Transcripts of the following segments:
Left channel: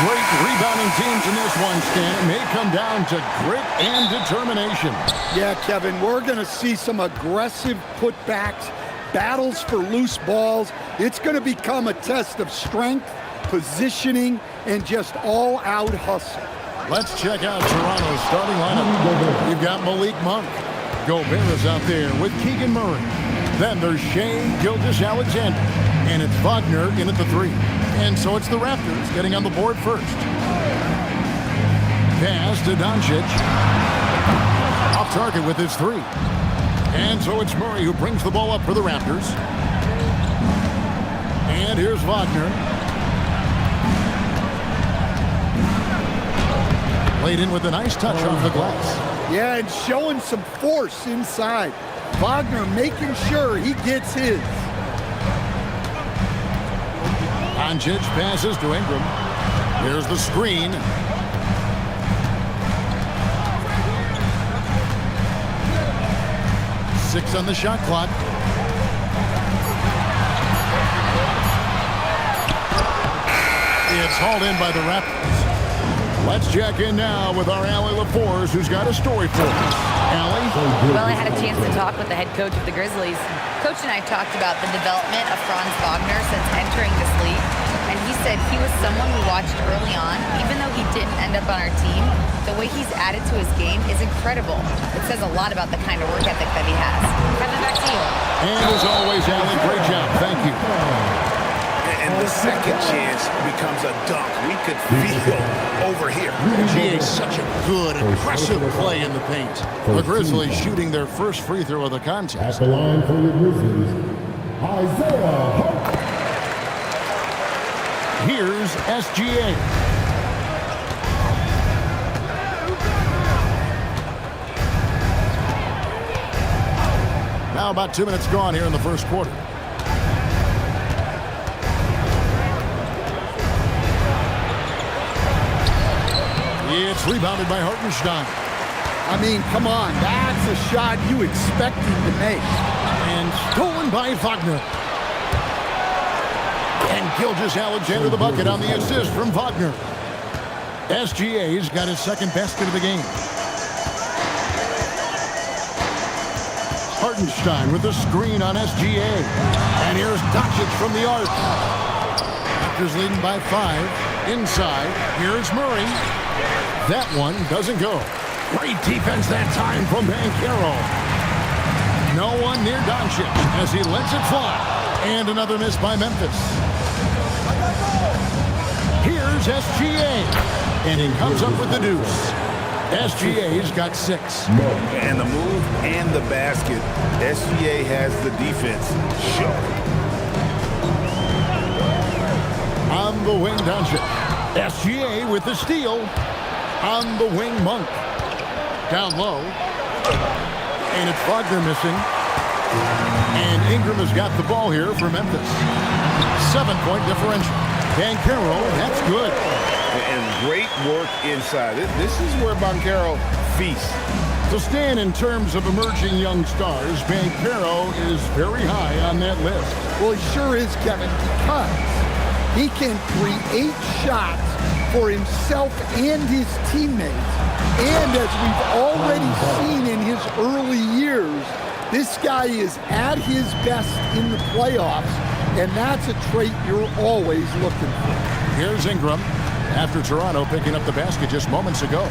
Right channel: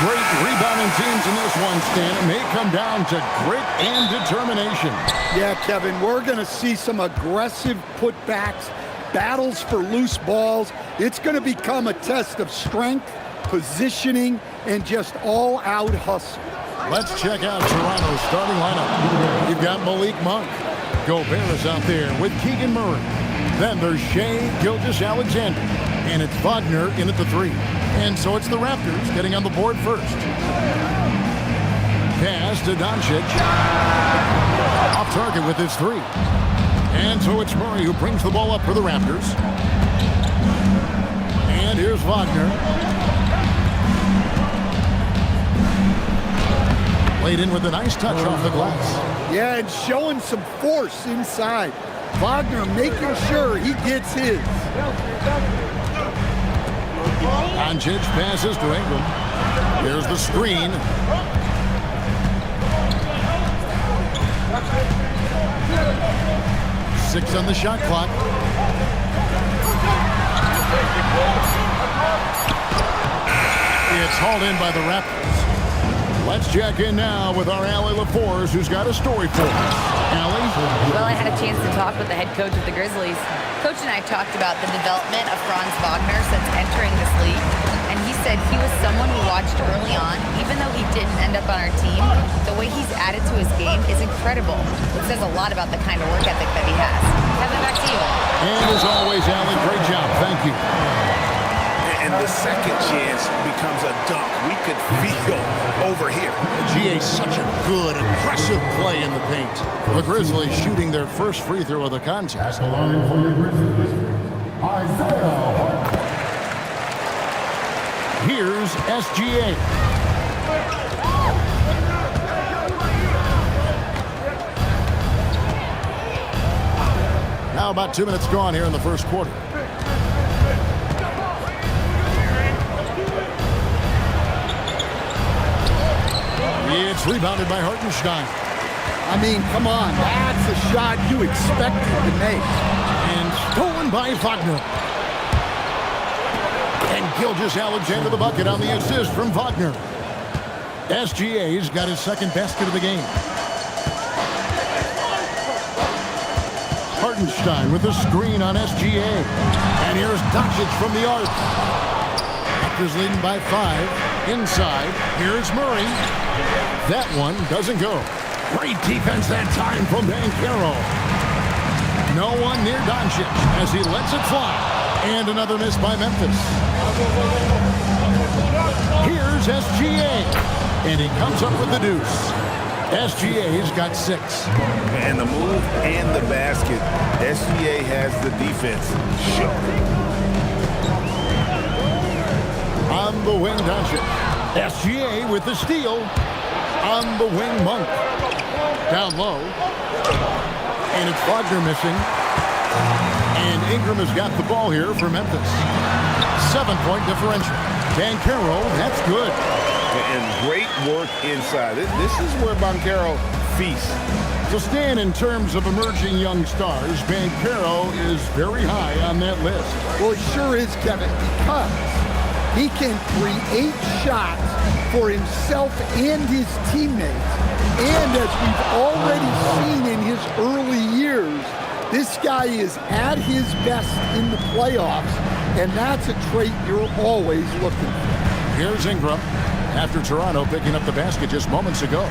Great rebounding teams in this one, Stan. It may come down to grit and determination. Yeah, Kevin, we're going to see some aggressive putbacks, battles for loose balls. It's going to become a test of strength, positioning, and just all-out hustle. Let's check out Toronto's starting lineup. You've got Malik Monk. Gobert is out there with Keegan Murray. Then there's Shai Gilgeous-Alexander. And it's Wagner in at the 3. And so it's the Raptors getting on the board first. Pass to Doncic. Off target with his 3. And so it's Murray who brings the ball up for the Raptors. And here's Wagner. Laid in with a nice touch off the glass. Yeah, and showing some force inside. Wagner making sure he gets his. Doncic passes to Ingram. Here's the screen. Six on the shot clock. It's hauled in by the Raptors. Let's check in now with our Allie LaForce, who's got a story for us. Allie? Well, I had a chance to talk with the head coach of the Grizzlies. Coach and I talked about the development of Franz Wagner since entering this league. And he said he was someone we watched early on. Even though he didn't end up on our team, the way he's added to his game is incredible. It says a lot about the kind of work ethic that he has. Kevin, back to you. And as always, Allie, great job. Thank you. And the second chance becomes a dunk. We could feel over here. GA, such a good, aggressive play in the paint. The Grizzlies shooting their first free throw of the contest. At the line for your Grizzlies, Isaiah Hartenstein. Here's SGA. Now about 2 minutes gone here in the first quarter. It's rebounded by Hartenstein. I mean, come on, that's a shot you expected to make. And stolen by Wagner. And Gilgeous-Alexander the bucket on the assist from Wagner. SGA's got his second basket of the game. Hartenstein with the screen on SGA. And here's Doncic from the arc. Raptors leading by 5. Inside, here's Murray. That one doesn't go. Great defense that time from Banchero. No one near Doncic as he lets it fly. And another miss by Memphis. Here's SGA. And he comes up with the deuce. SGA's got 6. And the move and the basket. SGA has the defense. Sure. On the wing, Doncic. SGA with the steal. On the wing, Monk. Down low. And it's Wagner missing. And Ingram has got the ball here for Memphis. 7-point differential. Banchero, that's good. And great work inside. This is where Banchero feasts. So Stan, in terms of emerging young stars, Banchero is very high on that list. Well, he sure is, Kevin, because he can create shots for himself and his teammates. And as we've already seen in his early years, this guy is at his best in the playoffs, and that's a trait you're always looking for. Here's Ingram after Toronto picking up the basket just moments ago.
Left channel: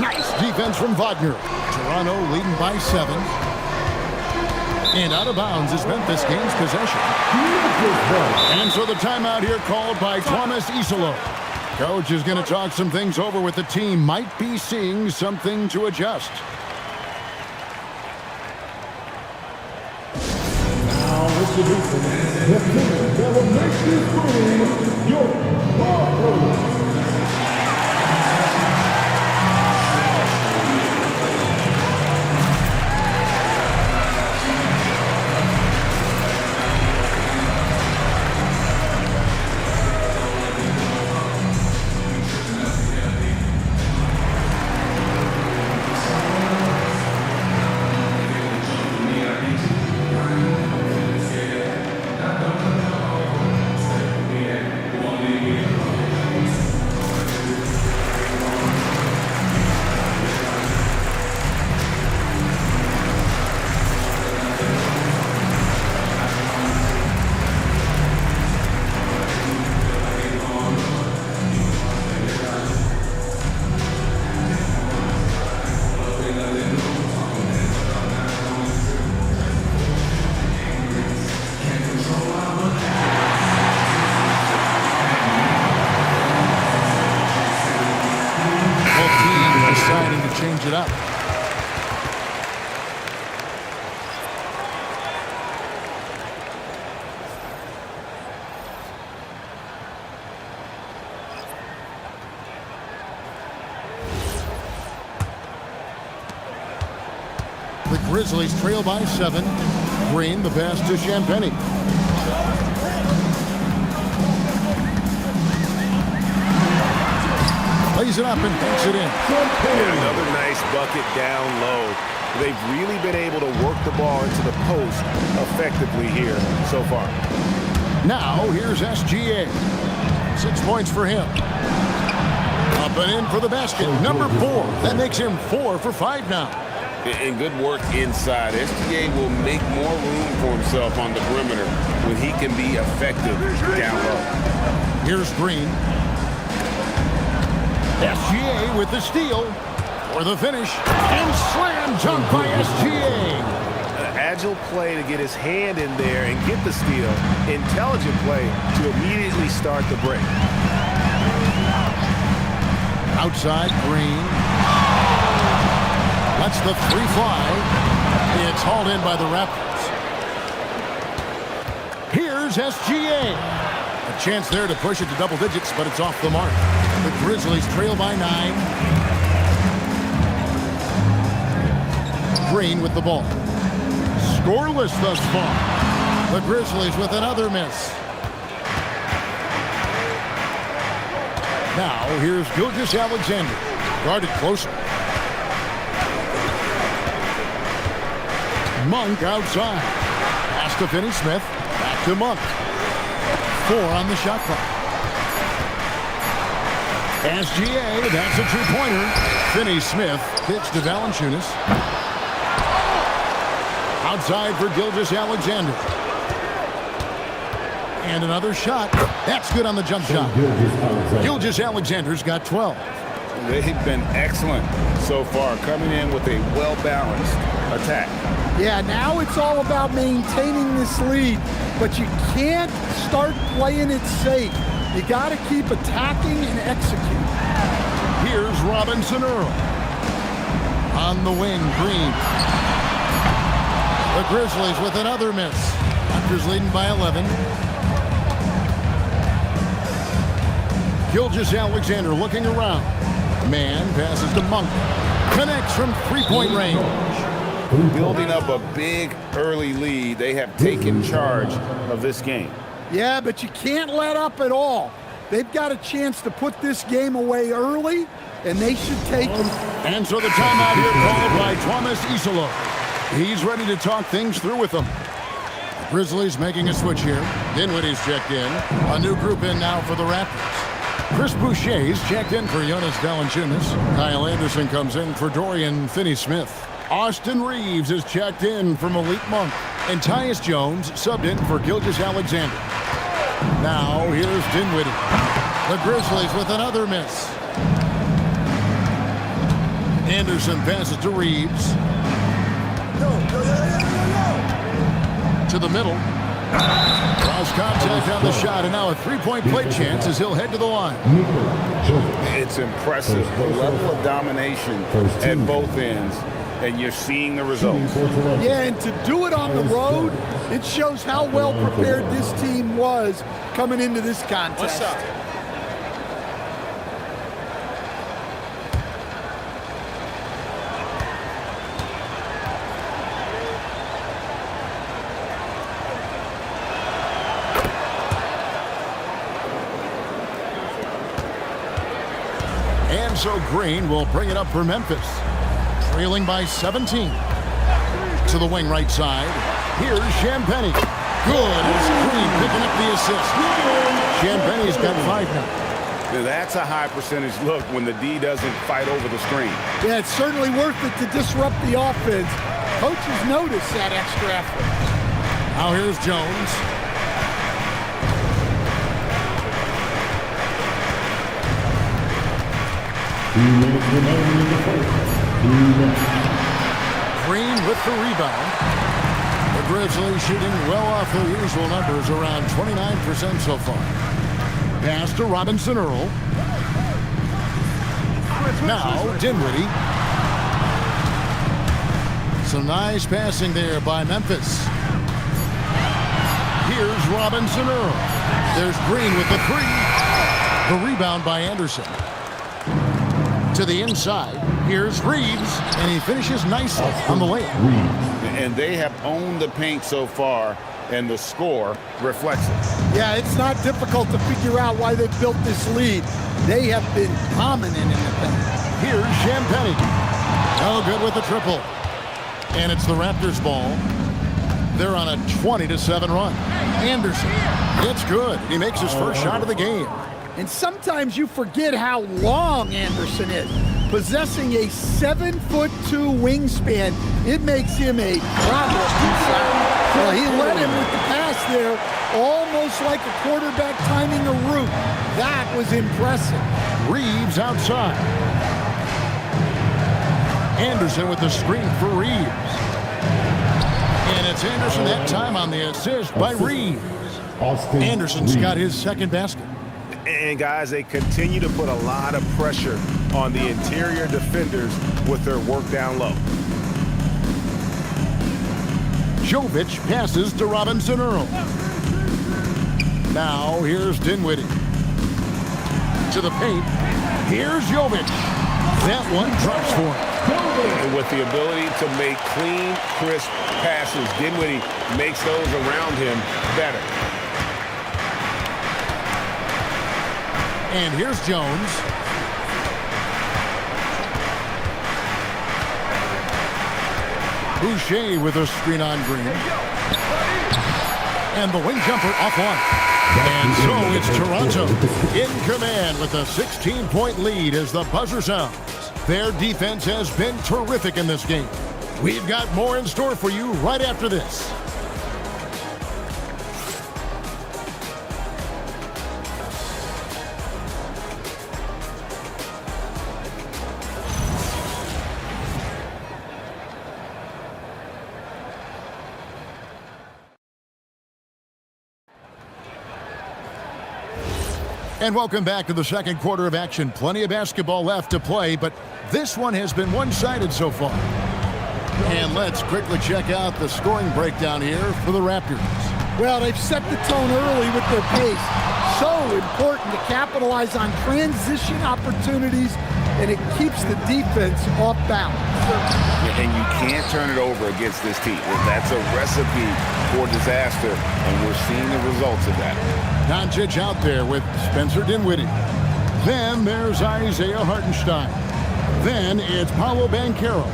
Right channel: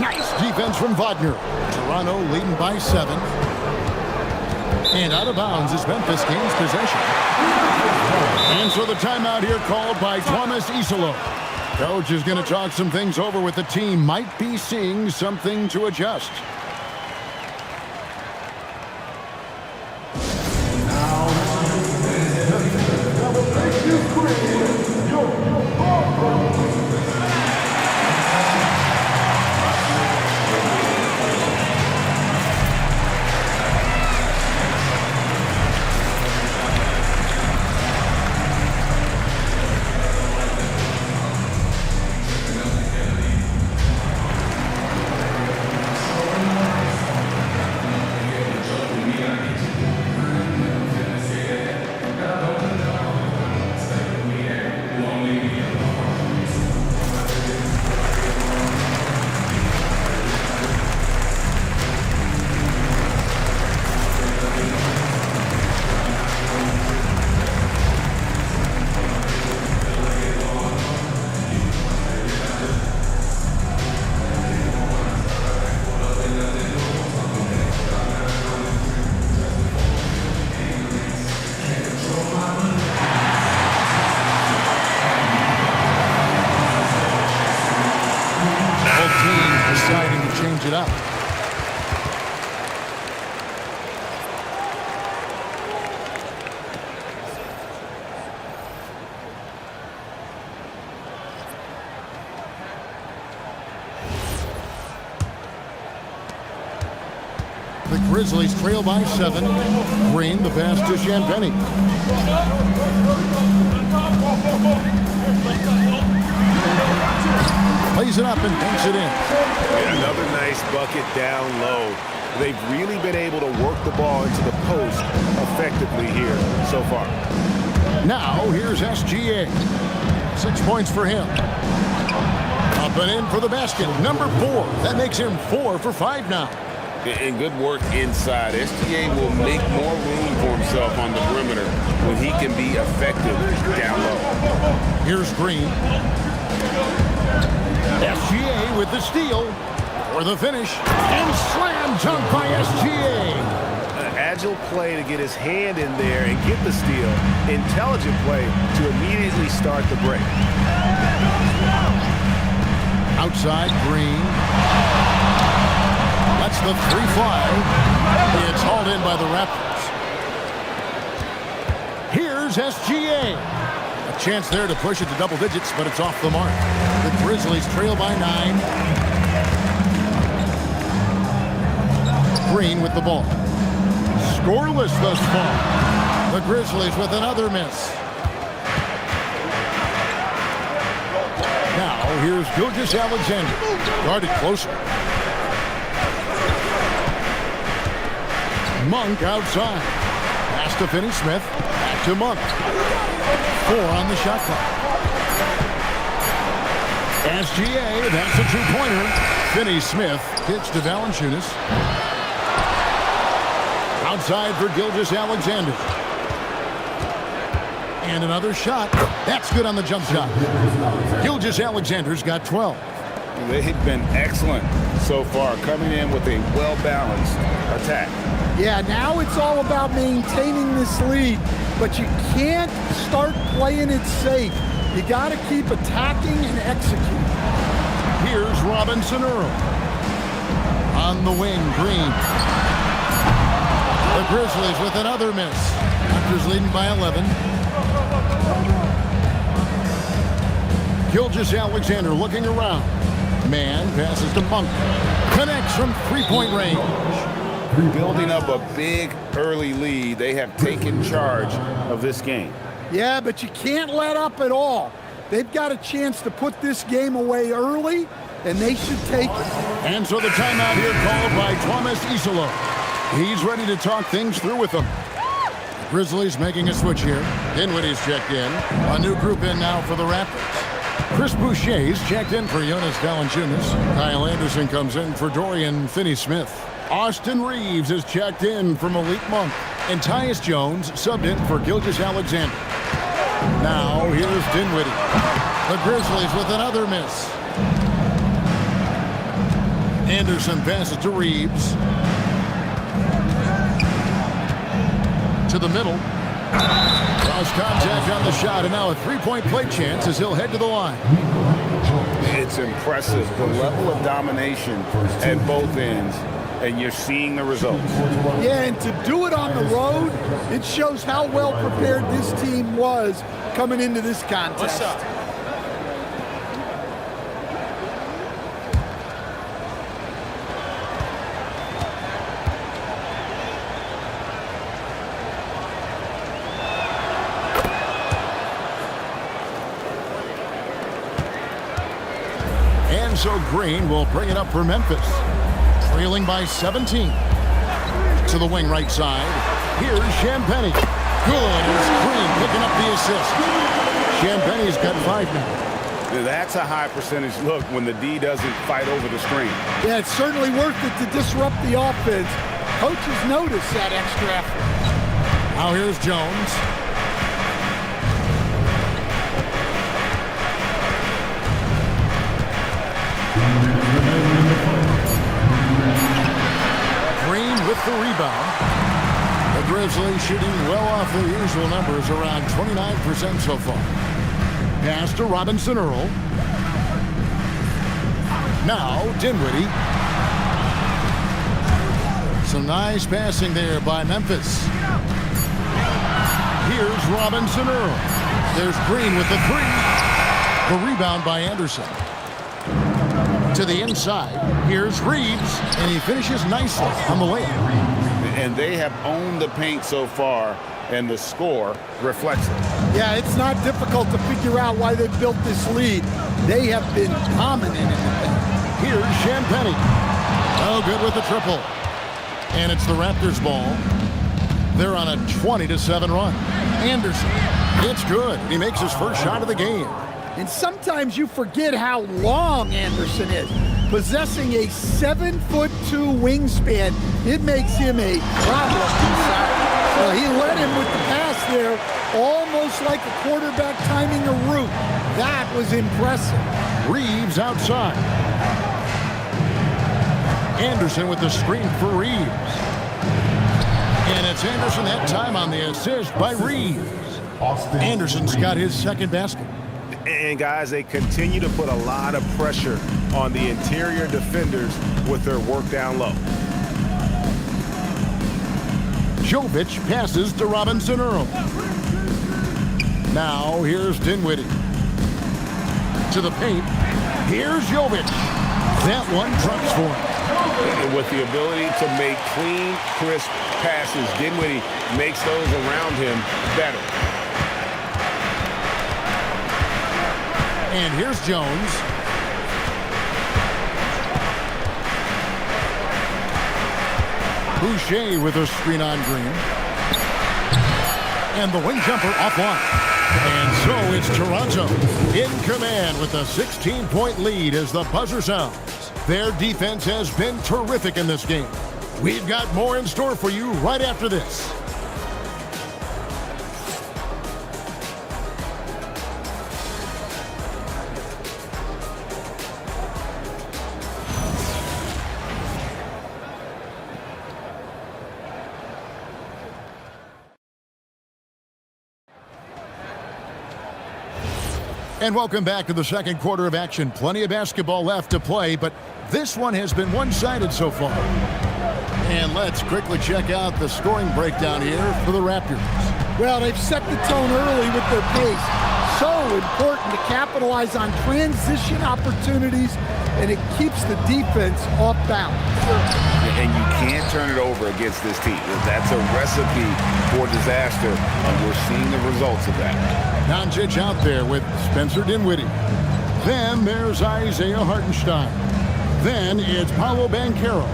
Nice defense from Wagner. Toronto leading by 7. And out of bounds as Memphis gains possession. And so the timeout here called by Thomas Isolo. Coach is going to talk some things over with the team. Might be seeing something to adjust. Now introducing the Celebration Queen, your Barber. Deciding to change it up. Grizzlies trail by 7. Green, the pass to Champagnie. Plays it up and banks it in. Yeah, another nice bucket down low. They've really been able to work the ball into the post effectively here so far. Now, here's SGA. 6 points for him. Up and in for the basket. Number 4. That makes him 4 for 5 now. And good work inside. SGA will make more room for himself on the perimeter when he can be effective down low. Here's Green. SGA with the steal for the finish. And slam dunk by SGA. An agile play to get his hand in there and get the steal. Intelligent play to immediately start the break. Outside, Green. Lets the 3 fly. It's hauled in by the Raptors. Here's SGA. A chance there to push it to double digits, but it's off the mark. The Grizzlies trail by 9. Green with the ball. Scoreless thus far. The Grizzlies with another miss. Now, here's Gilgeous-Alexander. Guarded closer. Monk outside. Pass to Finney-Smith. Back to Monk. 4 on the shot clock. SGA, that's a two-pointer. Finney-Smith pitch to Valanciunas. Outside for Gilgeous-Alexander. And another shot. That's good on the jump shot. Gilgeous-Alexander's got 12. They've been excellent so far, coming in with a well-balanced attack. Yeah, now it's all about maintaining this lead, but you can't start playing it safe. You got to keep attacking and executing. Here's Robinson Earl. On the wing, Green. The Grizzlies with another miss. Raptors leading by 11. Gilgeous-Alexander looking around. Man passes to Monk. Connects from three-point range. Building up a big early lead, they have taken charge of this game. Yeah, but you can't let up at all. They've got a chance to put this game away early, and they should take it. And so the timeout here called by Thomas Isolo. He's ready to talk things through with them. The Grizzlies making a switch here. Dinwiddie's checked in. A new group in now for the Raptors. Chris Boucher's checked in for Jonas Valanciunas. Kyle Anderson comes in for Dorian Finney-Smith. Austin Reeves is checked in for Malik Monk. And Tyus Jones subbed in for Gilgeous-Alexander. Now here's Dinwiddie. The Grizzlies with another miss. Anderson passes to Reeves. To the middle. Cross contact on the shot, and now a three-point play chance as he'll head to the line. It's impressive, the level of domination at both ends, and you're seeing the results. Yeah, and to do it on the road, it shows how well prepared this team was coming into this contest. And so Green will bring it up for Memphis. Trailing by 17. To the wing right side. Here's Champagnie. Good as Green picking up the assist. Champagnie's got 5 now. That's a high percentage look when the D doesn't fight over the screen. Yeah, it's certainly worth it to disrupt the offense. Coaches notice that extra effort. Now here's Jones. Green with the rebound. The Grizzlies shooting well off their usual numbers, around 29% so far. Pass to Robinson Earl. Now Dinwiddie. Some nice passing there by Memphis. Here's Robinson Earl. There's Green with the 3. The rebound by Anderson. To the inside. Here's Reeves, and he finishes nicely on the layup. And they have owned the paint so far, and the score reflects it. Yeah, it's not difficult to figure out why they've built this lead. They have been dominant in the paint. Here's Champagnie. Oh, good with the triple. And it's the Raptors' ball. They're on a 20-7 run. Anderson. It's good. He makes his first shot of the game. And sometimes you forget how long Anderson is. Possessing a 7'2" wingspan, it makes him a problem inside. Well, he led him with the pass there, almost like a quarterback timing a route. That was impressive. Reeves outside. Anderson with the screen for Reeves. And it's Anderson that time on the assist by Reeves. Anderson's got his second basket. And guys, they continue to put a lot of pressure on the interior defenders with their work down low. Jovic passes to Robinson Earl. Now here's Dinwiddie. To the paint. Here's Jovic. That one drops for him. And with the ability to make clean, crisp passes, Dinwiddie makes those around him better. And here's Jones. Boucher with a screen on Green. And the wing jumper offline. And so it's Toronto in command with a 16-point lead as the buzzer sounds. Their defense has been terrific in this game. We've got more in store for you right after this. And welcome back to the second quarter of action. Plenty of basketball left to play, but this one has been one-sided so far. And let's quickly check out the scoring breakdown here for the Raptors. Well, they've set the tone early with their pace. So important to capitalize on transition opportunities, and it keeps the defense off balance. And you can't turn it over against this team. That's a recipe for disaster, and we're seeing the results of that. Doncic out there with Spencer Dinwiddie. Then there's Isaiah Hartenstein. Then it's Paolo Banchero.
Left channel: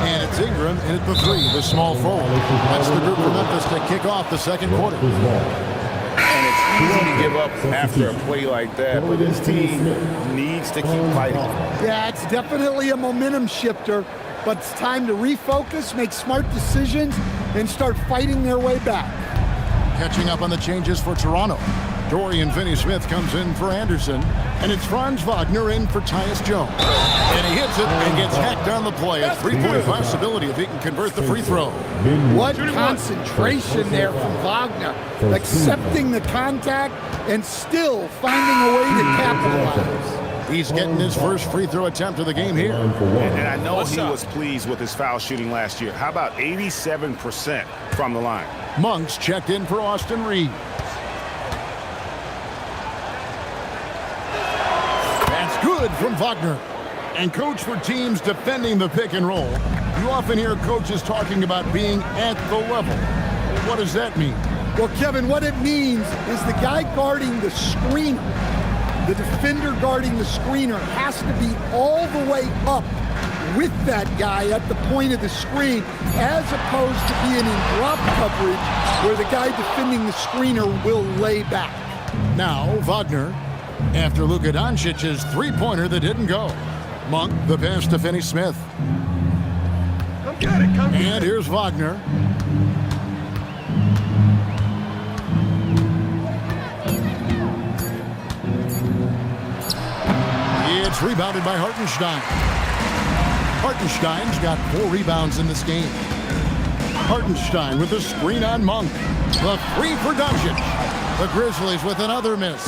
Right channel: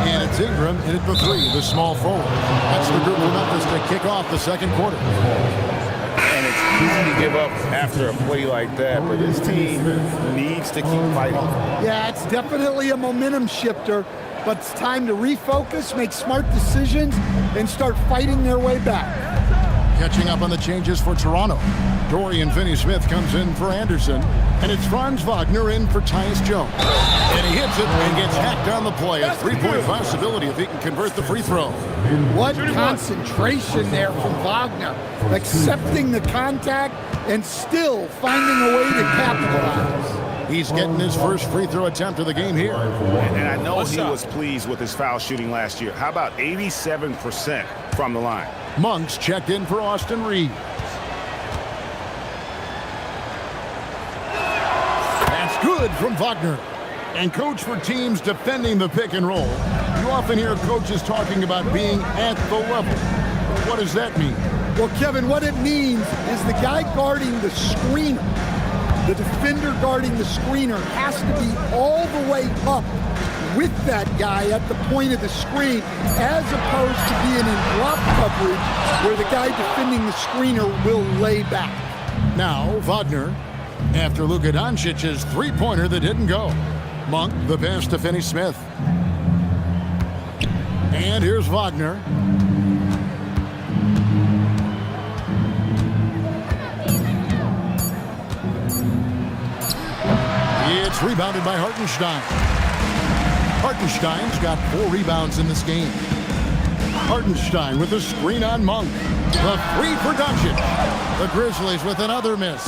And it's Ingram in at the three, the small forward. That's the group from Memphis to kick off the second quarter. And it's easy to give up after a play like that, but this team needs to keep fighting. Yeah, it's definitely a momentum shifter, but it's time to refocus, make smart decisions, and start fighting their way back. Catching up on the changes for Toronto. Dorian Finney-Smith comes in for Anderson, and it's Franz Wagner in for Tyus Jones. And he hits it and gets hacked on the play. A three-point possibility if he can convert the free throw. What concentration there from Wagner, accepting the contact and still finding a way to capitalize. He's getting his first free throw attempt of the game here. And I know he was pleased with his foul shooting last year. How about 87% from the line? Monk's checked in for Austin Reeves. That's good from Wagner. And coach, for teams defending the pick and roll, you often hear coaches talking about being at the level. What does that mean? Well, Kevin, what it means is the guy guarding the screener, the defender guarding the screener, has to be all the way up with that guy at the point of the screen, as opposed to being in drop coverage where the guy defending the screener will lay back. Now Wagner, after Luka Doncic's three-pointer that didn't go. Monk, the pass to Finney-Smith. And here's Wagner. It's rebounded by Hartenstein. Hartenstein's got 4 rebounds in this game. Hartenstein with a screen on Monk. The three for Doncic. The Grizzlies with another miss.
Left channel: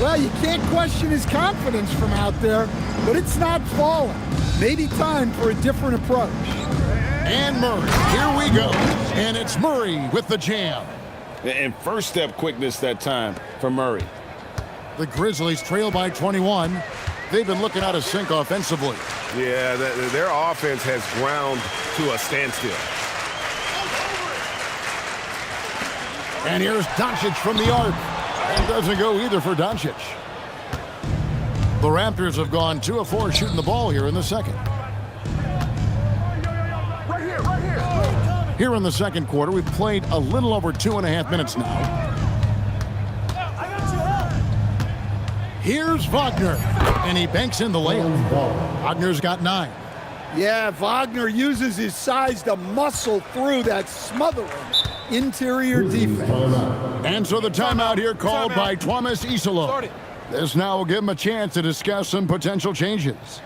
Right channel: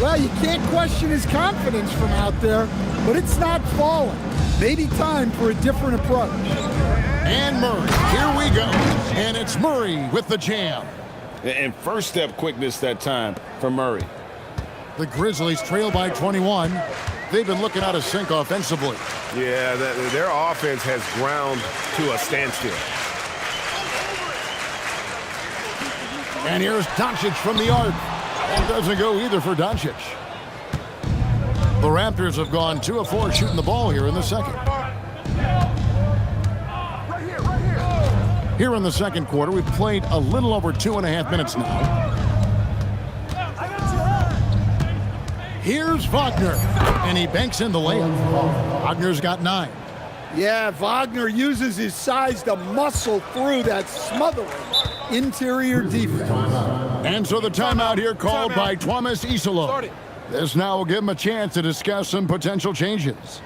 Well, you can't question his confidence from out there, but it's not falling. Maybe time for a different approach. And Murray, here we go. And it's Murray with the jam. And first step quickness that time for Murray. The Grizzlies trail by 21. they've been looking out of sync offensively. Yeah, their offense has ground to a standstill. And here's Doncic from the arc. That doesn't go either for Doncic. The Raptors have gone 2 of 4 shooting the ball here in the second. Here in the second quarter, we've played a little over 2.5 minutes now. Here's Wagner, and he banks in the layup. Wagner's got 9. Yeah, Wagner uses his size to muscle through that smothering interior defense. And so the timeout here called by Thomas Isolo. This now will give him a chance to discuss some potential changes.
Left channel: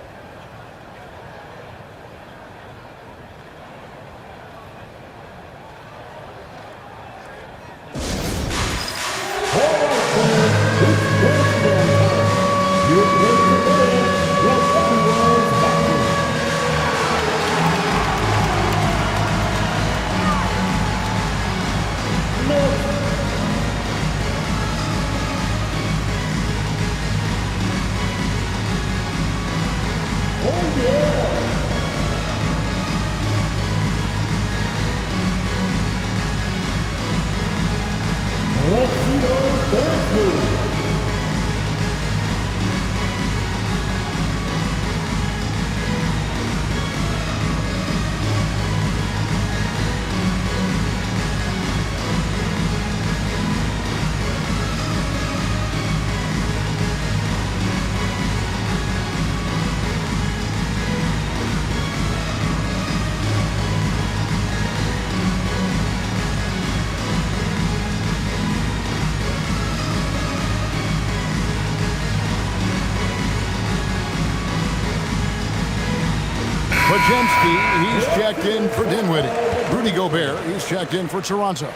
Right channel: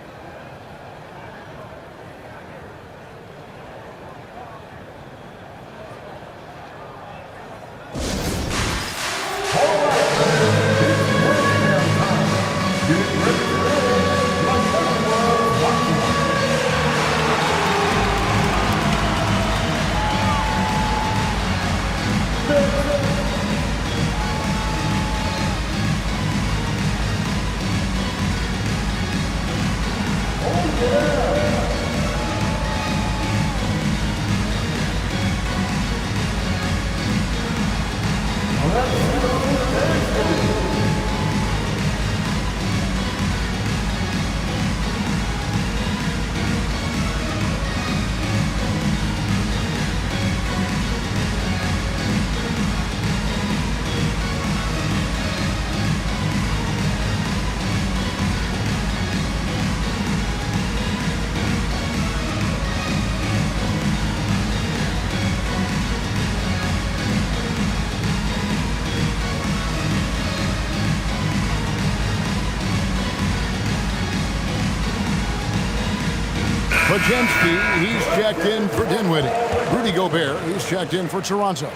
Podziemski, he's checked in for Dinwiddie. Rudy Gobert, he's checked in for Toronto.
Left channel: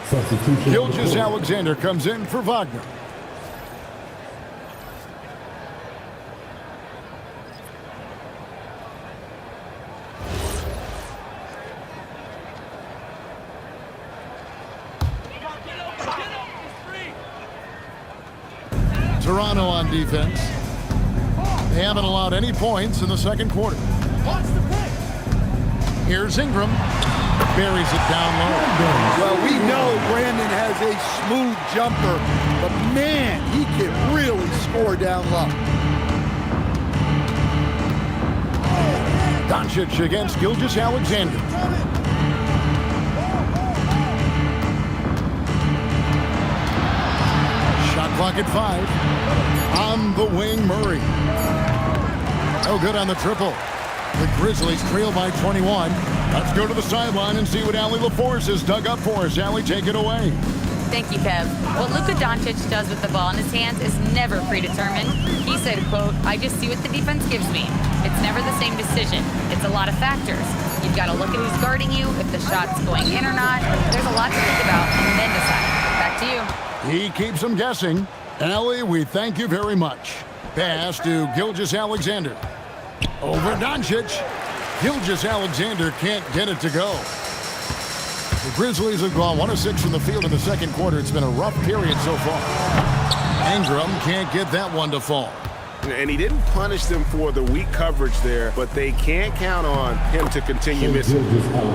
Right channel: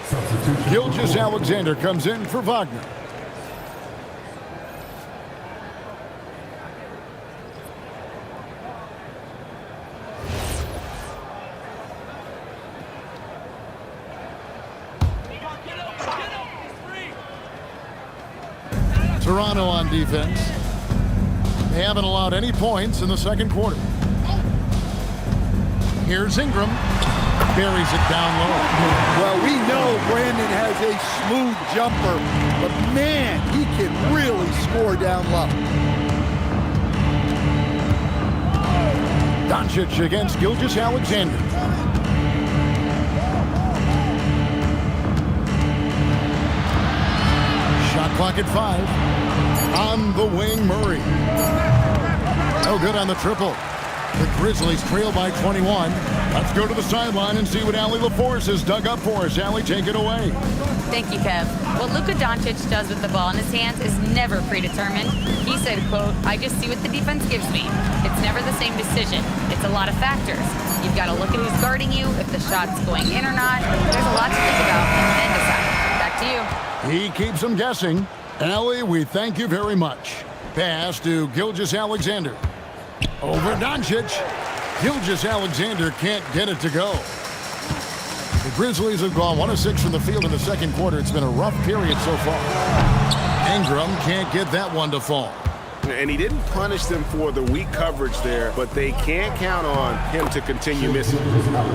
Gilgeous Alexander comes in for Wagner. Toronto on defense. They haven't allowed any points in the second quarter. Here's Ingram. Buries it down low. Well, we know Brandon has a smooth jumper, but man, he can really score down low. Doncic against Gilgeous Alexander. Shot clock at 5. On the wing, Murray. No good on the triple. The Grizzlies trail by 21. Let's go to the sideline and see what Allie LaForce has dug up for us. Allie, take it away. Thank you, Kev. What Luka Doncic does with the ball in his hands is never predetermined. He said, quote, "I just see what the defense gives me. It's never the same decision. It's a lot of factors. You've got to look at who's guarding you, if the shot's going in or not. There's a lot to think about, and then decide." Back to you. He keeps them guessing. Allie, we thank you very much. Pass to Gilgeous Alexander. Over Doncic. Gilgeous Alexander can't get it to go. The Grizzlies have gone 1 of 6 from the field in the second quarter. It's been a rough period so far. Ingram can't get that one to fall. And he didn't punish them for the weak coverage there, but they can't count on him to continue missing.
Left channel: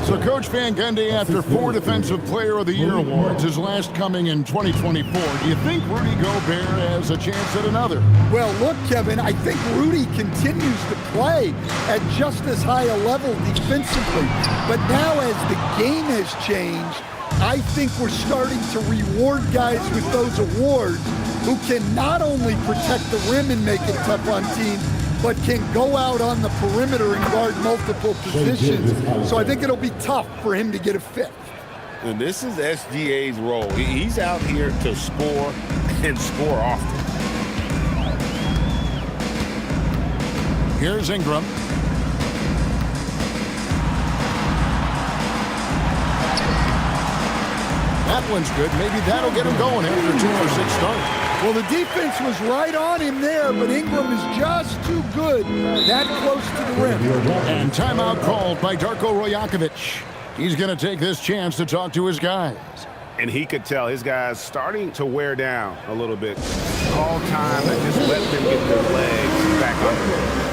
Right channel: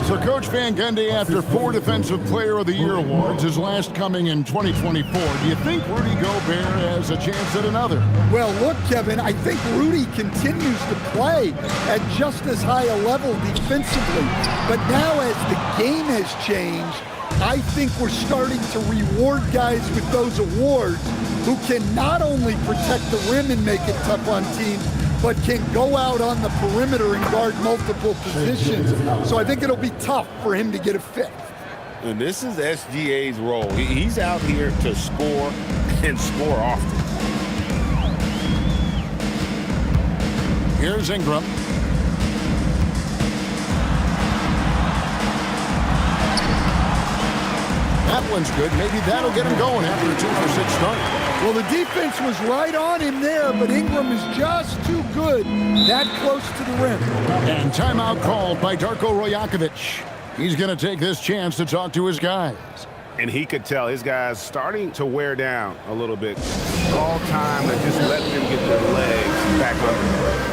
So Coach Van Gundy, after 4 Defensive Player of the Year awards, his last coming in 2024, do you think Rudy Gobert has a chance at another? Well, look, Kevin, I think Rudy continues to play at just as high a level defensively. But now as the game has changed, I think we're starting to reward guys with those awards who can not only protect the rim and make it tough on teams, but can go out on the perimeter and guard multiple positions. So I think it'll be tough for him to get a 5th. And this is SGA's role. He's out here to score and score often. Here's Ingram. That one's good. Maybe that'll get him going after a 2 for 6 start. Well, the defense was right on him there, but Ingram is just too good that close to the rim. And timeout called by Darko Rajakovic. He's going to take this chance to talk to his guys. And he could tell his guys starting to wear down a little bit. All time to just let them get their legs back under them.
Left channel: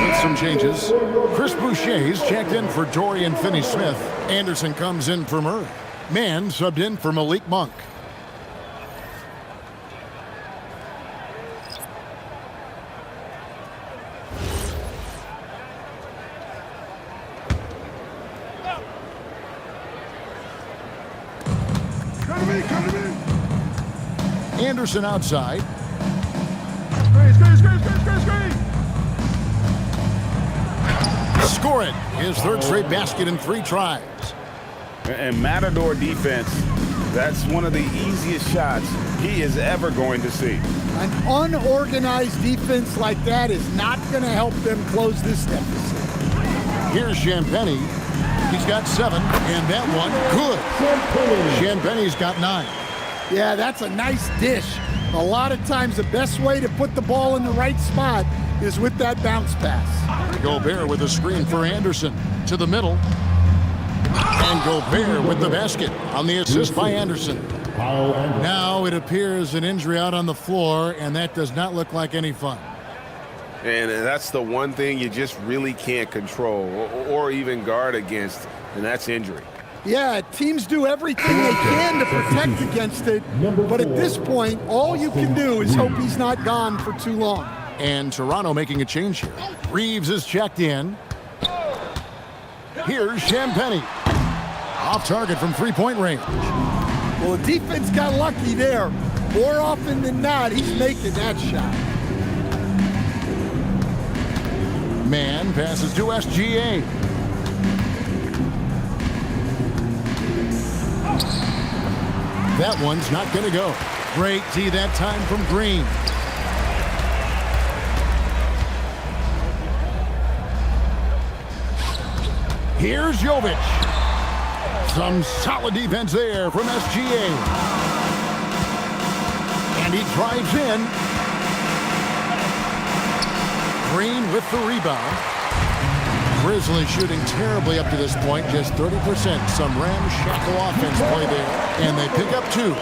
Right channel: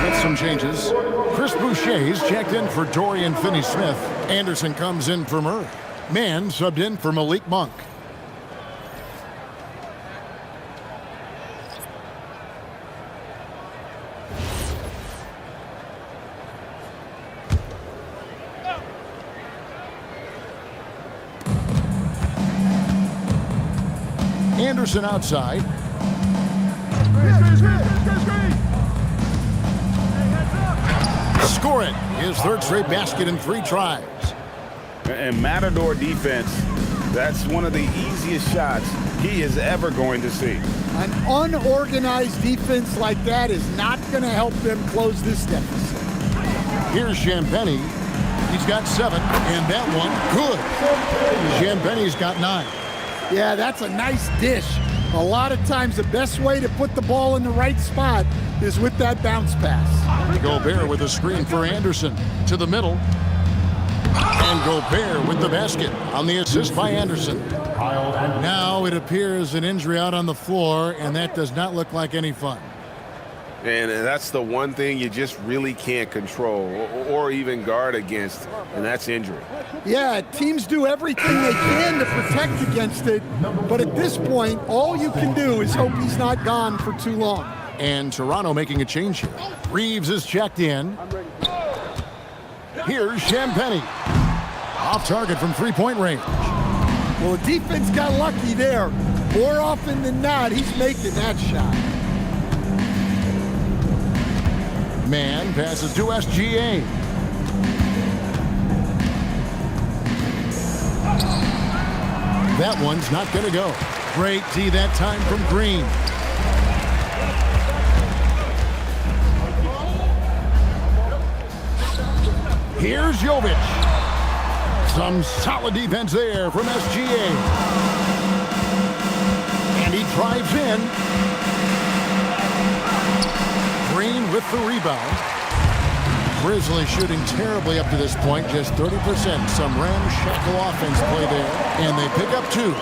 With some changes. Chris Boucher's checked in for Dorian Finney-Smith. Anderson comes in for Murray. Mann subbed in for Malik Monk. Anderson outside. Score it. His third straight basket in 3 tries. And Matador defense, that's one of the easiest shots he is ever going to see. An unorganized defense like that is not going to help them close this deficit. Here's Champagnie. He's got 7, and that one, good. Champagnie's got 9. Yeah, that's a nice dish. A lot of times the best way to put the ball in the right spot is with that bounce pass. Gobert with a screen for Anderson to the middle. And Gobert with the basket on the assist by Anderson. Now it appears an injury out on the floor, and that does not look like any fun. And that's the one thing you just really can't control or even guard against, and that's injury. Yeah, teams do everything they can to protect against it, but at this point, all you can do is hope he's not gone for too long. And Toronto making a change here. Reeves is checked in. Here's Champagnie. Off target from 3-point range. Well, the defense got lucky there. More often than not, he's making that shot. Mann passes to SGA. That one's not going to go. Great D that time from Green. Here's Jovic. Some solid defense there from SGA. And he drives in. Green with the rebound. Grizzlies shooting terribly up to this point, just 30%. Some ramshackle offense play there, and they pick up 2.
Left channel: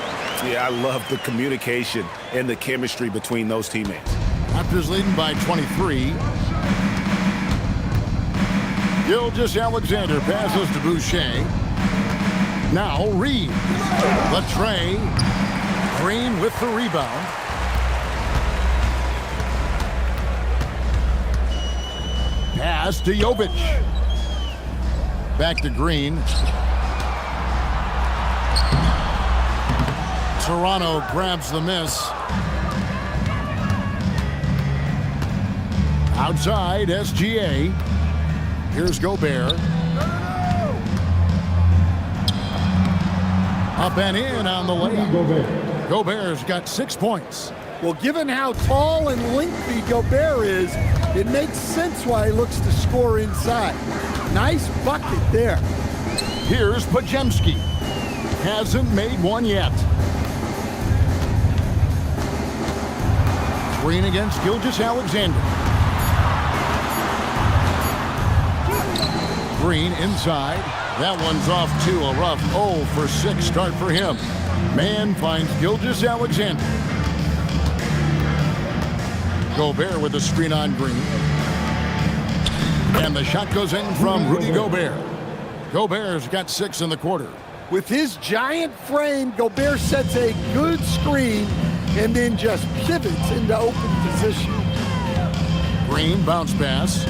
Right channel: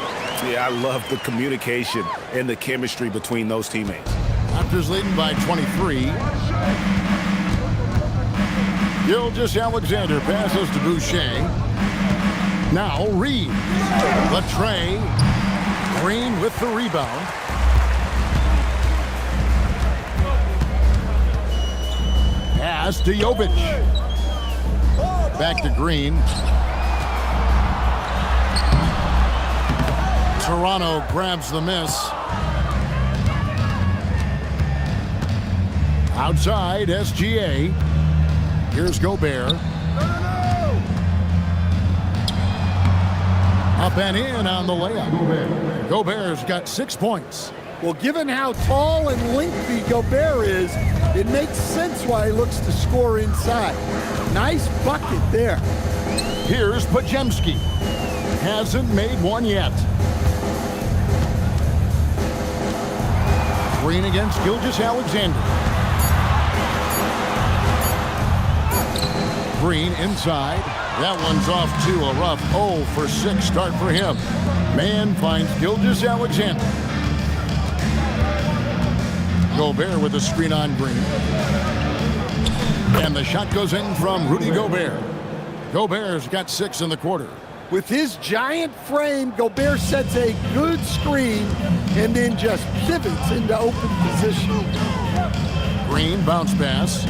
Yeah, I love the communication and the chemistry between those teammates. Raptors leading by 23. Gilgeous-Alexander passes to Boucher. Now Reeves. Latre. Green with the rebound. Pass to Jovic. Back to Green. Toronto grabs the miss. Outside, SGA. Here's Gobert. Up and in on the layup. Gobert's got 6 points. Well, given how tall and lengthy Gobert is, it makes sense why he looks to score inside. Nice bucket there. Here's Podziemski. Hasn't made one yet. Green against Gilgeous-Alexander. Green inside. That one's off to a rough 0 for 6 start for him. Mann finds Gilgeous-Alexander. Gobert with a screen on Green. And the shot goes in from Rudy Gobert. Gobert's got 6 in the quarter. With his giant frame, Gobert sets a good screen and then just pivots into open position. Green bounce pass.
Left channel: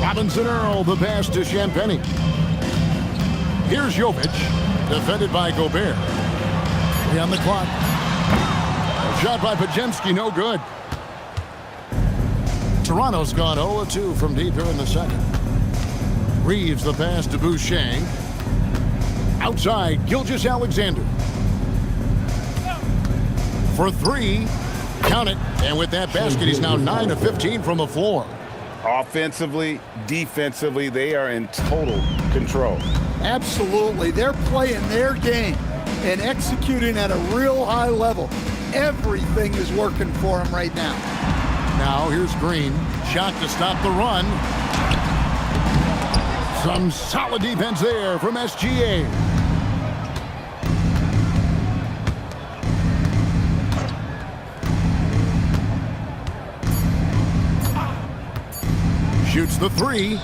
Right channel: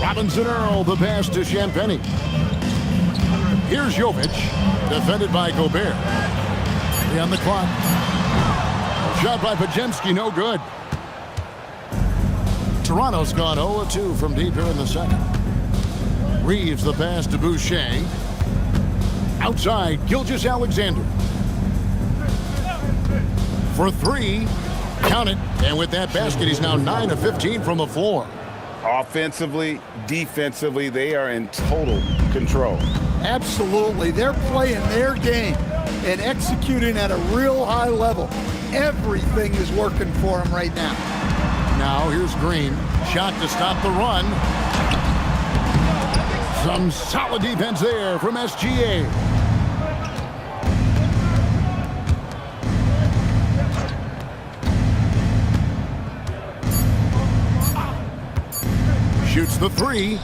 Robinson Earl, the pass to Champagnie. Here's Jovic, defended by Gobert. 3 on the clock. A shot by Podziemski, no good. Toronto's gone 0-2 from deep here in the second. Reeves the pass to Boucher. Outside, Gilgeous-Alexander. For 3, count it. And with that basket, he's now 9 of 15 from the floor. Offensively, defensively, they are in total control. Absolutely. They're playing their game and executing at a real high level. Everything is working for them right now. Now here's Green. Shot to stop the run. Some solid defense there from SGA. Shoots the 3.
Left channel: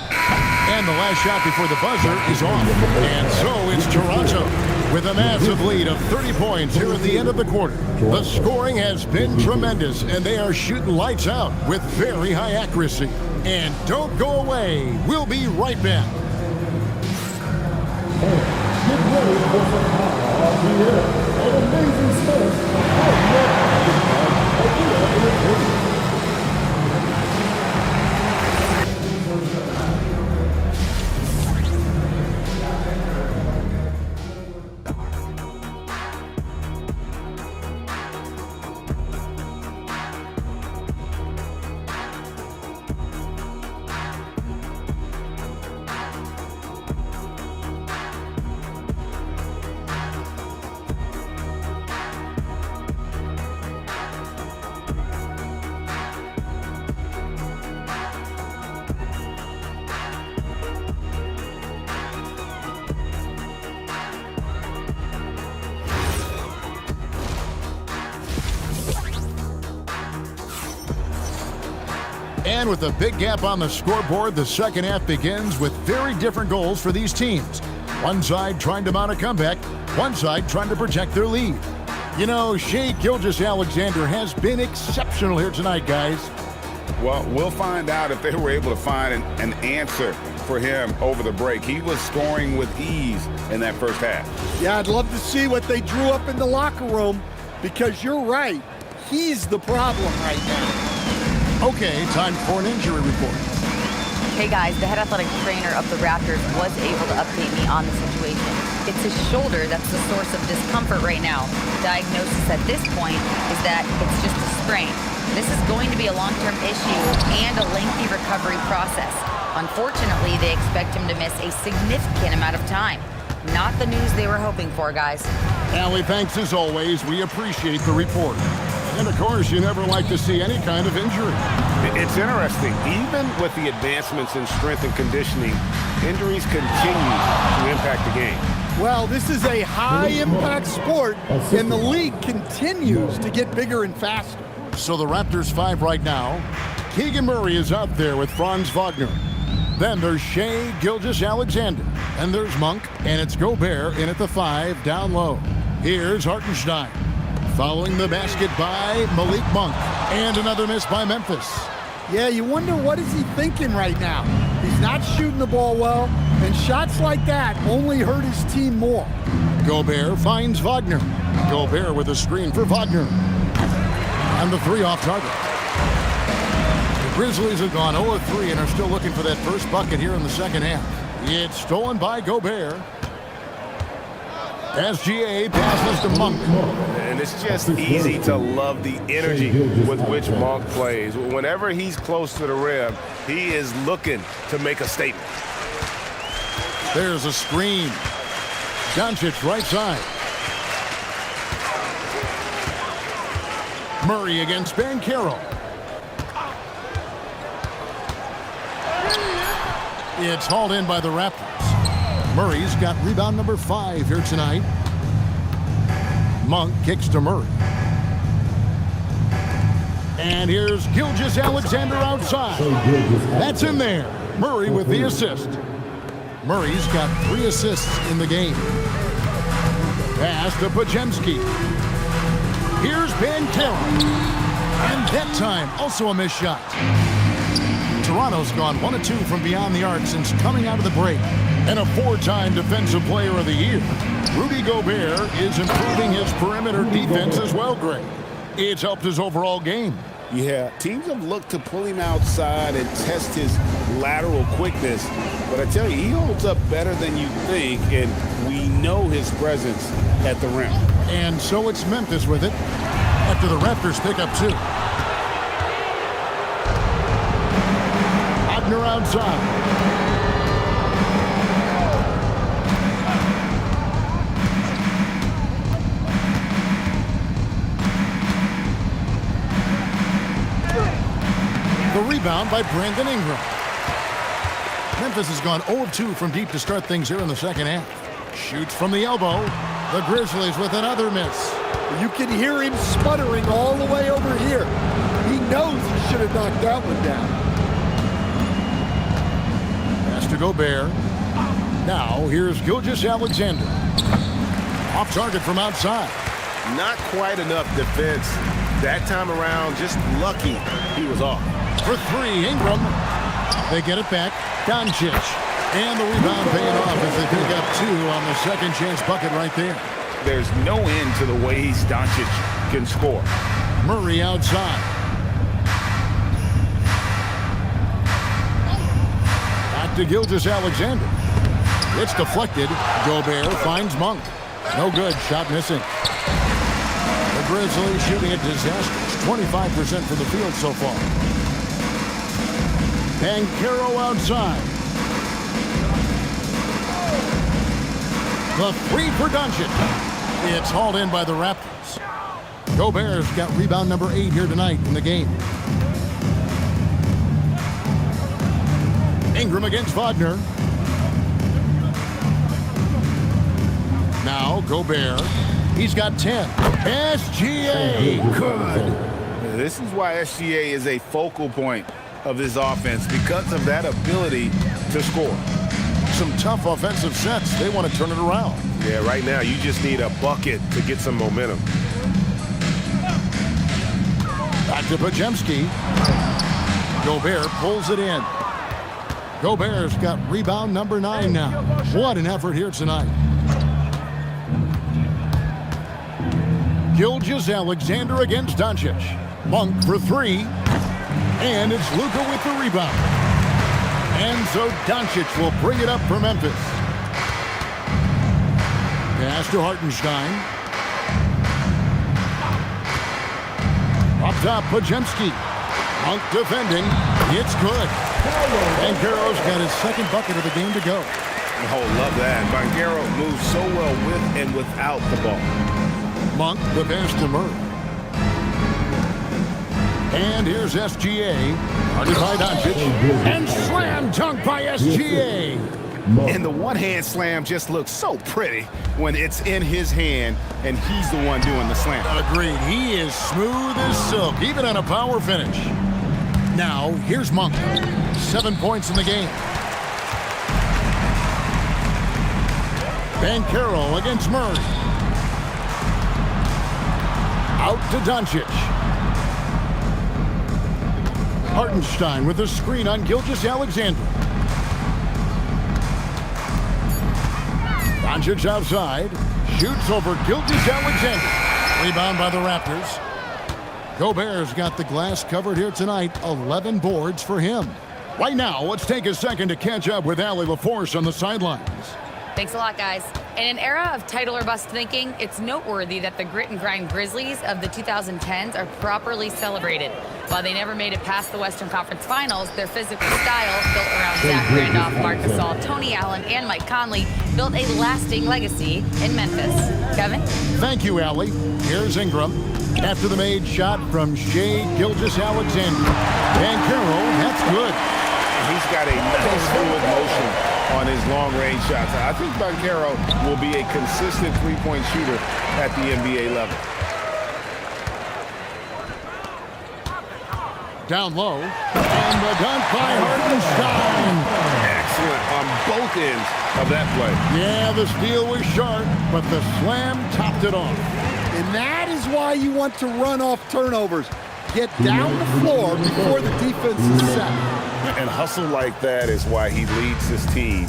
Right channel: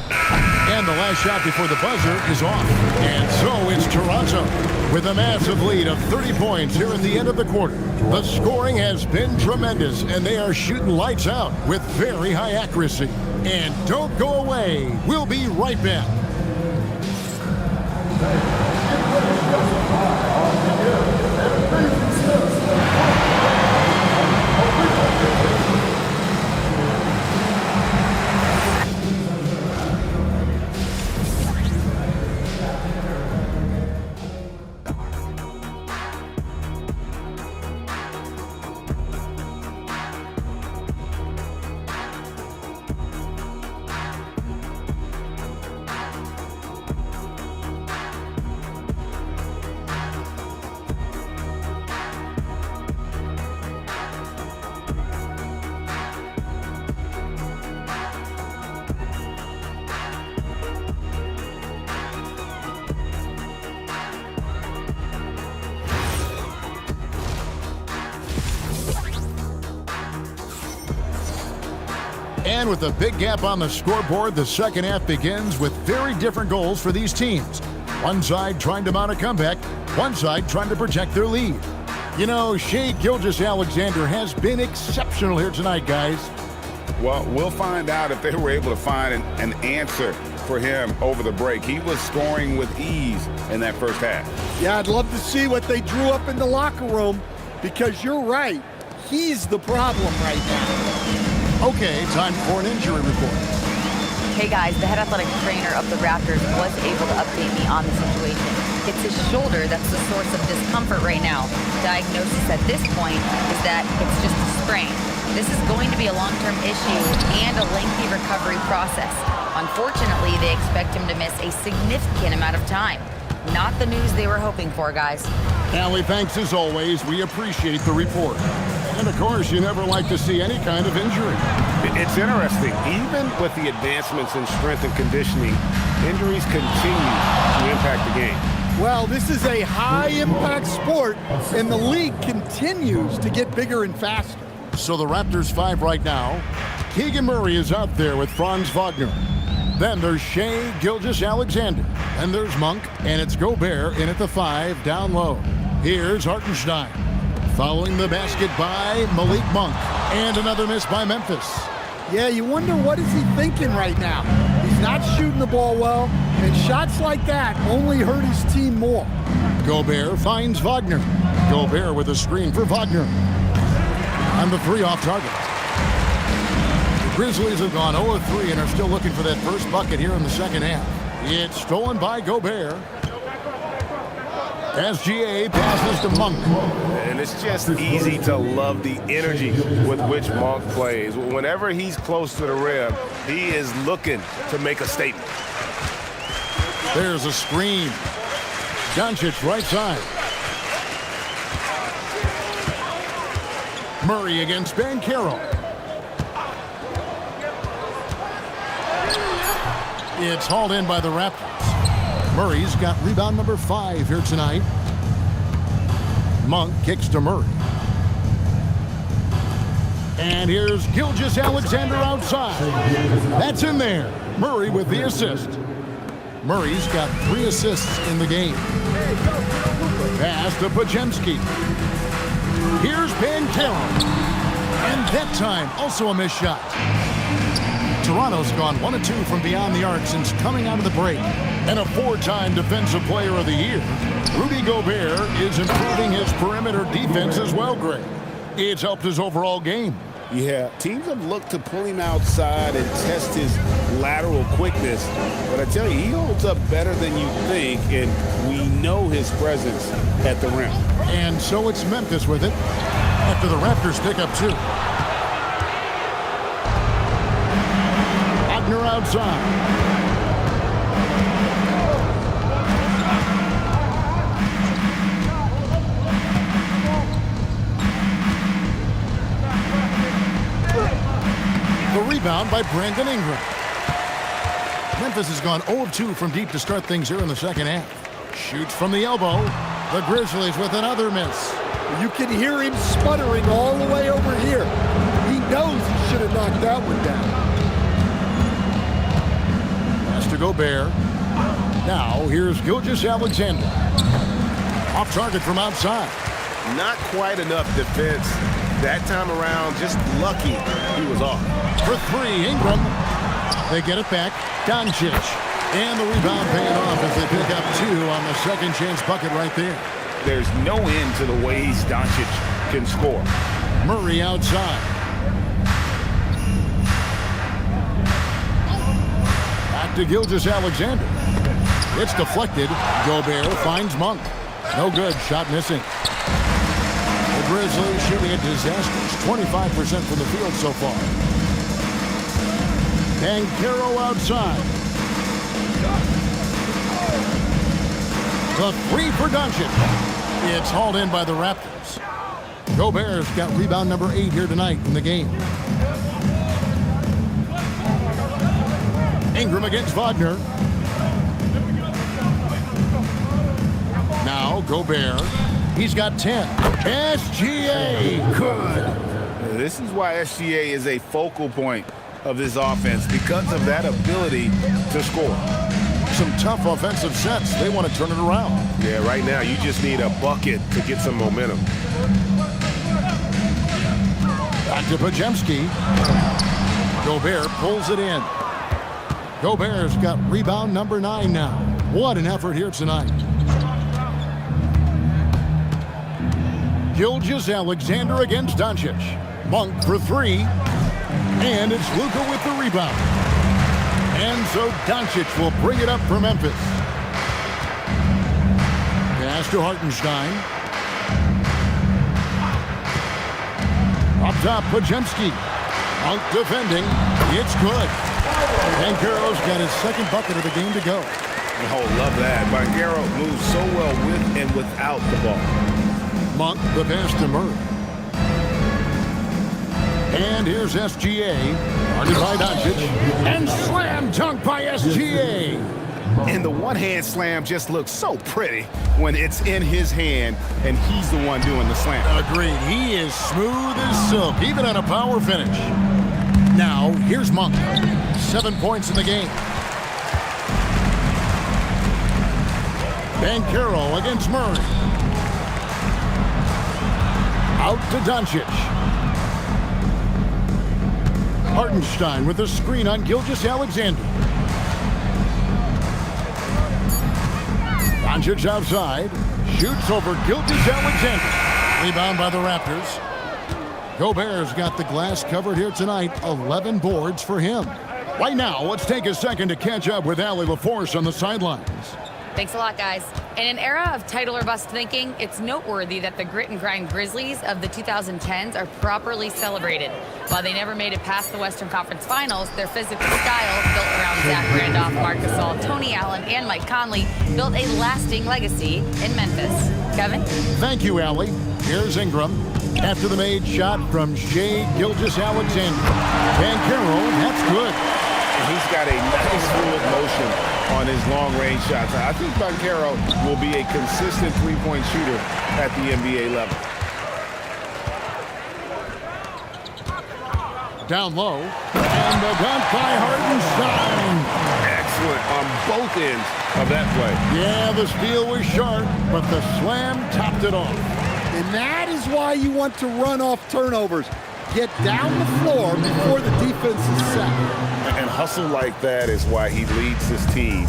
And the last shot before the buzzer is off. And so it's Toronto with a massive lead of 30 points here at the end of the quarter. The scoring has been tremendous, and they are shooting lights out with very high accuracy. And don't go away. We'll be right back. And with a big gap on the scoreboard, the second half begins with very different goals for these teams. One side trying to mount a comeback, one side trying to protect their lead. You know, Shai Gilgeous-Alexander has been exceptional here tonight, guys. Well, we'll find out if they were able to find an answer for him over the break. He was scoring with ease in that first half. Yeah, I'd love to see what they drew up in the locker room, because you're right. He's the problem right now. Okay, time for an injury report. Hey guys, the head athletic trainer of the Raptors was able to update me on the situation. It's his shoulder that's the source of discomfort right now. Diagnosis at this point is that it's just a sprain. This is going to be a long-term issue and a lengthy recovery process. Unfortunately, they expect him to miss a significant amount of time. Not the news they were hoping for, guys. Allie, thanks as always. We appreciate the report. And of course, you never like to see any kind of injury. It's interesting. Even with the advancements in strength and conditioning, injuries continue to impact the game. Well, this is a high-impact sport, and the league continues to get bigger and faster. So the Raptors 5 right now. Keegan Murray is out there with Franz Wagner. Then there's Shai Gilgeous-Alexander. Then there's Monk, and it's Gobert in at the 5 down low. Here's Hartenstein. Following the basket by Malik Monk. And another miss by Memphis. Yeah, you wonder what is he thinking right now. He's not shooting the ball well, and shots like that only hurt his team more. Gobert finds Wagner. Gobert with a screen for Wagner. And the 3 off target. The Grizzlies have gone 0-3 and are still looking for that first bucket here in the second half. It's stolen by Gobert. SGA passes to Monk. And it's just easy to love the energy with which Monk plays. Whenever he's close to the rim, he is looking to make a statement. There's a screen. Doncic right side. Murray against Banchero. It's hauled in by the Raptors. Murray's got rebound number 5 here tonight. Monk kicks to Murray. And here's Gilgeous-Alexander outside. That's in there. Murray with the assist. Murray's got 3 assists in the game. Pass to Podziemski. Here's Banchero. And that time, also a missed shot. Toronto's gone 1 of 2 from beyond the arc since coming out of the break. And a 4-time Defensive Player of the Year, Rudy Gobert is improving his perimeter defense as well, Greg. It's helped his overall game. Yeah, teams have looked to pull him outside and test his lateral quickness. But I tell you, he holds up better than you think, and we know his presence at the rim. And so it's Memphis with it after the Raptors pick up 2. Wagner outside. The rebound by Brandon Ingram. Memphis has gone 0 of 2 from deep to start things here in the second half. Shoots from the elbow. The Grizzlies with another miss. You can hear him sputtering all the way over here. He knows he should have knocked that one down. Pass to Gobert. Now here's Gilgeous-Alexander. Off target from outside. Not quite enough defense that time around. Just lucky he was off. For 3, Ingram. They get it back. Doncic. And the rebound paying off as they pick up 2 on the second chance bucket right there. There's no end to the ways Doncic can score. Murray outside. Back to Gilgeous-Alexander. It's deflected. Gobert finds Monk. No good. Shot missing. The Grizzlies shooting a disastrous 25% from the field so far. Banchero outside. The 3 for Doncic. It's hauled in by the Raptors. Gobert's got rebound number 8 here tonight in the game. Ingram against Wagner. Now Gobert. He's got 10. SGA. Good. This is why SGA is a focal point of this offense, because of that ability to score. Some tough offensive sets. They want to turn it around. Yeah, right now you just need a bucket to get some momentum. Back to Podziemski. Gobert pulls it in. Gobert's got rebound number 9 now. What an effort here tonight. Gilgeous-Alexander against Doncic. Monk for 3. And it's Luka with the rebound. And so Doncic will bring it up for Memphis. Pass to Hartenstein. Up top, Podziemski. Monk defending. It's good. Banchero's got his second bucket of the game to go. Oh, love that. Banchero moves so well with and without the ball. Monk, the pass to Murray. And here's SGA. Guarded by Doncic. And slam dunk by SGA. And the one-hand slam just looks so pretty when it's in his hand and he's the one doing the slam. Agreed. He is smooth as silk, even on a power finish. Now, here's Monk. 7 points in the game. Banchero against Murray. Out to Doncic. Hartenstein with a screen on Gilgeous-Alexander. Doncic outside. Shoots over Gilgeous-Alexander. Rebound by the Raptors. Gobert's got the glass covered here tonight. 11 boards for him. Right now, let's take a second to catch up with Allie LaForce on the sidelines. Thanks a lot, guys. In an era of title or bust thinking, it's noteworthy that the grit and grind Grizzlies of the 2010s are properly celebrated. While they never made it past the Western Conference Finals, their physical style, built around Zach Randolph, Marc Gasol, Tony Allen, and Mike Conley, built a lasting legacy in Memphis. Kevin? Thank you, Allie. Here's Ingram. After the made shot from Shai Gilgeous-Alexander. Banchero, that's good. He's got a nice fluid motion on his long-range shots. I think Banchero will be a consistent three-point shooter at the NBA level. Down low. And the dunk by Hartenstein. Excellent on both ends of that play. Yeah, the steal was sharp, but the slam topped it off. And that is why you want to run off turnovers. Get down the floor before the defense is set. And hustle like that is why he leads his team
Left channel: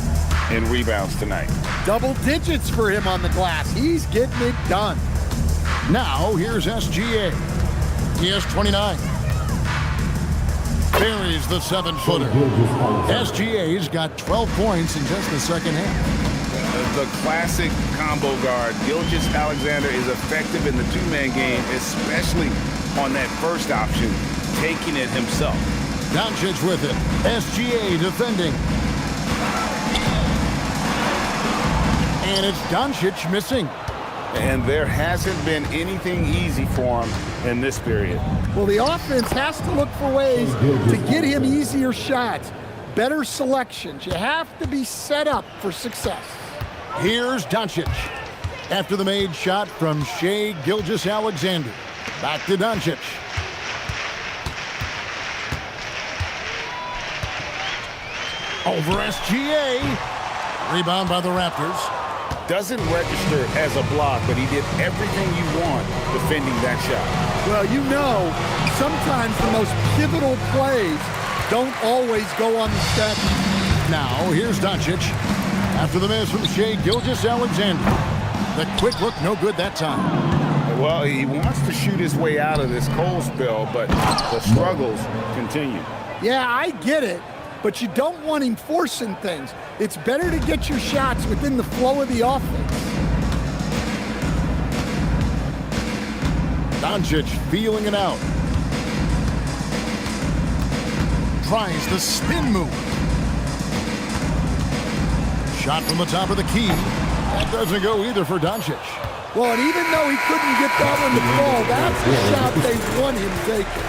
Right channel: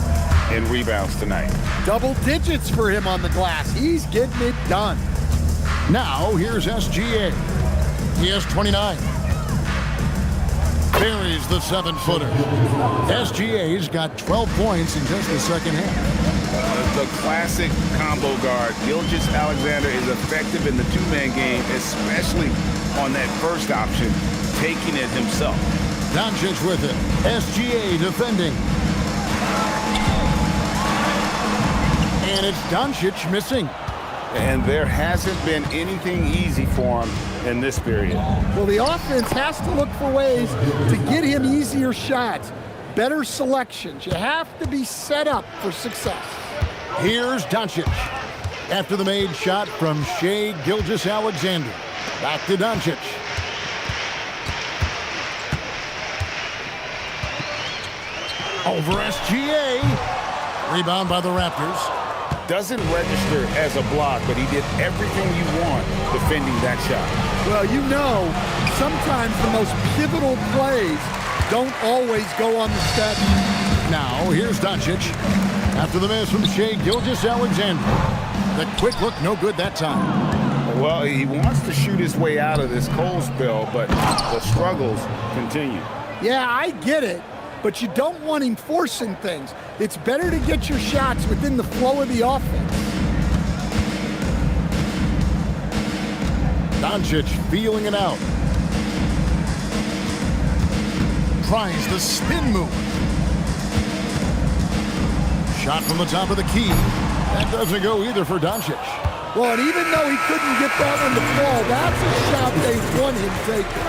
in rebounds tonight. Double digits for him on the glass. He's getting it done. Now, here's SGA. He has 29. Buries the 7-footer. SGA's got 12 points in just the second half. The classic combo guard, Gilgeous-Alexander, is effective in the two-man game, especially on that first option, taking it himself. Doncic with it. SGA defending. And it's Doncic missing. And there hasn't been anything easy for him in this period. Well, the offense has to look for ways to get him easier shots, better selections. You have to be set up for success. Here's Doncic. After the made shot from Shai Gilgeous-Alexander. Back to Doncic. Over SGA. Rebound by the Raptors. Doesn't register as a block, but he did everything you want defending that shot. Well, you know, sometimes the most pivotal plays don't always go on the stat sheet. Now, here's Doncic. After the miss from Shai Gilgeous-Alexander. The quick look, no good that time. Well, he wants to shoot his way out of this cold spell, but the struggles continue. Yeah, I get it, but you don't want him forcing things. It's better to get your shots within the flow of the offense. Doncic feeling it out. Tries the spin move. Shot from the top of the key. That doesn't go either for Doncic. Well, and even though he couldn't get that one to fall, that's a shot they want him taking.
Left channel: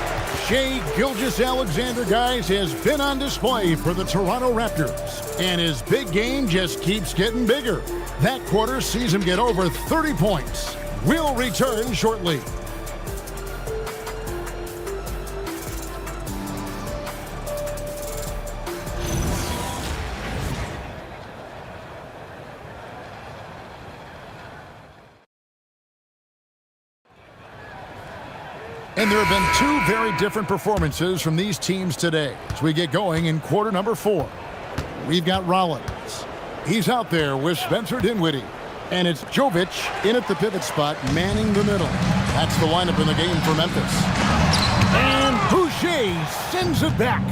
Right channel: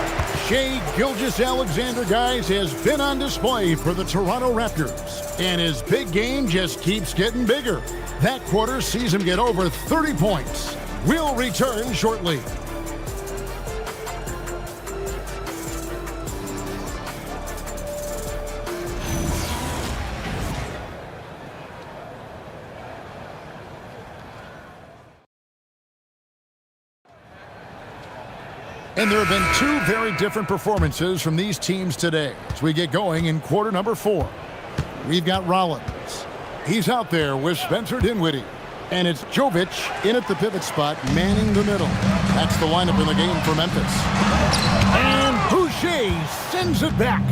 Shai Gilgeous-Alexander, guys, has been on display for the Toronto Raptors. And his big game just keeps getting bigger. That quarter sees him get over 30 points. We'll return shortly. And there have been two very different performances from these teams today as we get going in quarter number 4. We've got Rollins. He's out there with Spencer Dinwiddie. And it's Jovic in at the pivot spot, manning the middle. That's the lineup in the game for Memphis. And Boucher sends it back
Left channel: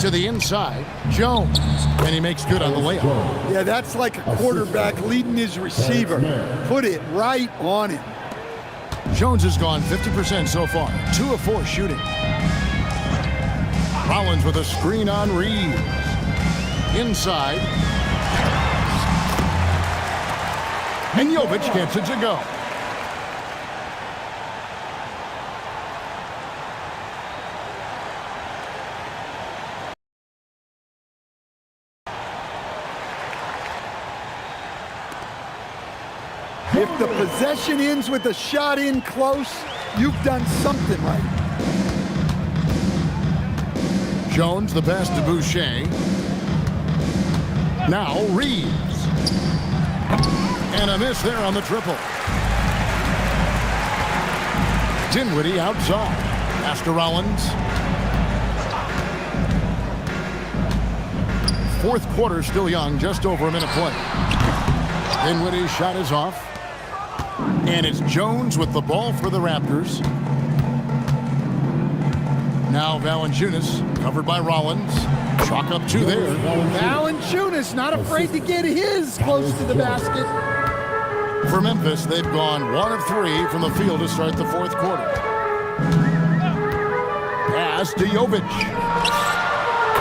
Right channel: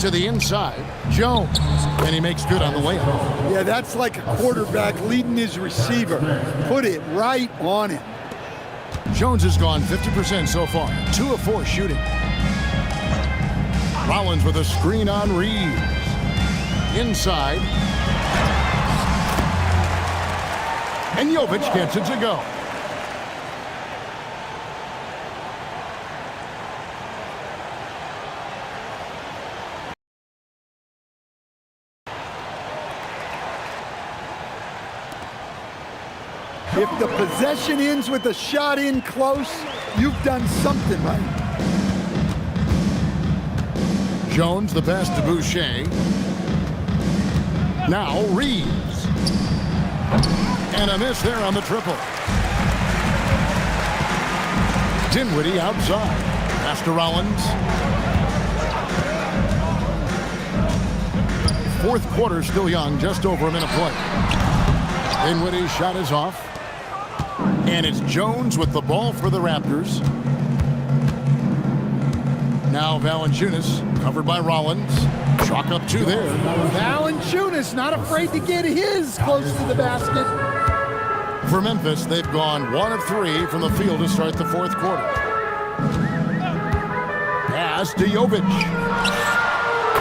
to the inside. Jones. And he makes good on the layup. Yeah, that's like a quarterback leading his receiver. Put it right on him. Jones has gone 50% so far, 2 of 4 shooting. Rollins with a screen on Reeves. Inside. And Jovic gets it to go. If the possession ends with a shot in close, you've done something right. Jones, the pass to Boucher. Now Reeves. And a miss there on the triple. Dinwiddie outside. Pass to Rollins. Fourth quarter still young, just over a minute play. Dinwiddie's shot is off. And it's Jones with the ball for the Raptors. Now Valanciunas, covered by Rollins. Chalk up 2 there. Valanciunas not afraid to get his close to the basket. For Memphis, they've gone 1 of 3 from the field to start the fourth quarter. Pass to Jovic.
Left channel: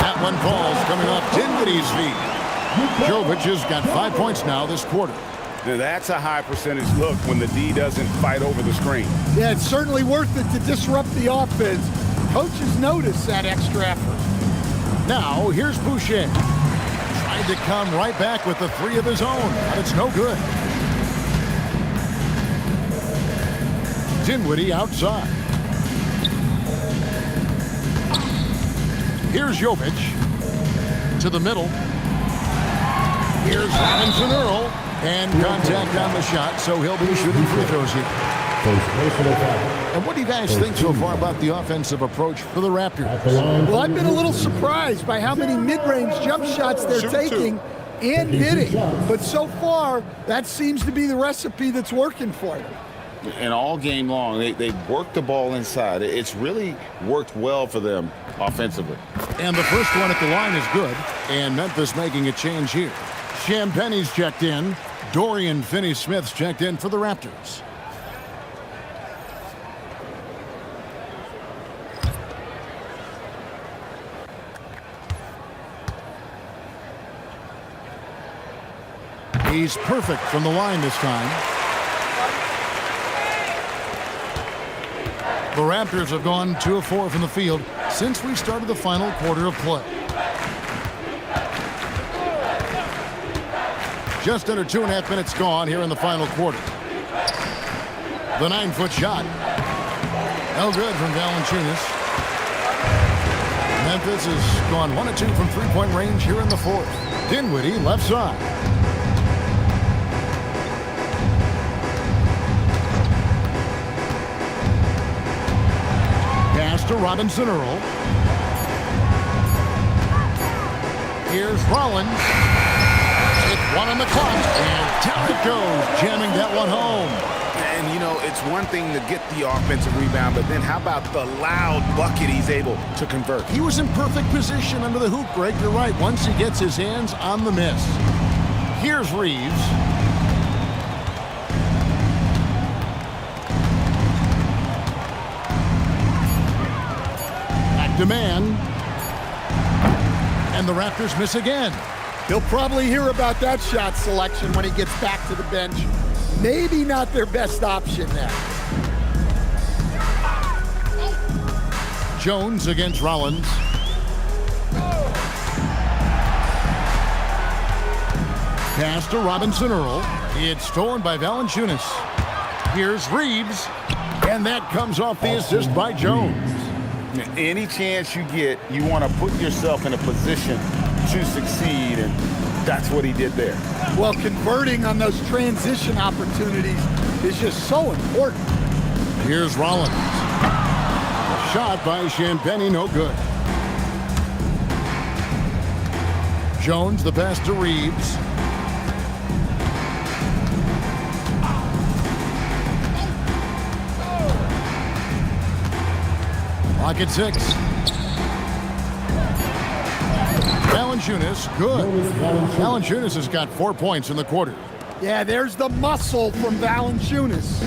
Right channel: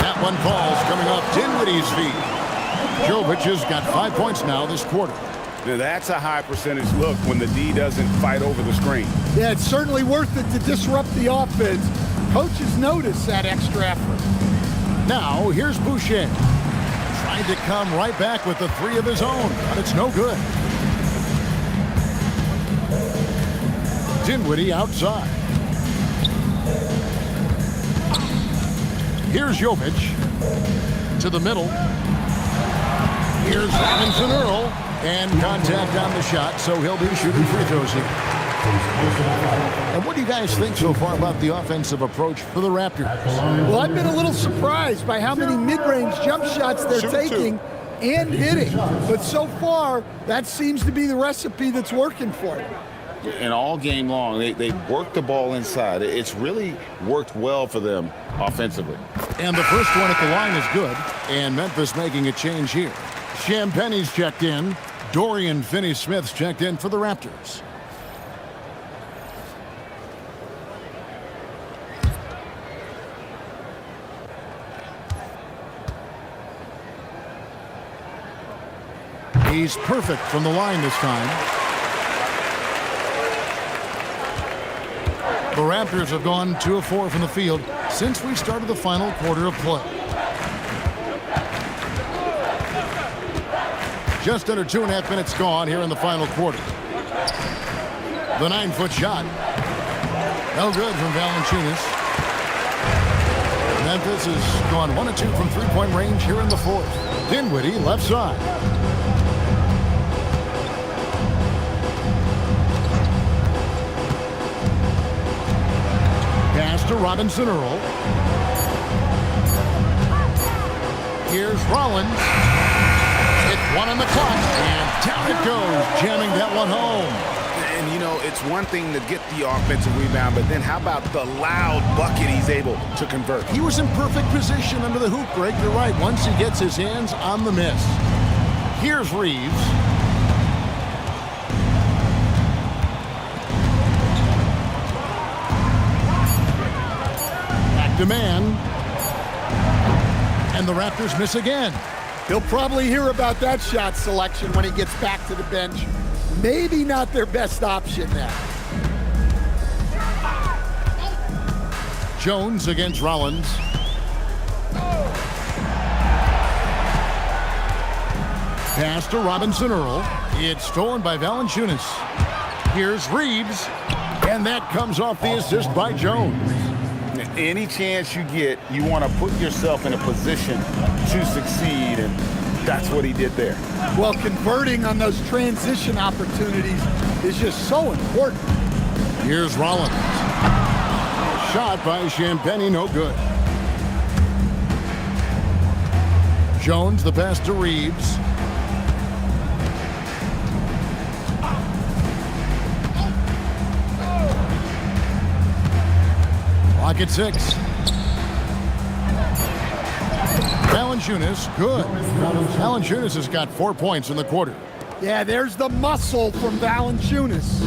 That one falls coming off Dinwiddie's feet. Jovic has got 5 points now this quarter. Now that's a high percentage look when the D doesn't fight over the screen. Yeah, it's certainly worth it to disrupt the offense. Coaches notice that extra effort. Now, here's Boucher. Tried to come right back with the 3 of his own, but it's no good. Dinwiddie outside. Here's Jovic to the middle. Here's Robinson Earl. And contact on the shot, so he'll be shooting free throws here. First personal foul. And what do you guys think so far about the offensive approach for the Raptors? At the line. Well, I've been a little surprised by how many mid-range jump shots they're taking and hitting. But so far, that seems to be the recipe that's working for them. And all game long, they work the ball inside. It's really worked well for them offensively. And the first one at the line is good. And Memphis making a change here. Champagne's checked in. Dorian Finney-Smith's checked in for the Raptors. He's perfect from the line this time. The Raptors have gone 2 of 4 from the field since we started the final quarter of play. Just under 2.5 minutes gone here in the final quarter. The 9-foot shot. No good from Valanciunas. Memphis has gone 1 of 2 from three-point range here in the fourth. Dinwiddie left side. Pass to Robinson Earl. Here's Rollins. It's 1 on the clock, and down it goes, jamming that one home. And, you know, it's one thing to get the offensive rebound, but then how about the loud bucket he's able to convert? He was in perfect position under the hoop, Greg. You're right, once he gets his hands on the miss. Here's Reeves. Back to man. And the Raptors miss again. He'll probably hear about that shot selection when he gets back to the bench. Maybe not their best option there. Jones against Rollins. Pass to Robinson Earl. It's stolen by Valanciunas. Here's Reeves. And that comes off the assist by Jones. Any chance you get, you want to put yourself in a position to succeed, and that's what he did there. Well, converting on those transition opportunities is just so important. Here's Rollins. A shot by Champagnie, no good. Jones, the pass to Reeves. Clock at 6. Valanciunas, good. Valanciunas has got 4 points in the quarter. Yeah, there's the muscle from Valanciunas.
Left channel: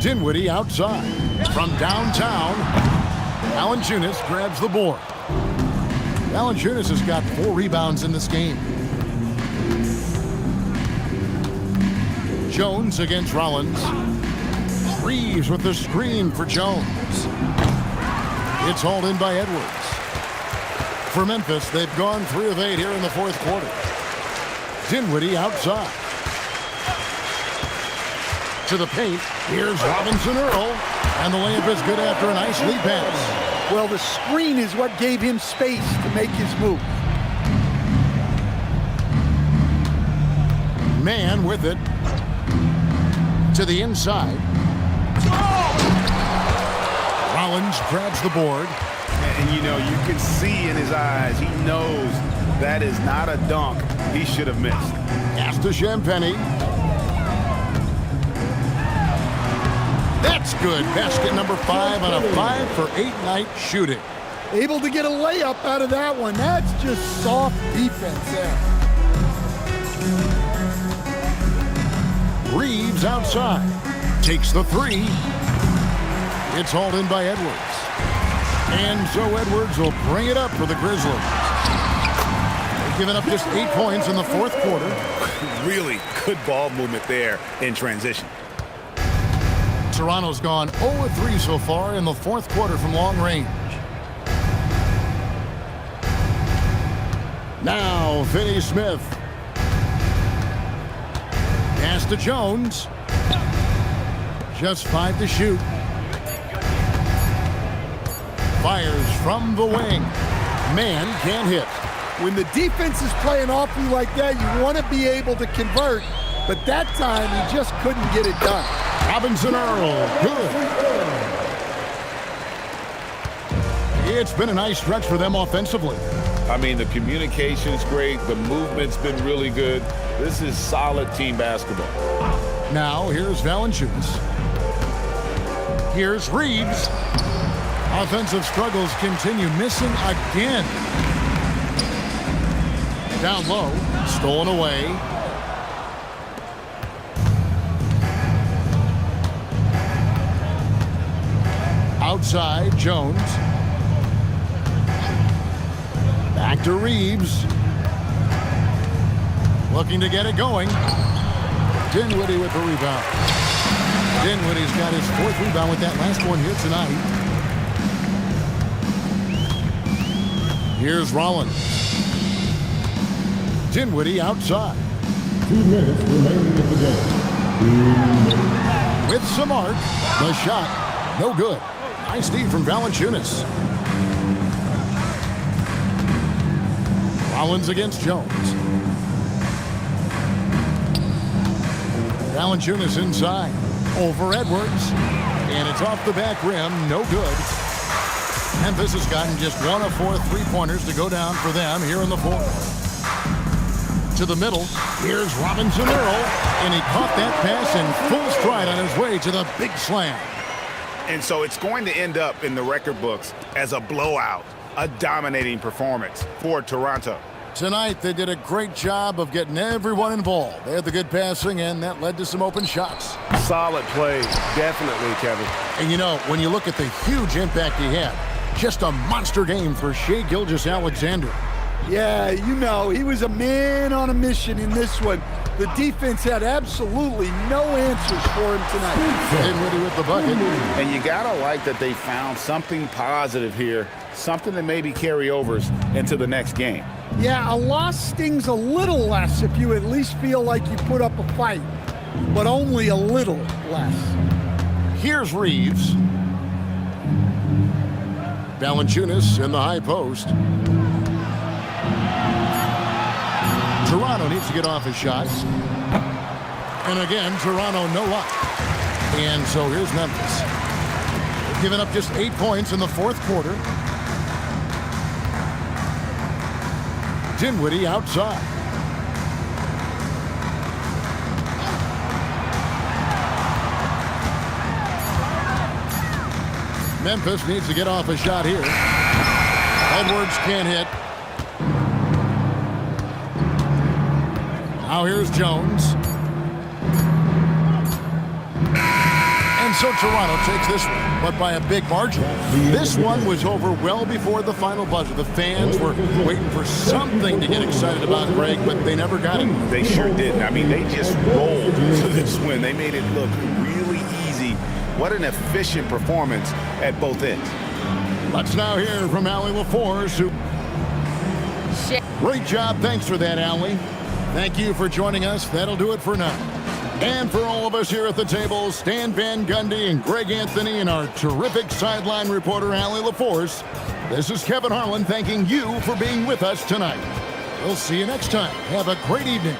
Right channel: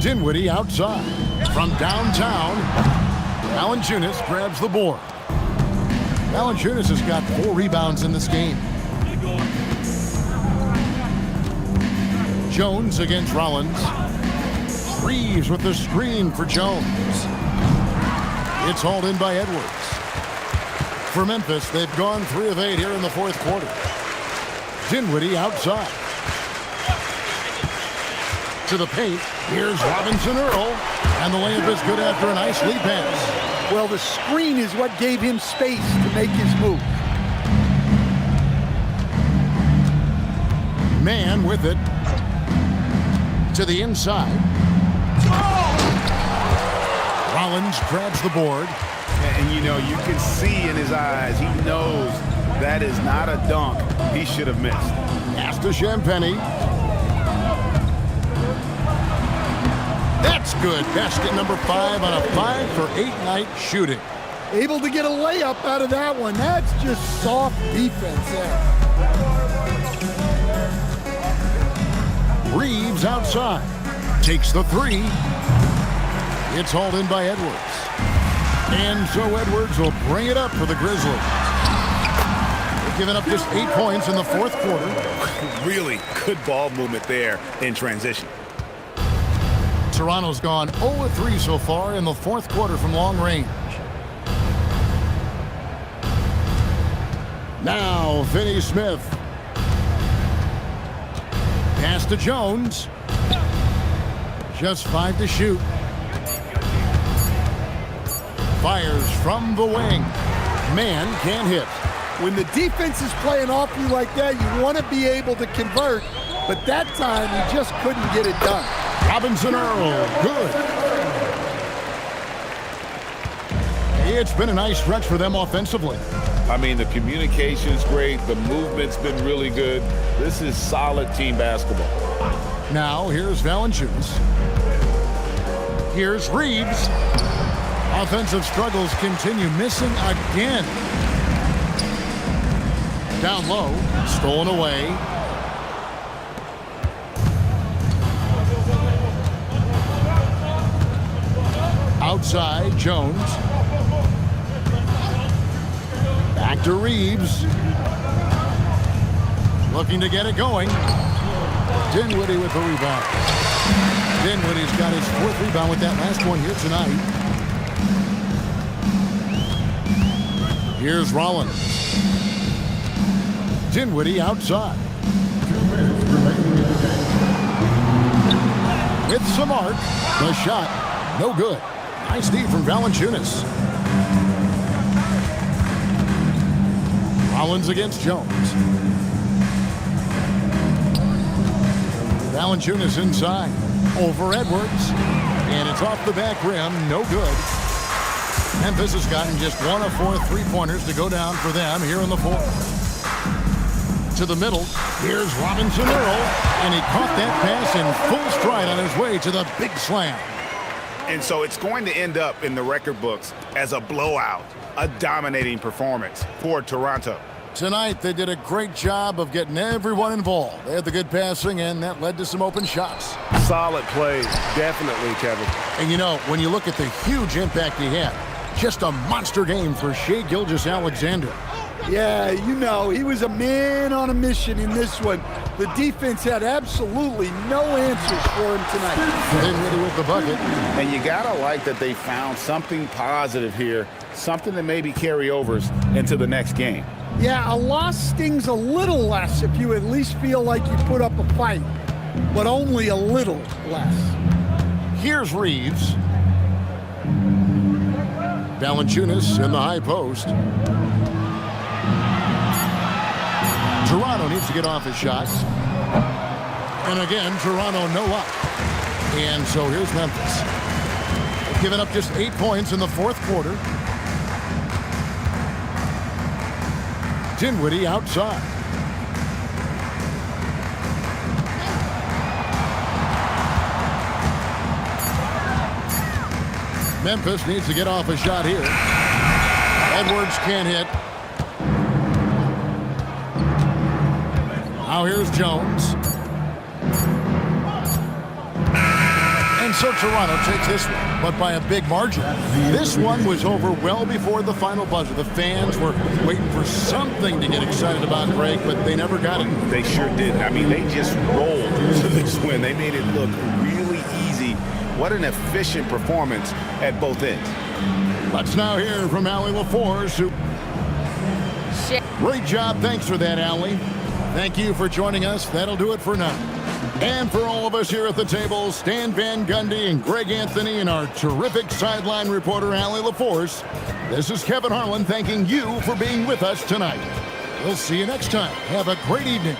Dinwiddie outside. From downtown, Valanciunas grabs the board. Valanciunas has got 4 rebounds in this game. Jones against Rollins. Reeves with the screen for Jones. It's hauled in by Edwards. For Memphis, they've gone 3 of 8 here in the fourth quarter. Dinwiddie outside. To the paint. Here's Robinson Earl. And the layup is good after a nice lead pass. Well, the screen is what gave him space to make his move. Man with it. To the inside. Rollins grabs the board. And you know, you can see in his eyes, he knows that is not a dunk he should have missed. Pass to Champagnie. That's good. Basket number 5 on a 5 for 8 night shooting. Able to get a layup out of that one. That's just soft defense there. Reeves outside. Takes the 3. It's hauled in by Edwards. And so Edwards will bring it up for the Grizzlies. They've given up just 8 points in the fourth quarter. Really good ball movement there in transition. Toronto's gone 0-3 so far in the fourth quarter from long range. Now, Finney-Smith. Pass to Jones. Just 5 to shoot. Fires from the wing. Man can't hit. When the defense is playing off you like that, you want to be able to convert, but that time he just couldn't get it done. Robinson Earl, good. It's been a nice stretch for them offensively. I mean, the communication's great. The movement's been really good. This is solid team basketball. Now, here's Valanciunas. Here's Reeves. Offensive struggles continue, missing again. Down low, stolen away. Outside, Jones. Back to Reeves. Looking to get it going. Dinwiddie with the rebound. Dinwiddie's got his 4th rebound with that last one here tonight. Here's Rollins. Dinwiddie outside. 2 minutes remaining in the game. With some arc. The shot, no good. Nice D from Valanciunas. Rollins against Jones. Valanciunas inside. Over Edwards. And it's off the back rim. No good. Memphis has gotten just 1 of 4 3-pointers to go down for them here in the 4th. To the middle. Here's Robinson Earl. And he caught that pass in full stride on his way to the big slam. And so it's going to end up in the record books as a blowout, a dominating performance for Toronto. Tonight, they did a great job of getting everyone involved. They had the good passing, and that led to some open shots. Solid play, definitely, Kevin. And you know, when you look at the huge impact he had, just a monster game for Shai Gilgeous-Alexander. Yeah, you know, he was a man on a mission in this one. The defense had absolutely no answers for him tonight. Dinwiddie with the bucket. And you got to like that they found something positive here, something that maybe carry overs into the next game. Yeah, a loss stings a little less if you at least feel like you put up a fight, but only a little less. Here's Reeves. Valanciunas in the high post. Toronto needs to get off his shots. And again, Toronto no luck. And so here's Memphis. They've given up just 8 points in the 4th quarter. Dinwiddie outside. Memphis needs to get off a shot here. Edwards can't hit. Now here's Jones. And so Toronto takes this one, but by a big margin. This one was over well before the final buzzer. The fans were waiting for something to get excited about, Greg, but they never got it. They sure didn't. I mean, they just rolled to this win. They made it look really easy. What an efficient performance at both ends. Let's now hear from Allie LaForce, who... Great job. Thanks for that, Allie. Thank you for joining us. That'll do it for now. And for all of us here at the table, Stan Van Gundy and Greg Anthony and our terrific sideline reporter, Allie LaForce, this is Kevin Harlan thanking you for being with us tonight. We'll see you next time. Have a great evening.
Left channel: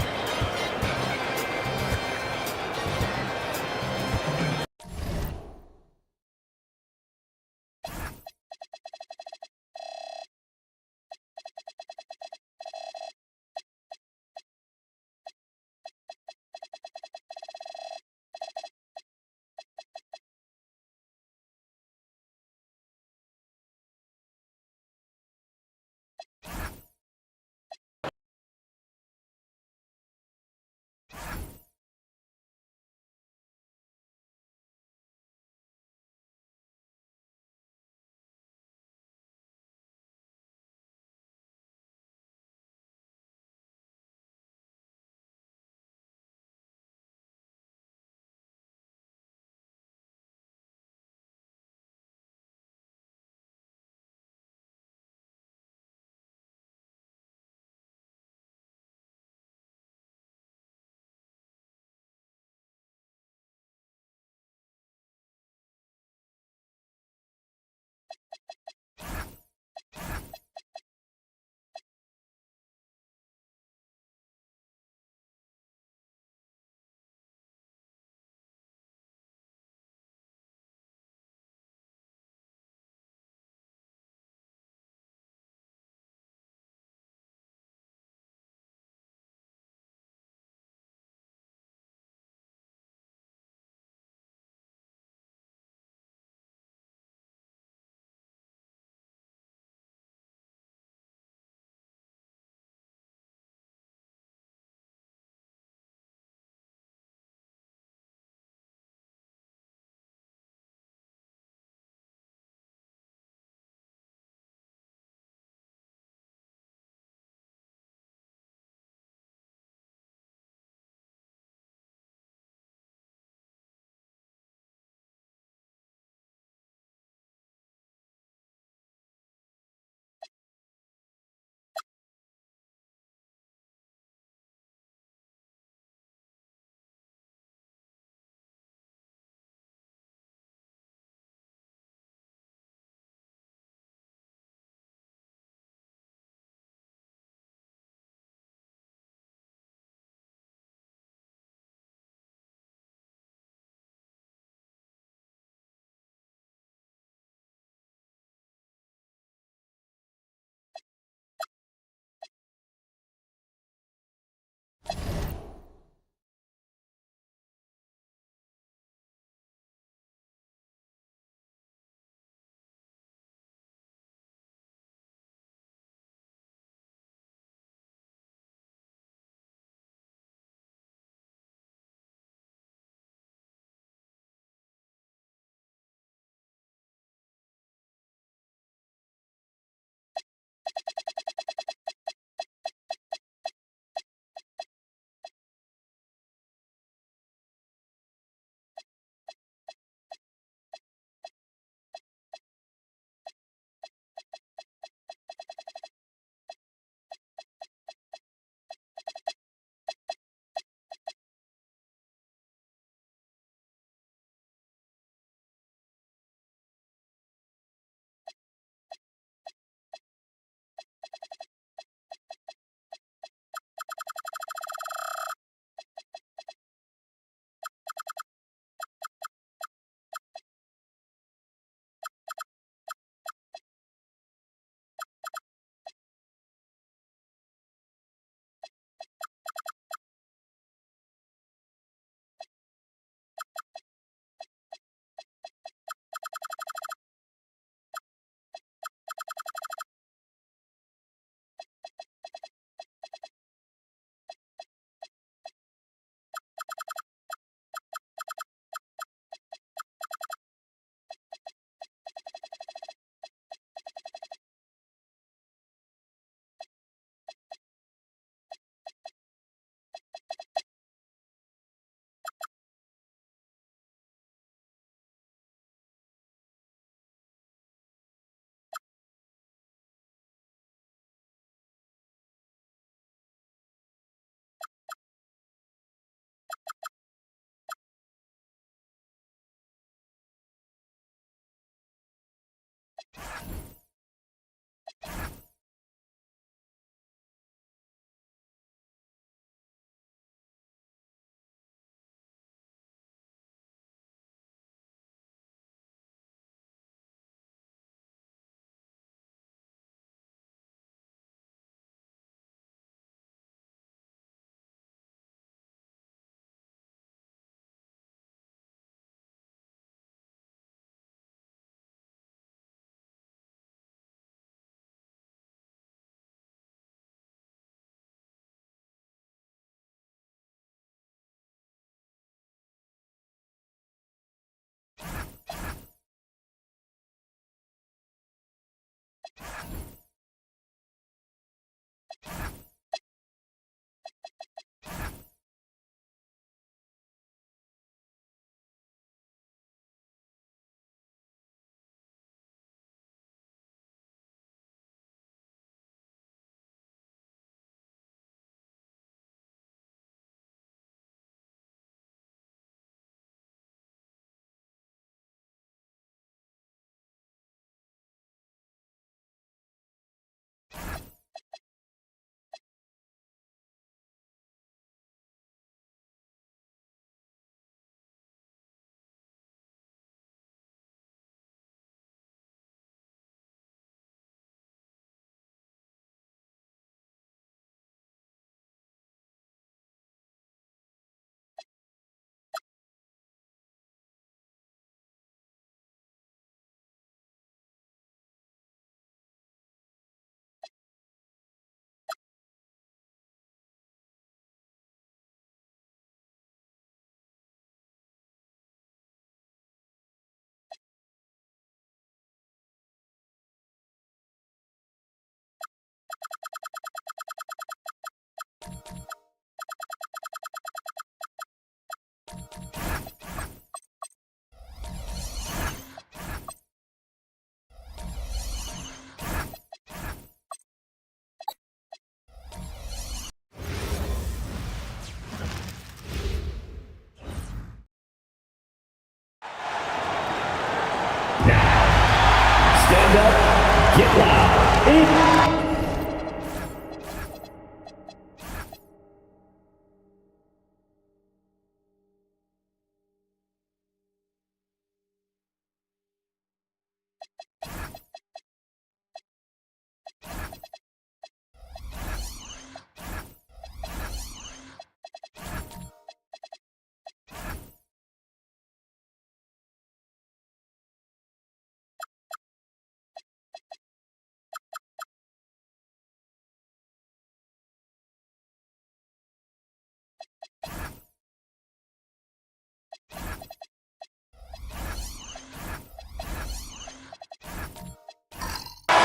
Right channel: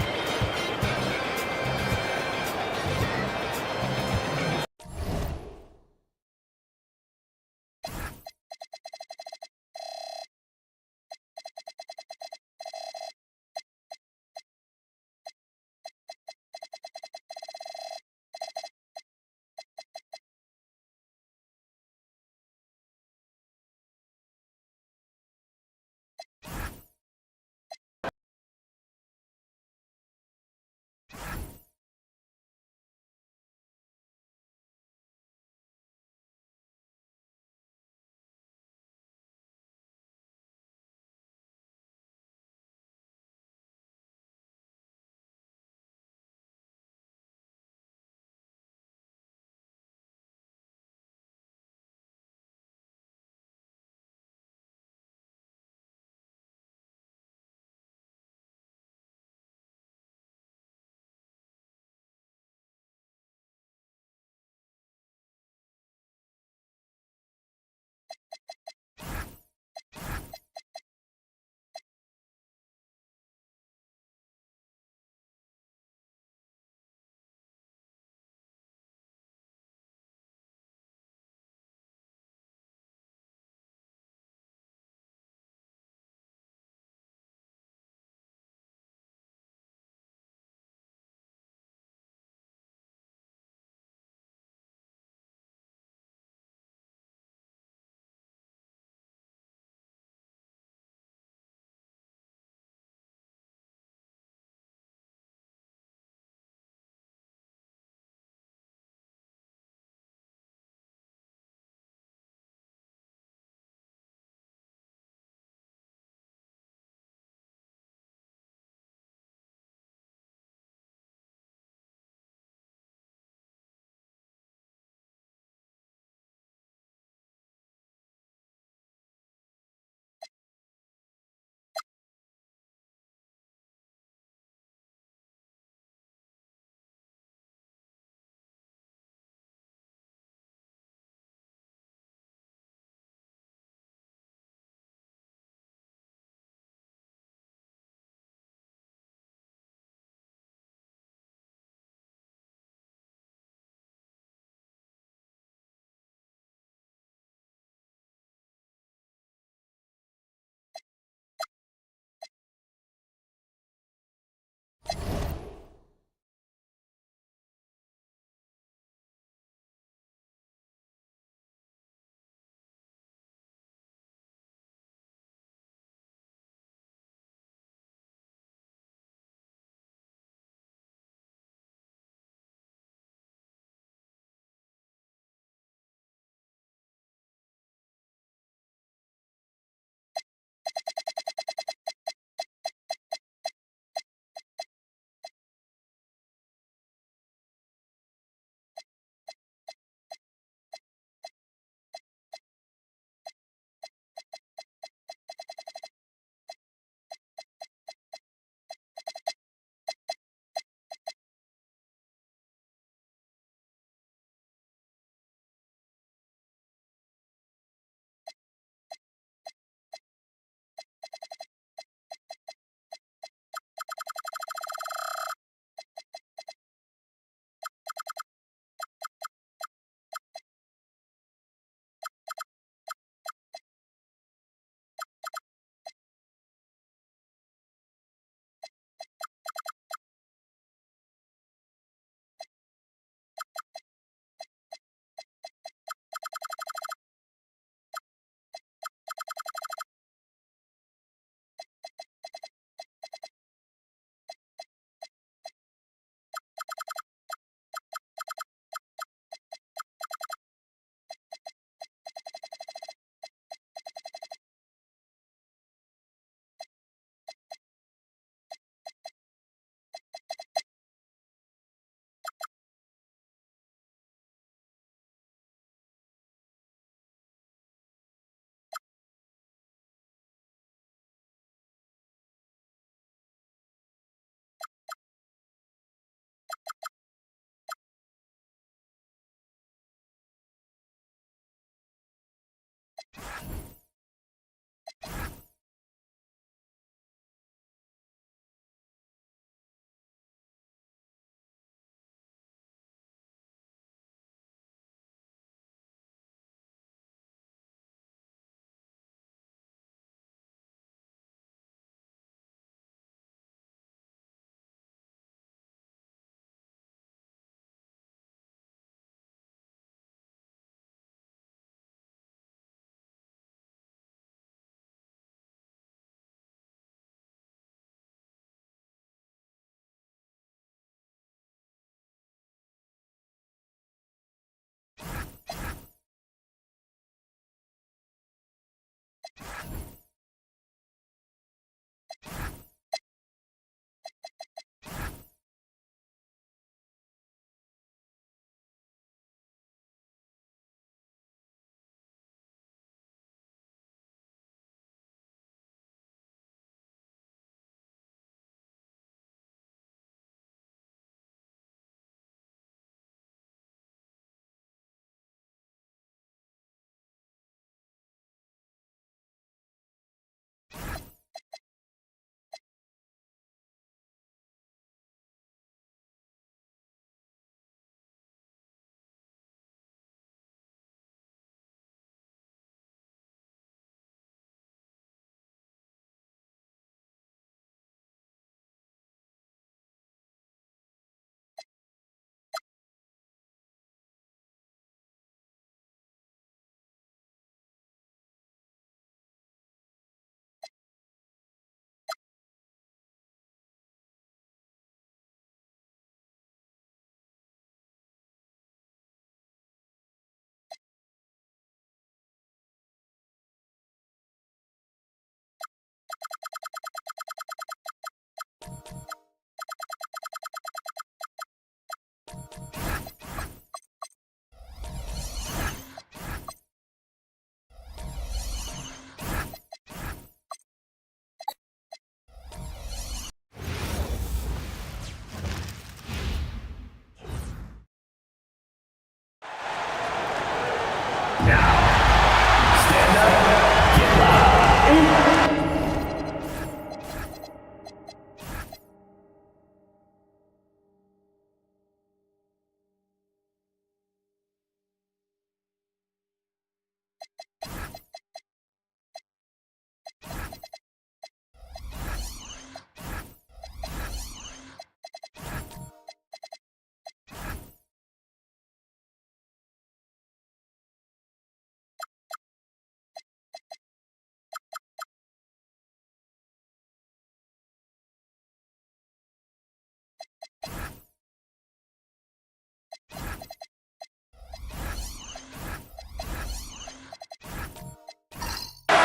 Stand up, get loud.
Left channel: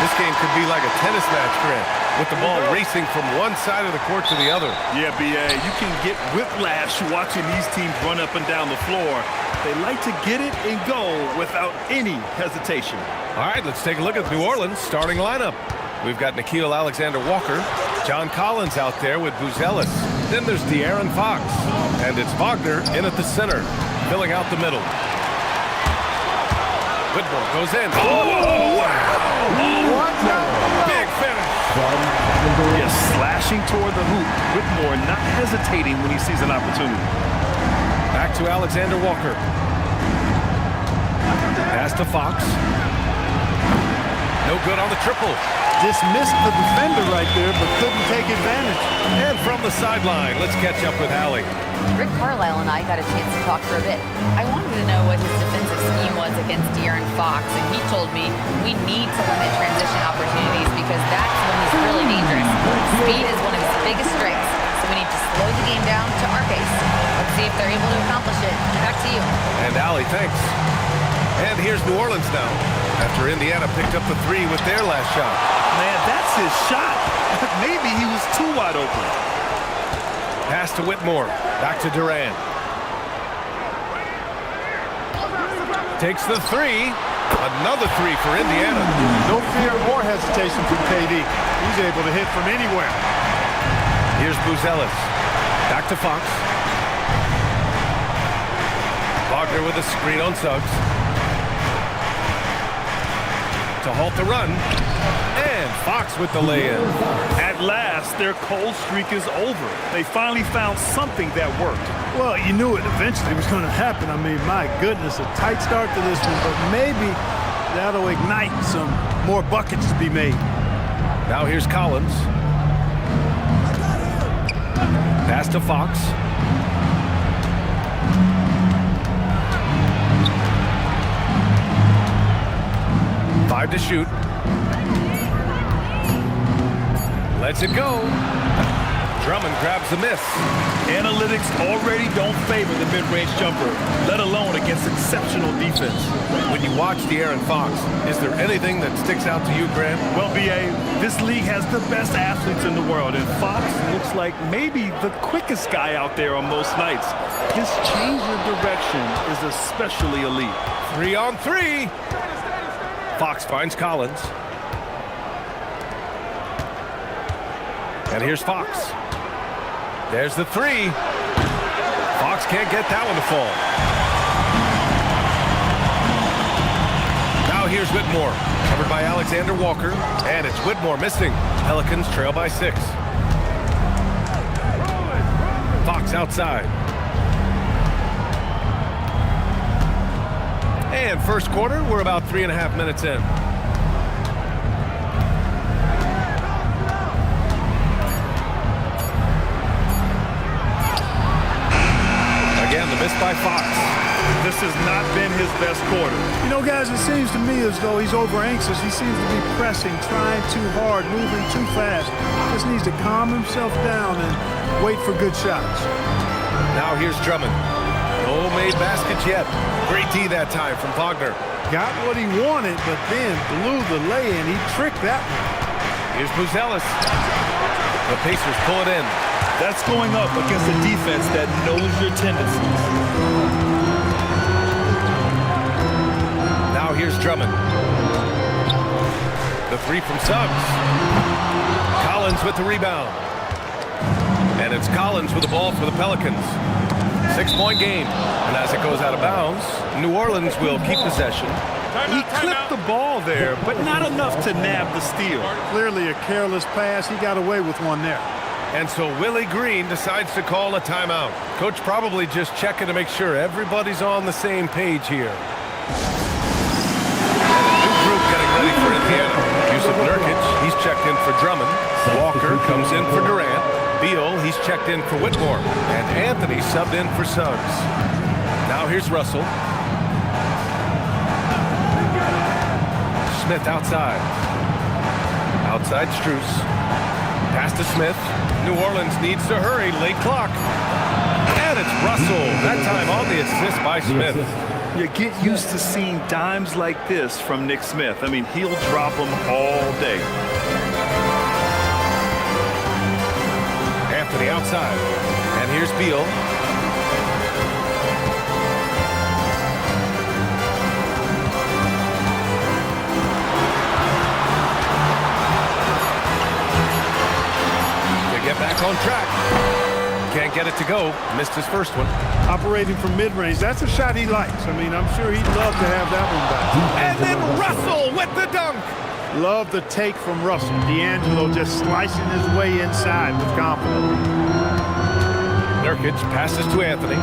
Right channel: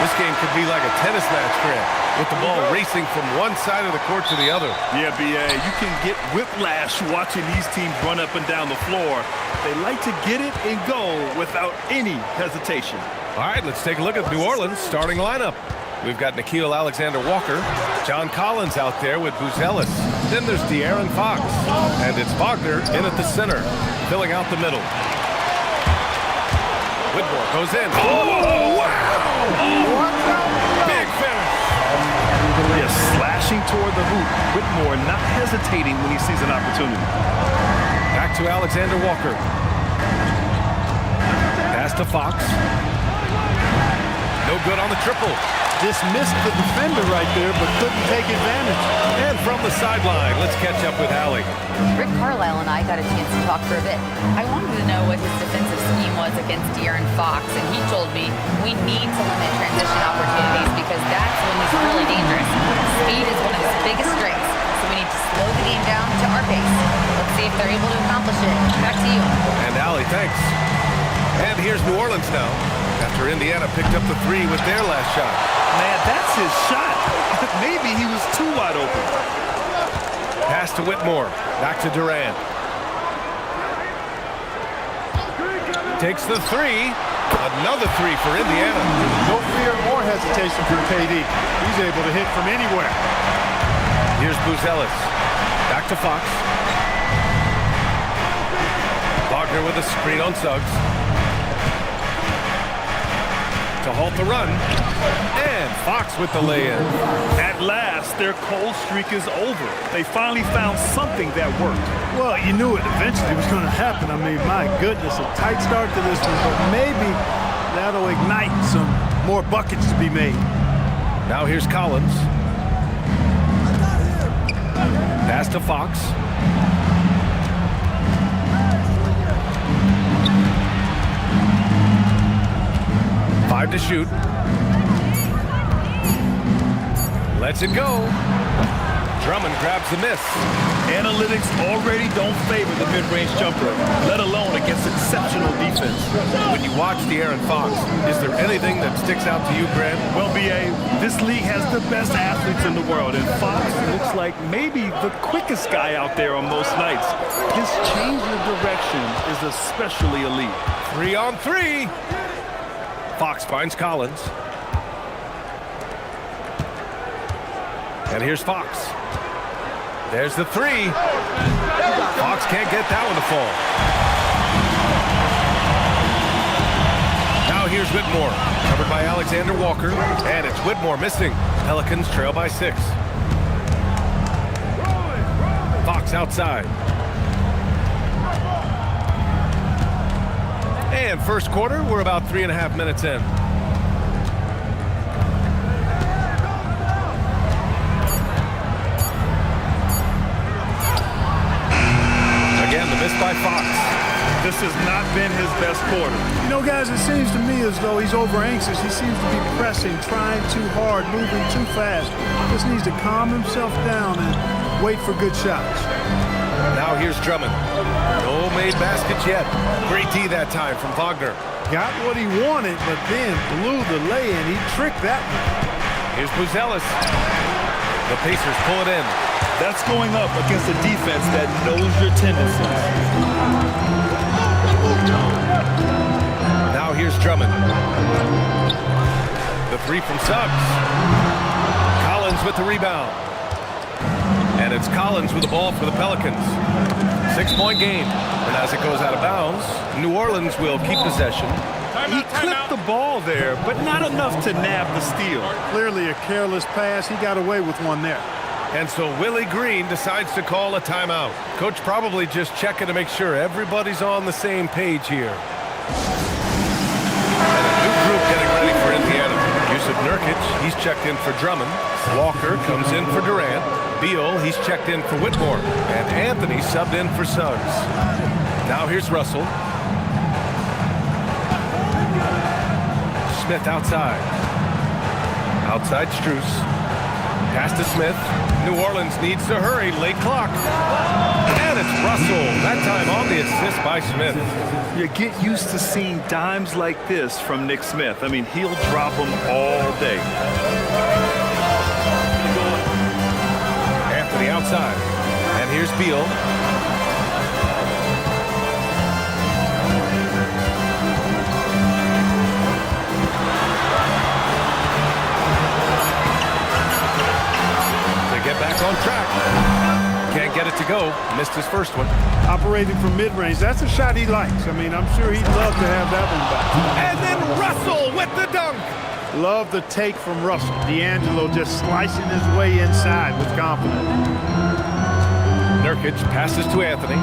This game could be like a tennis match, Grant, with the ball racing from one side of the court to the other. Yeah, B.A., you can get whiplash watching these teams run up and down the floor. They like to get it and go without any hesitation. All right, let's take a look at New Orleans' starting lineup. We've got Nickeil Alexander-Walker, John Collins out there with Buzelis. Then there's De'Aaron Fox, and it's Wagner in at the center, filling out the middle. Whitmore goes in. Oh, wow! Oh, big finish. Yes, slashing toward the hoop. Whitmore not hesitating when he sees an opportunity. Back to Alexander-Walker. Pass to Fox. No good on the triple. Dismissed the defender right there, but couldn't take advantage. And from the sideline, let's catch up with Allie. Rick Carlisle and I got a chance to talk for a bit. I wanted to know what his defensive scheme was against De'Aaron Fox, and he told me we need to limit transition opportunities because that's when he's really dangerous. Speed is one of his biggest strengths, so we need to slow the game down to our pace. Let's see if they're able to accomplish it. Back to you. And Allie, thanks. And here's New Orleans now, after Indiana picked up the three with their last shot. Man, that's his shot. Maybe he was too wide open. Pass to Whitmore. Back to Durant. Takes the three. Another three for Indiana. No fear or hesitation from KD. He's able to hit from anywhere. Here's Buzelis. Back to Fox. Wagner with a screen on Suggs. to halt the run. And Fox with the lay-in. At last, their cold streak is over. They finally found something that worked. Well, you knew it eventually was going to happen. I mean, my goodness, a tight start to this one, but maybe that'll ignite some more buckets to be made. Now here's Collins. Pass to Fox. Five to shoot. Lets it go. Drummond grabs the miss. Analytics already don't favor the mid-range jumper, let alone against exceptional defense. When you watch De'Aaron Fox, is there anything that sticks out to you, Grant? Well, B.A., this league has the best athletes in the world, and Fox looks like maybe the quickest guy out there on most nights. His change of direction is especially elite. 3-on-3. Fox finds Collins. And here's Fox. There's the three. Fox can't get that one to fall. Now here's Whitmore, covered by Alexander Walker, and it's Whitmore missing. Pelicans trail by 6. Fox outside. And first quarter, we're about 3.5 minutes in. Again, the miss by Fox. This has not been his best quarter. You know, guys, it seems to me as though he's over anxious. He seems to be pressing, trying too hard, moving too fast. Just needs to calm himself down and wait for good shots. Now here's Drummond. No made baskets yet. Great D that time from Wagner. Got what he wanted, but then blew the lay-in. He tricked that one. Here's Buzelis. The Pacers pull it in. That's going up against a defense that knows your tendencies. Now here's Drummond. The three from Suggs. Collins with the rebound. And it's Collins with the ball for the Pelicans. 6-point game. And as it goes out of bounds, New Orleans will keep possession. He clipped the ball there, but not enough to nab the steal. Clearly a careless pass. He got away with one there. And so Willie Green decides to call a timeout. Coach probably just checking to make sure everybody's on the same page here. And a new group getting ready for Indiana. Yusuf Nurkic, he's checked in for Drummond. Walker comes in for Durant. Beal, he's checked in for Whitmore. And Anthony subbed in for Suggs. Now here's Russell. Smith outside. Outside Strus. Pass to Smith. New Orleans needs to hurry. Late clock. And it's Russell. That time on the assist by Smith. You get used to seeing dimes like this from Nick Smith. I mean, he'll drop them all day. Anthony outside. And here's Beal. Get back on track. Can't get it to go. Missed his first one. Operating from mid-range. That's a shot he likes. I mean, I'm sure he'd love to have that one back. And then Russell with the dunk. Love the take from Russell. D'Angelo just slicing his way inside with confidence. Nurkic passes to Anthony.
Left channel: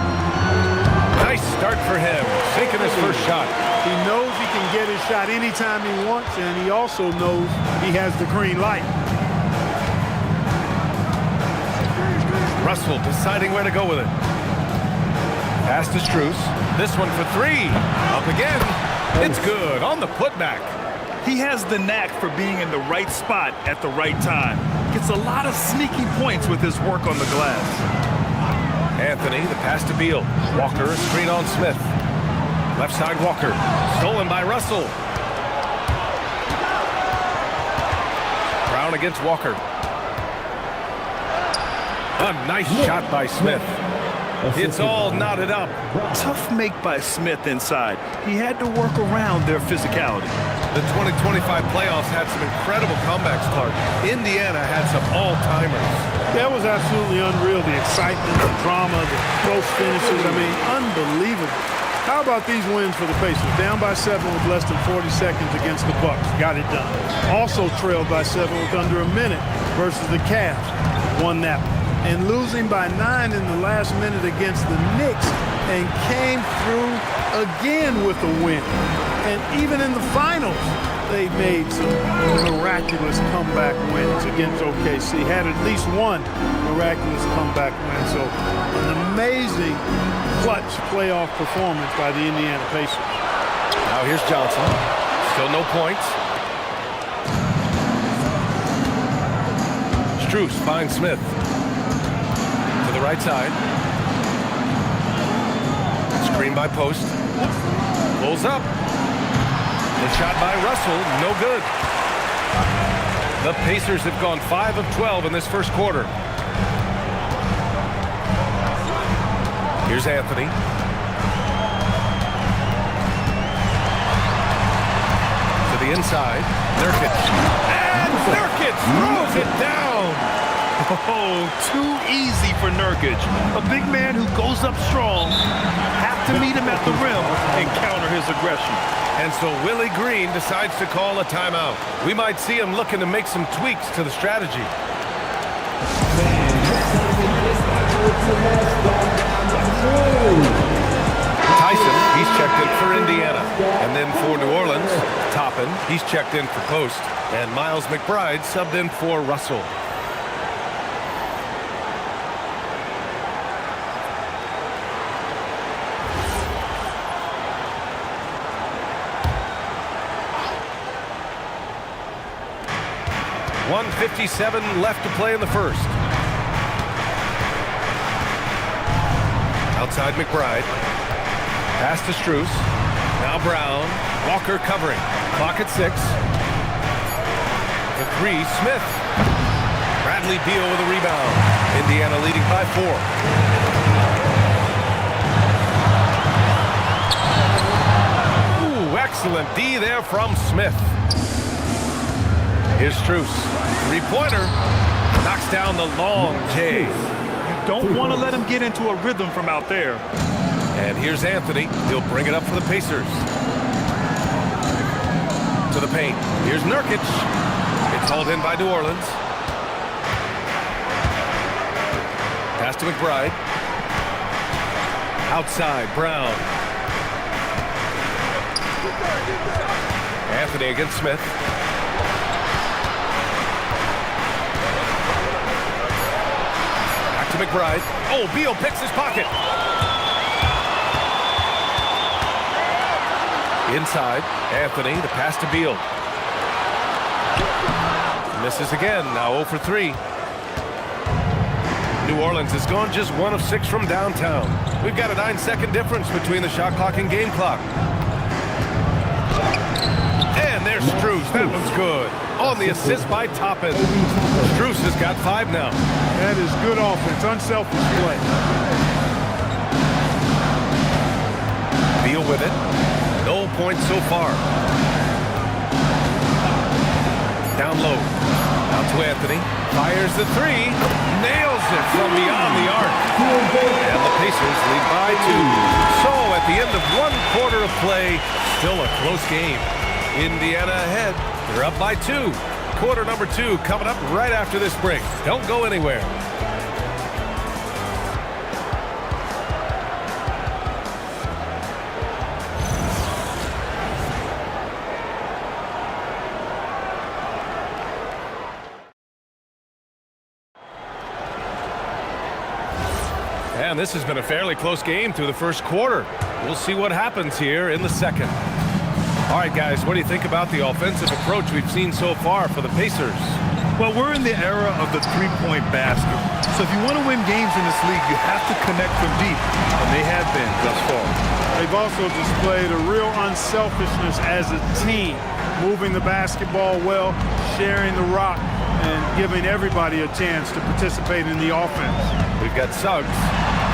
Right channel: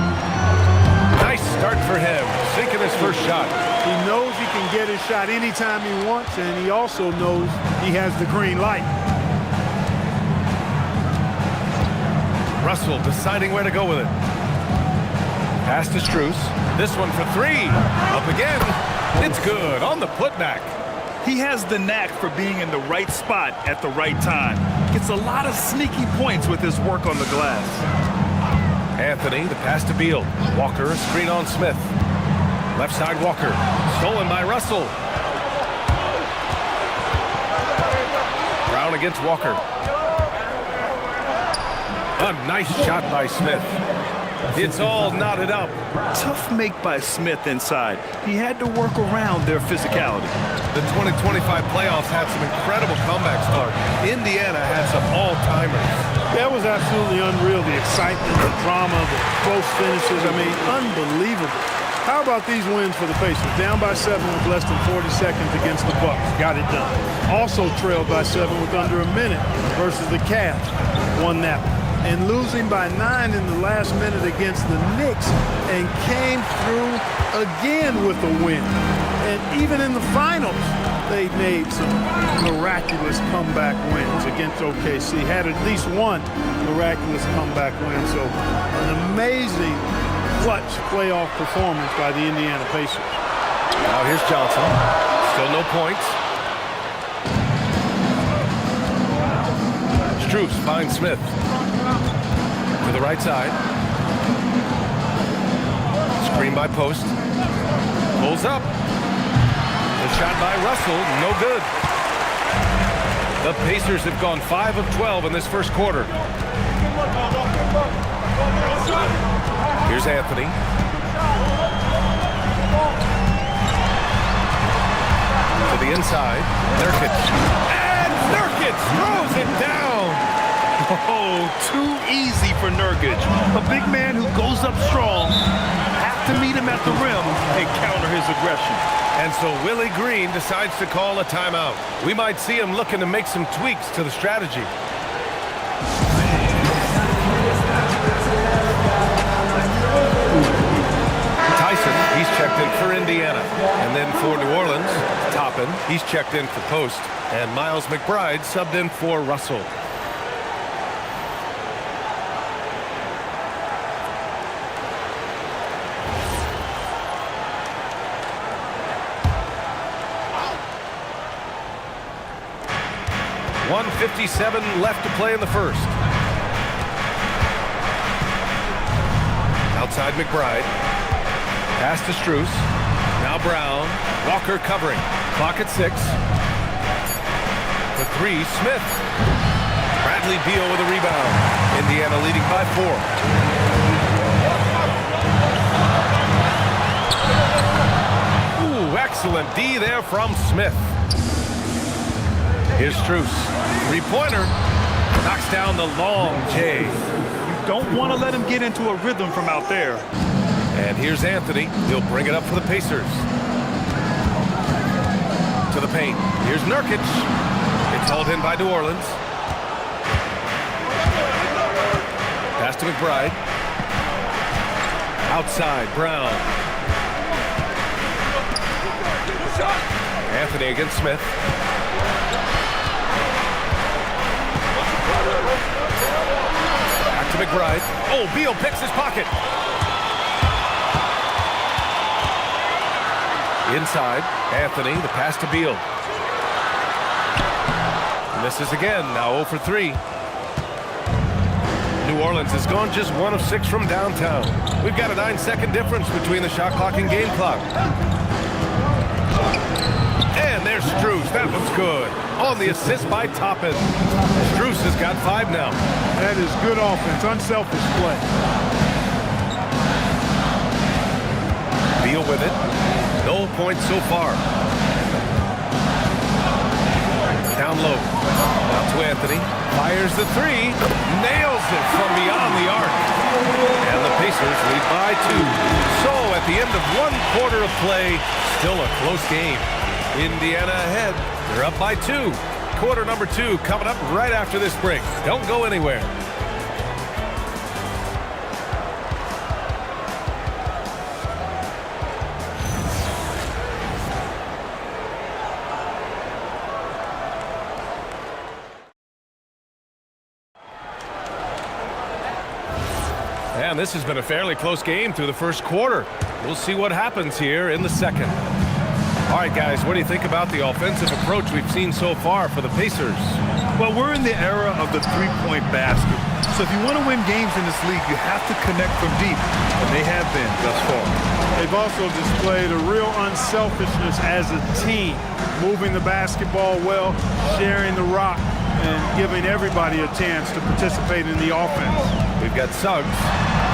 Nice start for him. Sinking his first shot. He knows he can get his shot anytime he wants, and he also knows he has the green light. Russell deciding where to go with it. Pass to Strus. This one for three. Up again. It's good on the putback. He has the knack for being in the right spot at the right time. Gets a lot of sneaky points with his work on the glass. Anthony, the pass to Beal. Walker, screen on Smith. Left side Walker. Stolen by Russell. Brown against Walker. A nice shot by Smith. It's all knotted up. Tough make by Smith inside. He had to work around their physicality. The 2025 playoffs had some incredible comebacks, Clark. Indiana had some all-timers. That was absolutely unreal. The excitement, the drama, the close finishes. I mean, unbelievable. How about these wins for the Pacers? Down by 7 with less than 40 seconds against the Bucks. Got it done. Also trailed by 7 with under a minute versus the Cavs. Won that one. And losing by 9 in the last minute against the Knicks and came through again with a win. And even in the finals, they made some miraculous comeback wins against OKC. Had at least one miraculous comeback win. So an amazing clutch playoff performance by the Indiana Pacers. Now here's Johnson. Still no points. Strus finds Smith. To the right side. Screen by Post. Pulls up. The shot by Russell, no good. The Pacers have gone 5 of 12 in this first quarter. Here's Anthony. To the inside. Nurkic. And Nurkic throws it down. Oh, too easy for Nurkic. A big man who goes up strong. Have to meet him at the rim and counter his aggression. And so Willie Green decides to call a timeout. We might see him looking to make some tweaks to the strategy. Tyson, he's checked in for Indiana. And then for New Orleans, Toppin, he's checked in for Post. And Miles McBride subbed in for Russell. .157 left to play in the first. Outside McBride. Pass to Strus. Now Brown. Walker covering. Clock at 6. The 3, Smith. Bradley Beal with a rebound. Indiana leading by 4. Ooh, excellent D there from Smith. Here's Strus. 3-pointer. Knocks down the long J. You don't want to let him get into a rhythm from out there. And here's Anthony. He'll bring it up for the Pacers. To the paint. Here's Nurkic. It's hauled in by New Orleans. Pass to McBride. Outside, Brown. Anthony against Smith. Back to McBride. Oh, Beal picks his pocket. Inside, Anthony, the pass to Beal. Misses again, now 0 for 3. New Orleans has gone just 1 of 6 from downtown. We've got a 9-second difference between the shot clock and game clock. And there's Strus, that one's good. On the assist by Toppin. Strus has got 5 now. That is good offense, unselfish play. Beal with it. No points so far. Down low. Now to Anthony. Fires the 3. Nails it from beyond the arc. And the Pacers lead by 2. So at the end of 1 quarter of play, still a close game. Indiana ahead. They're up by 2. Quarter number 2 coming up right after this break. Don't go anywhere. And this has been a fairly close game through the first quarter. We'll see what happens here in the second. All right, guys, what do you think about the offensive approach we've seen so far for the Pacers? Well, we're in the era of the three-point basket. So if you want to win games in this league, you have to connect from deep, and they have been thus far. They've also displayed a real unselfishness as a team, moving the basketball well, sharing the rock, and giving everybody a chance to participate in the offense. We've got Suggs.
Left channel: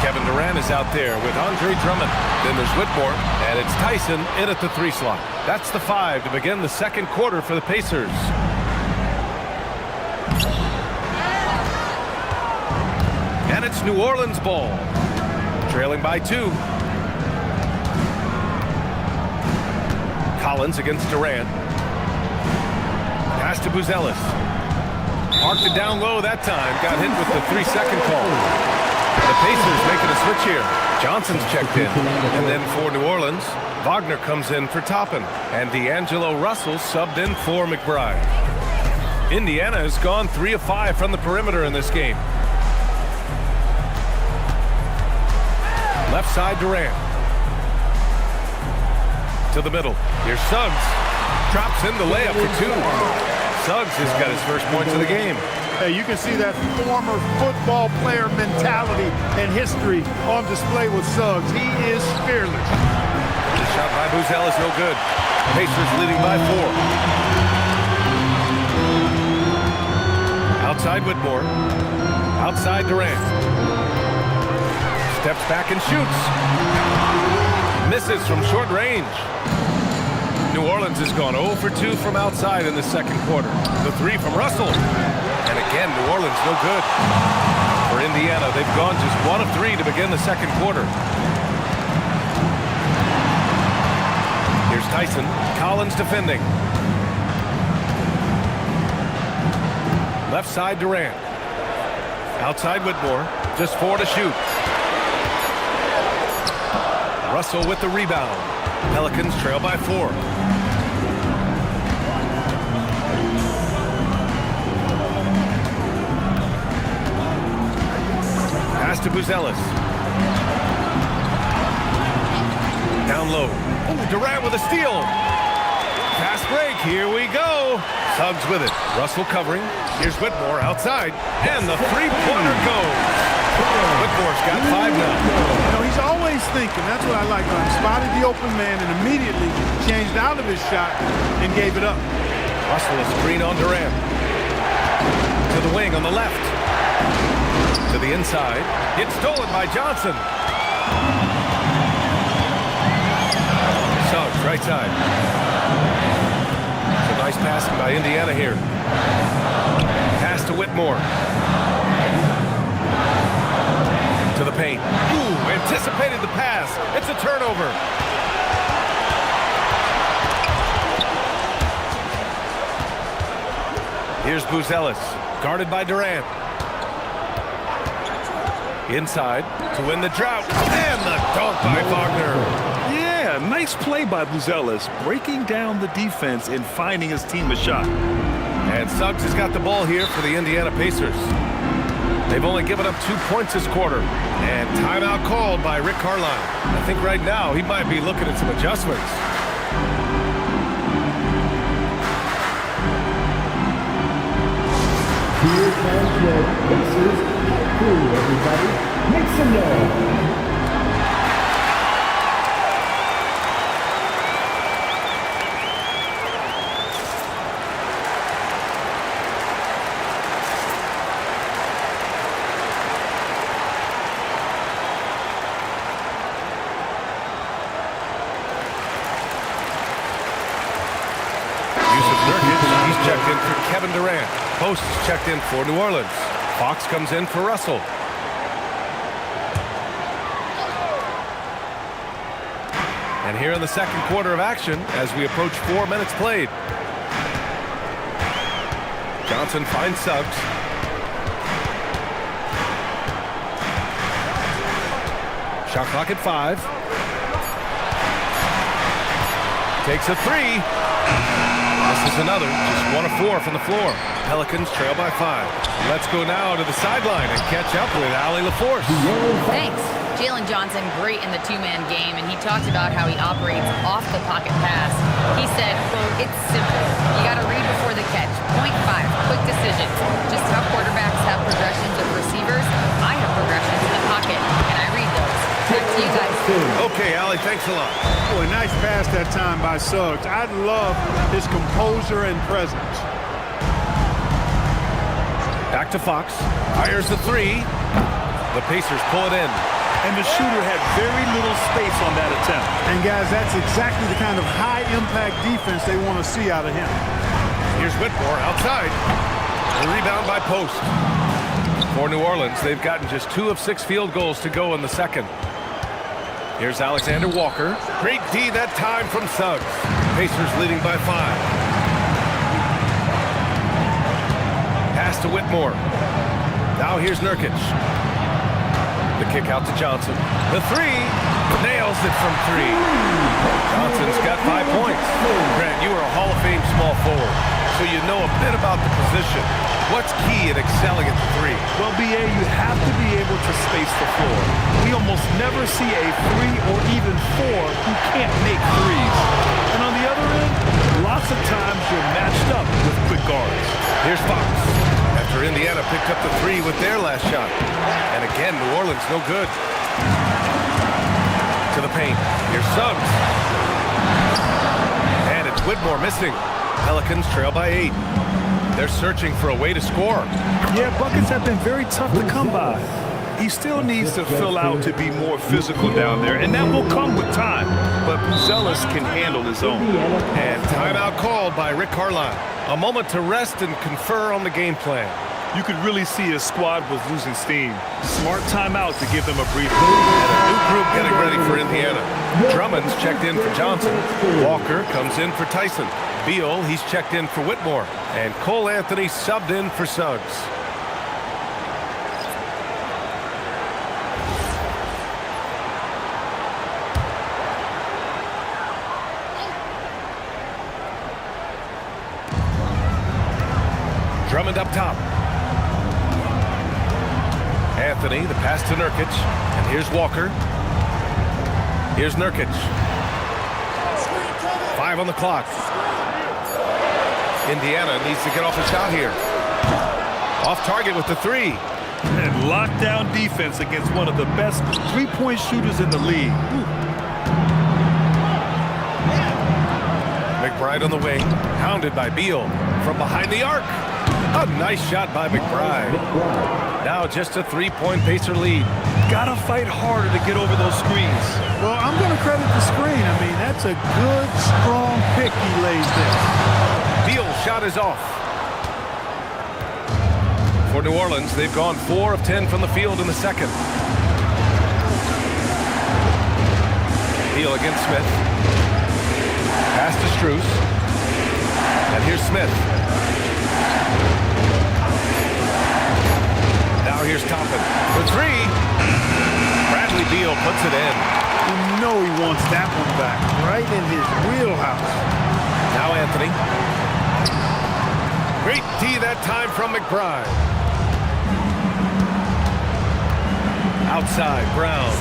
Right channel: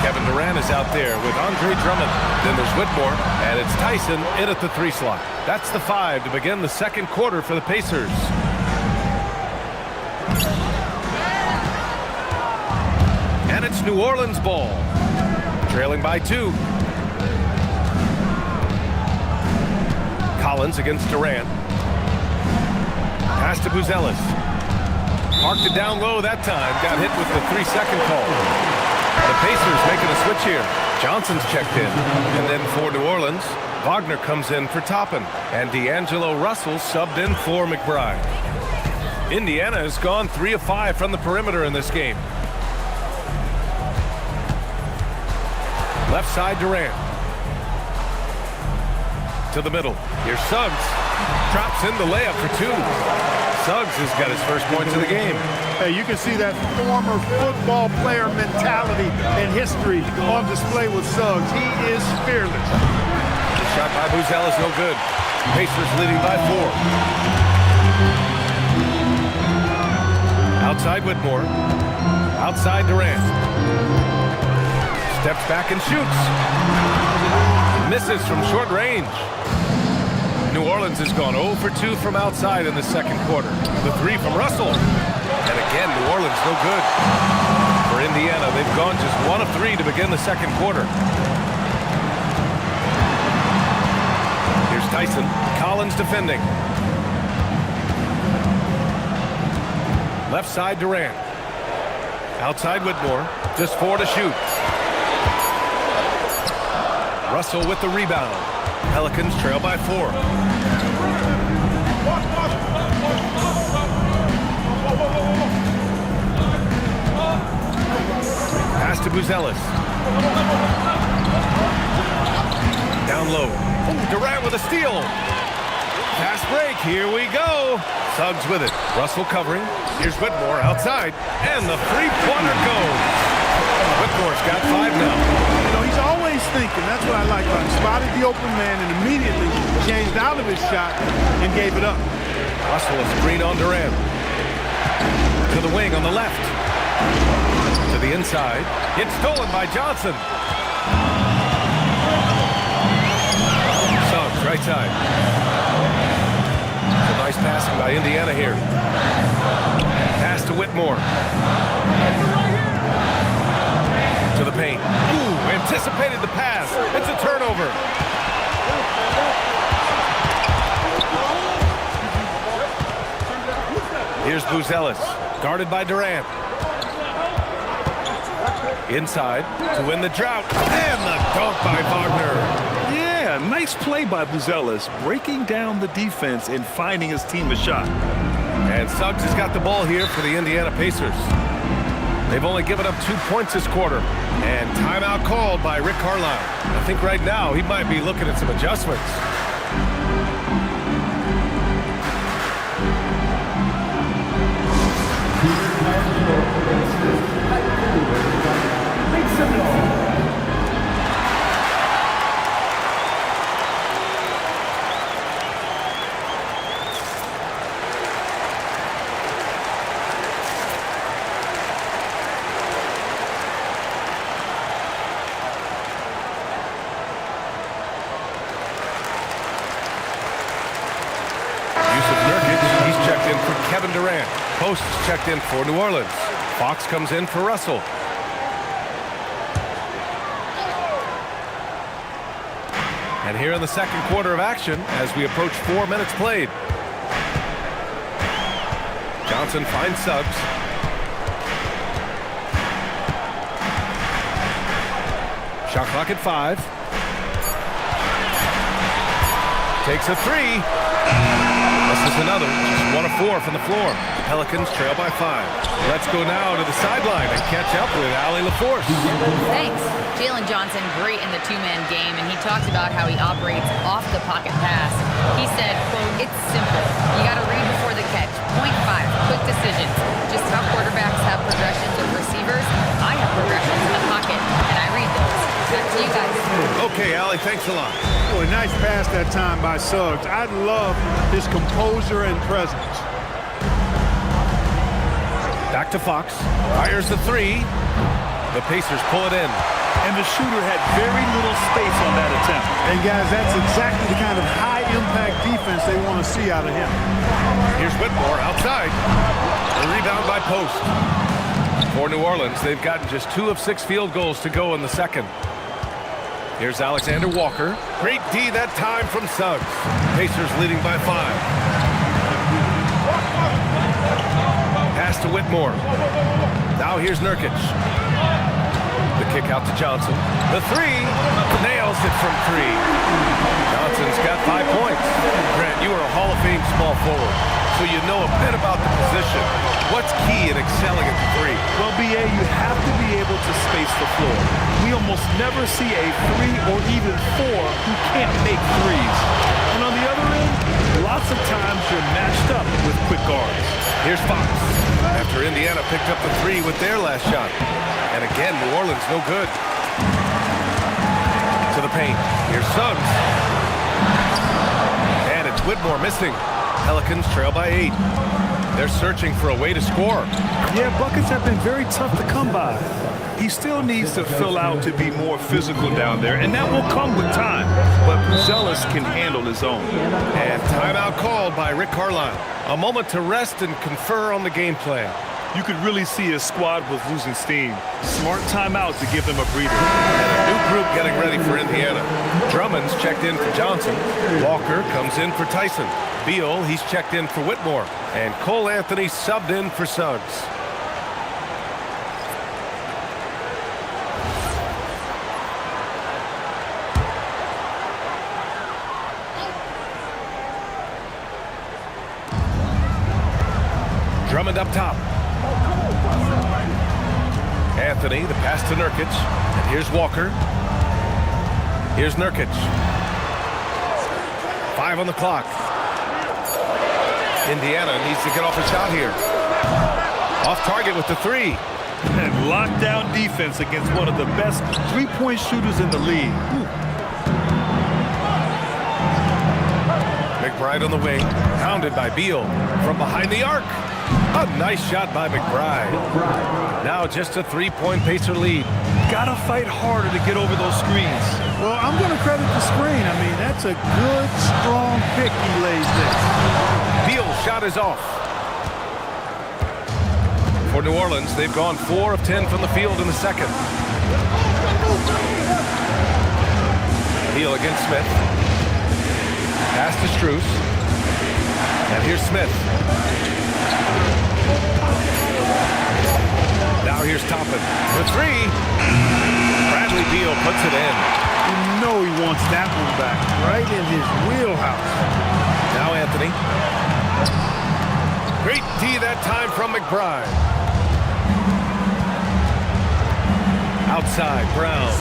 Kevin Durant is out there with Andre Drummond. Then there's Whitmore, and it's Tyson in at the 3 slot. That's the 5 to begin the second quarter for the Pacers. And it's New Orleans ball. Trailing by 2. Collins against Durant. Pass to Buzelis. Parked it down low that time. Got hit with the 3-second call. The Pacers making a switch here. Johnson's checked in. And then for New Orleans, Wagner comes in for Toppin. And D'Angelo Russell subbed in for McBride. Indiana has gone 3 of 5 from the perimeter in this game. Left side Durant. To the middle. Here's Suggs. Drops in the layup for 2. Suggs has got his first points of the game. Hey, you can see that former football player mentality and history on display with Suggs. He is fearless. The shot by Buzelis no good. Pacers leading by 4. Outside Whitmore. Outside Durant. Steps back and shoots. Misses from short range. New Orleans has gone 0 for 2 from outside in the second quarter. The 3 from Russell. And again, New Orleans no good. For Indiana, they've gone just 1 of 3 to begin the second quarter. Here's Tyson. Collins defending. Left side Durant. Outside Whitmore. Just 4 to shoot. Russell with the rebound. Pelicans trail by 4. Pass to Buzelis. Down low. Oh, Durant with a steal. Fast break. Here we go. Suggs with it. Russell covering. Here's Whitmore outside. And the three-pointer goes. Whitmore's got 5 now. You know, he's always thinking. That's what I like about him. Spotted the open man and immediately changed out of his shot and gave it up. Russell a screen on Durant. To the wing on the left. To the inside. It's stolen by Johnson. Suggs, right side. Some nice passing by Indiana here. Pass to Whitmore. To the paint. Ooh, anticipated the pass. It's a turnover. Here's Buzelis, guarded by Durant. Inside to win the drought. And the dunk by Wagner. Yeah, nice play by Buzelis, breaking down the defense and finding his team a shot. And Suggs has got the ball here for the Indiana Pacers. They've only given up 2 points this quarter. And timeout called by Rick Carlisle. I think right now he might be looking at some adjustments. Here comes your Pacers hot crew, everybody. Make some noise. He's checked in for Kevin Durant. Post is checked in for New Orleans. Fox comes in for Russell. And here in the second quarter of action, as we approach 4 minutes played. Johnson finds Suggs. Shot clock at 5. Takes a 3. This is another, just 1 of 4 from the floor. Pelicans trail by 5. Let's go now to the sideline and catch up with Allie LaForce. Thanks. Jalen Johnson, great in the two-man game, and he talked about how he operates off the pocket pass. He said, quote, "It's simple. You got to read before the catch. Point 5, quick decisions. Just how quarterbacks have progressions of receivers, I have progressions in the pocket, and I read those." Back to you guys. Okay, Allie, thanks a lot. Boy, nice pass that time by Suggs. I love his composure and presence. Back to Fox. Fires the 3. The Pacers pull it in. And the shooter had very little space on that attempt. And guys, that's exactly the kind of high-impact defense they want to see out of him. Here's Whitmore outside. The rebound by Post. For New Orleans, they've gotten just 2 of 6 field goals to go in the second. Here's Alexander Walker. Great D that time from Suggs. Pacers leading by 5. Pass to Whitmore. Now here's Nurkic. The kick out to Johnson. The three. Nails it from 3. Johnson's got 5 points. Grant, you are a Hall of Fame small forward, so you know a bit about the position. What's key in excelling at the 3? Well, BA, you have to be able to space the floor. We almost never see a 3 or even 4 who can't make threes. And on the other end, lots of times you're matched up with quick guards. Here's Fox. After Indiana picked up the 3 with their last shot. And again, New Orleans no good. To the paint. Here's Suggs. And it's Whitmore missing. Pelicans trail by 8. They're searching for a way to score. Yeah, buckets have been very tough to come by. He still needs to fill out to be more physical down there, and that will come with time. But Buzelis can handle his own. And timeout called by Rick Carlisle. A moment to rest and confer on the game plan. You could really see his squad was losing steam. Smart timeout to give them a breather. And a new group getting ready for Indiana. Drummond's checked in for Johnson. Walker comes in for Tyson. Beal, he's checked in for Whitmore. And Cole Anthony subbed in for Suggs. Drummond up top. Anthony, the pass to Nurkic. And here's Walker. Here's Nurkic. 5 on the clock. Indiana needs to get off a shot here. Off target with the 3. And lockdown defense against one of the best three-point shooters in the league. Ooh. McBride on the wing. Pounded by Beal. From behind the arc. A nice shot by McBride. Now just a 3-point Pacer lead. Gotta fight harder to get over those screens. Well, I'm going to credit the screen. I mean, that's a good, strong pick he lays there. Beal's shot is off. For New Orleans, they've gone 4 of 10 from the field in the second. Beal against Smith. Pass to Strus. And here's Smith. Now here's Toppin for 3. Bradley Beal puts it in. You know he wants that one back, right in his wheelhouse. Now Anthony. Great D that time from McBride. Outside, Brown.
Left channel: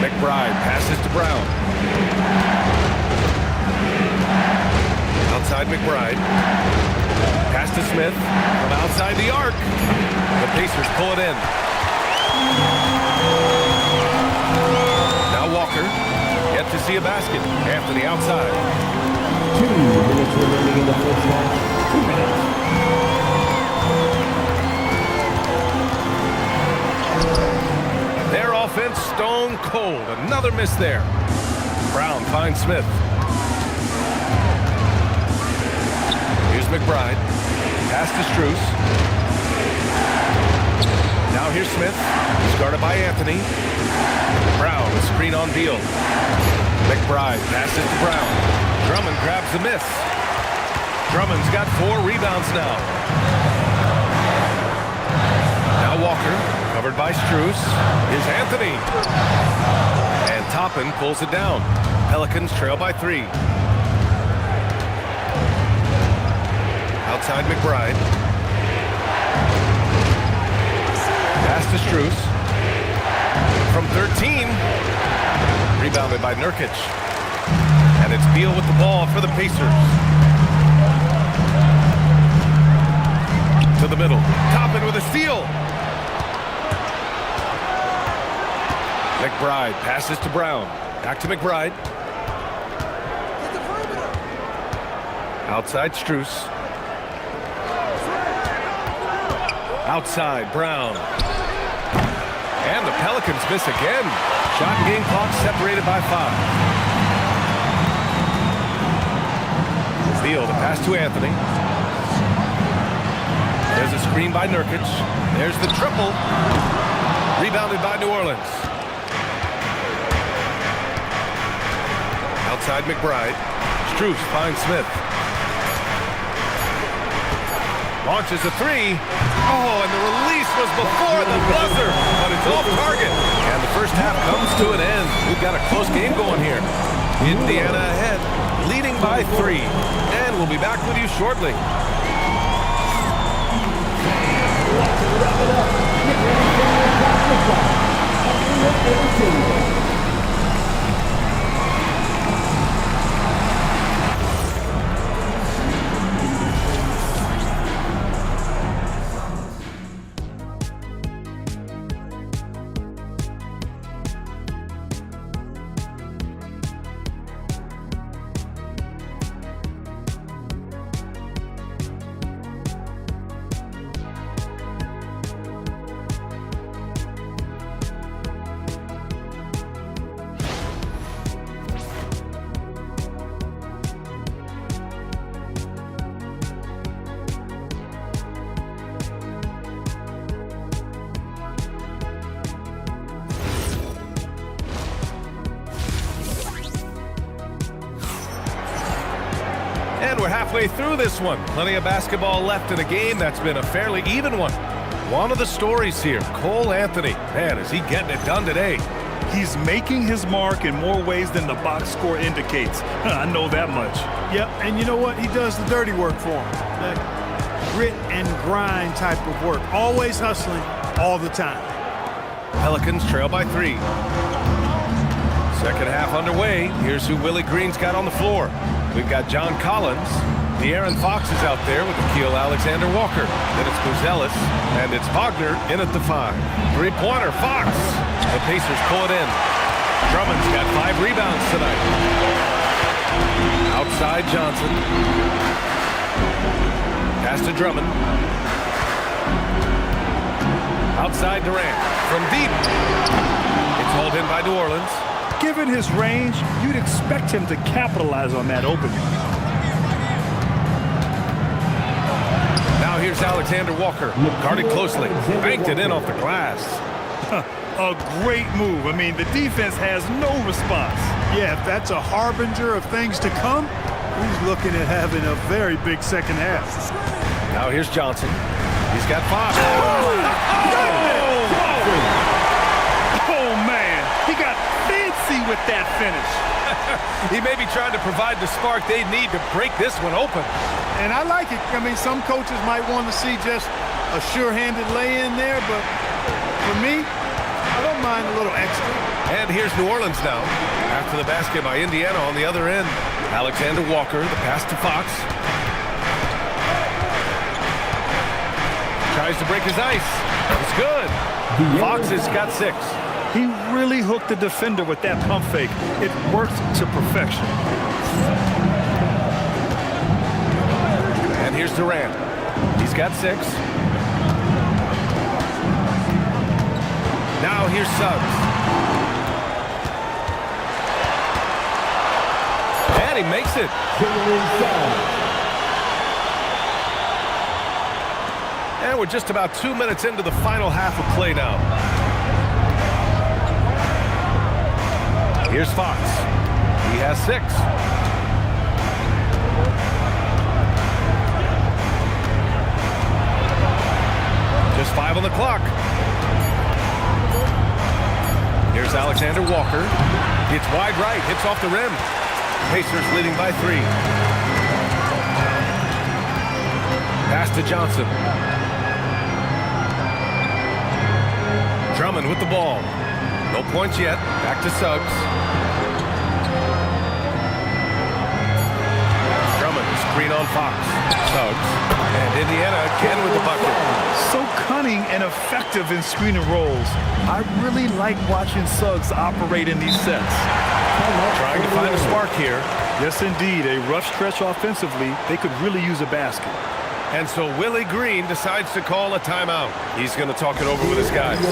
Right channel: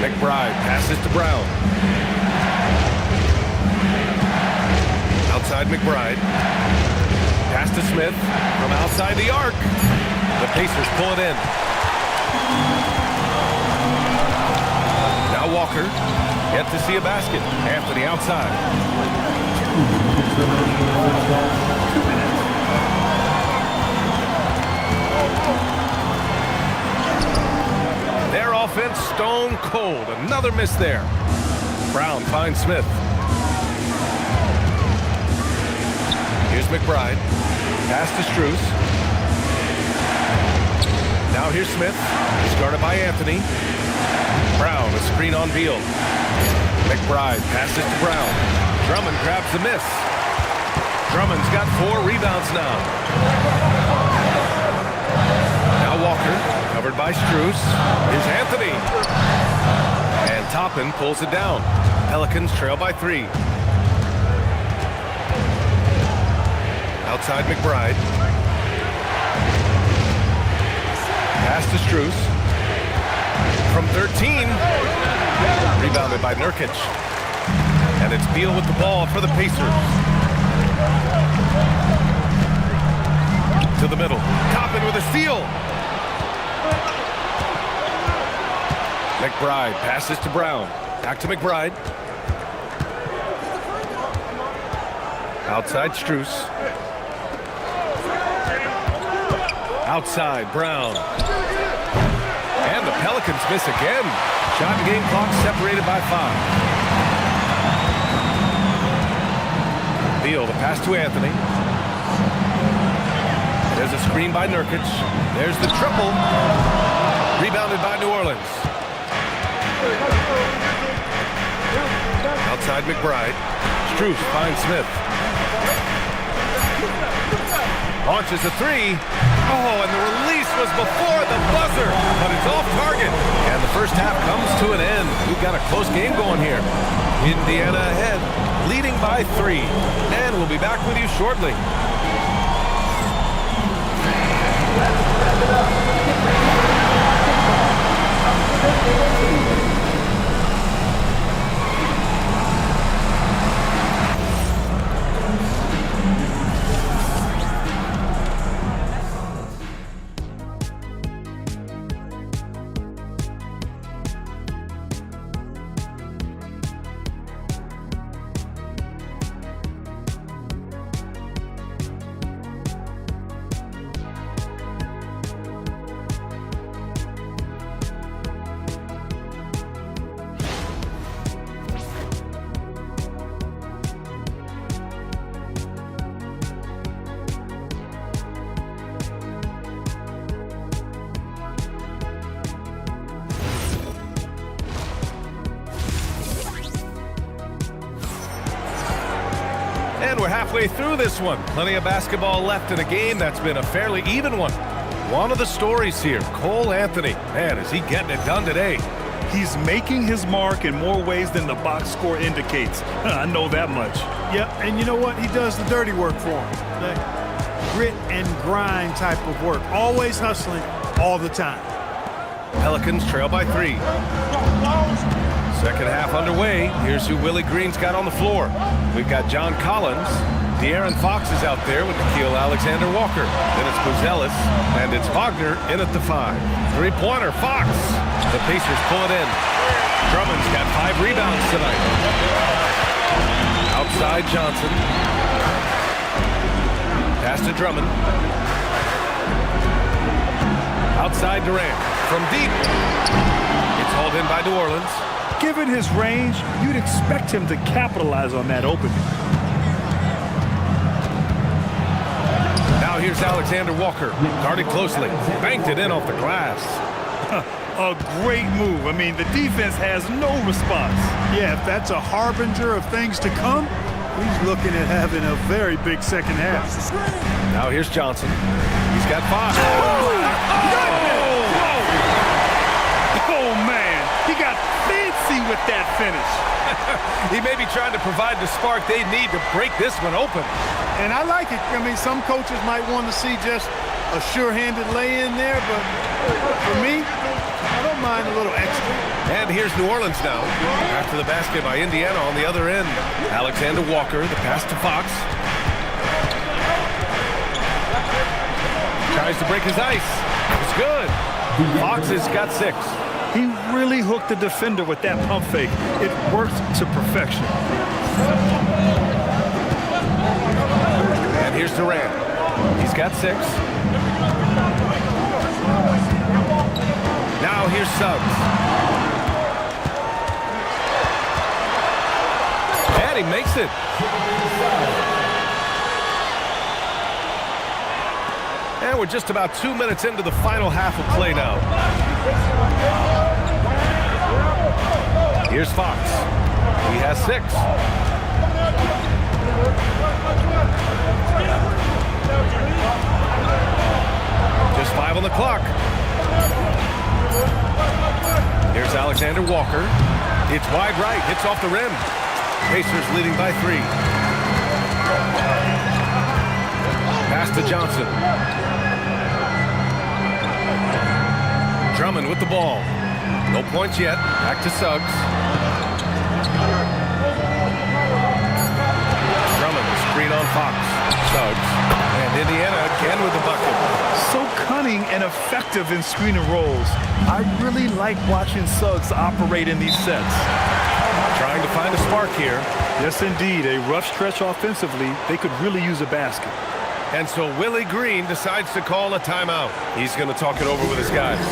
McBride passes to Brown. Outside McBride. Pass to Smith from outside the arc. The Pacers pull it in. Now Walker. Yet to see a basket. Anthony outside. 2 minutes remaining in the first half. 2 minutes. Their offense stone cold. Another miss there. Brown finds Smith. Here's McBride. Pass to Strus. Now here's Smith. He's guarded by Anthony. Brown, a screen on Beal. McBride passes to Brown. Drummond grabs the miss. Drummond's got 4 rebounds now. Now Walker, covered by Strus. Here's Anthony. And Toppin pulls it down. Pelicans trail by 3. Outside McBride. Pass to Strus. From 13. Rebounded by Nurkic. And it's Beal with the ball for the Pacers. To the middle. Toppin with a steal. McBride passes to Brown. Back to McBride. Outside Strus. Outside Brown. And the Pelicans miss again. Shot and game clock separated by 5. Beal, the pass to Anthony. There's a screen by Nurkic. There's the triple. Rebounded by New Orleans. Outside McBride. Strus finds Smith. Launches a three. Oh, and the release was before the buzzer, but it's off target. And the first half comes to an end. We've got a close game going here. Indiana ahead, leading by 3. And we'll be back with you shortly. And we're halfway through this one. Plenty of basketball left in a game that's been a fairly even one. One of the stories here, Cole Anthony. Man, is he getting it done today? He's making his mark in more ways than the box score indicates. I know that much. Yep, and you know what? He does the dirty work for him. That grit and grind type of work. Always hustling all the time. Pelicans trail by 3. Second half underway. Here's who Willie Green's got on the floor. We've got John Collins. De'Aaron Fox is out there with Nickeil Alexander-Walker. Then it's Buzelis, and it's Wagner in at the 5. Three-pointer, Fox. The Pacers pull it in. Drummond's got 5 rebounds tonight. Outside Johnson. Pass to Drummond. Outside Durant. From deep. It's hauled in by New Orleans. Given his range, you'd expect him to capitalize on that opening. Now here's Alexander-Walker. Guarded closely. Banked it in off the glass. A great move. I mean, the defense has no response. Yeah, if that's a harbinger of things to come, he's looking at having a very big second half. Now here's Johnson. He's got 5. Oh, man. He got fancy with that finish. He may be trying to provide the spark they need to break this one open. And I like it. I mean, some coaches might want to see just a sure-handed lay-in there, but for me, I don't mind a little extra. And here's New Orleans now. After the basket by Indiana on the other end. Alexander-Walker, the pass to Fox. Tries to break his ice. It's good. Fox has got 6. He really hooked the defender with that pump fake. It worked to perfection. And here's Durant. He's got 6. Now here's Suggs. And he makes it. And we're just about 2 minutes into the final half of play now. Here's Fox. He has 6. Just 5 on the clock. Here's Alexander-Walker. It's wide right. Hits off the rim. Pacers leading by 3. Pass to Johnson. Drummond with the ball. No points yet. Back to Suggs. Drummond, the screen on Fox. Suggs. And Indiana again with the bucket. So cunning and effective in screen and rolls. I really like watching Suggs operate in these sets. Trying to find a spark here. Yes, indeed. A rough stretch offensively. They could really use a basket. And so Willie Green decides to call a timeout. He's going to talk it over with his guys.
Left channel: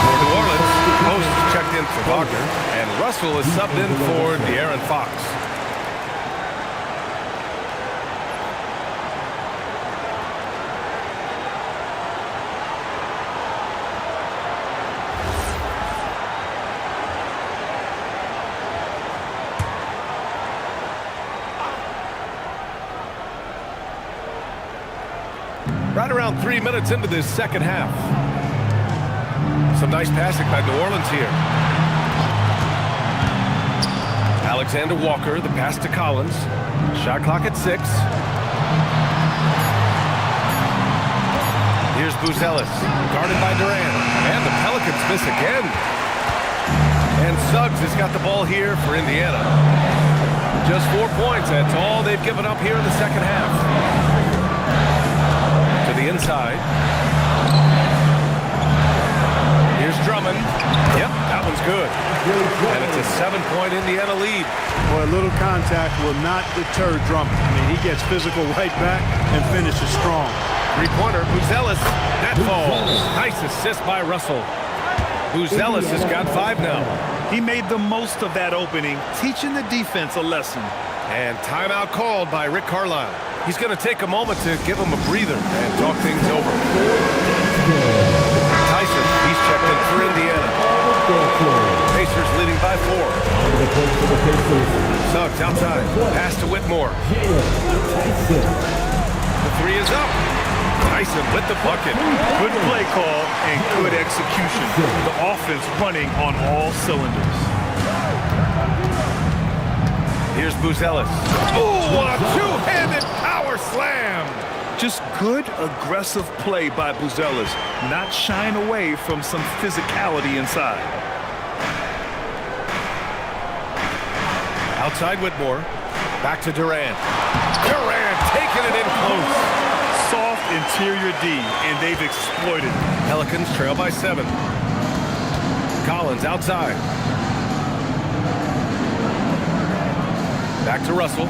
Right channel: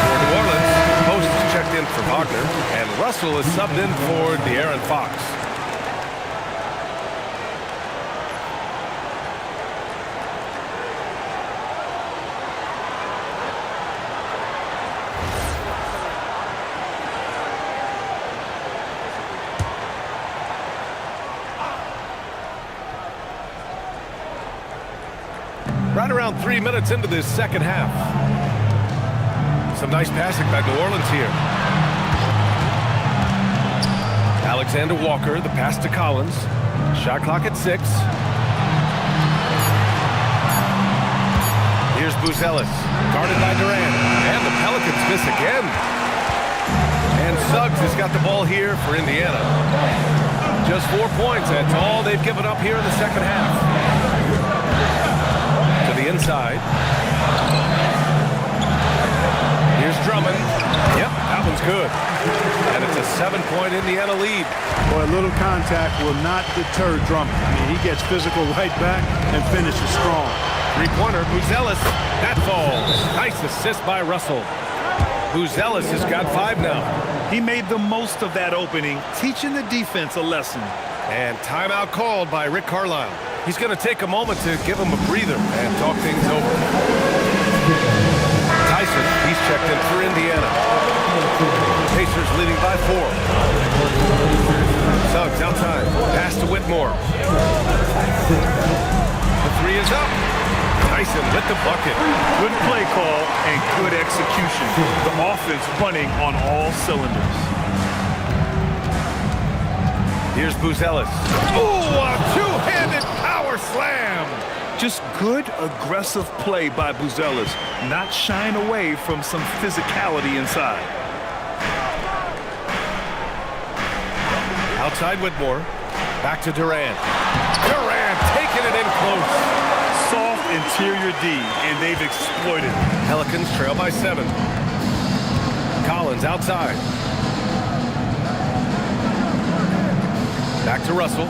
For New Orleans, Post is checked in for Wagner, and Russell is subbed in for De'Aaron Fox. Right around 3 minutes into this second half. Some nice passing by New Orleans here. Alexander Walker, the pass to Collins. Shot clock at 6. Here's Buzelis, guarded by Durant. And the Pelicans miss again. And Suggs has got the ball here for Indiana. Just 4 points. That's all they've given up here in the second half. To the inside. Here's Drummond. Yep, that one's good. And it's a 7-point Indiana lead. Boy, a little contact will not deter Drummond. I mean, he gets physical right back and finishes strong. Three-pointer, Buzelis. That falls. Nice assist by Russell. Buzelis has got 5 now. He made the most of that opening, teaching the defense a lesson. And timeout called by Rick Carlisle. He's going to take a moment to give him a breather and talk things over. Tyson, he's checked in for Indiana. Pacers leading by 4. Suggs outside. Pass to Whitmore. The 3 is up. Tyson with the bucket. Good play call and good execution. The offense running on all cylinders. Here's Buzelis. Ooh, a two-handed power slam. Just good, aggressive play by Buzelis, not shying away from some physicality inside. Outside Whitmore. Back to Durant. Durant taking it in close. Soft interior D, and they've exploited it. Pelicans trail by 7. Collins outside. Back to Russell.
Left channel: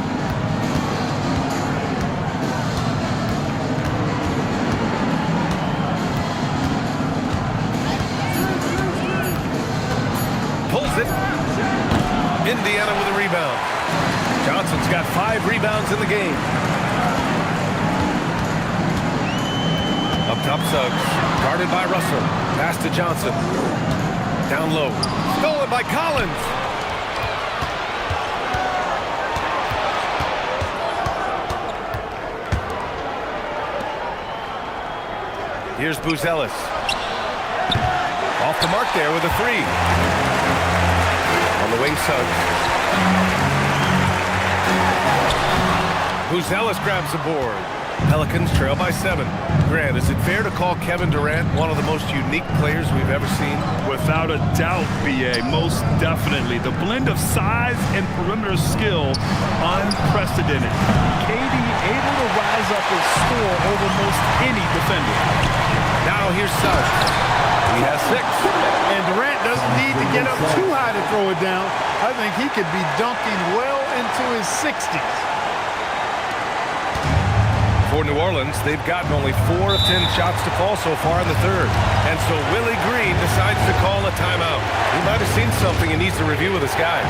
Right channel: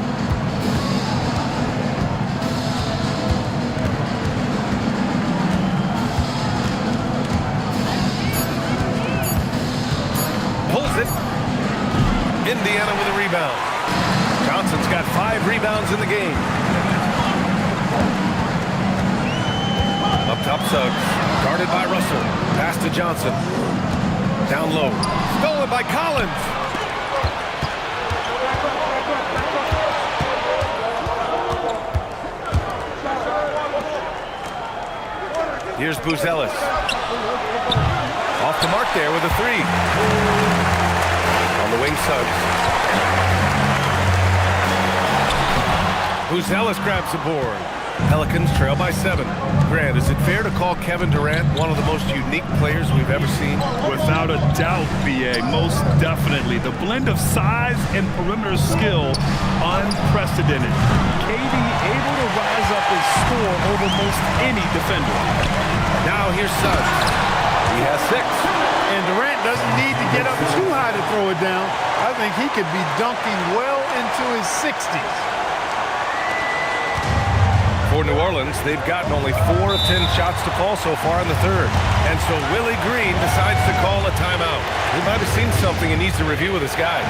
Pulls it. Indiana with a rebound. Johnson's got 5 rebounds in the game. Up top, Suggs. Guarded by Russell. Pass to Johnson. Down low. Stolen by Collins. Here's Buzelis. Off the mark there with a 3. On the wing, Suggs. Buzelis grabs the board. Pelicans trail by 7. Grant, is it fair to call Kevin Durant one of the most unique players we've ever seen? Without a doubt, B.A., most definitely. The blend of size and perimeter skill, unprecedented. KD able to rise up and score over most any defender. Now here's Suggs. He has 6. And Durant doesn't need to get up too high to throw it down. I think he could be dunking well into his 60s. For New Orleans, they've gotten only 4 of 10 shots to fall so far in the third. And so Willie Green decides to call a timeout. He might have seen something and needs to review with his guys.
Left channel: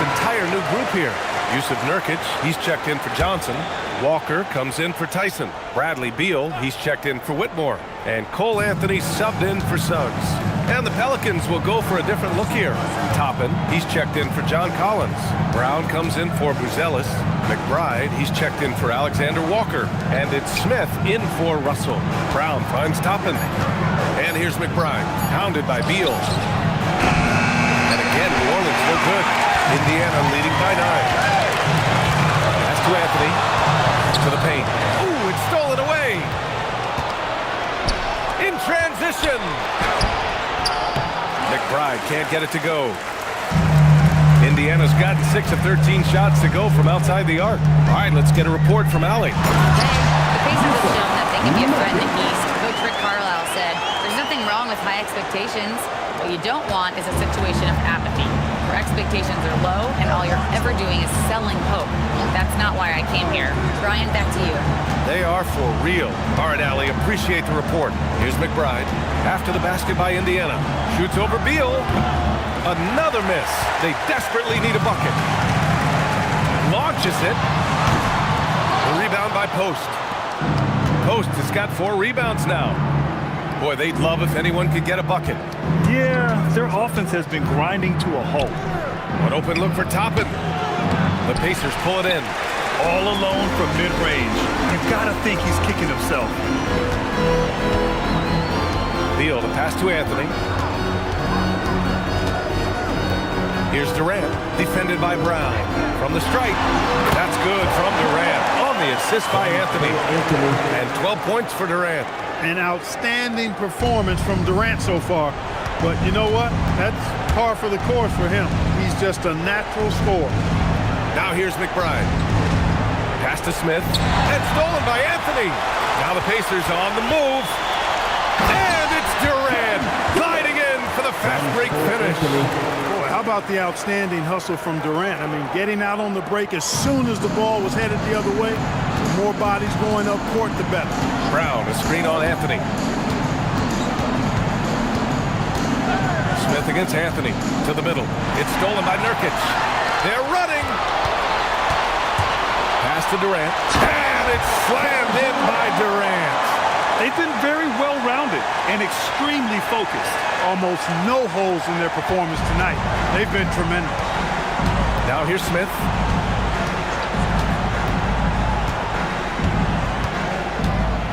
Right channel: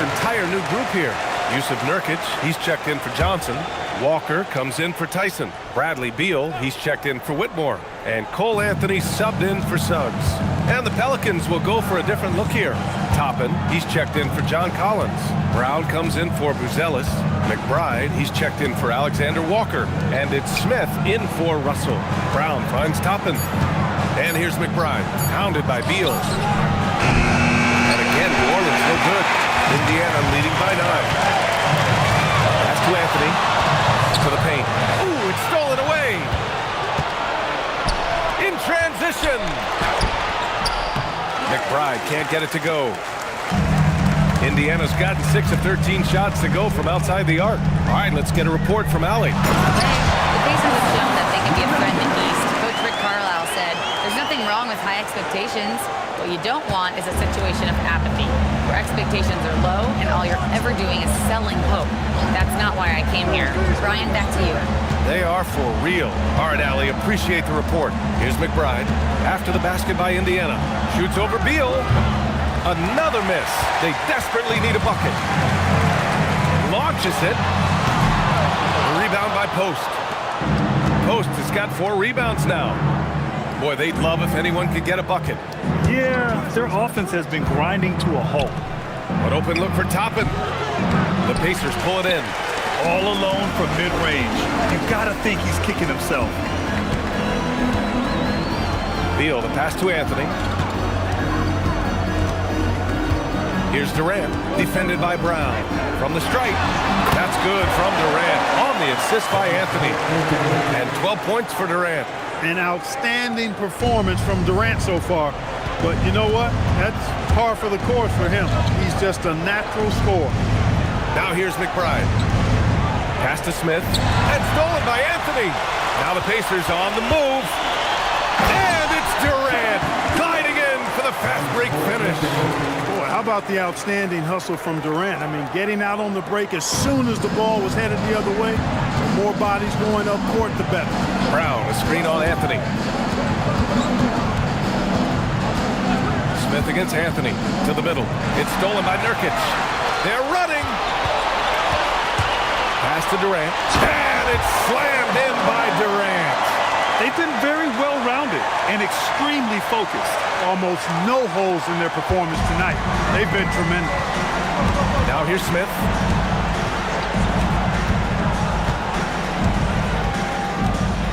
Entire new group here. Yusuf Nurkic, he's checked in for Johnson. Walker comes in for Tyson. Bradley Beal, he's checked in for Whitmore. And Cole Anthony subbed in for Suggs. And the Pelicans will go for a different look here. Toppin, he's checked in for John Collins. Brown comes in for Buzelis. McBride, he's checked in for Alexander Walker. And it's Smith in for Russell. Brown finds Toppin. And here's McBride, pounded by Beal. And again, New Orleans no good. Indiana leading by 9. Pass to Anthony. To the paint. Ooh, it's stolen away. In transition. McBride can't get it to go. Indiana's gotten 6 of 13 shots to go from outside the arc. All right, let's get a report from Allie. The Pacers have shown that they can be a threat in the East. Coach Rick Carlisle said, there's nothing wrong with high expectations. What you don't want is a situation of apathy, where expectations are low and all you're ever doing is selling hope. That's not why I came here. Brian, back to you. They are for real. All right, Allie, appreciate the report. Here's McBride. After the basket by Indiana. Shoots over Beal. Another miss. They desperately need a bucket. launches it. The rebound by Post. Post has got 4 rebounds now. Boy, they'd love if anyone could get a bucket. Yeah, their offense has been grinding to a halt. An open look for Toppin. The Pacers pull it in. All alone from mid-range. You've got to think he's kicking himself. Beal, the pass to Anthony. Here's Durant, defended by Brown. From the stripe, that's good from Durant. On the assist by Anthony. And 12 points for Durant. An outstanding performance from Durant so far. But you know what? That's par for the course for him. He's just a natural scorer. Now here's McBride. Pass to Smith. And stolen by Anthony. Now the Pacers on the move. And it's Durant gliding in for the fast break finish. Boy, how about the outstanding hustle from Durant? I mean, getting out on the break as soon as the ball was headed the other way. The more bodies going up court, the better. Brown, a screen on Anthony. Smith against Anthony to the middle. It's stolen by Nurkic. They're running. Pass to Durant. And it's slammed in by Durant. They've been very well-rounded and extremely focused. Almost no holes in their performance tonight. They've been tremendous. Now here's Smith.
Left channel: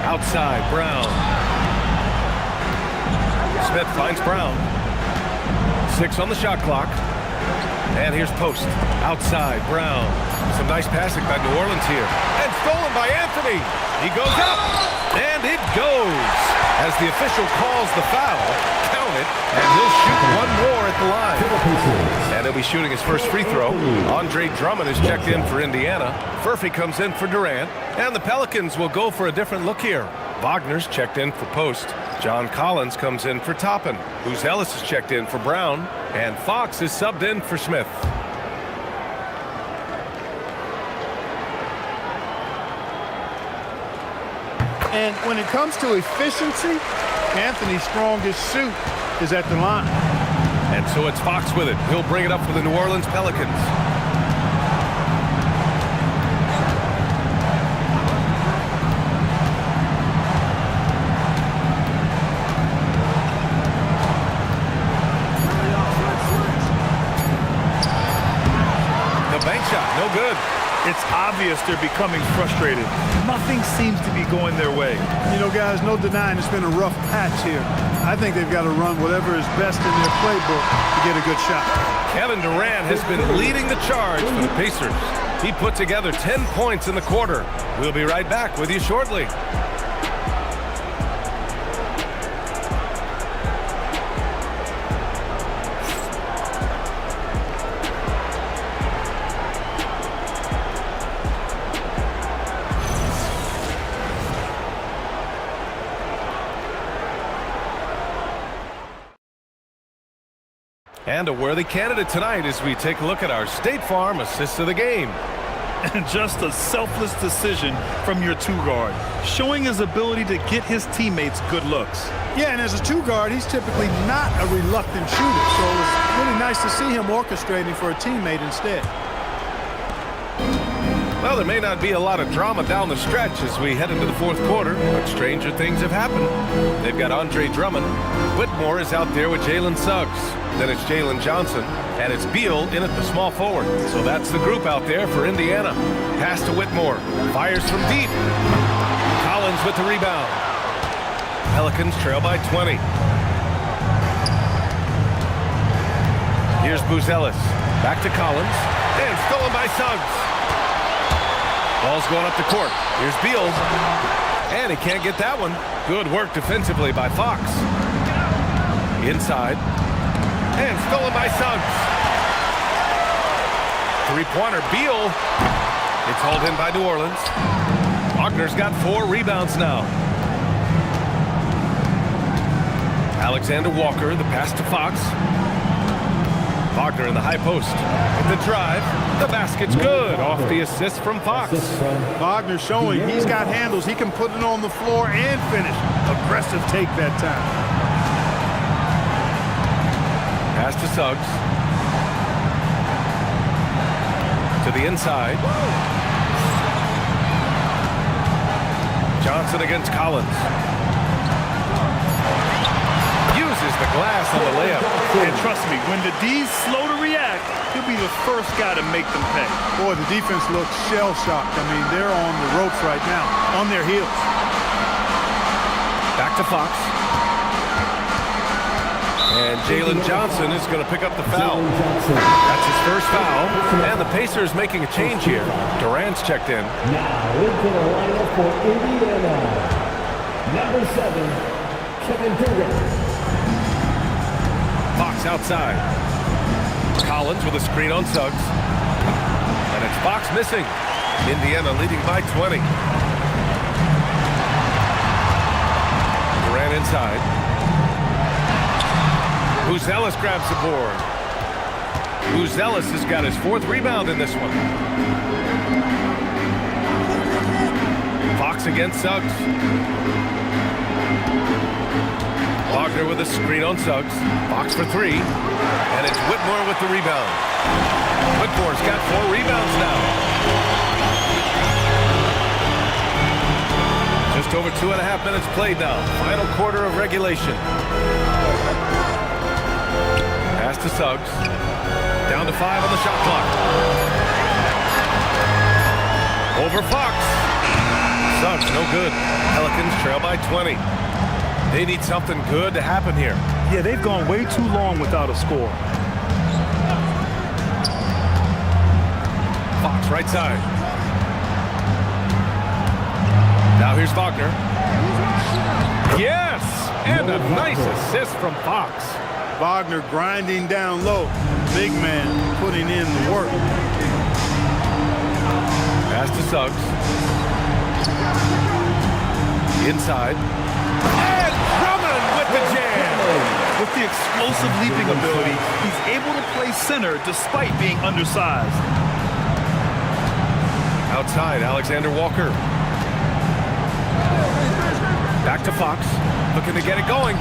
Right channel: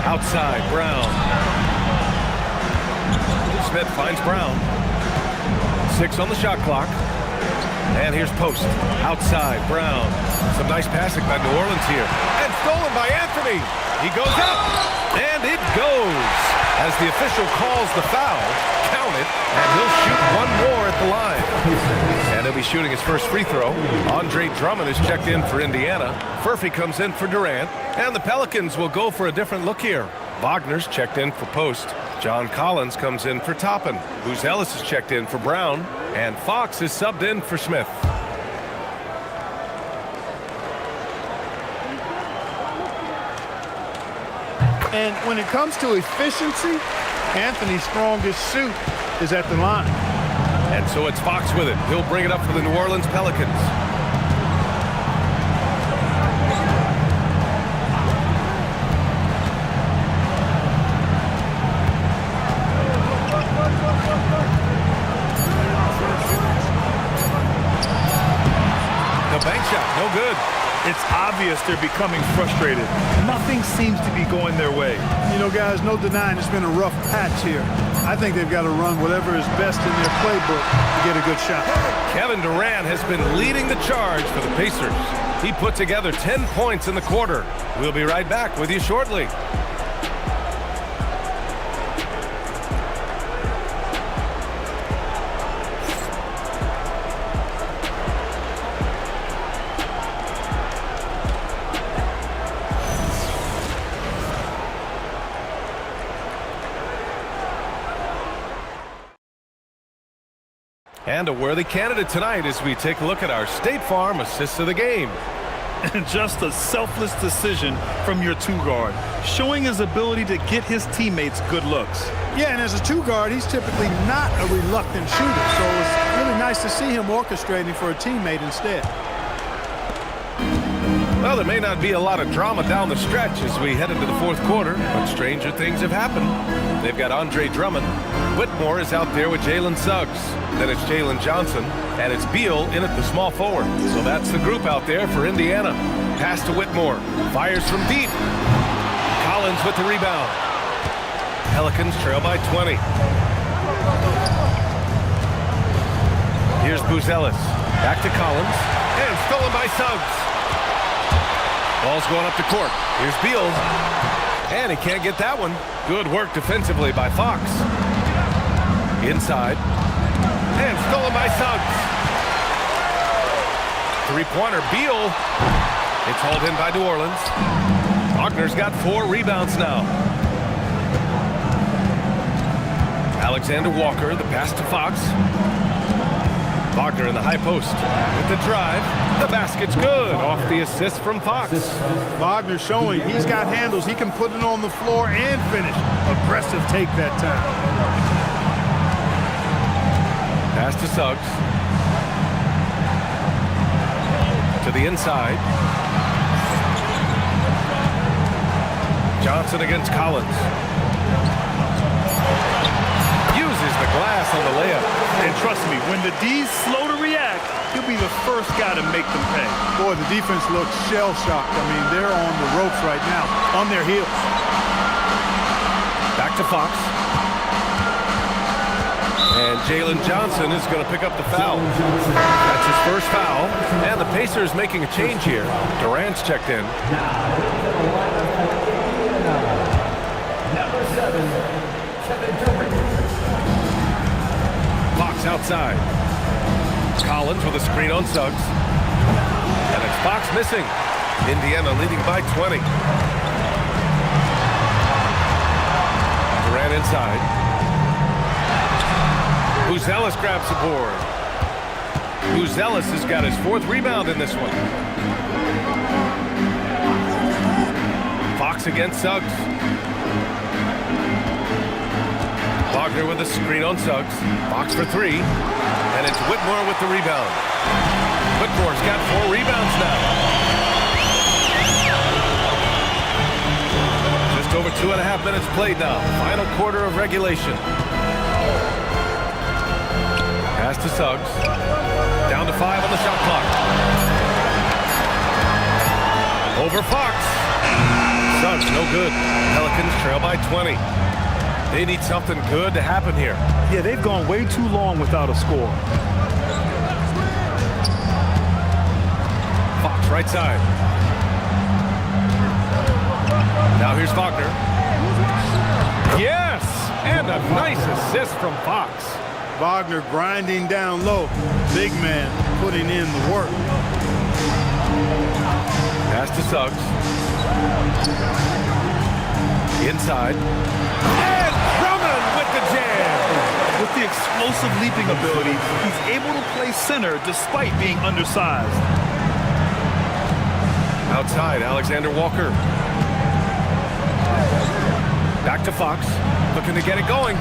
Outside, Brown. Smith finds Brown. 6 on the shot clock. And here's Post. Outside, Brown. Some nice passing by New Orleans here. And stolen by Anthony. He goes up. And it goes. As the official calls the foul, count it, and he'll shoot one more at the line. And he'll be shooting his first free throw. Andre Drummond is checked in for Indiana. Furphy comes in for Durant. And the Pelicans will go for a different look here. Wagner's checked in for Post. John Collins comes in for Toppin. Buzelis is checked in for Brown. And Fox is subbed in for Smith. And when it comes to efficiency, Anthony's strongest suit is at the line. And so it's Fox with it. He'll bring it up for the New Orleans Pelicans. The bank shot, no good. It's obvious they're becoming frustrated. Nothing seems to be going their way. You know, guys, no denying it's been a rough patch here. I think they've got to run whatever is best in their playbook to get a good shot. Kevin Durant has been leading the charge for the Pacers. He put together 10 points in the quarter. We'll be right back with you shortly. And a worthy candidate tonight as we take a look at our State Farm Assist of the Game. And just a selfless decision from your two-guard, showing his ability to get his teammates good looks. Yeah, and as a two-guard, he's typically not a reluctant shooter, so it was really nice to see him orchestrating for a teammate instead. Well, there may not be a lot of drama down the stretch as we head into the fourth quarter, but stranger things have happened. They've got Andre Drummond. Whitmore is out there with Jalen Suggs. Then it's Jalen Johnson, and it's Beal in at the small forward. So that's the group out there for Indiana. Pass to Whitmore. Fires from deep. Collins with the rebound. Pelicans trail by 20. Here's Buzelis. Back to Collins. And stolen by Suggs. Ball's going up the court. Here's Beal. And he can't get that one. Good work defensively by Fox. Inside. And stolen by Suggs. Three-pointer, Beal. It's hauled in by New Orleans. Wagner's got 4 rebounds now. Alexander Walker, the pass to Fox. Wagner in the high post with the drive. The basket's good off the assist from Fox. Wagner showing he's got handles. He can put it on the floor and finish. Aggressive take that time. Pass to Suggs. To the inside. Johnson against Collins. Uses the glass on the layup. And trust me, when the D's slow to react, he'll be the first guy to make them pay. Boy, the defense looks shell-shocked. I mean, they're on the ropes right now, on their heels. Back to Fox. And Jalen Johnson is going to pick up the foul. That's his first foul. And the Pacers making a change here. Durant's checked in. Now into the lineup for Indiana. Number 7, Kevin Durant. Fox outside. Collins with a screen on Suggs. And it's Fox missing. Indiana leading by 20. Durant inside. Buzelis grabs the board. Buzelis has got his 4th rebound in this one. Fox against Suggs. Wagner with a screen on Suggs. Fox for 3. And it's Whitmore with the rebound. Whitmore's got 4 rebounds now. Just over 2.5 minutes played now. Final quarter of regulation. Pass to Suggs. Down to 5 on the shot clock. Over Fox. Suggs no good. Pelicans trail by 20. They need something good to happen here. Yeah, they've gone way too long without a score. Fox right side. Now here's Wagner. Yes! And a nice assist from Fox. Wagner grinding down low. Big man putting in the work. Pass to Suggs. Inside. And Drummond with the jam. With the explosive leaping ability, he's able to play center despite being undersized. Outside, Alexander Walker. Back to Fox. Looking to get it going.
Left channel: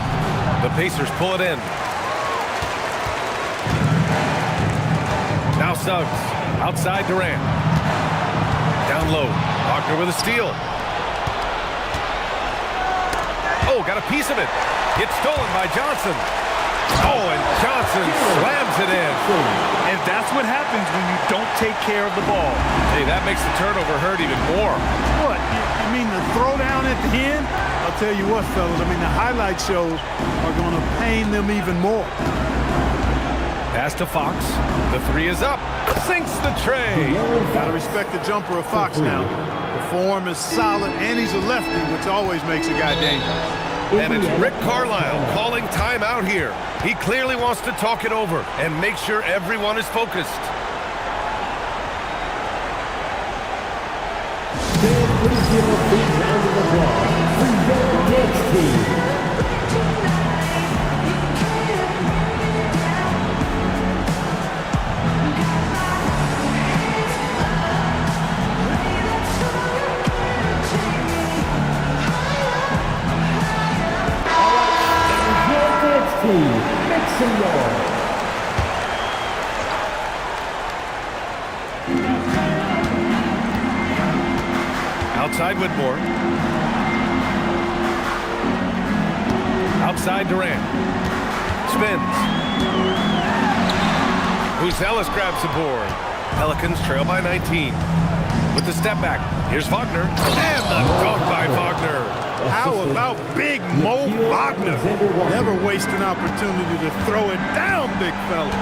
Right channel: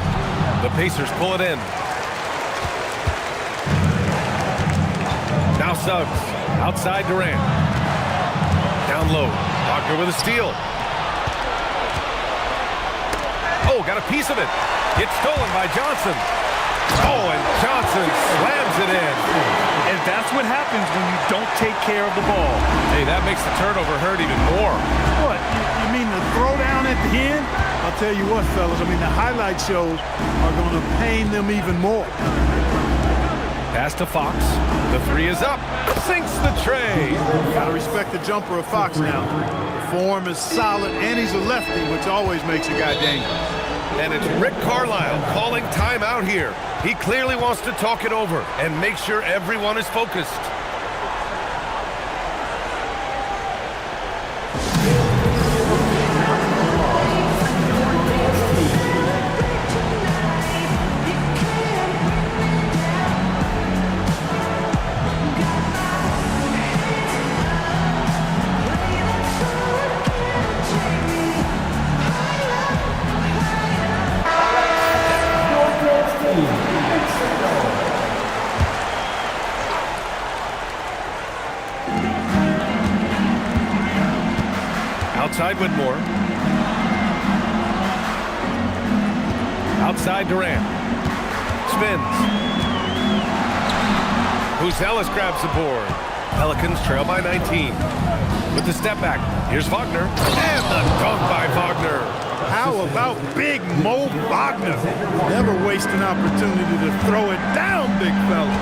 The Pacers pull it in. Now Suggs. Outside Durant. Down low. Wagner with a steal. Oh, got a piece of it. It's stolen by Johnson. Oh, and Johnson slams it in. And that's what happens when you don't take care of the ball. Hey, that makes the turnover hurt even more. What, you mean the throwdown at the end? I'll tell you what, fellas, I mean, the highlight shows are going to pain them even more. Pass to Fox. The 3 is up. Sinks the tray. Got to respect the jumper of Fox now. The form is solid, and he's a lefty, which always makes a guy dangerous. And it's Rick Carlisle calling timeout here. He clearly wants to talk it over and make sure everyone is focused. Outside Whitmore. Outside Durant. Spins. Buzelis grabs the board. Pelicans trail by 19. With the step back. Here's Wagner. And the dunk by Wagner. How about big Mo Wagner? Never waste an opportunity to throw it down, big fella.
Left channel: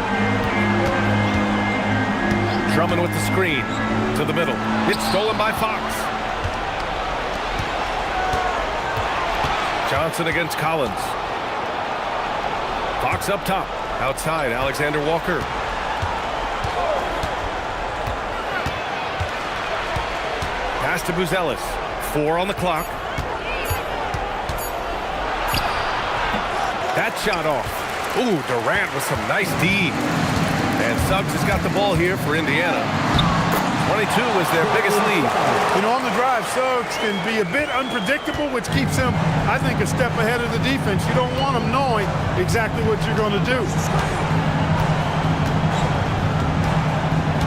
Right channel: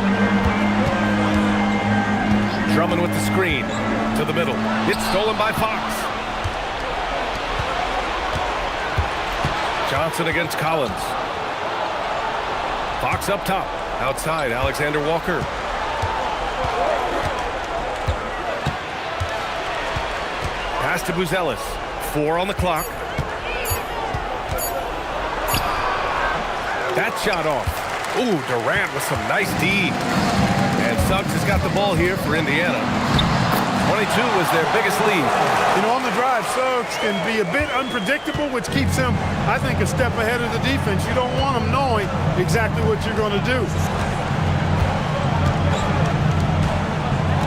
Drummond with the screen. To the middle. It's stolen by Fox. Johnson against Collins. Fox up top. Outside, Alexander Walker. Pass to Buzelis. 4 on the clock. That shot off. Ooh, Durant with some nice D. And Suggs has got the ball here for Indiana. 22 is their biggest lead. You know, on the drive, Suggs can be a bit unpredictable, which keeps him, I think, a step ahead of the defense. You don't want him knowing exactly what you're going to do.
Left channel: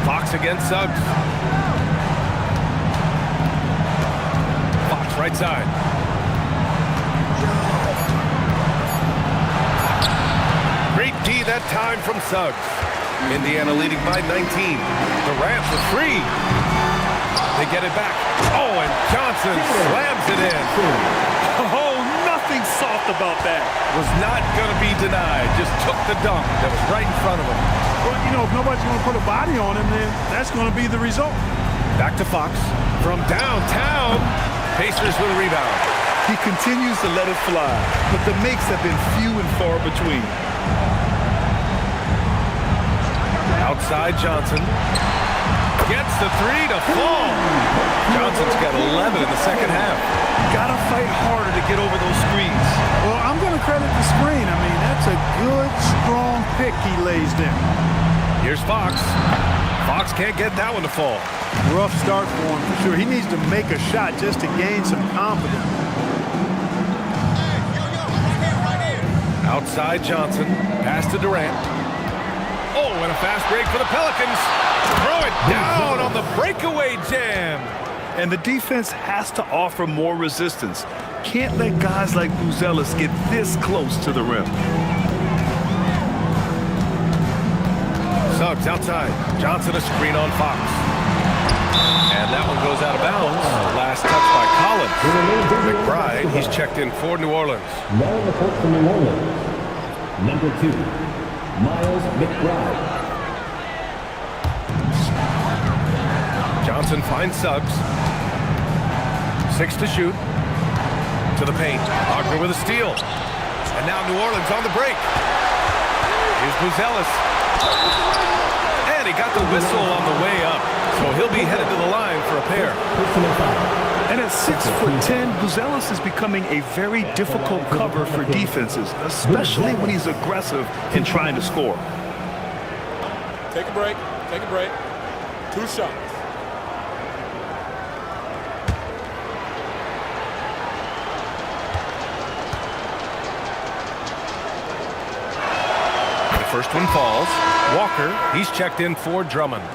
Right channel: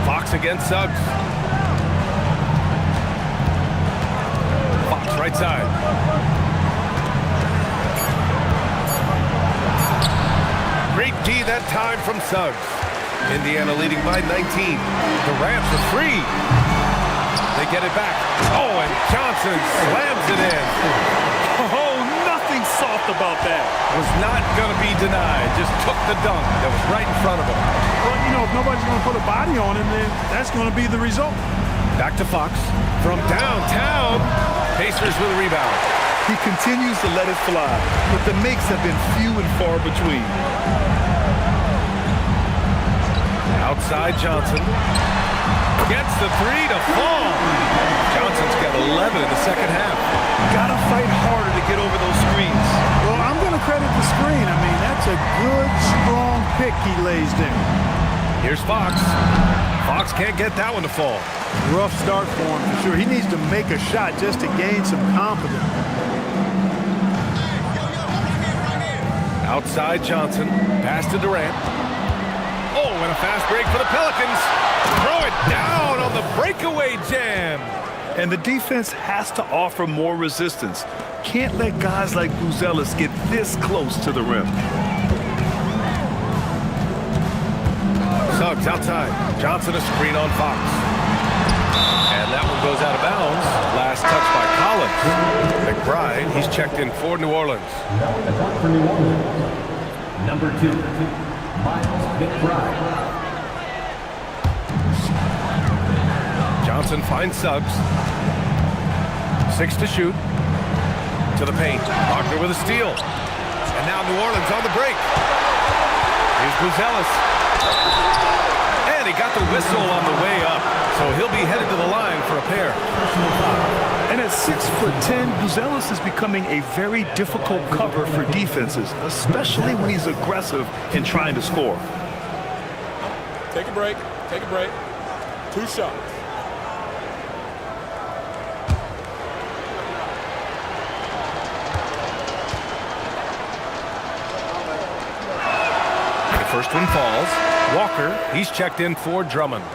Fox against Suggs. Fox right side. Great D that time from Suggs. Indiana leading by 19. Durant for three. They get it back. Oh, and Johnson slams it in. Oh, nothing soft about that. Was not going to be denied. Just took the dunk that was right in front of him. Well, you know, if nobody's going to put a body on him, then that's going to be the result. Back to Fox. From downtown. Pacers with a rebound. He continues to let it fly, but the makes have been few and far between. Outside Johnson. Gets the three to fall. Johnson's got 11 in the second half. Gotta fight harder to get over those screens. Well, I'm going to credit the screen. I mean, that's a good, strong pick he lays there. Here's Fox. Fox can't get that one to fall. Rough start for him, for sure. He needs to make a shot just to gain some confidence. Outside Johnson. Pass to Durant. Oh, and a fast break for the Pelicans. Throw it down on the breakaway jam. And the defense has to offer more resistance. Can't let guys like Buzelis get this close to the rim. Suggs outside. Johnson a screen on Fox. And that one goes out of bounds. Last touch by Collins. McBride, he's checked in for New Orleans. Now in the court for New Orleans, number 2, Miles McBride. Johnson finds Suggs. 6 to shoot. To the paint. Wagner with a steal. And now New Orleans on the break. Here's Buzelis. And he got the whistle on the way up. So he'll be headed to the line for a pair. And at 6'10", Buzelis is becoming a very difficult cover for defenses, especially when he's aggressive in trying to score. Take a break. Take a break. 2 shots. The first one falls. Walker, he's checked in for Drummond.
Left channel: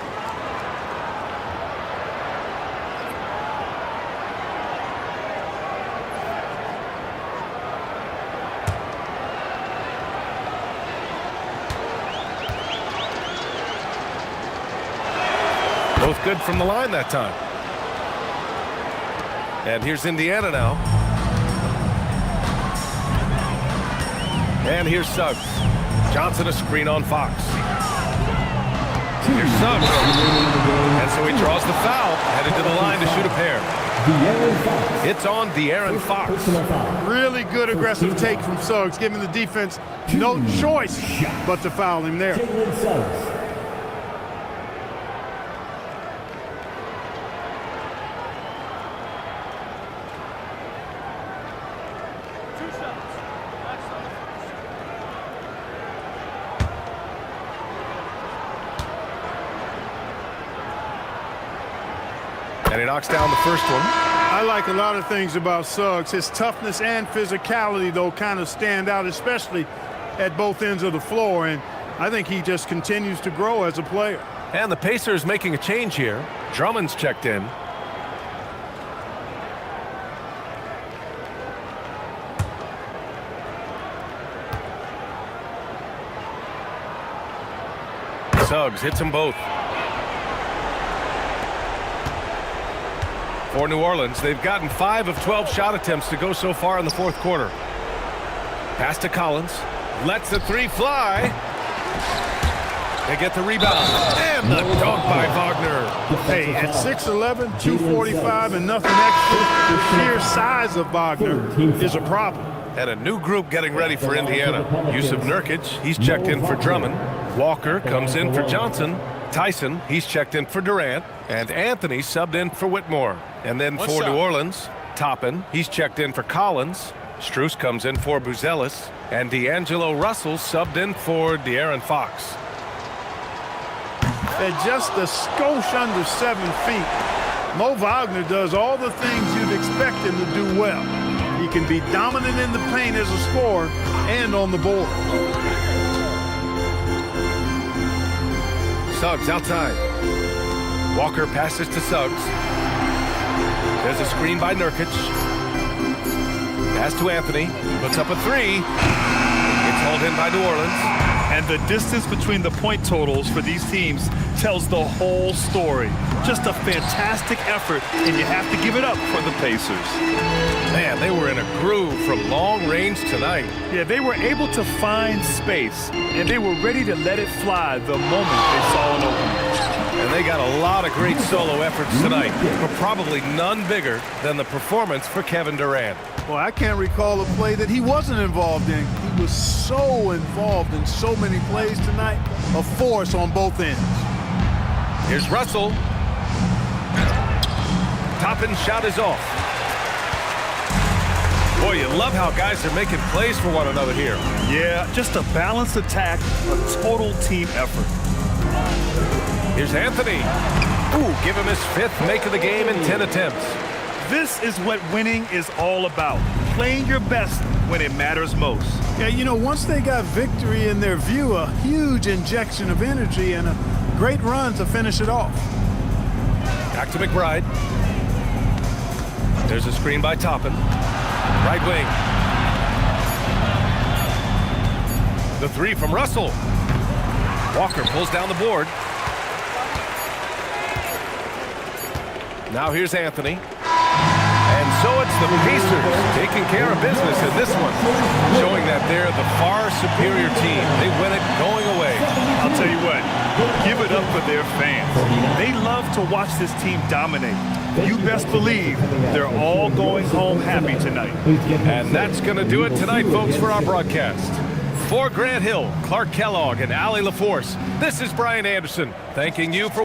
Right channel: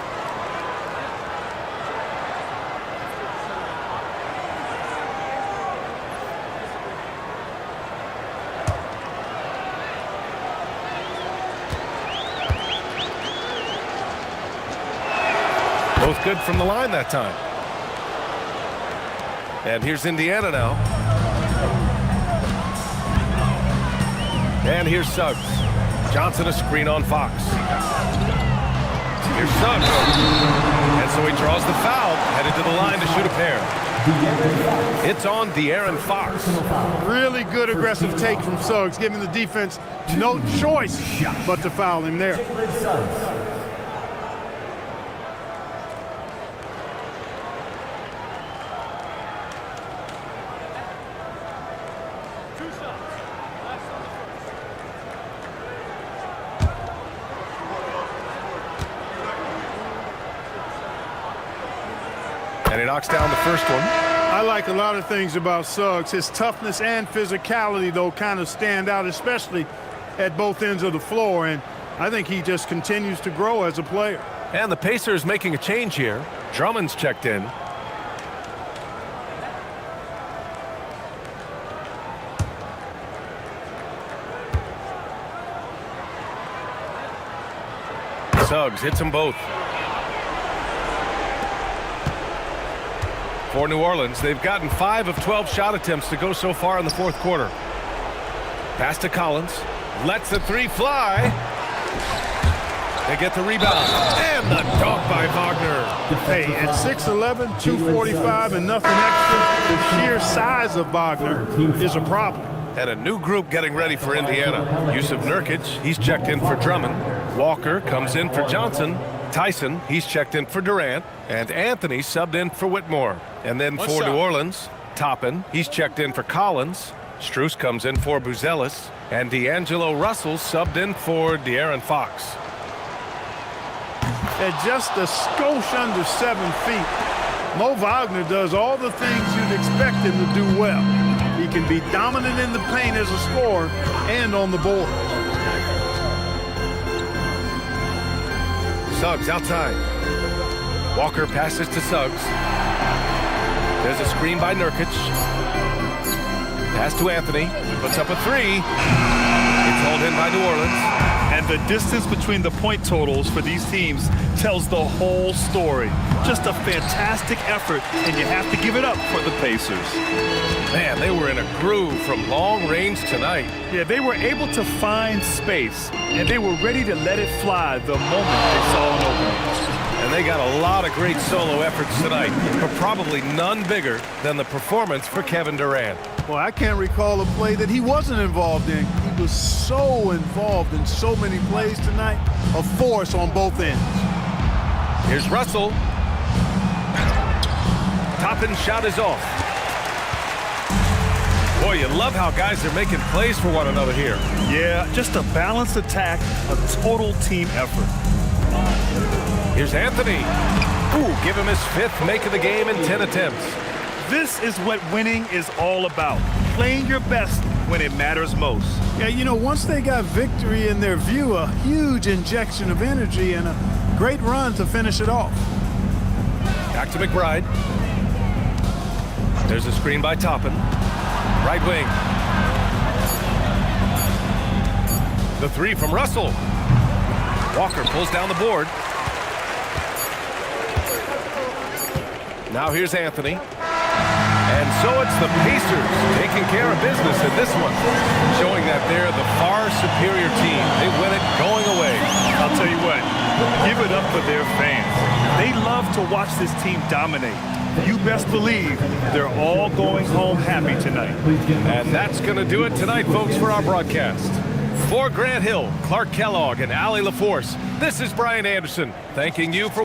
Both good from the line that time. And here's Indiana now. And here's Suggs. Johnson a screen on Fox. Here's Suggs. And so he draws the foul, headed to the line to shoot a pair. It's on De'Aaron Fox. Really good aggressive take from Suggs, giving the defense no choice but to foul him there. And he knocks down the first one. I like a lot of things about Suggs. His toughness and physicality, though, kind of stand out, especially at both ends of the floor. And I think he just continues to grow as a player. And the Pacers making a change here. Drummond's checked in. Suggs hits them both. For New Orleans, they've gotten 5 of 12 shot attempts to go so far in the fourth quarter. Pass to Collins. Lets the three fly. They get the rebound. And the dunk by Wagner. Hey, at 6'11", 245, and nothing extra, the sheer size of Wagner is a problem. And a new group getting ready for Indiana. Yusuf Nurkic, he's checked in for Drummond. Walker comes in for Johnson. Tyson, he's checked in for Durant. And Anthony subbed in for Whitmore. And then for New Orleans, Toppin, he's checked in for Collins. Strus comes in for Buzelis. And D'Angelo Russell subbed in for De'Aaron Fox. At just a skosh under 7 feet, Mo Wagner does all the things you'd expect him to do well. He can be dominant in the paint as a scorer and on the board. Suggs outside. Walker passes to Suggs. There's a screen by Nurkic. Pass to Anthony. Puts up a three. It's hauled in by New Orleans. And the distance between the point totals for these teams tells the whole story. Just a fantastic effort, and you have to give it up for the Pacers. Man, they were in a groove from long range tonight. Yeah, they were able to find space, and they were ready to let it fly the moment they saw an opening. And they got a lot of great solo efforts tonight, but probably none bigger than the performance for Kevin Durant. Well, I can't recall a play that he wasn't involved in. He was so involved in so many plays tonight, a force on both ends. Here's Russell. Toppin shot is off. Boy, you love how guys are making plays for one another here. Yeah, just a balanced attack, a total team effort. Here's Anthony. Ooh, give him his fifth make of the game in 10 attempts. This is what winning is all about. Playing your best when it matters most. Yeah, you know, once they got victory in their view, a huge injection of energy and a great run to finish it off. Back to McBride. There's a screen by Toppin. Right wing. The three from Russell. Walker pulls down the board. Now here's Anthony. And so it's the Pacers taking care of business in this one, showing that they're the far superior team. They win it going away. I'll tell you what, give it up for their fans. They love to watch this team dominate. You best believe they're all going home happy tonight. And that's going to do it tonight, folks, for our broadcast. For Grant Hill, Clark Kellogg, and Allie LaForce, this is Brian Anderson, thanking you for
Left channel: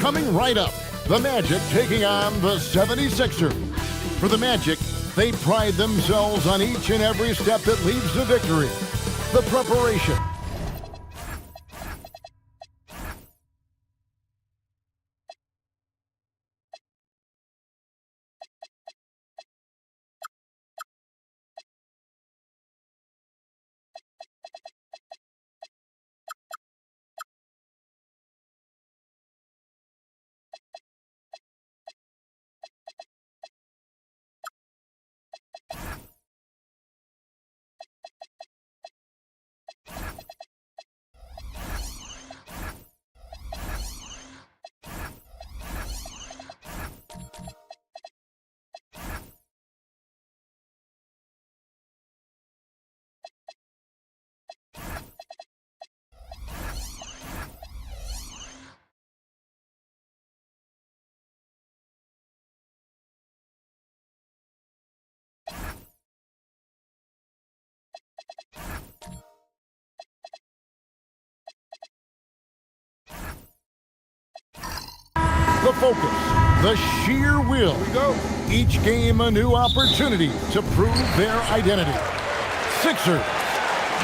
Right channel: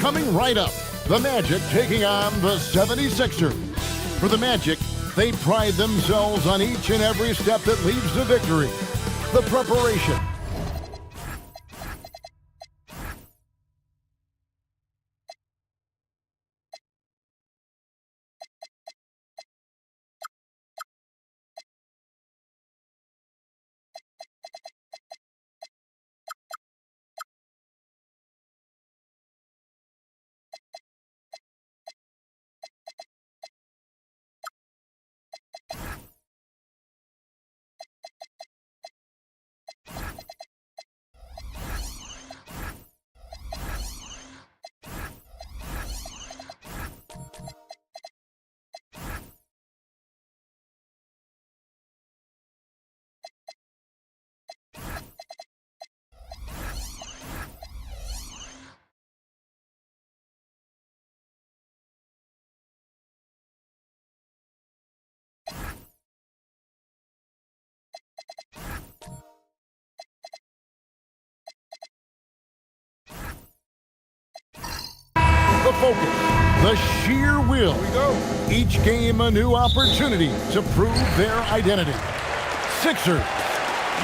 Coming right up, the Magic taking on the 76ers. For the Magic, they pride themselves on each and every step that leads to victory. The preparation, the focus, the sheer will. Here we go. Each game a new opportunity to prove their identity. Sixers,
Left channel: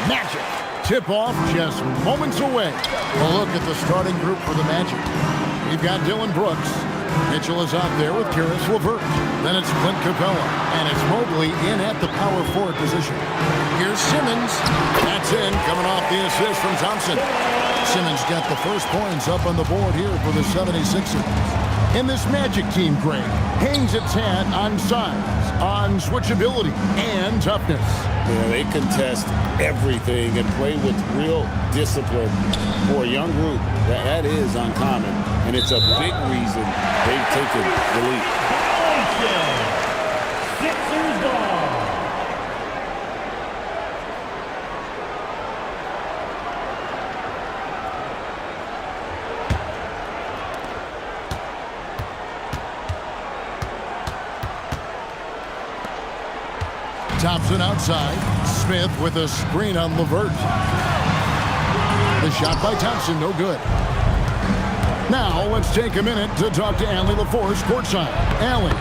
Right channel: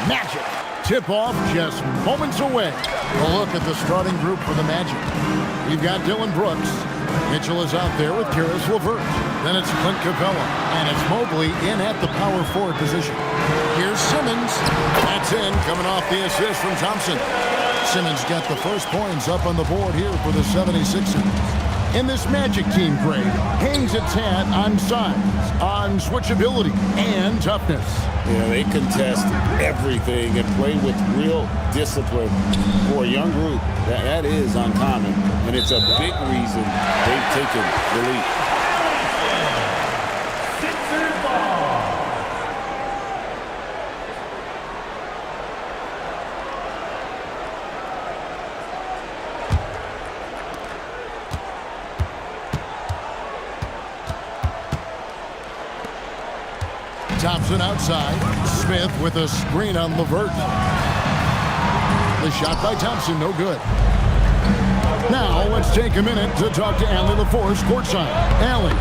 Magic. Tip-off just moments away. A look at the starting group for the Magic. You've got Dylan Brooks. Mitchell is out there with Karis LeVert. Then it's Clint Capella. And it's Mobley in at the power forward position. Here's Simmons. That's in, coming off the assist from Thompson. Simmons got the first points up on the board here for the 76ers. And this Magic team, Greg, hangs its hat on size, on switchability, and toughness. Yeah, they contest everything and play with real discipline. For a young group, that is uncommon, and it's a big reason they've taken the lead. Sixers ball. Thompson outside. Smith with a screen on LeVert. The shot by Thompson, no good. Now let's take a minute to talk to Allie LaForce courtside. Allie.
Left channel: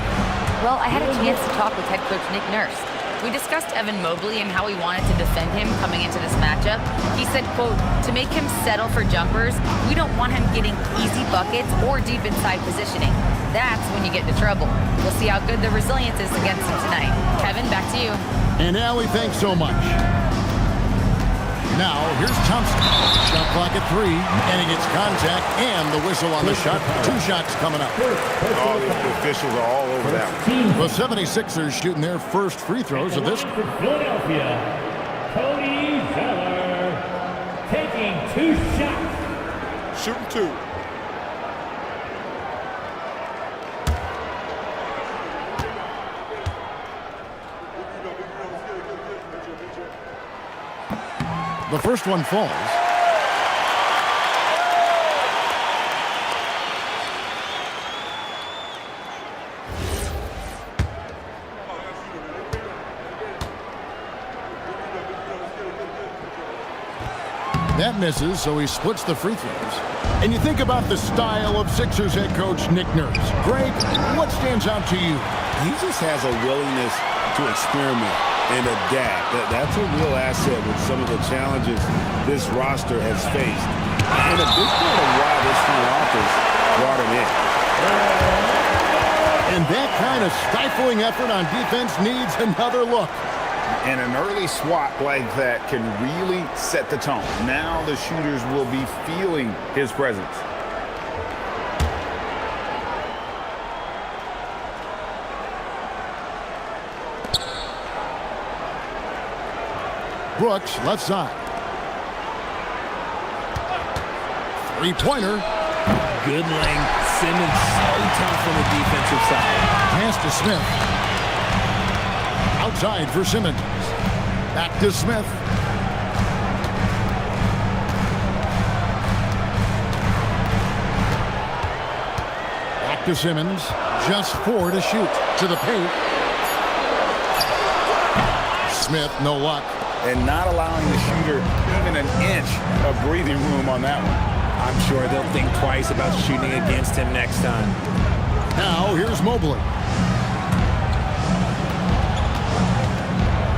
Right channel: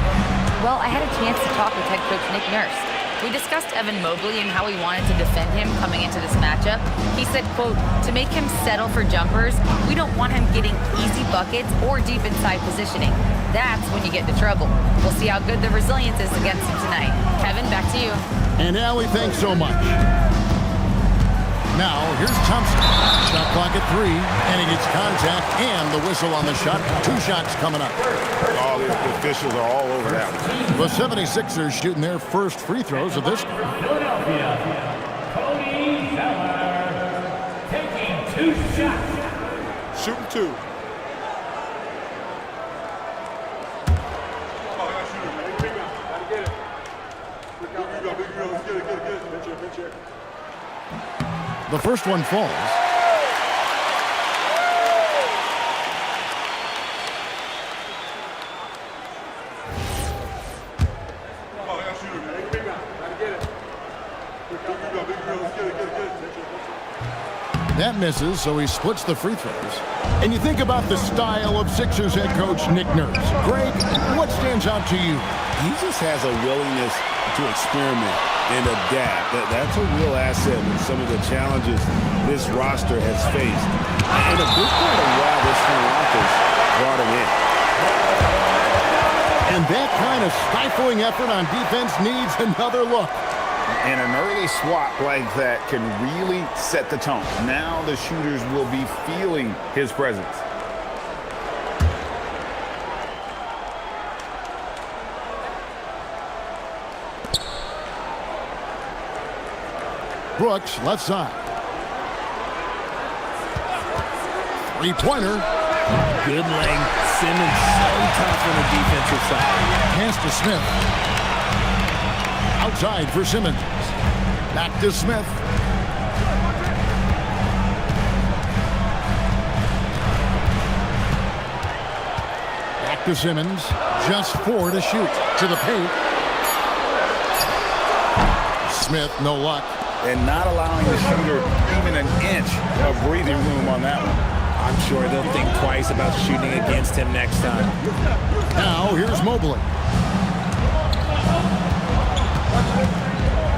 Well, I had a chance to talk with head coach Nick Nurse. We discussed Evan Mobley and how he wanted to defend him coming into this matchup. He said, quote, to make him settle for jumpers, we don't want him getting easy buckets or deep inside positioning. That's when you get into trouble. We'll see how good the resilience is against him tonight. Kevin, back to you. And Allie, thanks so much. Now, here's Thompson. Shot clock at 3, and he gets contact and the whistle on the shot. 2 shots coming up. All the officials are all over that one. The 76ers shooting their first free throws of this. For Philadelphia, Cody Zeller taking 2 shots. Shooting 2. The first one falls. That misses, so he splits the free throws. And you think about the style of Sixers head coach Nick Nurse. Greg, what stands out to you? He just has a willingness to experiment and adapt. That's a real asset with some of the challenges this roster has faced. And a big part of why this front office brought him in. And that kind of stifling effort on defense needs another look. And an early swat like that can really set the tone. Now the shooters will be feeling his presence. Brooks, left side. Three-pointer. Good length. Simmons so tough on the defensive side. Pass to Smith. Outside for Simmons. Back to Smith. Back to Simmons. Just 4 to shoot. To the paint. Smith, no luck. And not allowing the shooter even an inch of breathing room on that one. I'm sure they'll think twice about shooting against him next time. Now, here's Mobley.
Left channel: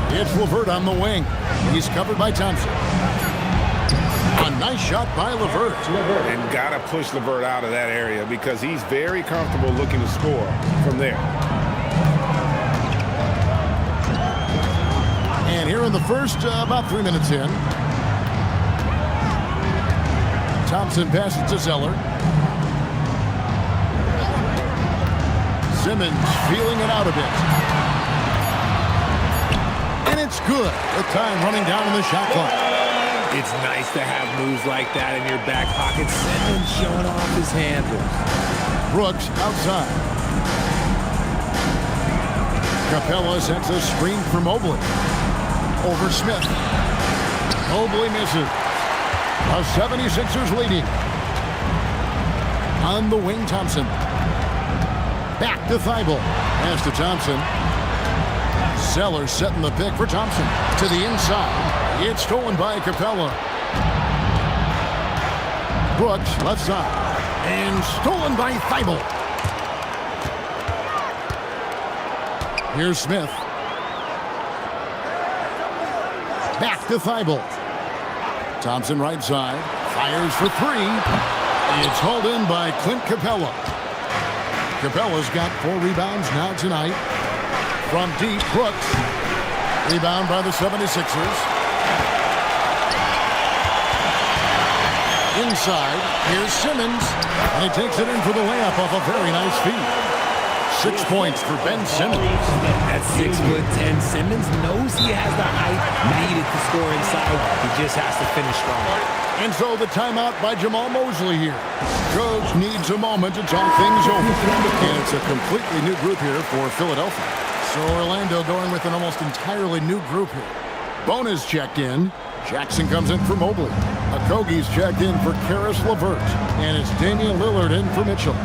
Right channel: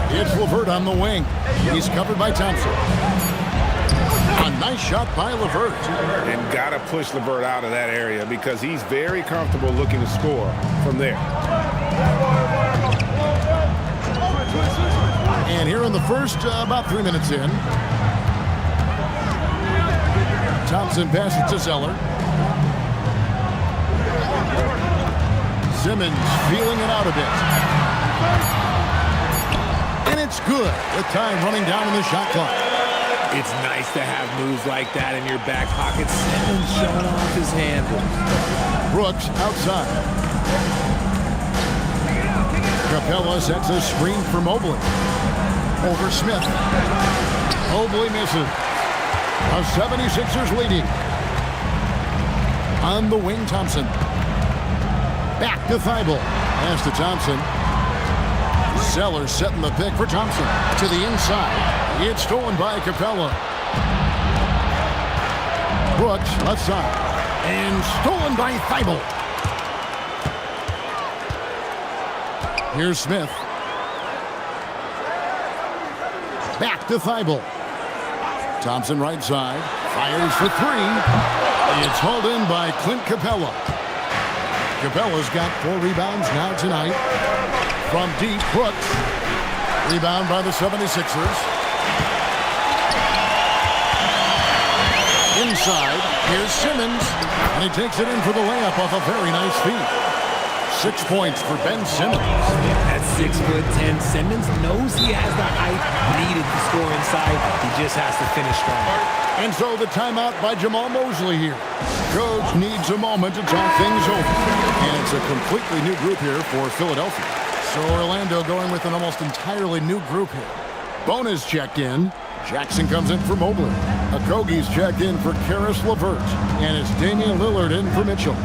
It's LeVert on the wing. He's covered by Thompson. A nice shot by LeVert. And got to push LeVert out of that area because he's very comfortable looking to score from there. And here in the first, about 3 minutes in. Thompson passes to Zeller. Simmons feeling it out a bit. And it's good. The time running down on the shot clock. It's nice to have moves like that in your back pocket. Simmons showing off his handles. Brooks outside. Capella sets a screen for Mobley. Over Smith. Mobley misses. The 76ers leading. On the wing, Thompson. Back to Thibault. Pass to Thompson. Zeller setting the pick for Thompson. To the inside. It's stolen by Capella. Brooks, left side. And stolen by Thibault. Here's Smith. Back to Thibault. Thompson right side. Fires for three. It's hauled in by Clint Capella. Capella's got 4 rebounds now tonight. From deep, Brooks. Rebound by the 76ers. Inside, here's Simmons. And he takes it in for the layup off a very nice feed. 6 points for Ben Simmons. At 6'10", Simmons knows he has the height needed to score inside. He just has to finish strong. And so the timeout by Jamal Mosley here. Coach needs a moment to talk things over. And it's a completely new group here for Philadelphia. So Orlando going with an almost entirely new group here. Bona's checked in. Jackson comes in for Mobley. Okogie's checked in for Karis LeVert. And it's Damian Lillard in for Mitchell.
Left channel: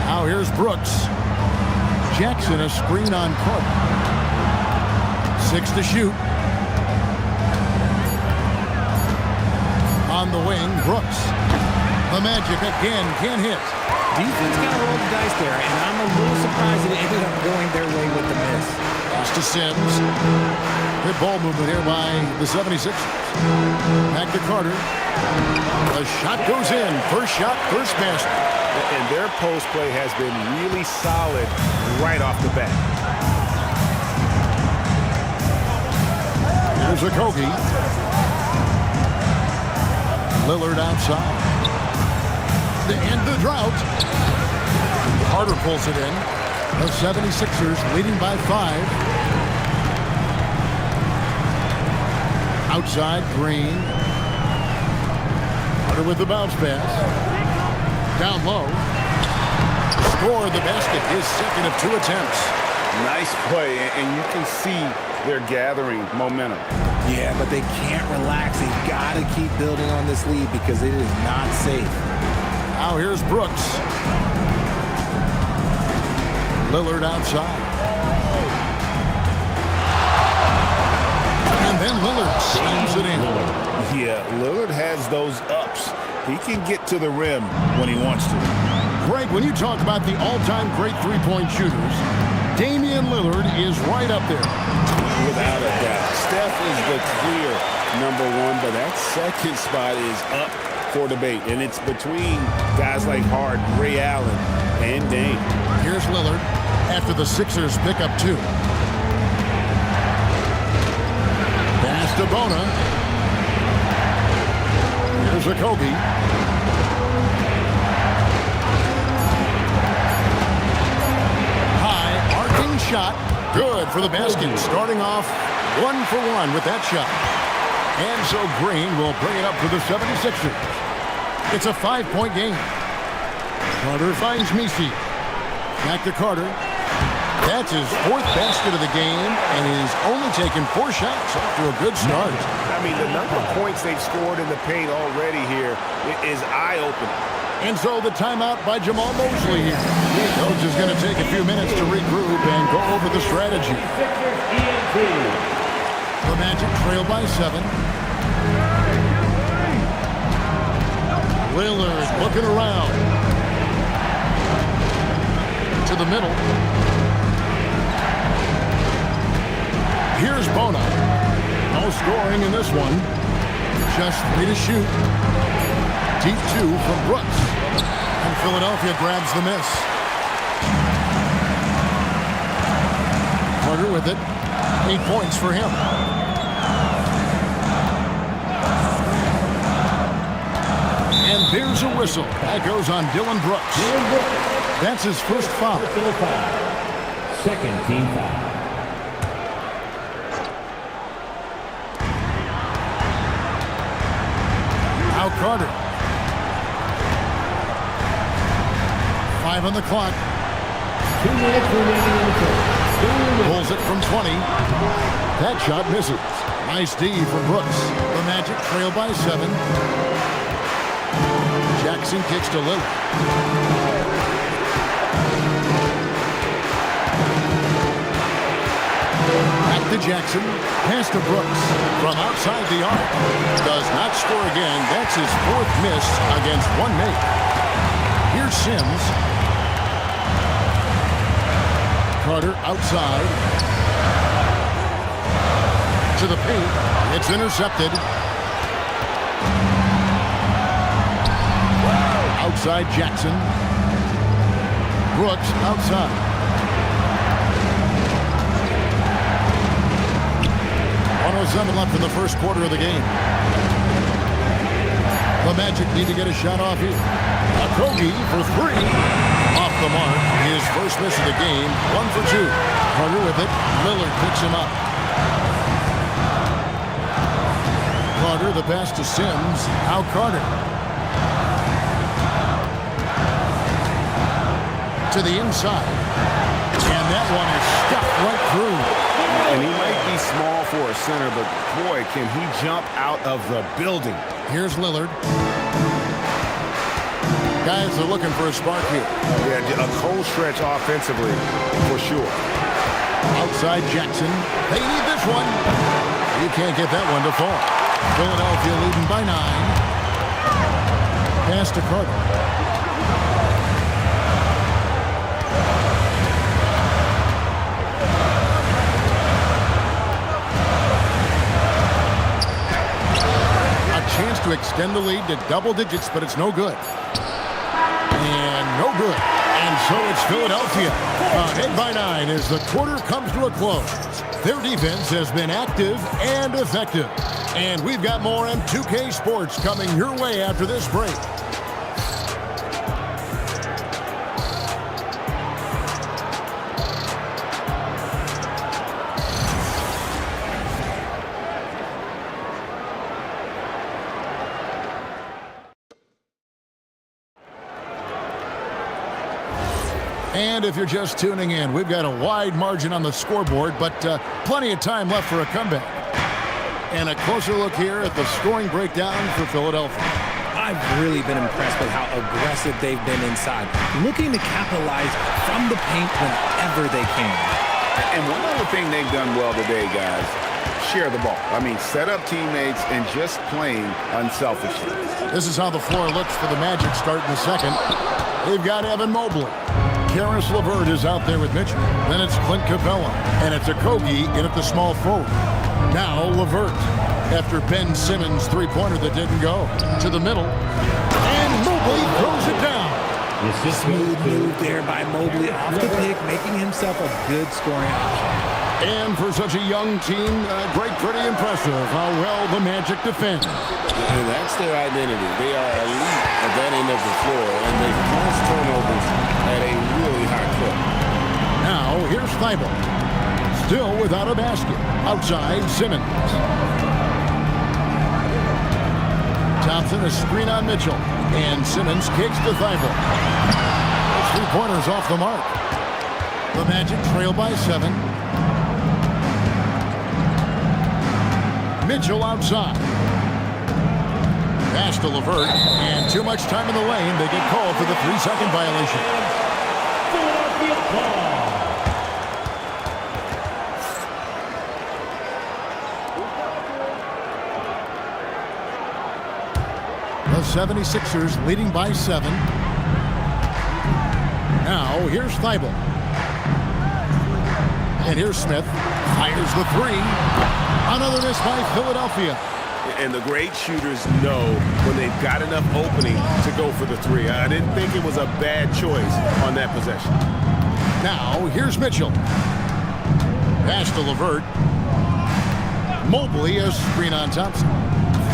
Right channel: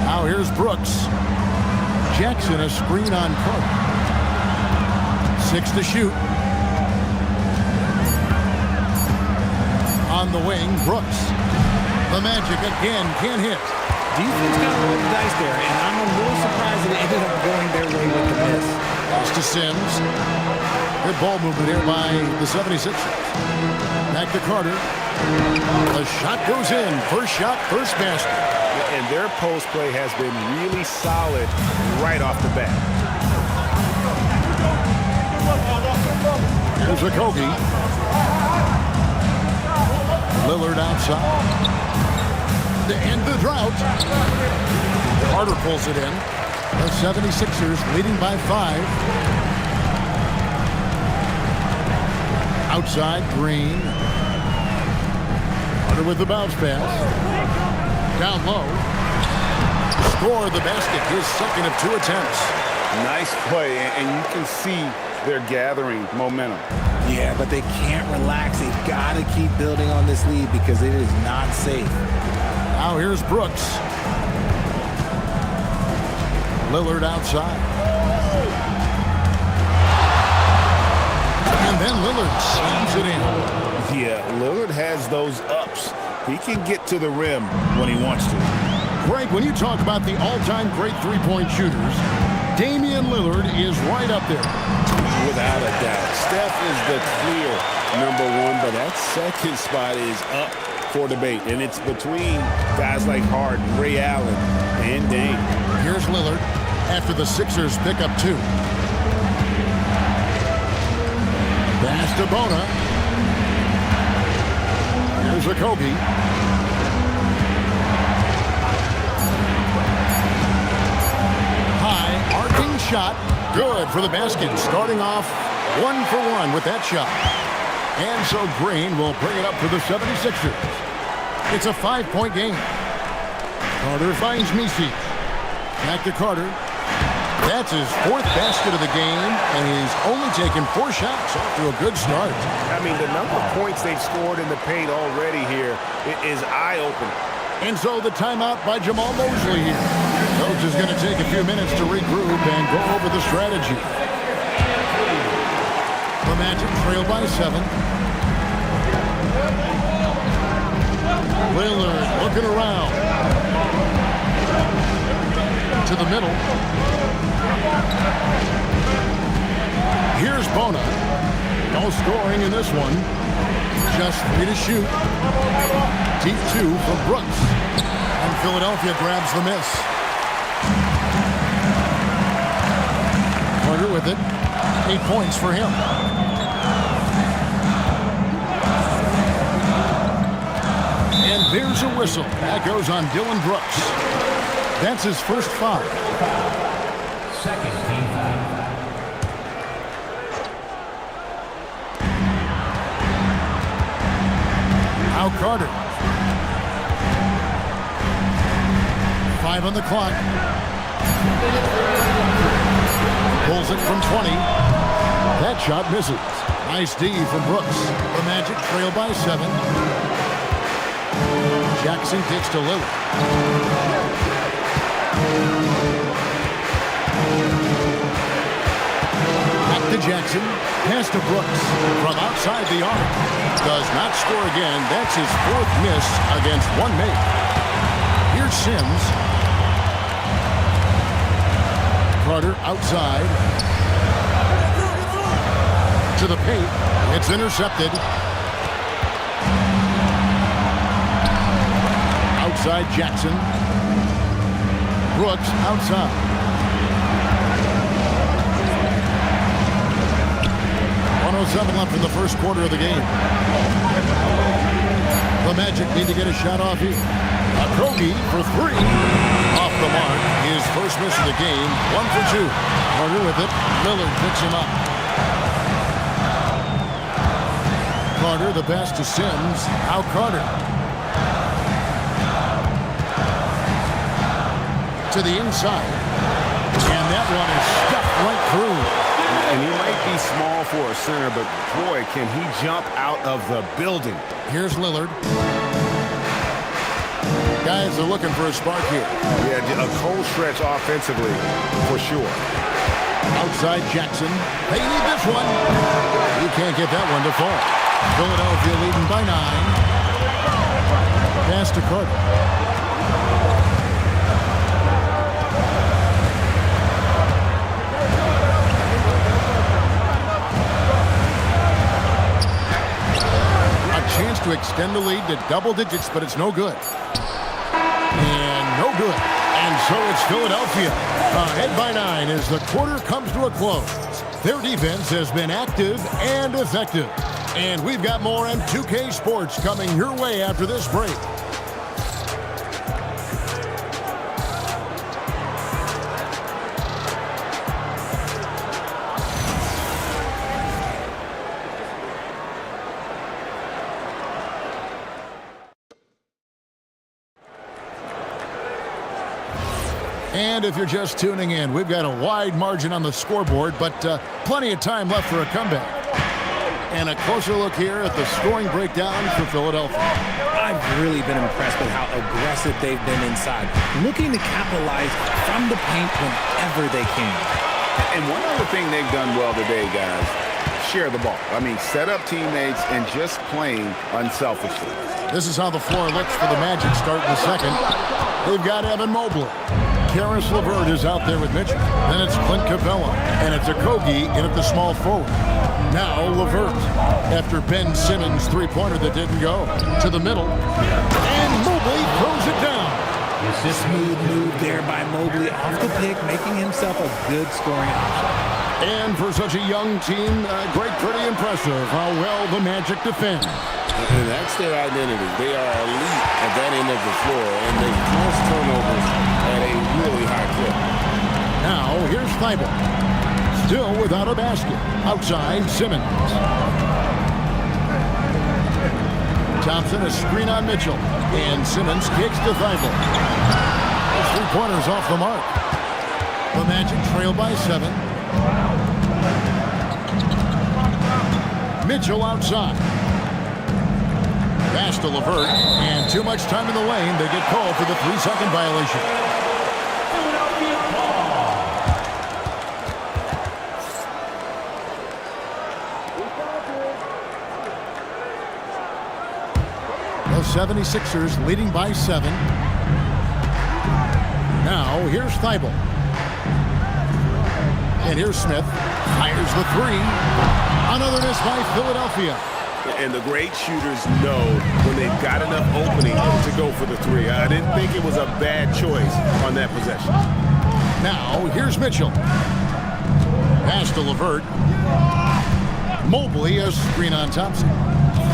Now here's Brooks. Jackson a screen on Carter. 6 to shoot. On the wing, Brooks. The Magic again can't hit. Defense kind of rolled the dice there, and I'm a little surprised that it ended up going their way with the miss. Lost to Sims. Good ball movement here by the 76ers. Back to Carter. The shot goes in. First shot, first basket. And their post play has been really solid right off the bat. Here's Okogie. Lillard outside. To end the drought. Carter pulls it in. The 76ers leading by 5. Outside, Green. Carter with the bounce pass. Down low. Score the basket, his second of 2 attempts. Nice play, and you can see they're gathering momentum. Yeah, but they can't relax. They've got to keep building on this lead because it is not safe. Now here's Brooks. Lillard outside. And then Lillard slams it in. Yeah, Lillard has those ups. He can get to the rim when he wants to. Greg, when you talk about the all-time great three-point shooters, Damian Lillard is right up there. Without a doubt. Steph is the clear #1, but that second spot is up for debate. And it's between guys like Harden, Ray Allen, and Dame. Here's Lillard after the Sixers pick up 2. Pass to Bona. Here's Okogie. High, arcing shot. Good for the basket. Starting off 1 for 1 with that shot. And so Green will bring it up for the 76ers. It's a 5-point game. Carter finds Misi. Back to Carter. That's his 4th basket of the game, and he's only taken 4 shots. Off to a good start. I mean, the number of points they've scored in the paint already here is eye-opening. And so the timeout by Jamal Mosley here. Coach is going to take a few minutes to regroup and go over the strategy. The Magic trail by 7. Lillard looking around. To the middle. Here's Bona. No scoring in this one. Just 3 to shoot. Deep 2 from Brooks. And Philadelphia grabs the miss. Carter with it. 8 points for him. And there's a whistle. That goes on Dylan Brooks. That's his first foul. Second team foul. Now Carter. 5 on the clock. Pulls it from 20. That shot misses. Nice D from Brooks. The Magic trail by 7. Jackson kicks to Lillard. Back to Jackson. Pass to Brooks. From outside the arc. Does not score again. That's his 4th miss against 1 make. Here's Sims. Carter outside. To the paint. It's intercepted. Outside Jackson. Brooks outside. .107 left in the first quarter of the game. The Magic need to get a shot off here. Okogie for three. Off the mark. His first miss of the game. 1 for 2. Carter with it. Lillard picks him up. Carter, the pass to Sims. Now Carter. To the inside. And that one is stuffed right through. And he might be small for a center, but boy, can he jump out of the building. Here's Lillard. Guys are looking for a spark here. Yeah, a cold stretch offensively, for sure. Outside Jackson. They need this one. You can't get that one to fall. Philadelphia leading by 9. Pass to Carter. Chance to extend the lead to double digits, but it's no good. And no good. And so it's Philadelphia ahead by 9 as the quarter comes to a close. Their defense has been active and effective. And we've got more M2K Sports coming your way after this break. And if you're just tuning in, we've got a wide margin on the scoreboard, but plenty of time left for a comeback. And a closer look here at the scoring breakdown for Philadelphia. I've really been impressed with how aggressive they've been inside, looking to capitalize from the paint whenever they can. And one other thing they've done well today, guys, share the ball. I mean, set up teammates and just playing unselfishly. This is how the floor looks for the Magic starting the second. They've got Evan Mobley. Karis LeVert is out there with Mitchell. Then it's Clint Capella. And it's Okogie in at the small forward. Now LeVert. After Ben Simmons' three-pointer that didn't go. To the middle. And Mobley throws it down. Smooth move there by Mobley off the pick, making himself a good scoring option. And for such a young team, pretty impressive how well the Magic defend. And that's their identity. They are elite at that end of the floor, and they force turnovers at a really high clip. Now, here's Thibault. Still without a basket. Outside, Simmons. Thompson, a screen on Mitchell. And Simmons kicks to Thibault. Those three-pointers off the mark. The Magic trail by 7. Mitchell outside. Pass to LeVert, and too much time in the lane. They get called for the 3-second violation. Philadelphia ball. The 76ers leading by 7. Now, here's Thibault. And here's Smith. Fires the 3. Another miss by Philadelphia. And the great shooters know when they've got enough opening to go for the 3. I didn't think it was a bad choice on that possession. Now, here's Mitchell. Pass to LeVert. Mobley, a screen on Thompson.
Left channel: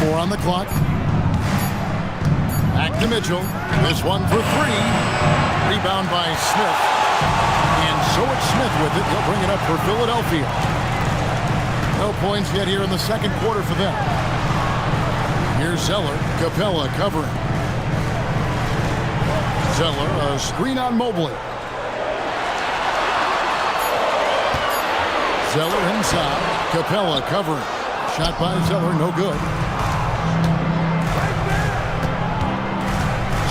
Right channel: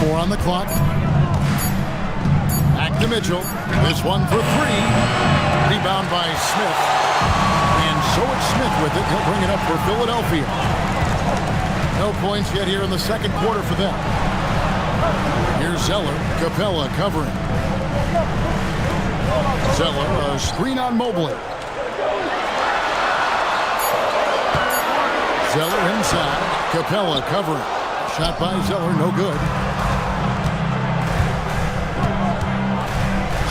4 on the clock. Back to Mitchell. This one for 3. Rebound by Smith. And so it's Smith with it. He'll bring it up for Philadelphia. No points yet here in the second quarter for them. Here's Zeller. Capella covering. Zeller, a screen on Mobley. Zeller inside. Capella covering. Shot by Zeller, no good.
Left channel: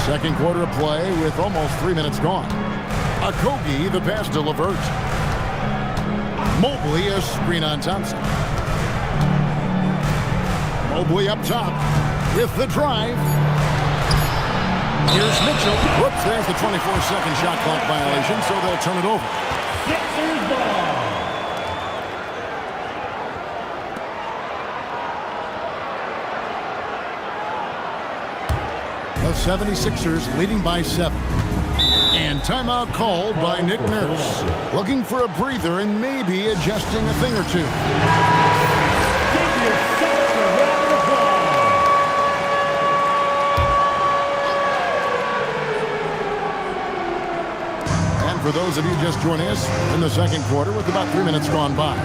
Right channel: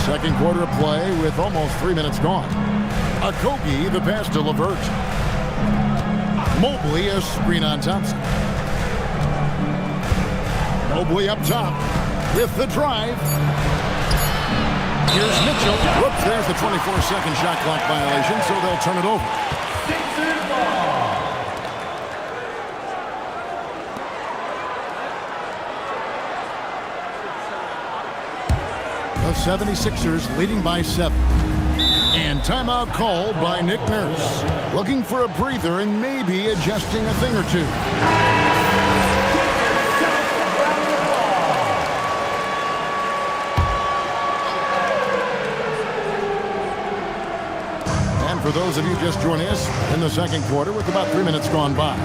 Second quarter of play with almost 3 minutes gone. Okogie, the pass to LeVert. Mobley, a screen on Thompson. Mobley up top with the drive. Here's Mitchell. Whoops, there's the 24-second shot clock violation, so they'll turn it over. Sixers ball. The 76ers leading by 7. And timeout called by Nick Nurse. Looking for a breather and maybe adjusting a thing or two. And for those of you just joining us in the second quarter with about 3 minutes gone by.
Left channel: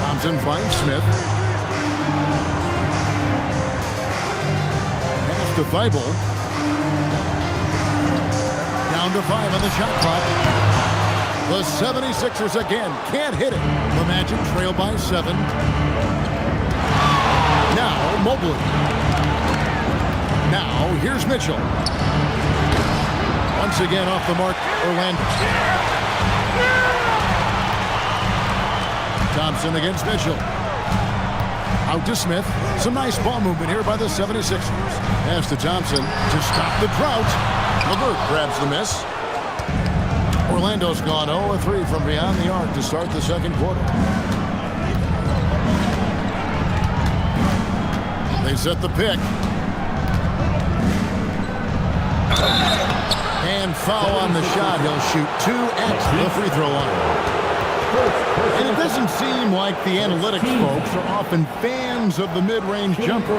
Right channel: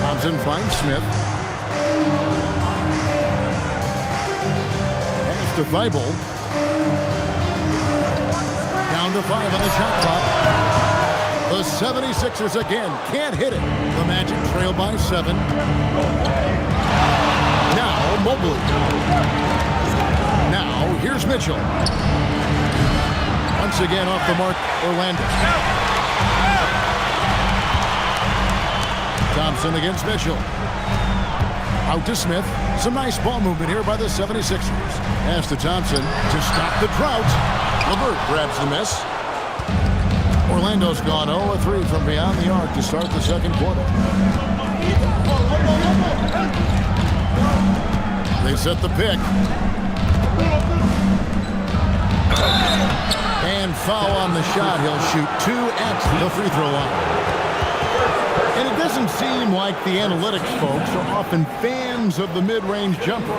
Thompson finds Smith. Pass to Thibault. Down to 5 on the shot clock. The 76ers again can't hit it. The Magic trail by 7. Now Mobley. Now here's Mitchell. Once again off the mark, Orlando. Thompson against Mitchell. Out to Smith. Some nice ball movement here by the 76ers. Pass to Thompson to stop the drought. LeVert grabs the miss. Orlando's gone 0-3 from beyond the arc to start the second quarter. They set the pick. And foul on the shot. He'll shoot 2 at the free throw line. And it doesn't seem like the analytics folks are often fans of the mid-range jumper.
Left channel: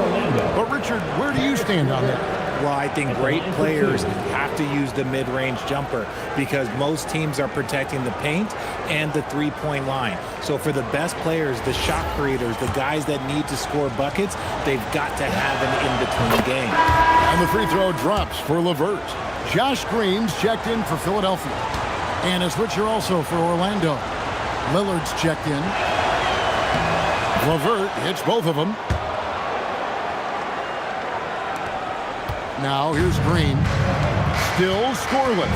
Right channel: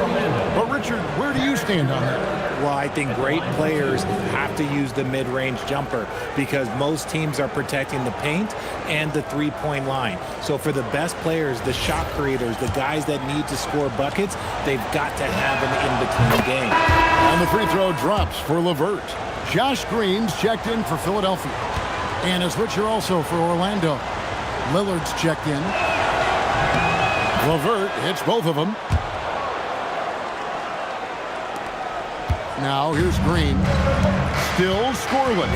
But Richard, where do you stand on that? Well, I think great players have to use the mid-range jumper because most teams are protecting the paint and the three-point line. So for the best players, the shot creators, the guys that need to score buckets, they've got to have an in-between game. And the free throw drops for LeVert. Josh Green's checked in for Philadelphia. And a switcher also for Orlando. Lillard's checked in. LeVert hits both of them. Now here's Green. Still scoreless.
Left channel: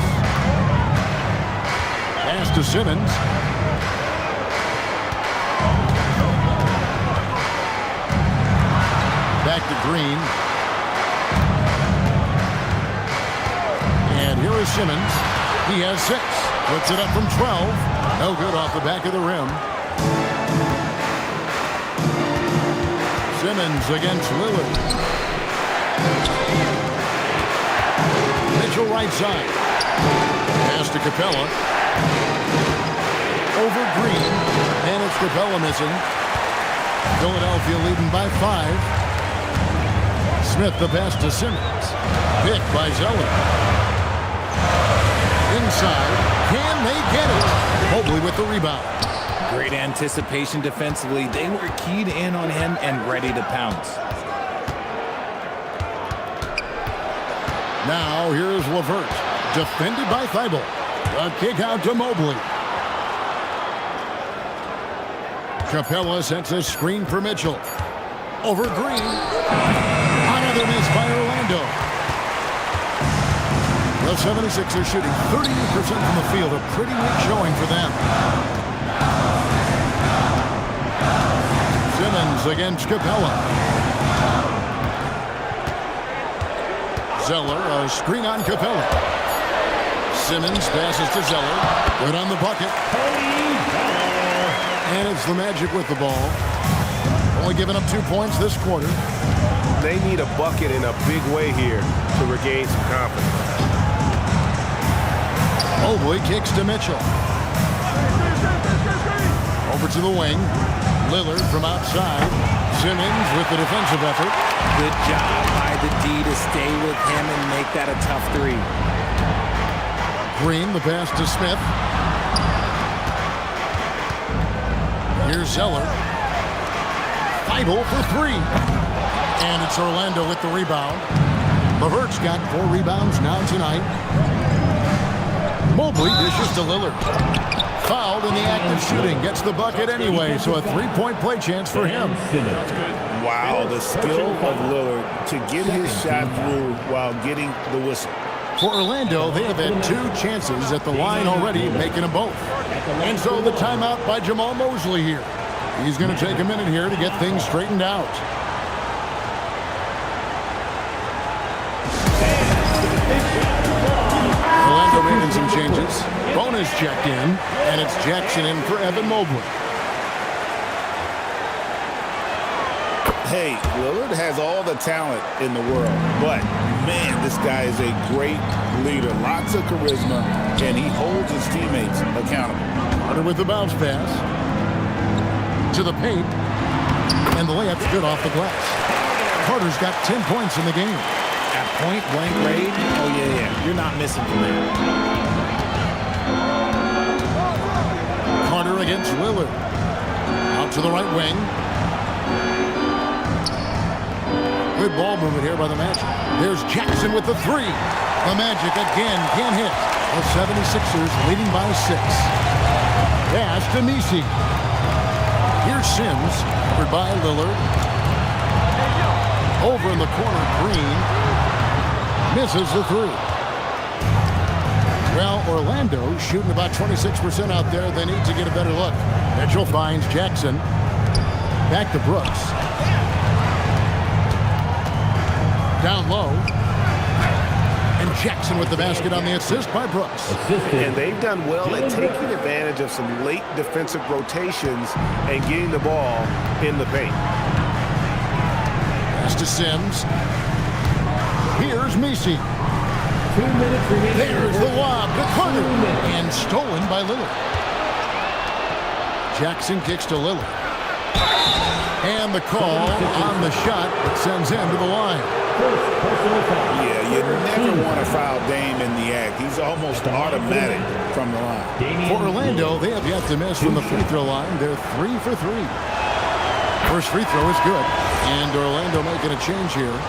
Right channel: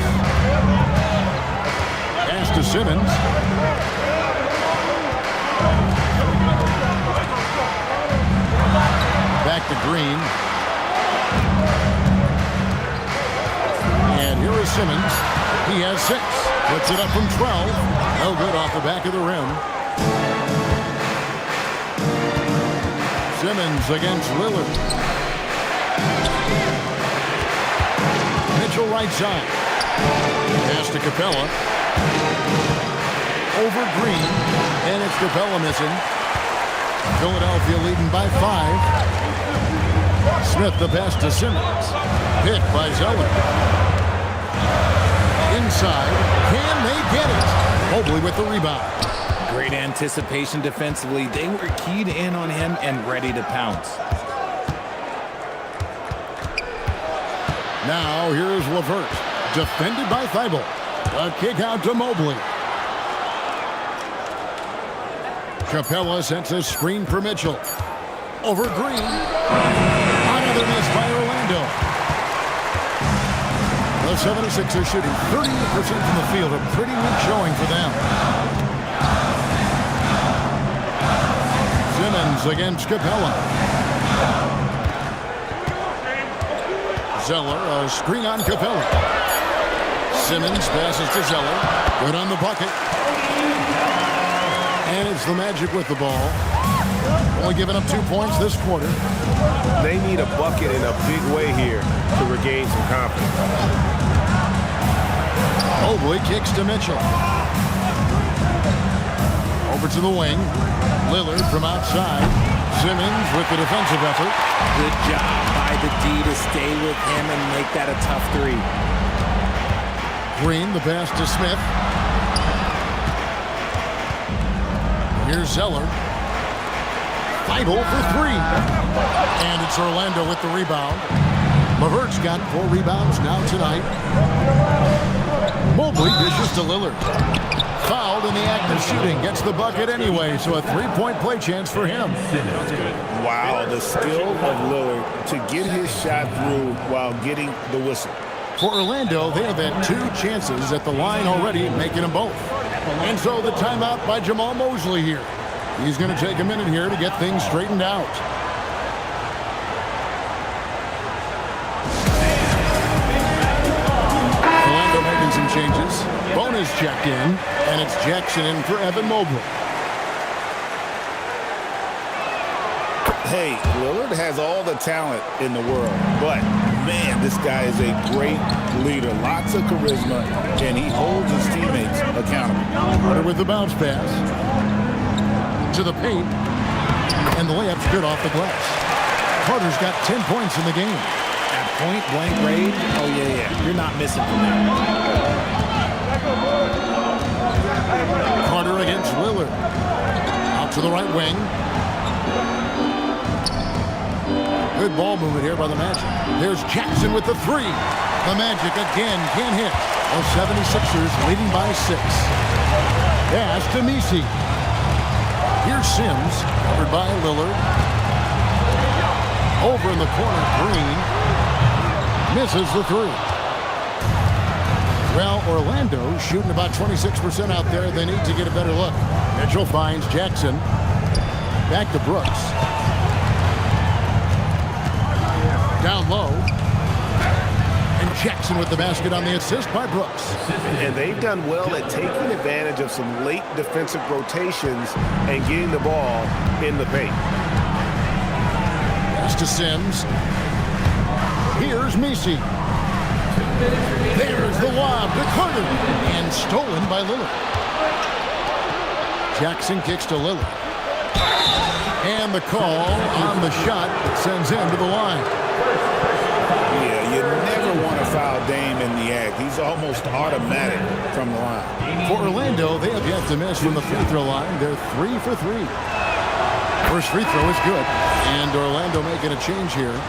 Pass to Simmons. Back to Green. And here is Simmons. He has 6. Puts it up from 12. No good off the back of the rim. Simmons against Lillard. Mitchell right side. Pass to Capella. Over Green. And it's Capella missing. Philadelphia leading by 5. Smith the pass to Simmons. Picked by Zeller. Inside. Can they get it? Mobley with the rebound. Great anticipation defensively. They were keyed in on him and ready to pounce. Now here's LeVert. Defended by Thibault. A kick out to Mobley. Capella sets a screen for Mitchell. Over Green. Another miss by Orlando. The 76ers shooting 38% from the field. A pretty weak showing for them. Simmons against Capella. Zeller, a screen on Capella. Simmons passes to Zeller. Good on the bucket. And it's the Magic with the ball. Only giving up 2 points this quarter. They need a bucket in a big way here to regain some confidence. Mobley kicks to Mitchell. Over to the wing. Lillard from outside. Simmons with the defensive effort. Good job by the D to stay with him and make that a tough 3. Green, the pass to Smith. Here's Zeller. Thibault for 3. And it's Orlando with the rebound. LeVert's got 4 rebounds now tonight. Mobley dishes to Lillard. Fouled in the act of shooting. Gets the bucket anyway, so a 3-point play chance for him. Wow, the skill of Lillard to get his shot through while getting the whistle. For Orlando, they have had 2 chances at the line already, making them both. And so the timeout by Jamal Mosley here. He's going to take a minute here to get things straightened out. Orlando making some changes. Bonus checked in, and it's Jackson in for Evan Mobley. Hey, Lillard has all the talent in the world, but man, this guy is a great leader. Lots of charisma, and he holds his teammates accountable. Carter with the bounce pass to the paint, and the layup's good off the glass. Carter's got 10 points in the game. At point blank range, oh yeah, you're not missing from there. Carter against Lillard. Out to the right wing. Good ball movement here by the Magic. There's Jackson with the three. The Magic again can't hit. The 76ers leading by 6. Pass to Messi. Here's Sims, covered by Lillard. Over in the corner, Green misses the three. Well, Orlando shooting about 26% out there. They need to get a better look. Mitchell finds Jackson. Back to Brooks. Down low. And Jackson with the basket on the assist by Brooks. And they've done well at taking advantage of some late defensive rotations and getting the ball in the paint. Pass to Sims. Here's Messi. There's the lob to Carter. And stolen by Lillard. Jackson kicks to Lillard. And the call on the shot that sends him to the line. Yeah, you never want to foul Dame in the act. He's almost automatic from the line. For Orlando, they have yet to miss from the free throw line. They're 3 for 3. First free throw is good. And Orlando making a change here.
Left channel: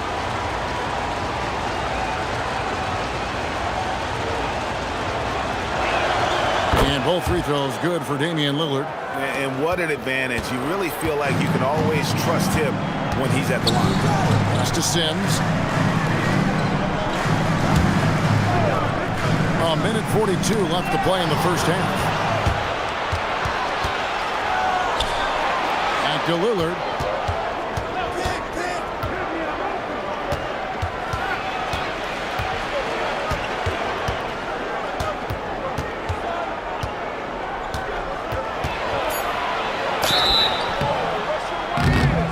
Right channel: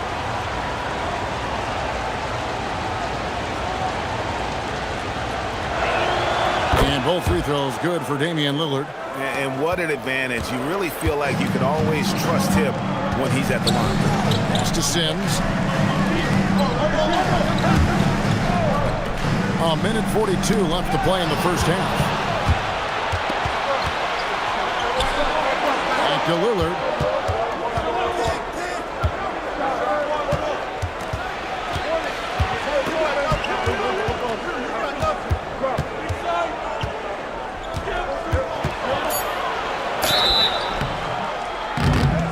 And both free throws good for Damian Lillard. And what an advantage. You really feel like you can always trust him when he's at the line. Pass to Sims. A minute 42 left to play in the first half. Back to Lillard.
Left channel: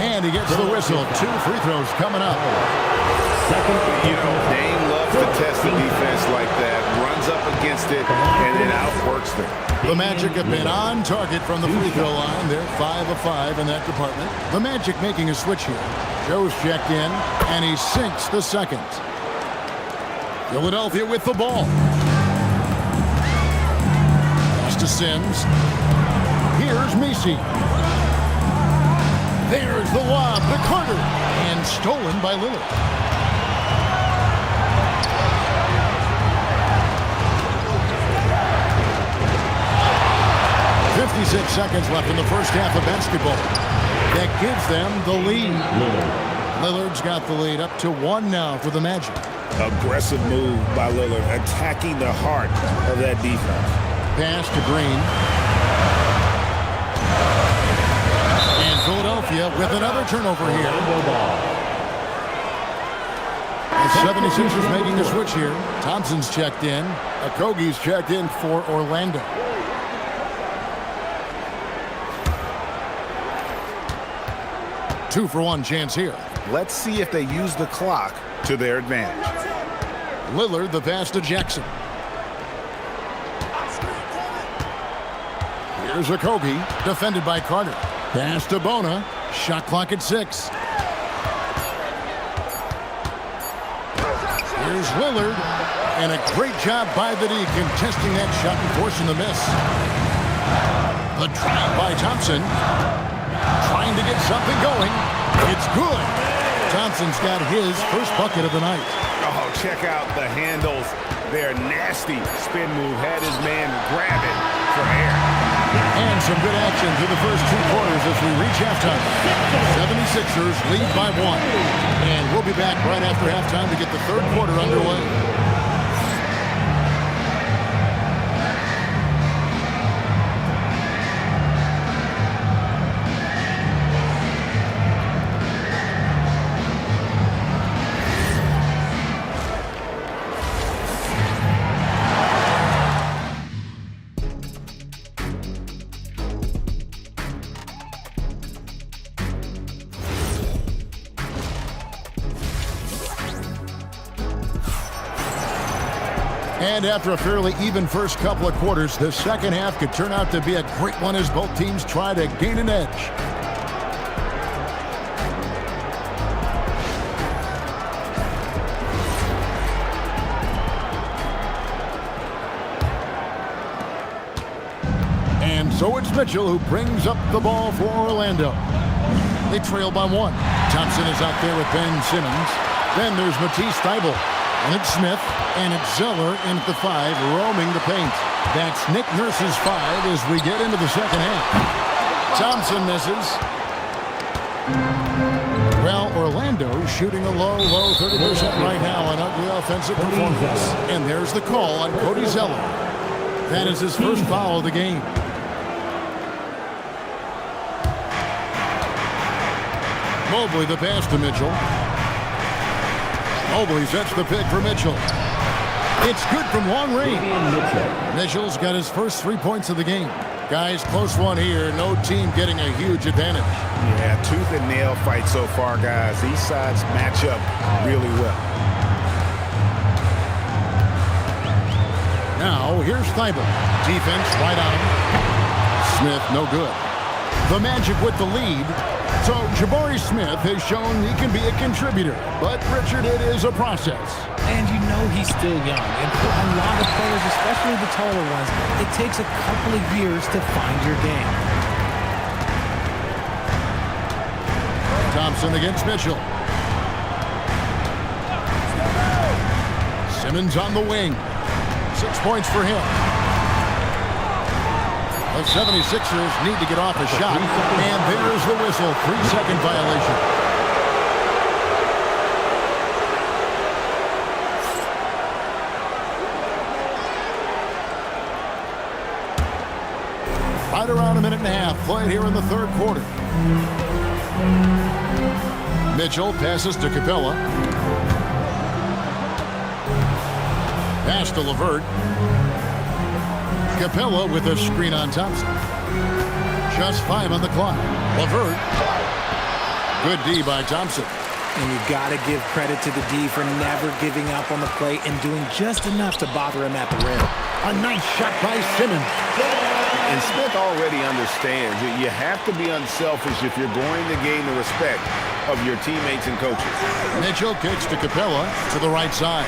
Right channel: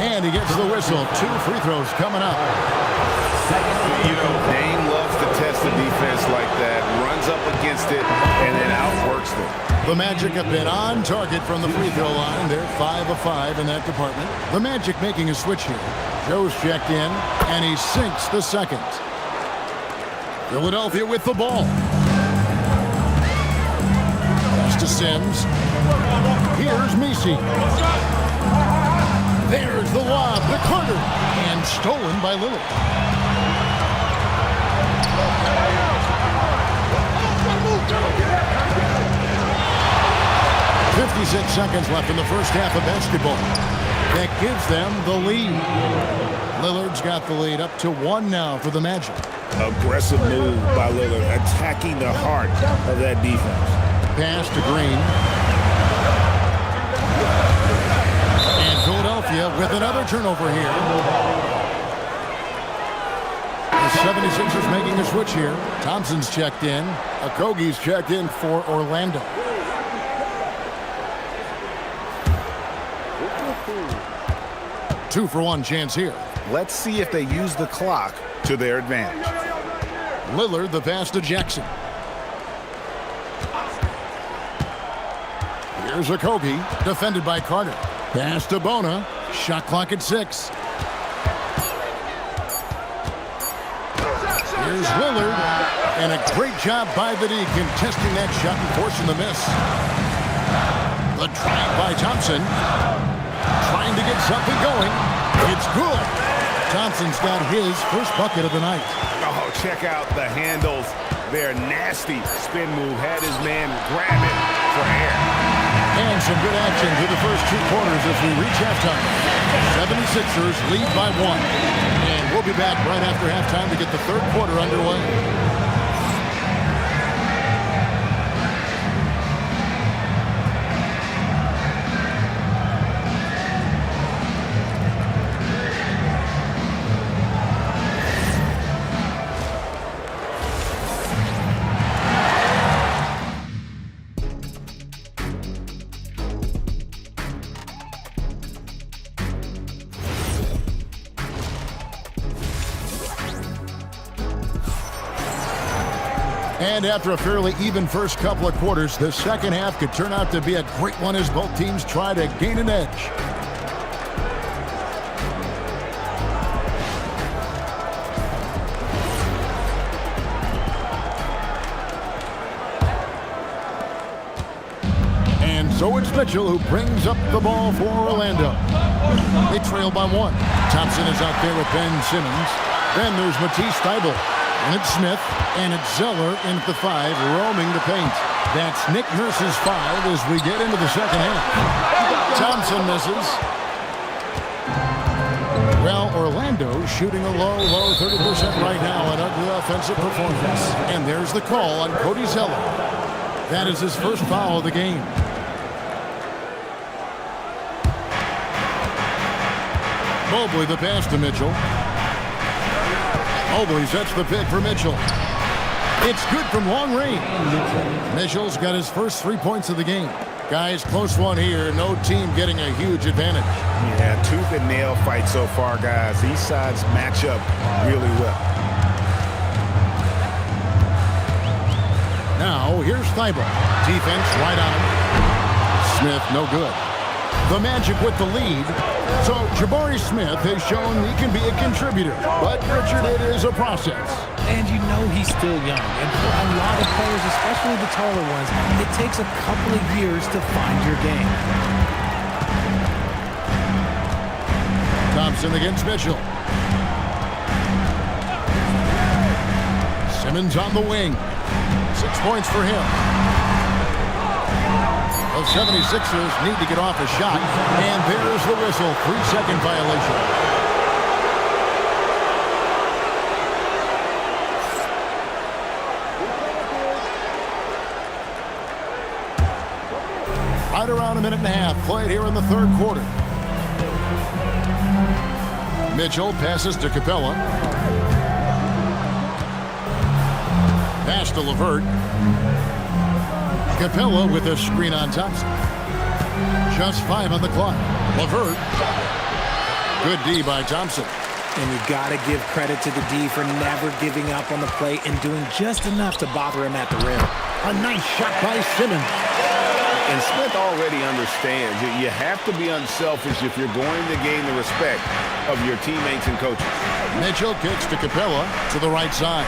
And he gets the whistle. 2 free throws coming up. You know, Dame loves to test the defense like that, runs up against it, and then outworks them. The Magic have been on target from the free throw line. They're 5 of 5 in that department. The Magic making a switch here. Joe's checked in, and he sinks the second. Philadelphia with the ball. Pass to Sims. Here's Messi. There's the lob to Carter, and stolen by Lillard. 56 seconds left in the first half of basketball. That gives them the lead. Lillard's got the lead up to 1 now for the Magic. Aggressive move by Lillard, attacking the heart of that defense. Pass to Green. And Philadelphia with another turnover here. The 76ers making a switch here. Thompson's checked in. Okogie's checked in for Orlando. Two for one chance here. Let's see if they use the clock To their advantage. Lillard, the pass to Jackson. Here's Okogie, defended by Carter. Pass to Bona. Shot clock at 6. Here's Lillard. And a great job by the D contesting that shot and forcing the miss. The drive by Thompson. Trying to get something going. It's good. Thompson's got his first bucket of the night. Oh, check out the handles. Their nasty spin move had his man grabbing for air. And some good action through the first 2 quarters as we reach halftime. 76ers lead by 1. And we'll be back right after halftime to get the third quarter underway. And after a fairly even first couple of quarters, the second half could turn out to be a great one as both teams try to gain an edge. And so it's Mitchell who brings up the ball for Orlando. They trail by 1. Thompson is out there with Ben Simmons. Then there's Matisse Thybulle. And it's Smith, and it's Zeller in at the 5, roaming the paint. That's Nick Nurse's 5 as we get into the second half. Thompson misses. Well, Orlando shooting a low 30% right now, an ugly offensive performance. And there's the call on Cody Zeller. That is his first foul of the game. Mobley the pass to Mitchell. Mobley sets the pick for Mitchell. It's good from long range. Mitchell's got his first 3 points of the game. Guys, close one here. No team getting a huge advantage. Yeah, tooth and nail fight so far, guys. These sides match up really well. Now, here's Thybulle. Defense right on him. Smith, no good. The Magic with the lead. So Jabari Smith has shown he can be a contributor. But, Richard, it is a process. And you know he's still young. And for a lot of players, especially the taller ones, it takes a couple of years to find your game. Thompson against Mitchell. Simmons on the wing. 6 points for him. The 76ers need to get off a shot, and there's the whistle. 3-second violation. Right around a minute and a half played here in the third quarter. Mitchell passes to Capella. Pass to LeVert. Capella with a screen on Thompson. Just 5 on the clock. LeVert. Good D by Thompson. And you got to give credit to the D for never giving up on the play and doing just enough to bother him at the rim. A nice shot by Simmons. And Smith already understands that you have to be unselfish if you're going to gain the respect of your teammates and coaches. Mitchell kicks to Capella to the right side.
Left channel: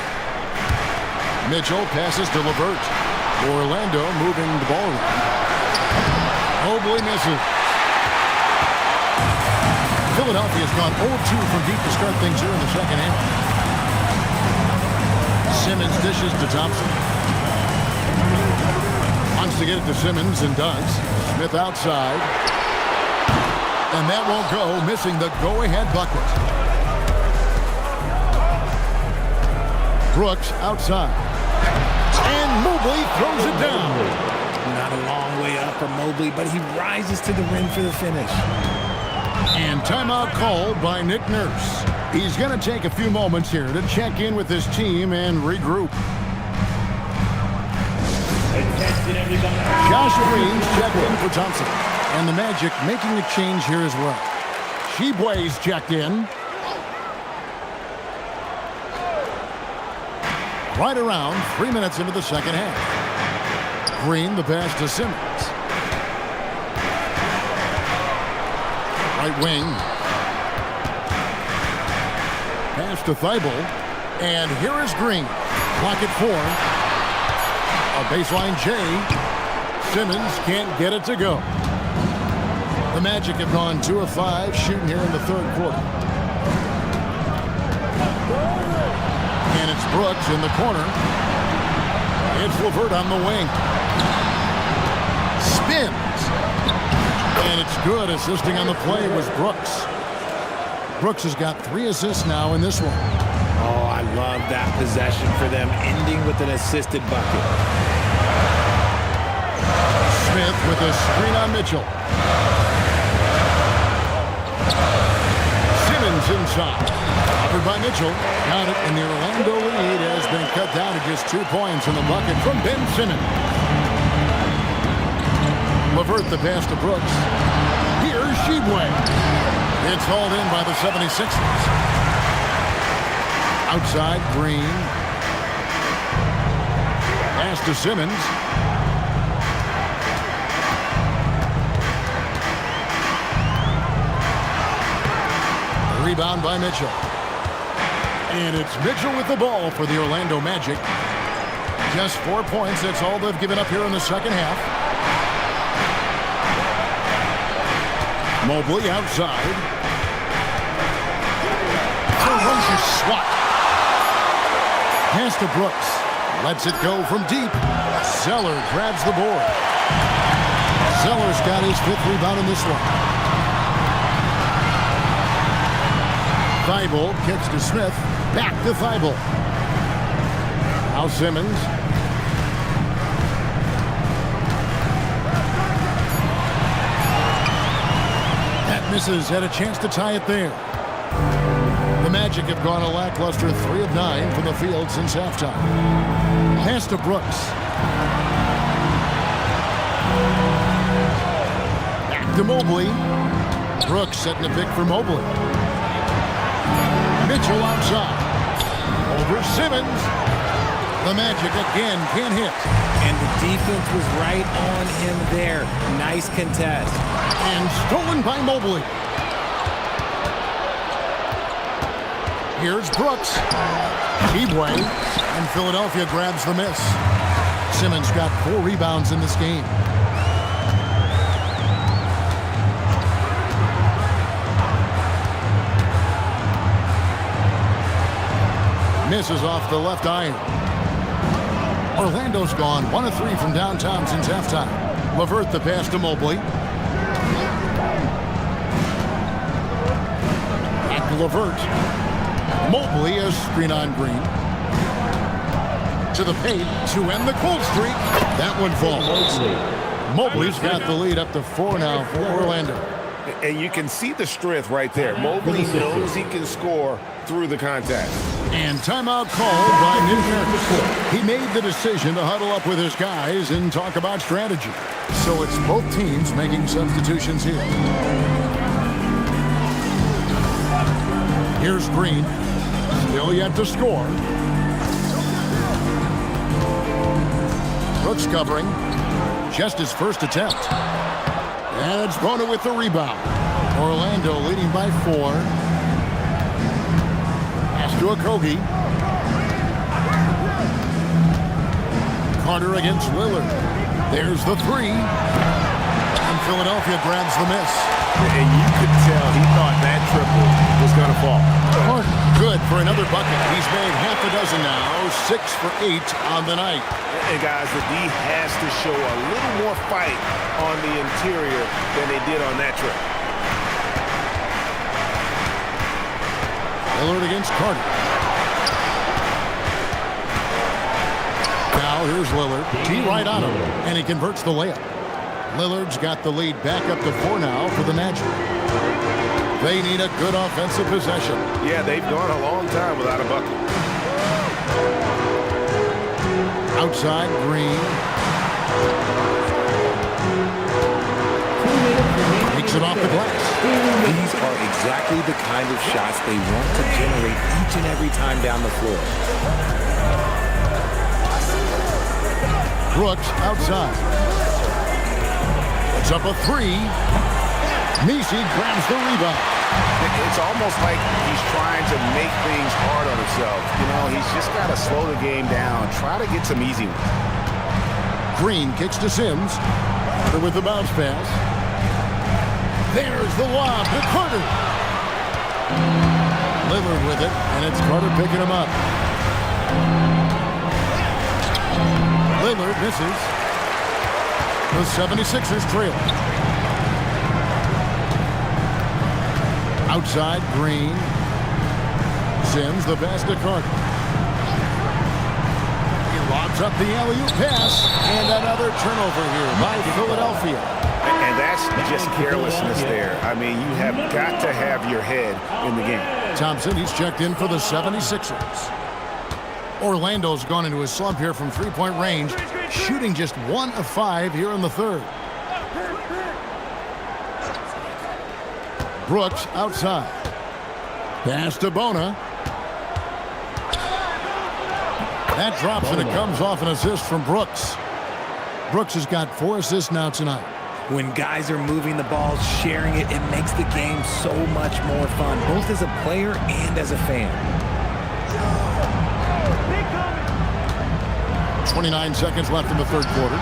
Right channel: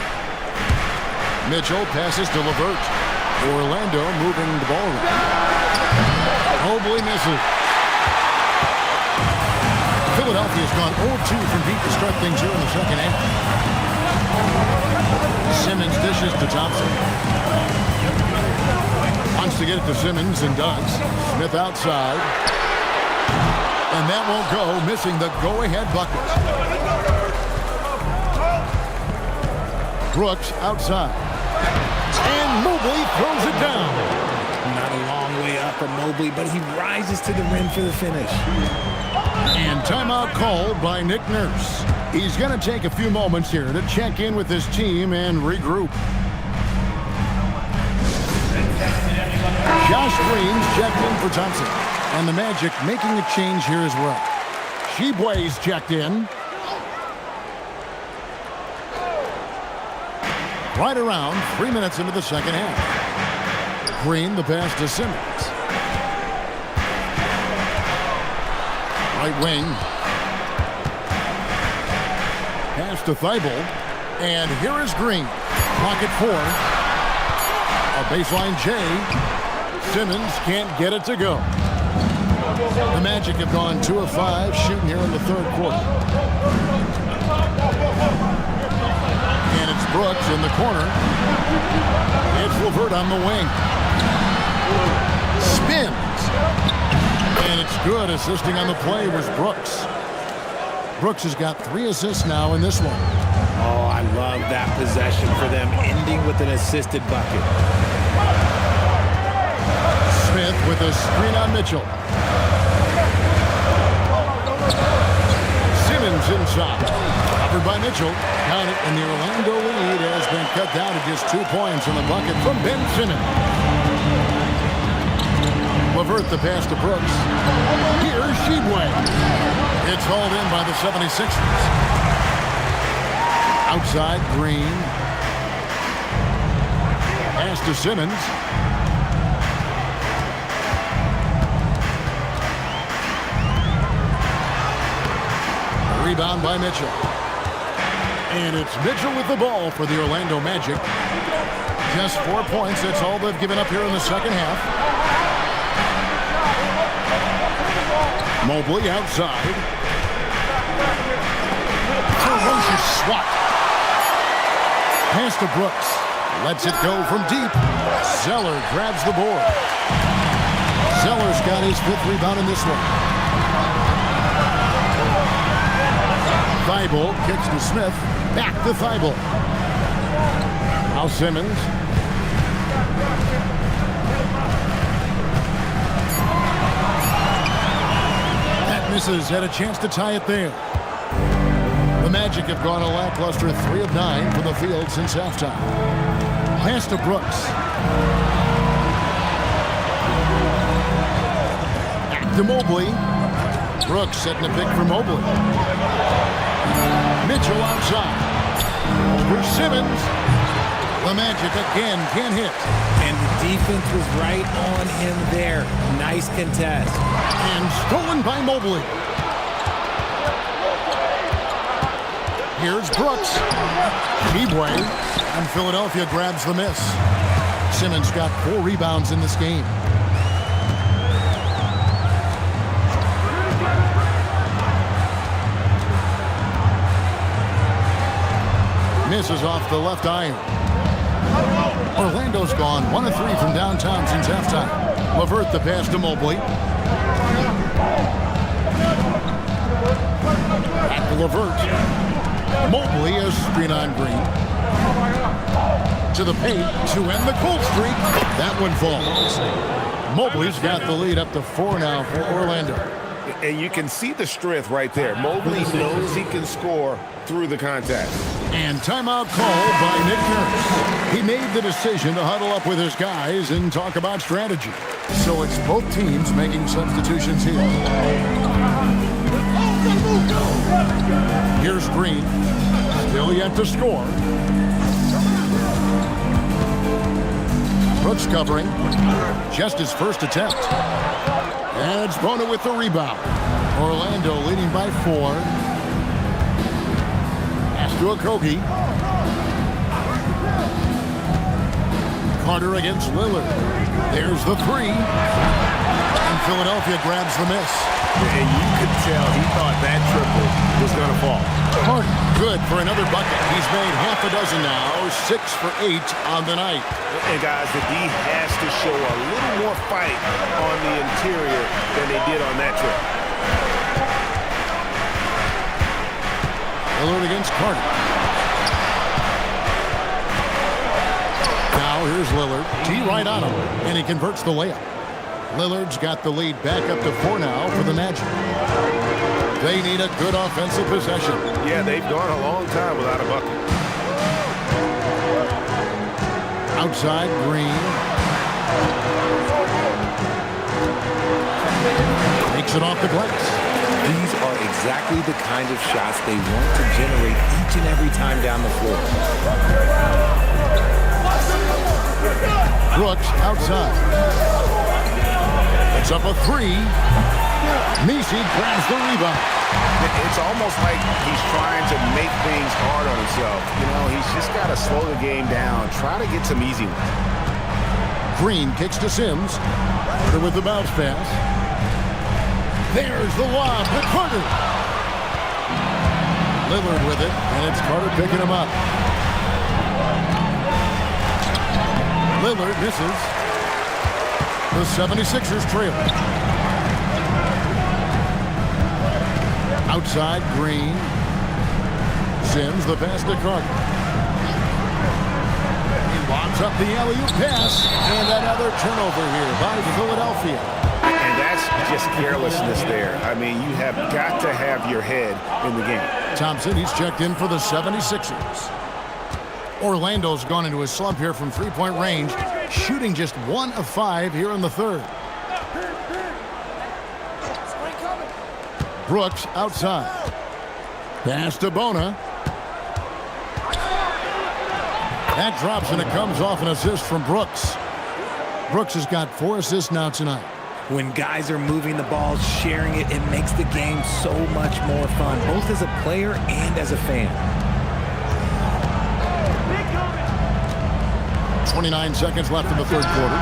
Mitchell passes to LeVert. Orlando moving the ball around. Mobley misses. Philadelphia's gone 0-2 from deep to start things here in the second half. Simmons dishes to Thompson. Wants to get it to Simmons and does. Smith outside. And that won't go, missing the go-ahead bucket. Brooks outside. And Mobley throws it down. Not a long way up for Mobley, but he rises to the rim for the finish. And timeout called by Nick Nurse. He's going to take a few moments here to check in with his team and regroup. Josh Green's checked in for Thompson. And the Magic making a change here as well. Sheboy's checked in. Right around 3 minutes into the second half. Green the pass to Simmons. Right wing. Pass to Thybulle. And here is Green. Clock at 4. A baseline J. Simmons can't get it to go. The Magic have gone 2 of 5 shooting here in the third quarter. And it's Brooks in the corner. It's LeVert on the wing. Spins. And it's good. Assisting on the play was Brooks. Brooks has got 3 assists now in this one. Oh, I love that possession for them, ending with an assisted bucket. Smith with a screen on Mitchell. Simmons inside. Offered by Mitchell. Got it, and the Orlando lead has been cut down to just 2 points in the bucket from Ben Simmons. LeVert the pass to Brooks. Here's Sheboy. It's hauled in by the 76ers. Outside, Green. Pass to Simmons. A rebound by Mitchell. And it's Mitchell with the ball for the Orlando Magic. Just 4 points. That's all they've given up here in the second half. Mobley outside. Ferocious swat. Pass to Brooks. Lets it go from deep. Zeller grabs the board. Zeller's got his 5th rebound in this one. Thibault kicks to Smith. Back to Thibault. Now Simmons. That misses. Had a chance to tie it there. The Magic have gone a lackluster 3 of 9 from the field since halftime. Pass to Brooks. Back to Mobley. Brooks setting a pick for Mobley. Mitchell outside. Over Simmons. The Magic again can't hit. And the defense was right on him there. Nice contest. And stolen by Mobley. Here's Brooks. Sheboy. And Philadelphia grabs the miss. Simmons got 4 rebounds in this game. Misses off the left iron. Orlando's gone 1 of 3 from downtown since halftime. LeVert the pass to Mobley. Back to LeVert. Mobley a screen on Green. To the paint to end the cold streak. That one falls. Mobley's got the lead up to 4 now for Orlando. And you can see the strength right there. Mobley knows he can score through the contact. And timeout called by Nick Nurse. He made the decision to huddle up with his guys and talk about strategy. So it's both teams making substitutions here. Here's Green. Still yet to score. Brooks covering. Just his first attempt. And it's Bona with the rebound. Orlando leading by 4. Pass to Okogie. Carter against Lillard. There's the 3. And Philadelphia grabs the miss. And you could tell he thought that triple was going to fall. Carter, good for another bucket. He's made half a dozen now, 6 for 8 on the night. And guys, the D has to show a little more fight on the interior than they did on that trip. Lillard against Carter. Now here's Lillard. T right on him, and he converts the layup. Lillard's got the lead back up to 4 now for the Magic. They need a good offensive possession. Yeah, they've gone a long time without a bucket. Outside, Green. Takes it off the glass. These are exactly the kind of shots they want to generate each and every time down the floor. Brooks outside. It's up a 3. Messi grabs the rebound. It's almost like he's trying to make things hard on himself. You know, he's just got to slow the game down, try to get some easy ones. Green kicks to Sims. Carter with the bounce pass. There's the lob to Carter. Lillard with it, and it's Carter picking him up. Lillard misses. The 76ers trail. Outside, Green. Sims, the pass to Carter. He lobs up the alley-oop pass, and another turnover here by Philadelphia. And that's just carelessness there. I mean, you have got to have your head in the game. Thompson, he's checked in for the 76ers. Orlando's gone into a slump here from three-point range, shooting just 1 of 5 here in the third. Brooks outside. Pass to Bona. That drops, and it comes off an assist from Brooks. Brooks has got 4 assists now tonight. When guys are moving the ball, sharing it, it makes the game so much more fun, both as a player and as a fan. 29 seconds left in the third quarter.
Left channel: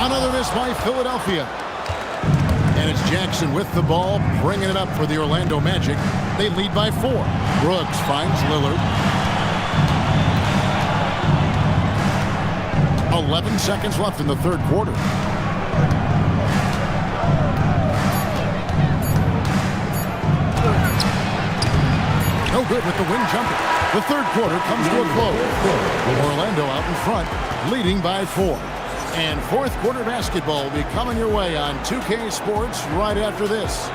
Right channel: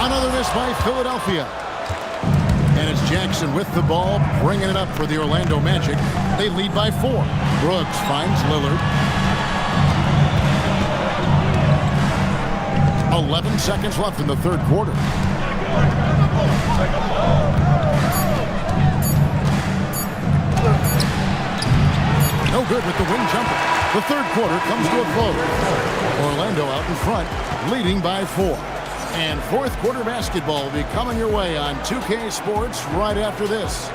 Another miss by Philadelphia. And it's Jackson with the ball, bringing it up for the Orlando Magic. They lead by 4. Brooks finds Lillard. 11 seconds left in the third quarter. No good with the wing jumper. The third quarter comes to a close. Orlando out in front, leading by 4. And fourth quarter basketball will be coming your way on 2K Sports right after this.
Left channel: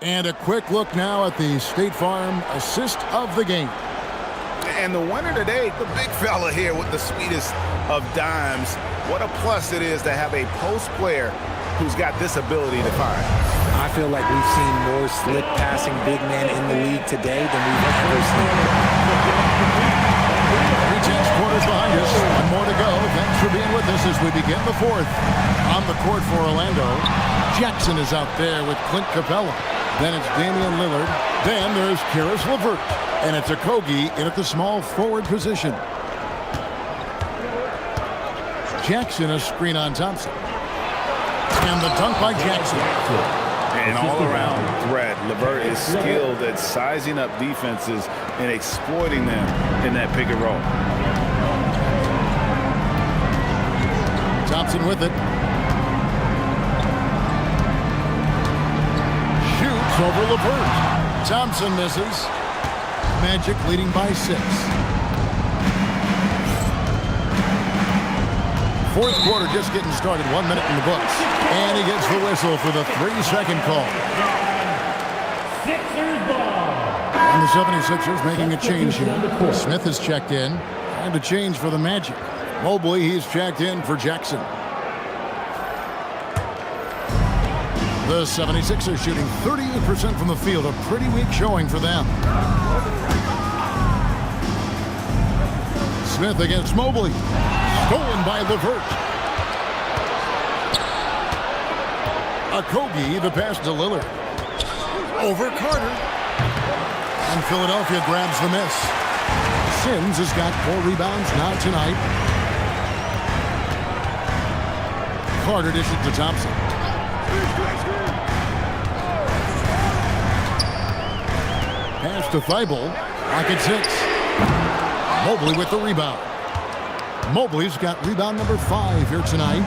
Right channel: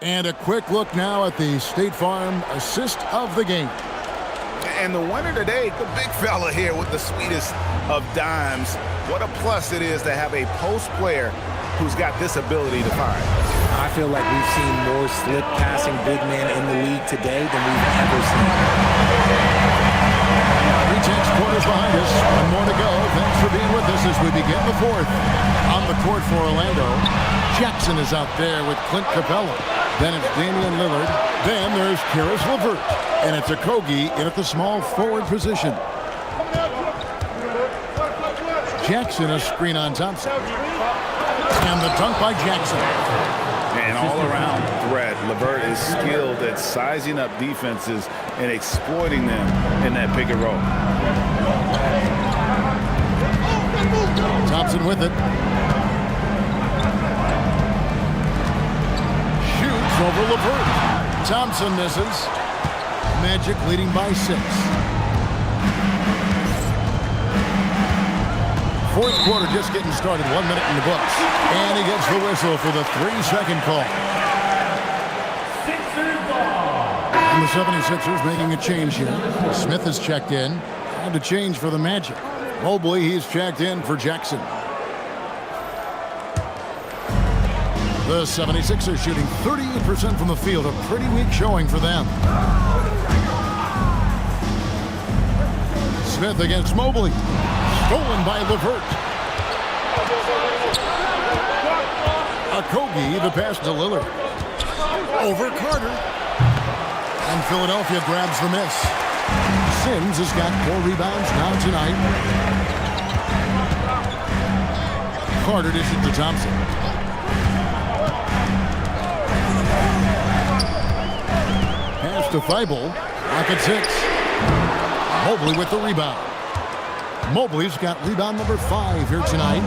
And a quick look now at the State Farm assist of the game. And the winner today, the big fella here with the sweetest of dimes. What a plus it is to have a post player who's got this ability to find. I feel like we've seen more slick passing big men in the league today than we've ever seen. 3/10 quarters behind us. One more to go. Thanks for being with us as we begin the fourth. On the court for Orlando, Jackson is out there with Clint Capella. Then it's Damian Lillard. Then there's Karis LeVert. And it's Okogie in at the small forward position. Jackson a screen on Thompson. And the dunk by Jackson. And all-around threat. LeVert is skilled at sizing up defenses and exploiting them in that pick and roll. Thompson with it. Shoots over LeVert. Thompson misses. Magic leading by 6. Fourth quarter just getting started. 1 minute in the books. And he gets the whistle for the 3-second call. Sixers ball. And the 76ers making a change here. Smith has checked in. And a change for the Magic. Mobley, he's checked in for Jackson. The 76ers shooting 38% from the field. A pretty weak showing for them. Smith against Mobley. Stolen by LeVert. Okogie, the pass to Lillard. Over Carter. And Philadelphia grabs the miss. Sims has got 4 rebounds now tonight. Carter dishes to Thompson. Pass to Thibault. Lock at 6. Mobley with the rebound. Mobley's got rebound number 5 here tonight.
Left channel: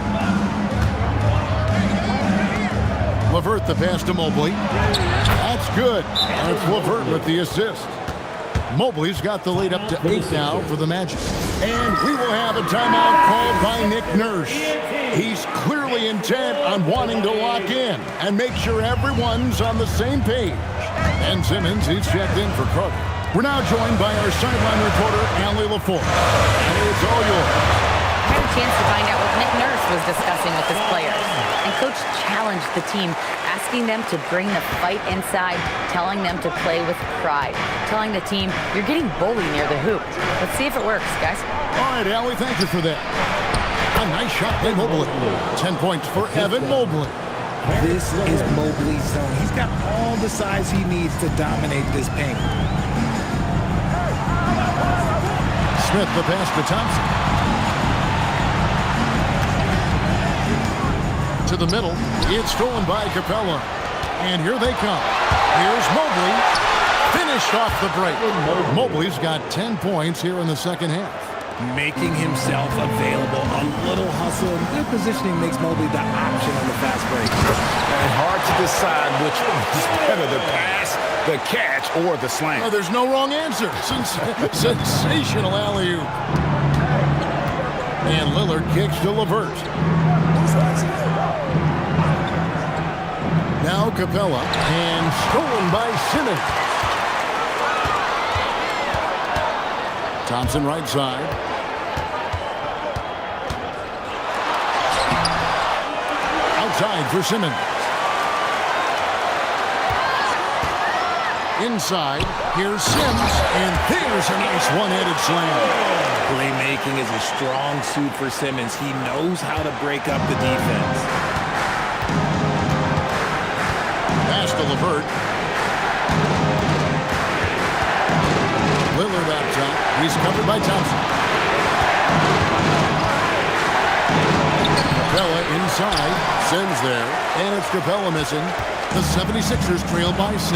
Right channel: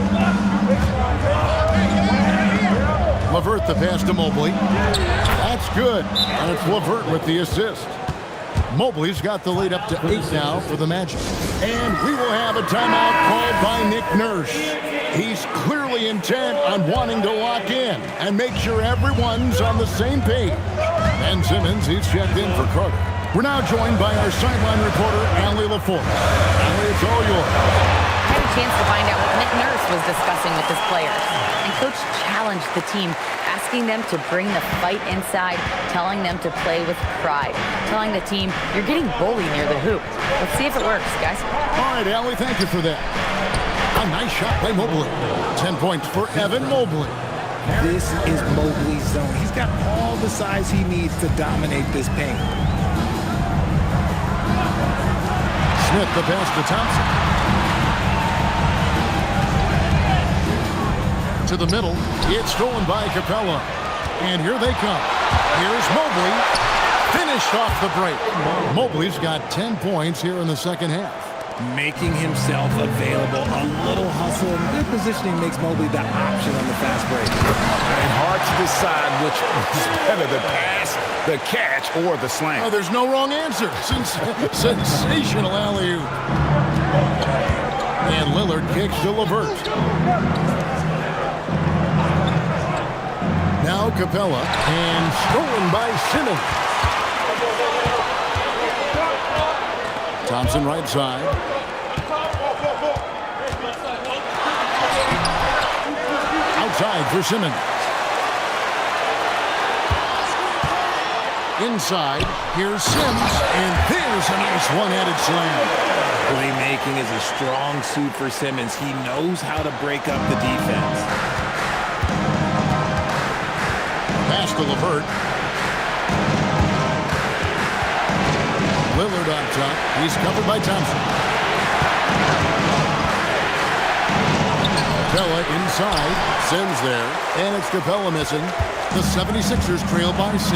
LeVert the pass to Mobley. That's good. And it's LeVert with the assist. Mobley's got the lead up to 8 now for the Magic. And we will have a timeout called by Nick Nurse. He's clearly intent on wanting to lock in and make sure everyone's on the same page. Ben Simmons, he's checked in for Carter. We're now joined by our sideline reporter, Allie LaForce. Allie, it's all yours. I had a chance to find out what Nick Nurse was discussing with his players. And Coach challenged the team, asking them to bring the fight inside, telling them to play with pride, telling the team, you're getting bullied near the hoop. Let's see if it works, guys. All right, Allie, thank you for that. A nice shot by Mobley. 10 points for Evan Mobley. This is Mobley's zone. He's got all the size he needs to dominate this paint. Smith the pass to Thompson. To the middle. It's stolen by Capella. And here they come. Here's Mobley. finished off the break. Mobley's got 10 points here in the second half. Making himself available. A little hustle and good positioning makes Mobley the option on the fast break. And hard to decide which is better, the pass, the catch, or the slam. Oh, there's no wrong answer. Sensational alley-oop. And Lillard kicks to LeVert. Now Capella, and stolen by Simmons. Thompson right side. Outside for Simmons. Inside, here's Sims, and there's a nice one-handed slam. Playmaking is a strong suit for Simmons. He knows how to break up the defense. Pass to LeVert. Lillard up top. He's covered by Thompson. Capella inside. Sims there. And it's Capella missing. The 76ers trail by 6.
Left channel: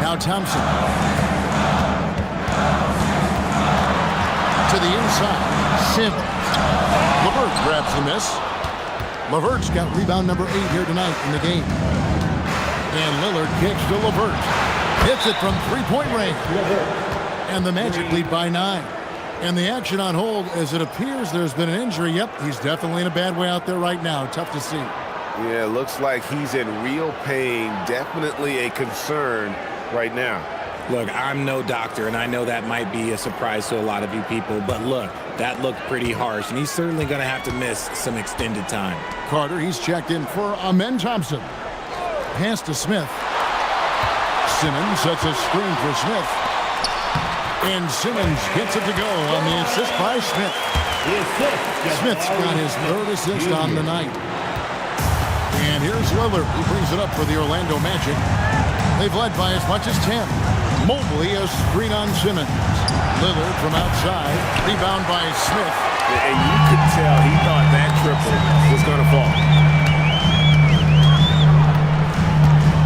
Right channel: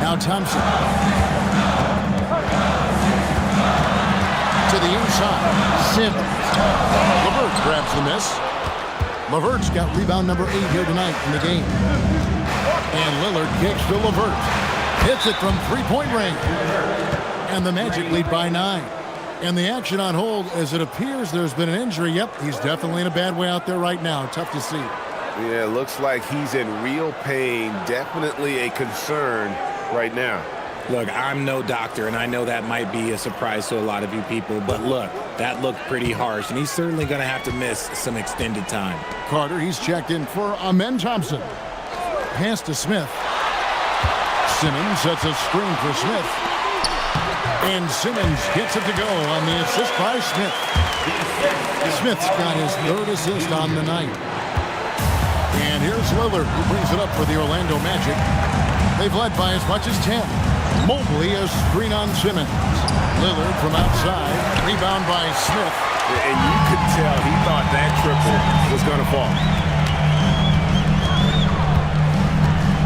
Now Thompson. To the inside. Sims. LeVert grabs the miss. LeVert's got rebound number 8 here tonight in the game. And Lillard kicks to LeVert. Hits it from three-point range. And the Magic lead by 9. And the action on hold as it appears there's been an injury. Yep, he's definitely in a bad way out there right now. Tough to see. Yeah, looks like he's in real pain. Definitely a concern right now. Look, I'm no doctor, and I know that might be a surprise to a lot of you people, but look, that looked pretty harsh, and he's certainly going to have to miss some extended time. Carter, he's checked in for Amen Thompson. Pass to Smith. Simmons sets a screen for Smith. And Simmons gets it to go on the assist by Smith. Smith's got his 3rd assist on the night. And here's Lillard, who brings it up for the Orlando Magic. They've led by as much as 10. Mobley, a screen on Simmons. Lillard from outside. Rebound by Smith. And you could tell he thought that triple was going to fall.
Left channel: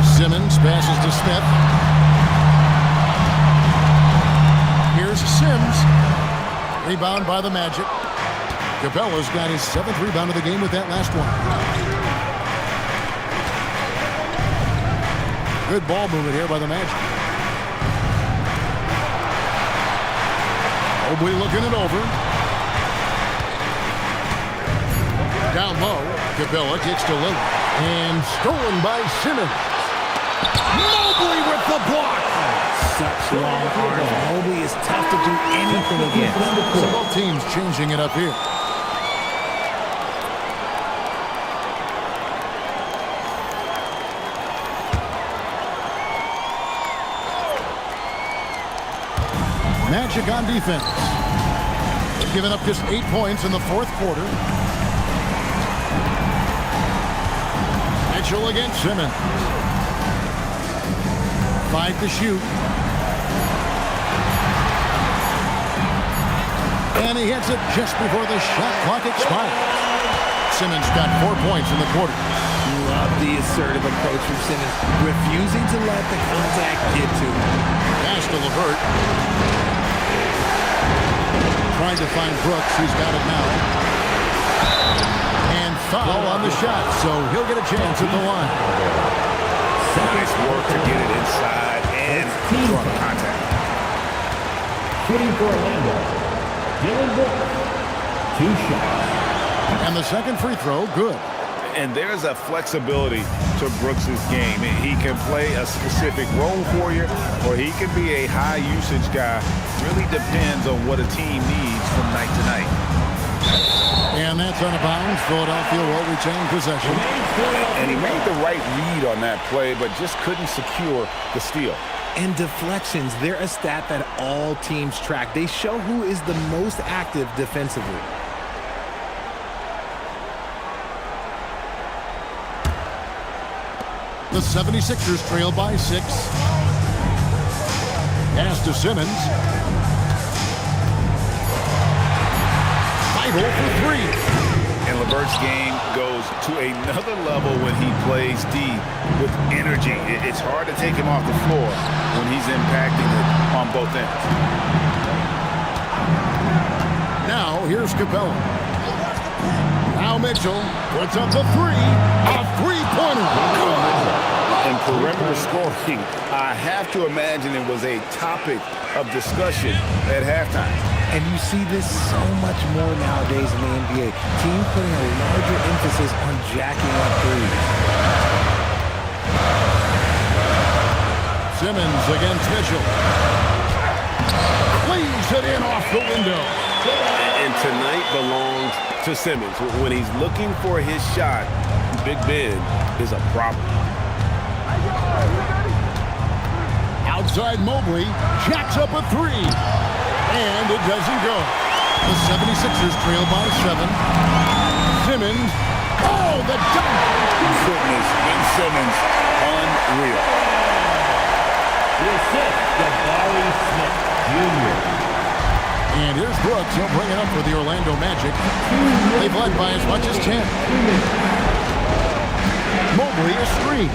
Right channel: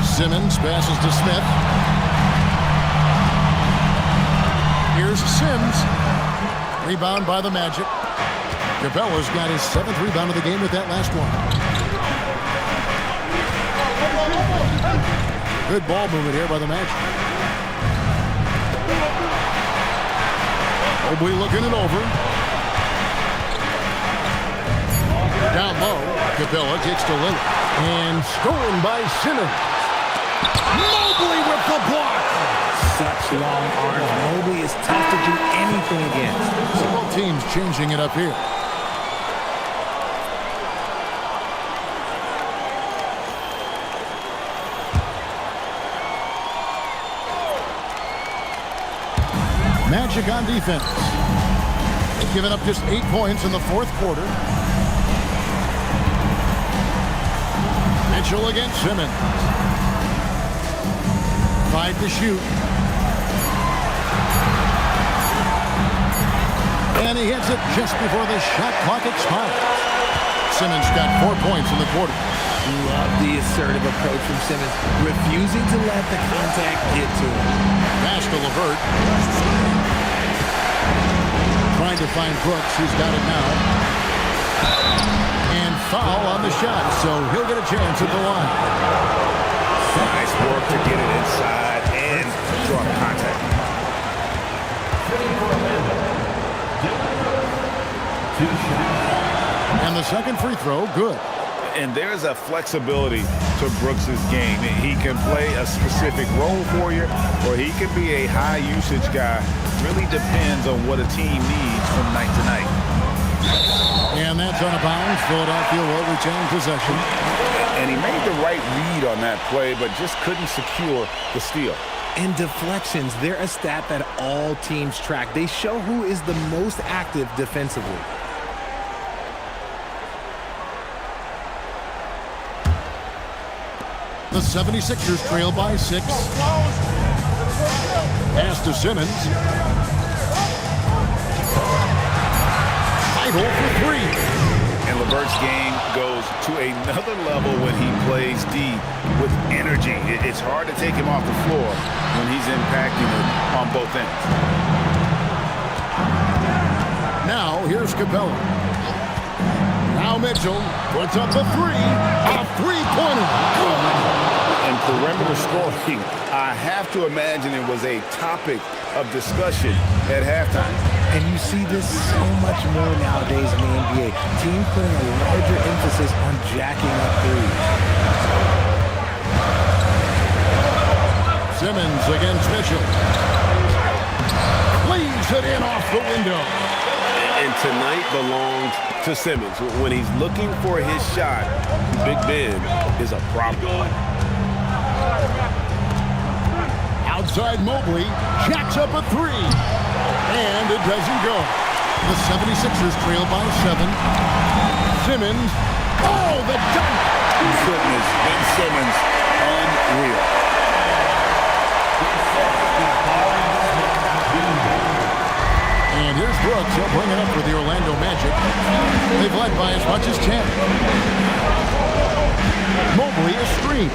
Simmons passes to Smith. Here's Sims. Rebound by the Magic. Capella's got his 7th rebound of the game with that last one. Good ball movement here by the Magic. Mobley looking it over. Down low. Capella kicks to Lillard. And stolen by Simmons. Mobley with the block. Such long arms. Mobley is tough to do anything against. So both teams changing it up here. Magic on defense. They've given up just 8 points in the 4th quarter. Mitchell against Simmons. 5 to shoot. And he hits it just before the shot clock expires. Simmons got 4 points in the quarter. Love the assertive approach from Simmons, refusing to let the contact get to him. Pass to LeVert. Trying to find Brooks, who's got it now. And foul on the shot, so he'll get a chance at the line. Nice work to get it inside and draw the contact. Shooting for Orlando, Dylan Brooks. 2 shots. And the second free throw, good. And there's a flexibility to Brooks's game. He can play a specific role for you, or he can be a high usage guy. Really depends on what a team needs from night to night. And that's out of bounds. Philadelphia will retain possession. And he made the right read on that play, but just couldn't secure the steal. And deflections, they're a stat that all teams track. They show who is the most active defensively. The 76ers trail by 6. Pass to Simmons. Fight hole for 3. And LeVert's game goes to another level when he plays D with energy. It's hard to take him off the floor when he's impacting it on both ends. Now, here's Capella. Now Mitchell puts up the three. A three-pointer. And perimeter scoring, I have to imagine it was a topic of discussion at halftime. And you see this so much more nowadays in the NBA. Teams putting a larger emphasis on jacking up threes. Simmons against Mitchell. Leaves it in off the window. And tonight belongs to Simmons. When he's looking for his shot, Big Ben is a problem. Outside Mobley, jacks up a three. And it doesn't go. The 76ers trail by 7. Simmons. Oh, the dunk. Goodness, Ben Simmons, unreal. The assist, Jabari Smith Jr. And here's Brooks. He'll bring it up for the Orlando Magic. They've led by as much as 10. Mobley a screen.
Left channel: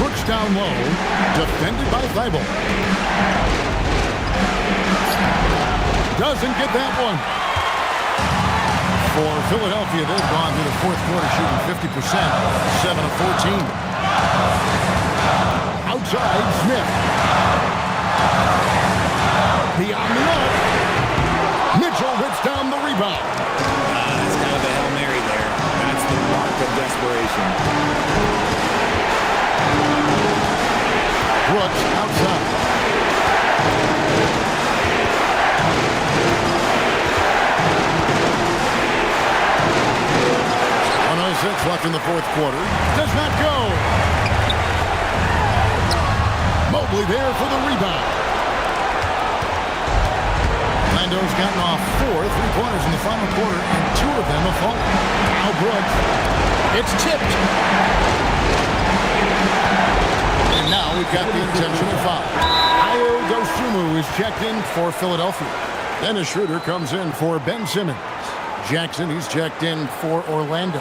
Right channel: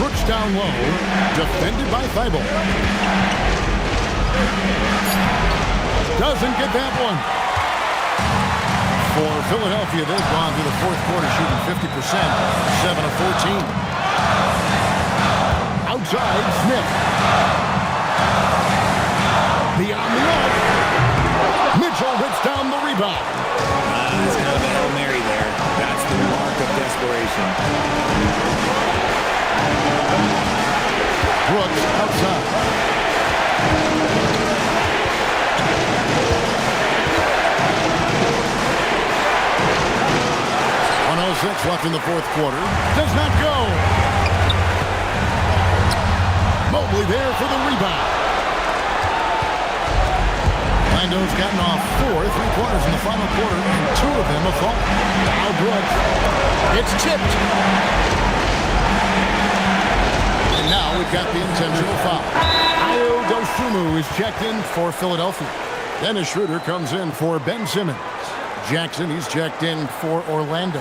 Brooks down low, defended by Thibault. Doesn't get that one. For Philadelphia, they've gone through the fourth quarter shooting 50%, 7 of 14. Outside, Smith. Beyond the arc. Mitchell hits down the rebound. That's kind of a Hail Mary there. That's the mark of desperation. Brooks outside. .106 left in the fourth quarter. Does not go. Mobley there for the rebound. Orlando's gotten off 4 3-pointers in the final quarter, and 2 of them have fallen. Now Brooks. It's tipped. And now we've got the intentional foul. Ayo Dosunmu is checked in for Philadelphia. Dennis Schroeder comes in for Ben Simmons. Jackson, he's checked in for Orlando.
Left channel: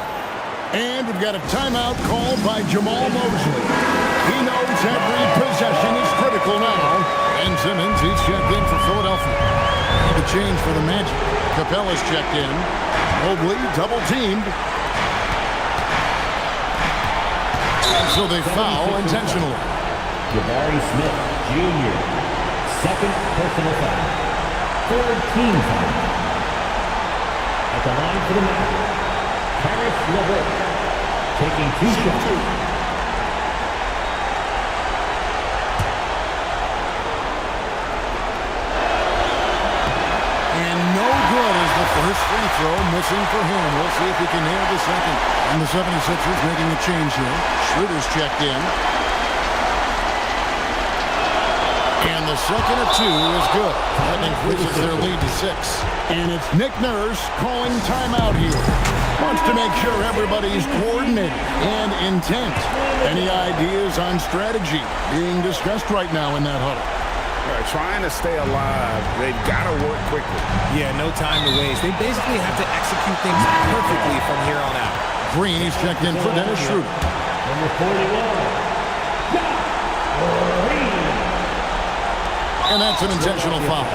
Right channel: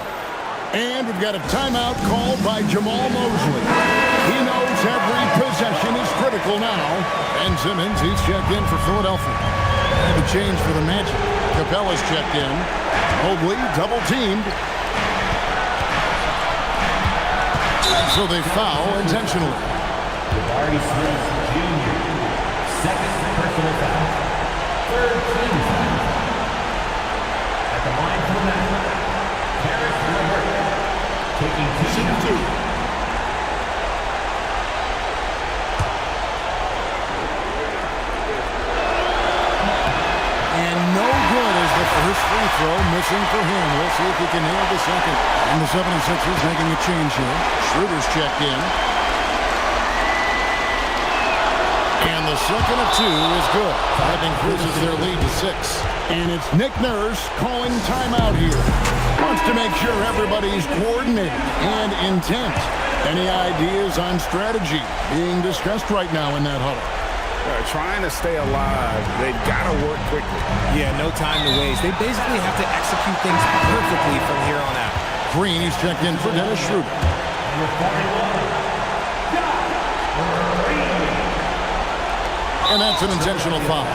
And we've got a timeout called by Jamal Mosley. He knows every possession is critical now. Ben Simmons, he's checked in for Philadelphia. And a change for the Magic. Capella's checked in. Mobley double-teamed. And so they foul intentionally. Jabari Smith Jr. Second personal foul. Third team foul. At the line for the Magic, Caris LeVert taking 2 shots. And no good as the first free throw missing for him. We'll see if he can nail the second. And the 76ers making a change here. Schroeder's checked in. And the second of 2 is good. That increases their lead to 6. And it's Nick Nurse calling timeout here. Wants to make sure everybody's coordinated and intent. Any ideas on strategy being discussed right now in that huddle? Trying to stay alive, they've got to work quickly. Yeah, no time to waste. They basically have to execute things perfectly from here on out. Green, he's checked in for Dennis Schroeder. Number 41, Josh Green. And that's an intentional foul.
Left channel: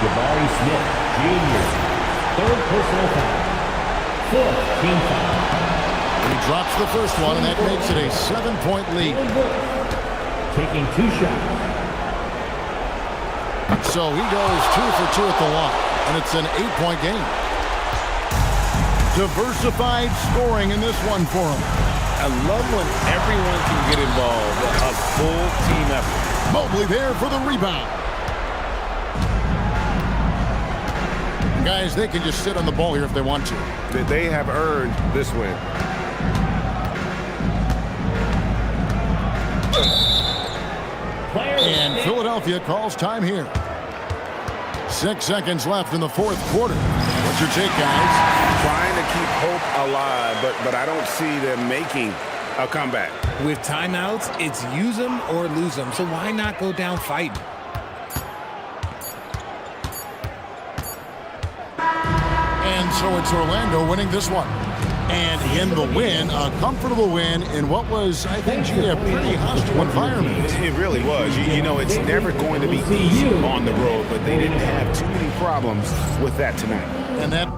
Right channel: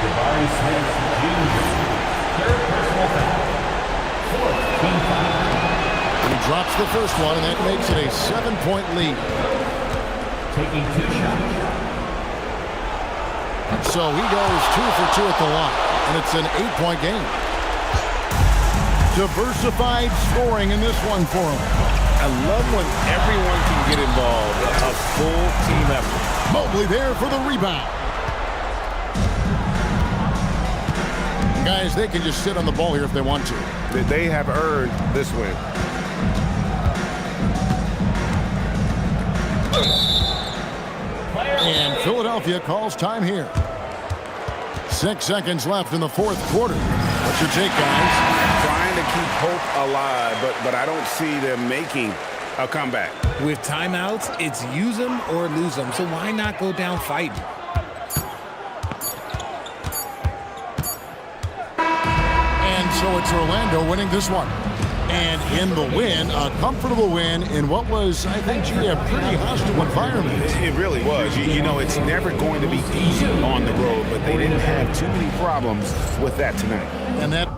Jabari Smith Jr. Third personal foul. Fourth team foul. And he drops the first one, and that makes it a 7-point lead. Taking 2 shots. So he goes 2 for 2 at the line, and it's an 8-point game. Diversified scoring in this one for him. I love when everyone can get involved, a full team effort. Mobley there for the rebound. And guys, they can just sit on the ball here if they want to. They have earned this win. And Philadelphia calls time here. 6 seconds left in the fourth quarter. What's your take, guys? Trying to keep hope alive, but I don't see them making a comeback. With timeouts, it's use them or lose them, so why not go down fighting? And so it's Orlando winning this one. And in the win, a comfortable win in what was, I think, gee, a pretty hostile environment. It really was. You know, it's never going to be easy on the road, but they didn't have too many problems with that tonight. And that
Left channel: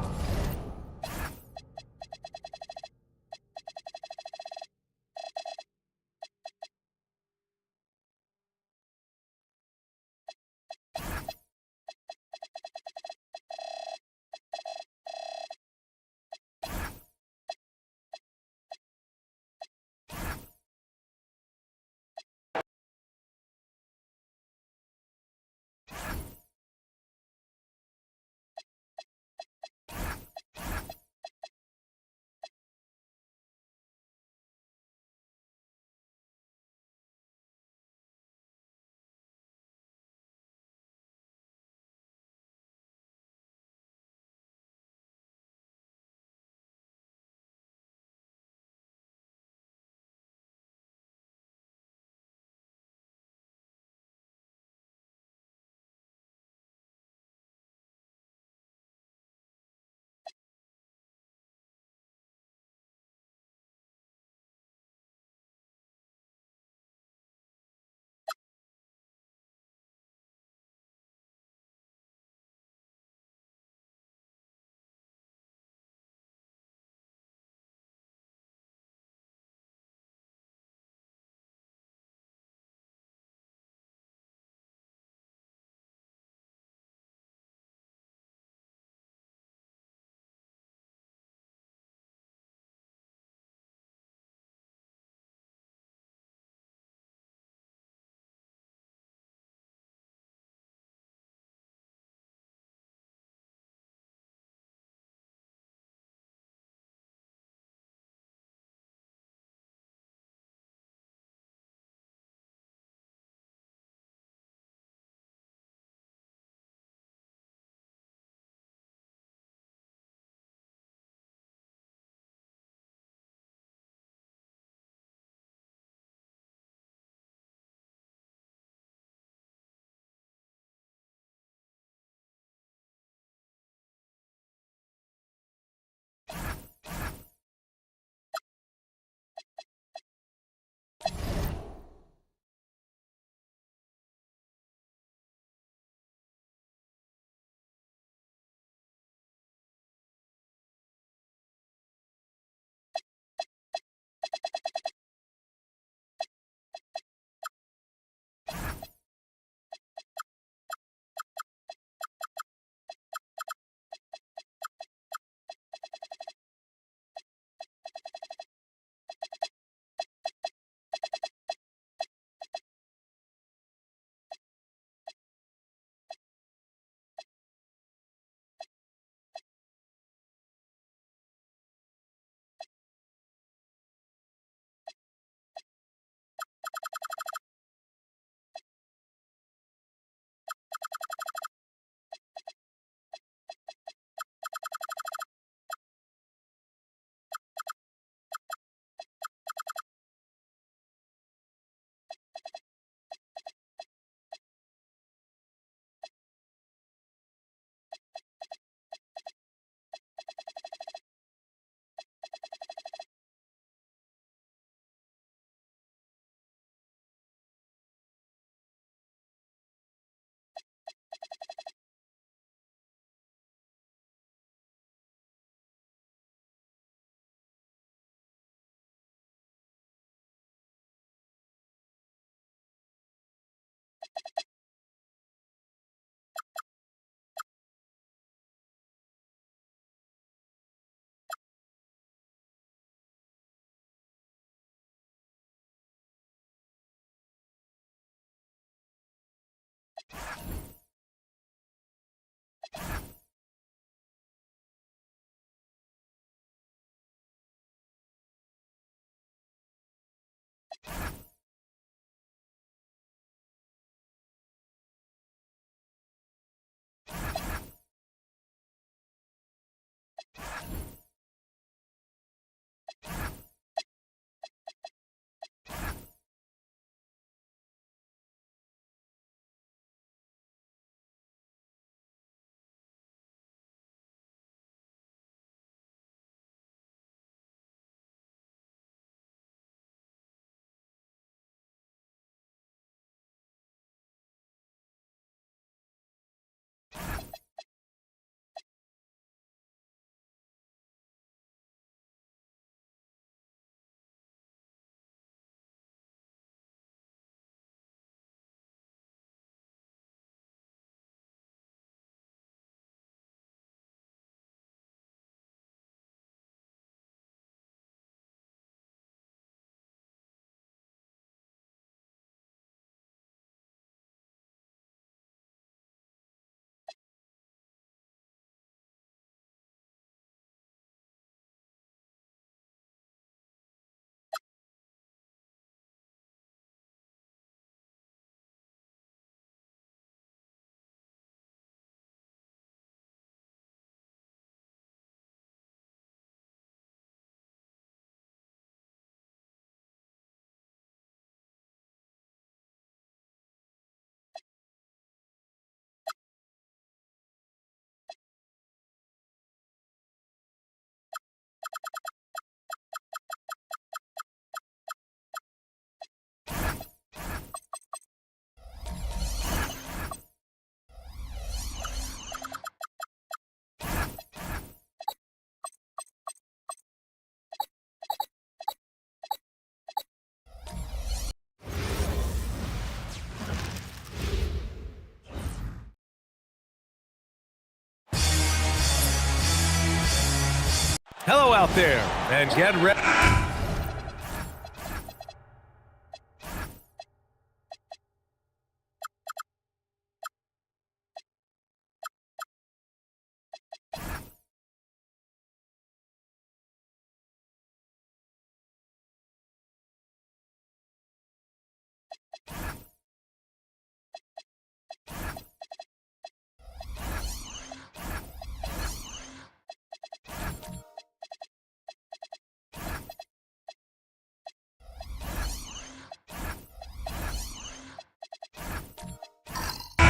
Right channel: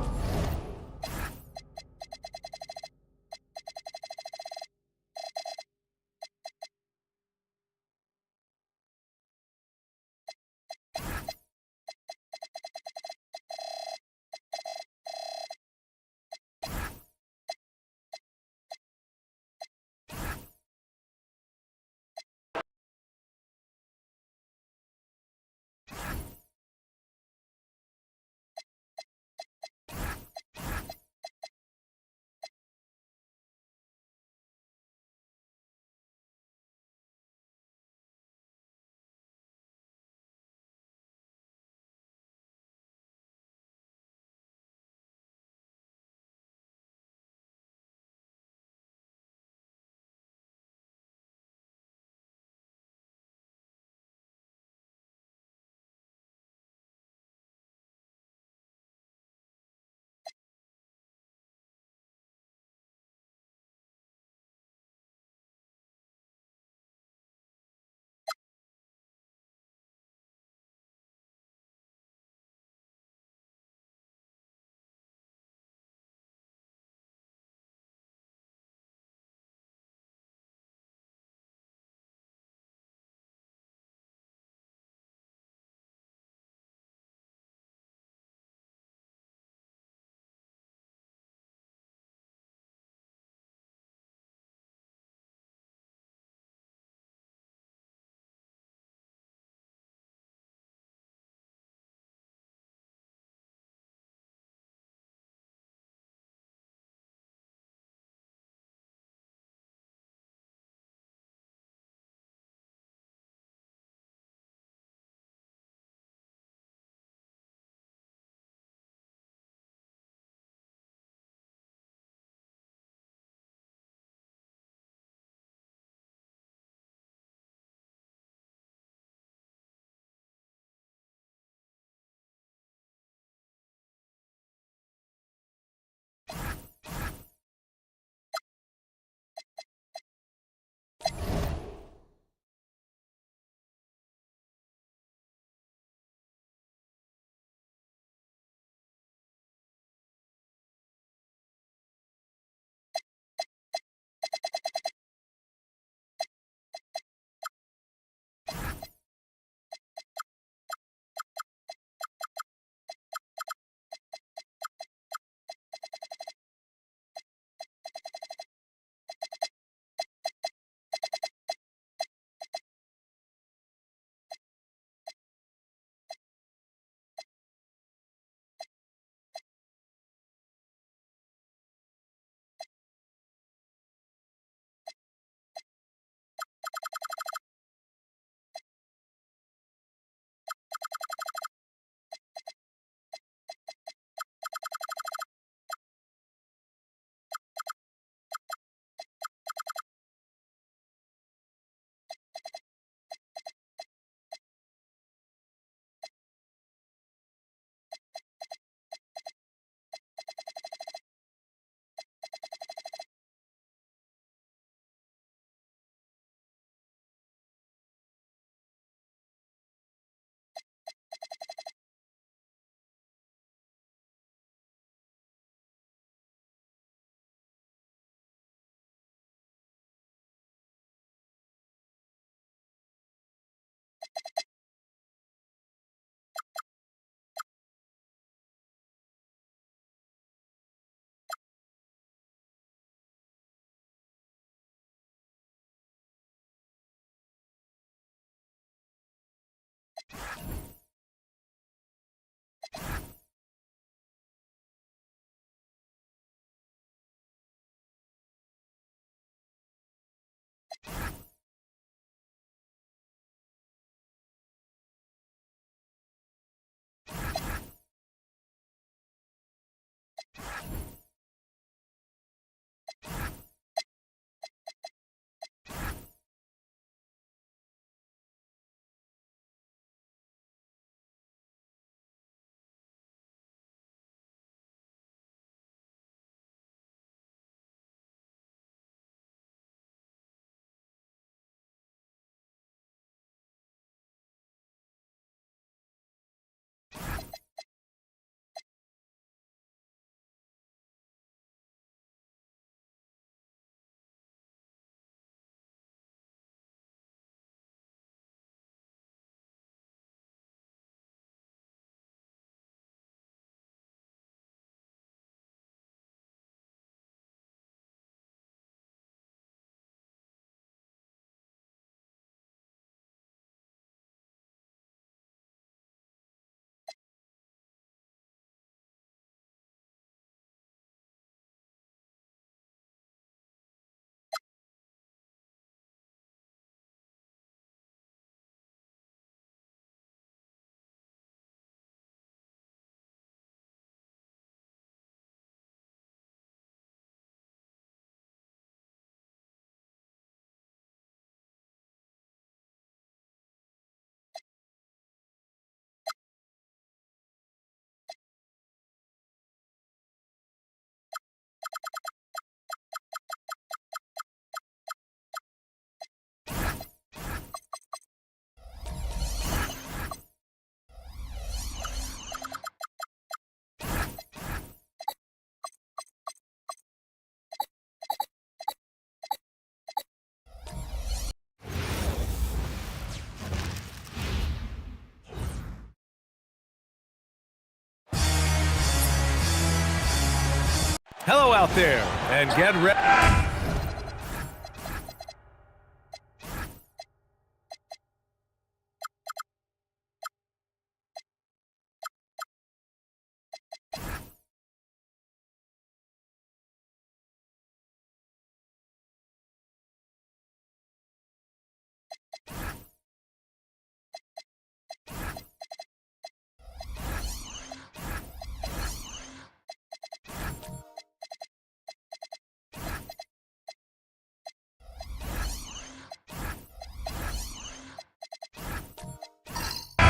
Hello out there, and get ready.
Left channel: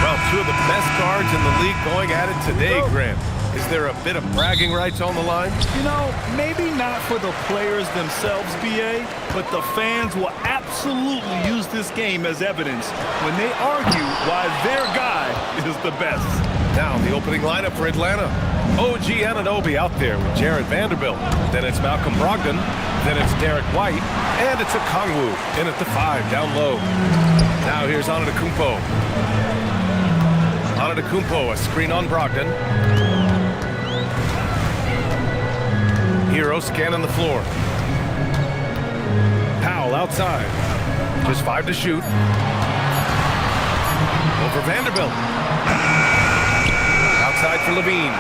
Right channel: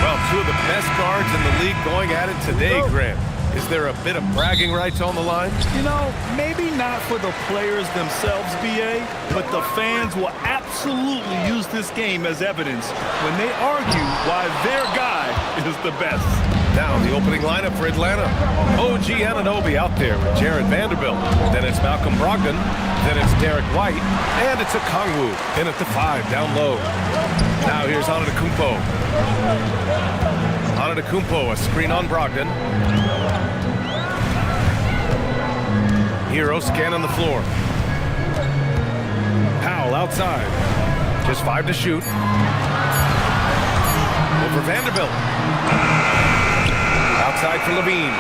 Well, two of the best guards in the league going at it today, Grant. Is there a bit of bragging rights on the line? You know, maybe not for the players themselves, BA, but the fans will absolutely use this game as evidence when they argue why their guy is the best. Now, the opening lineup for Atlanta. OG Anunoby out there with Jared Vanderbilt. Then it's Malcolm Brogdon. Then it's Derek White. And it's Okongwu in at the 5 down low. Now here's Antetokounmpo. Antetokounmpo, a screen on Brogdon. Hero scanning the floor. Powell outside. Just 5 to shoot. Over Vanderbilt. Outside for Levine.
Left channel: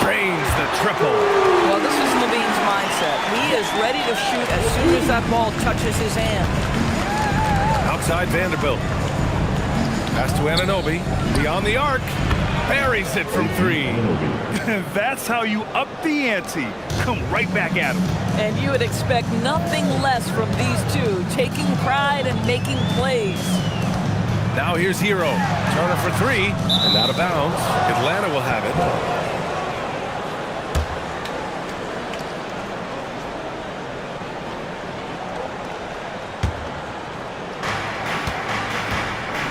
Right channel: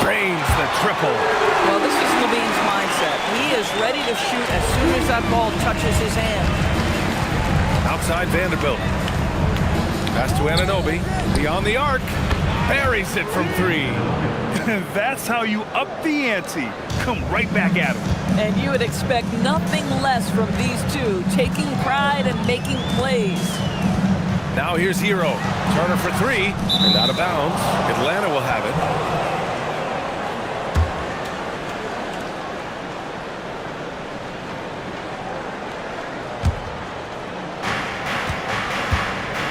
Drains the triple. Well, this is Levine's mindset. He is ready to shoot as soon as that ball touches his hand. Outside Vanderbilt. Pass to Anunoby. Beyond the arc. Buries it from 3. That's how you up the ante. Come right back at him. And you would expect nothing less from these two, taking pride and making plays. Now here's Hero. Turner for 3 and out of bounds. Atlanta will have it.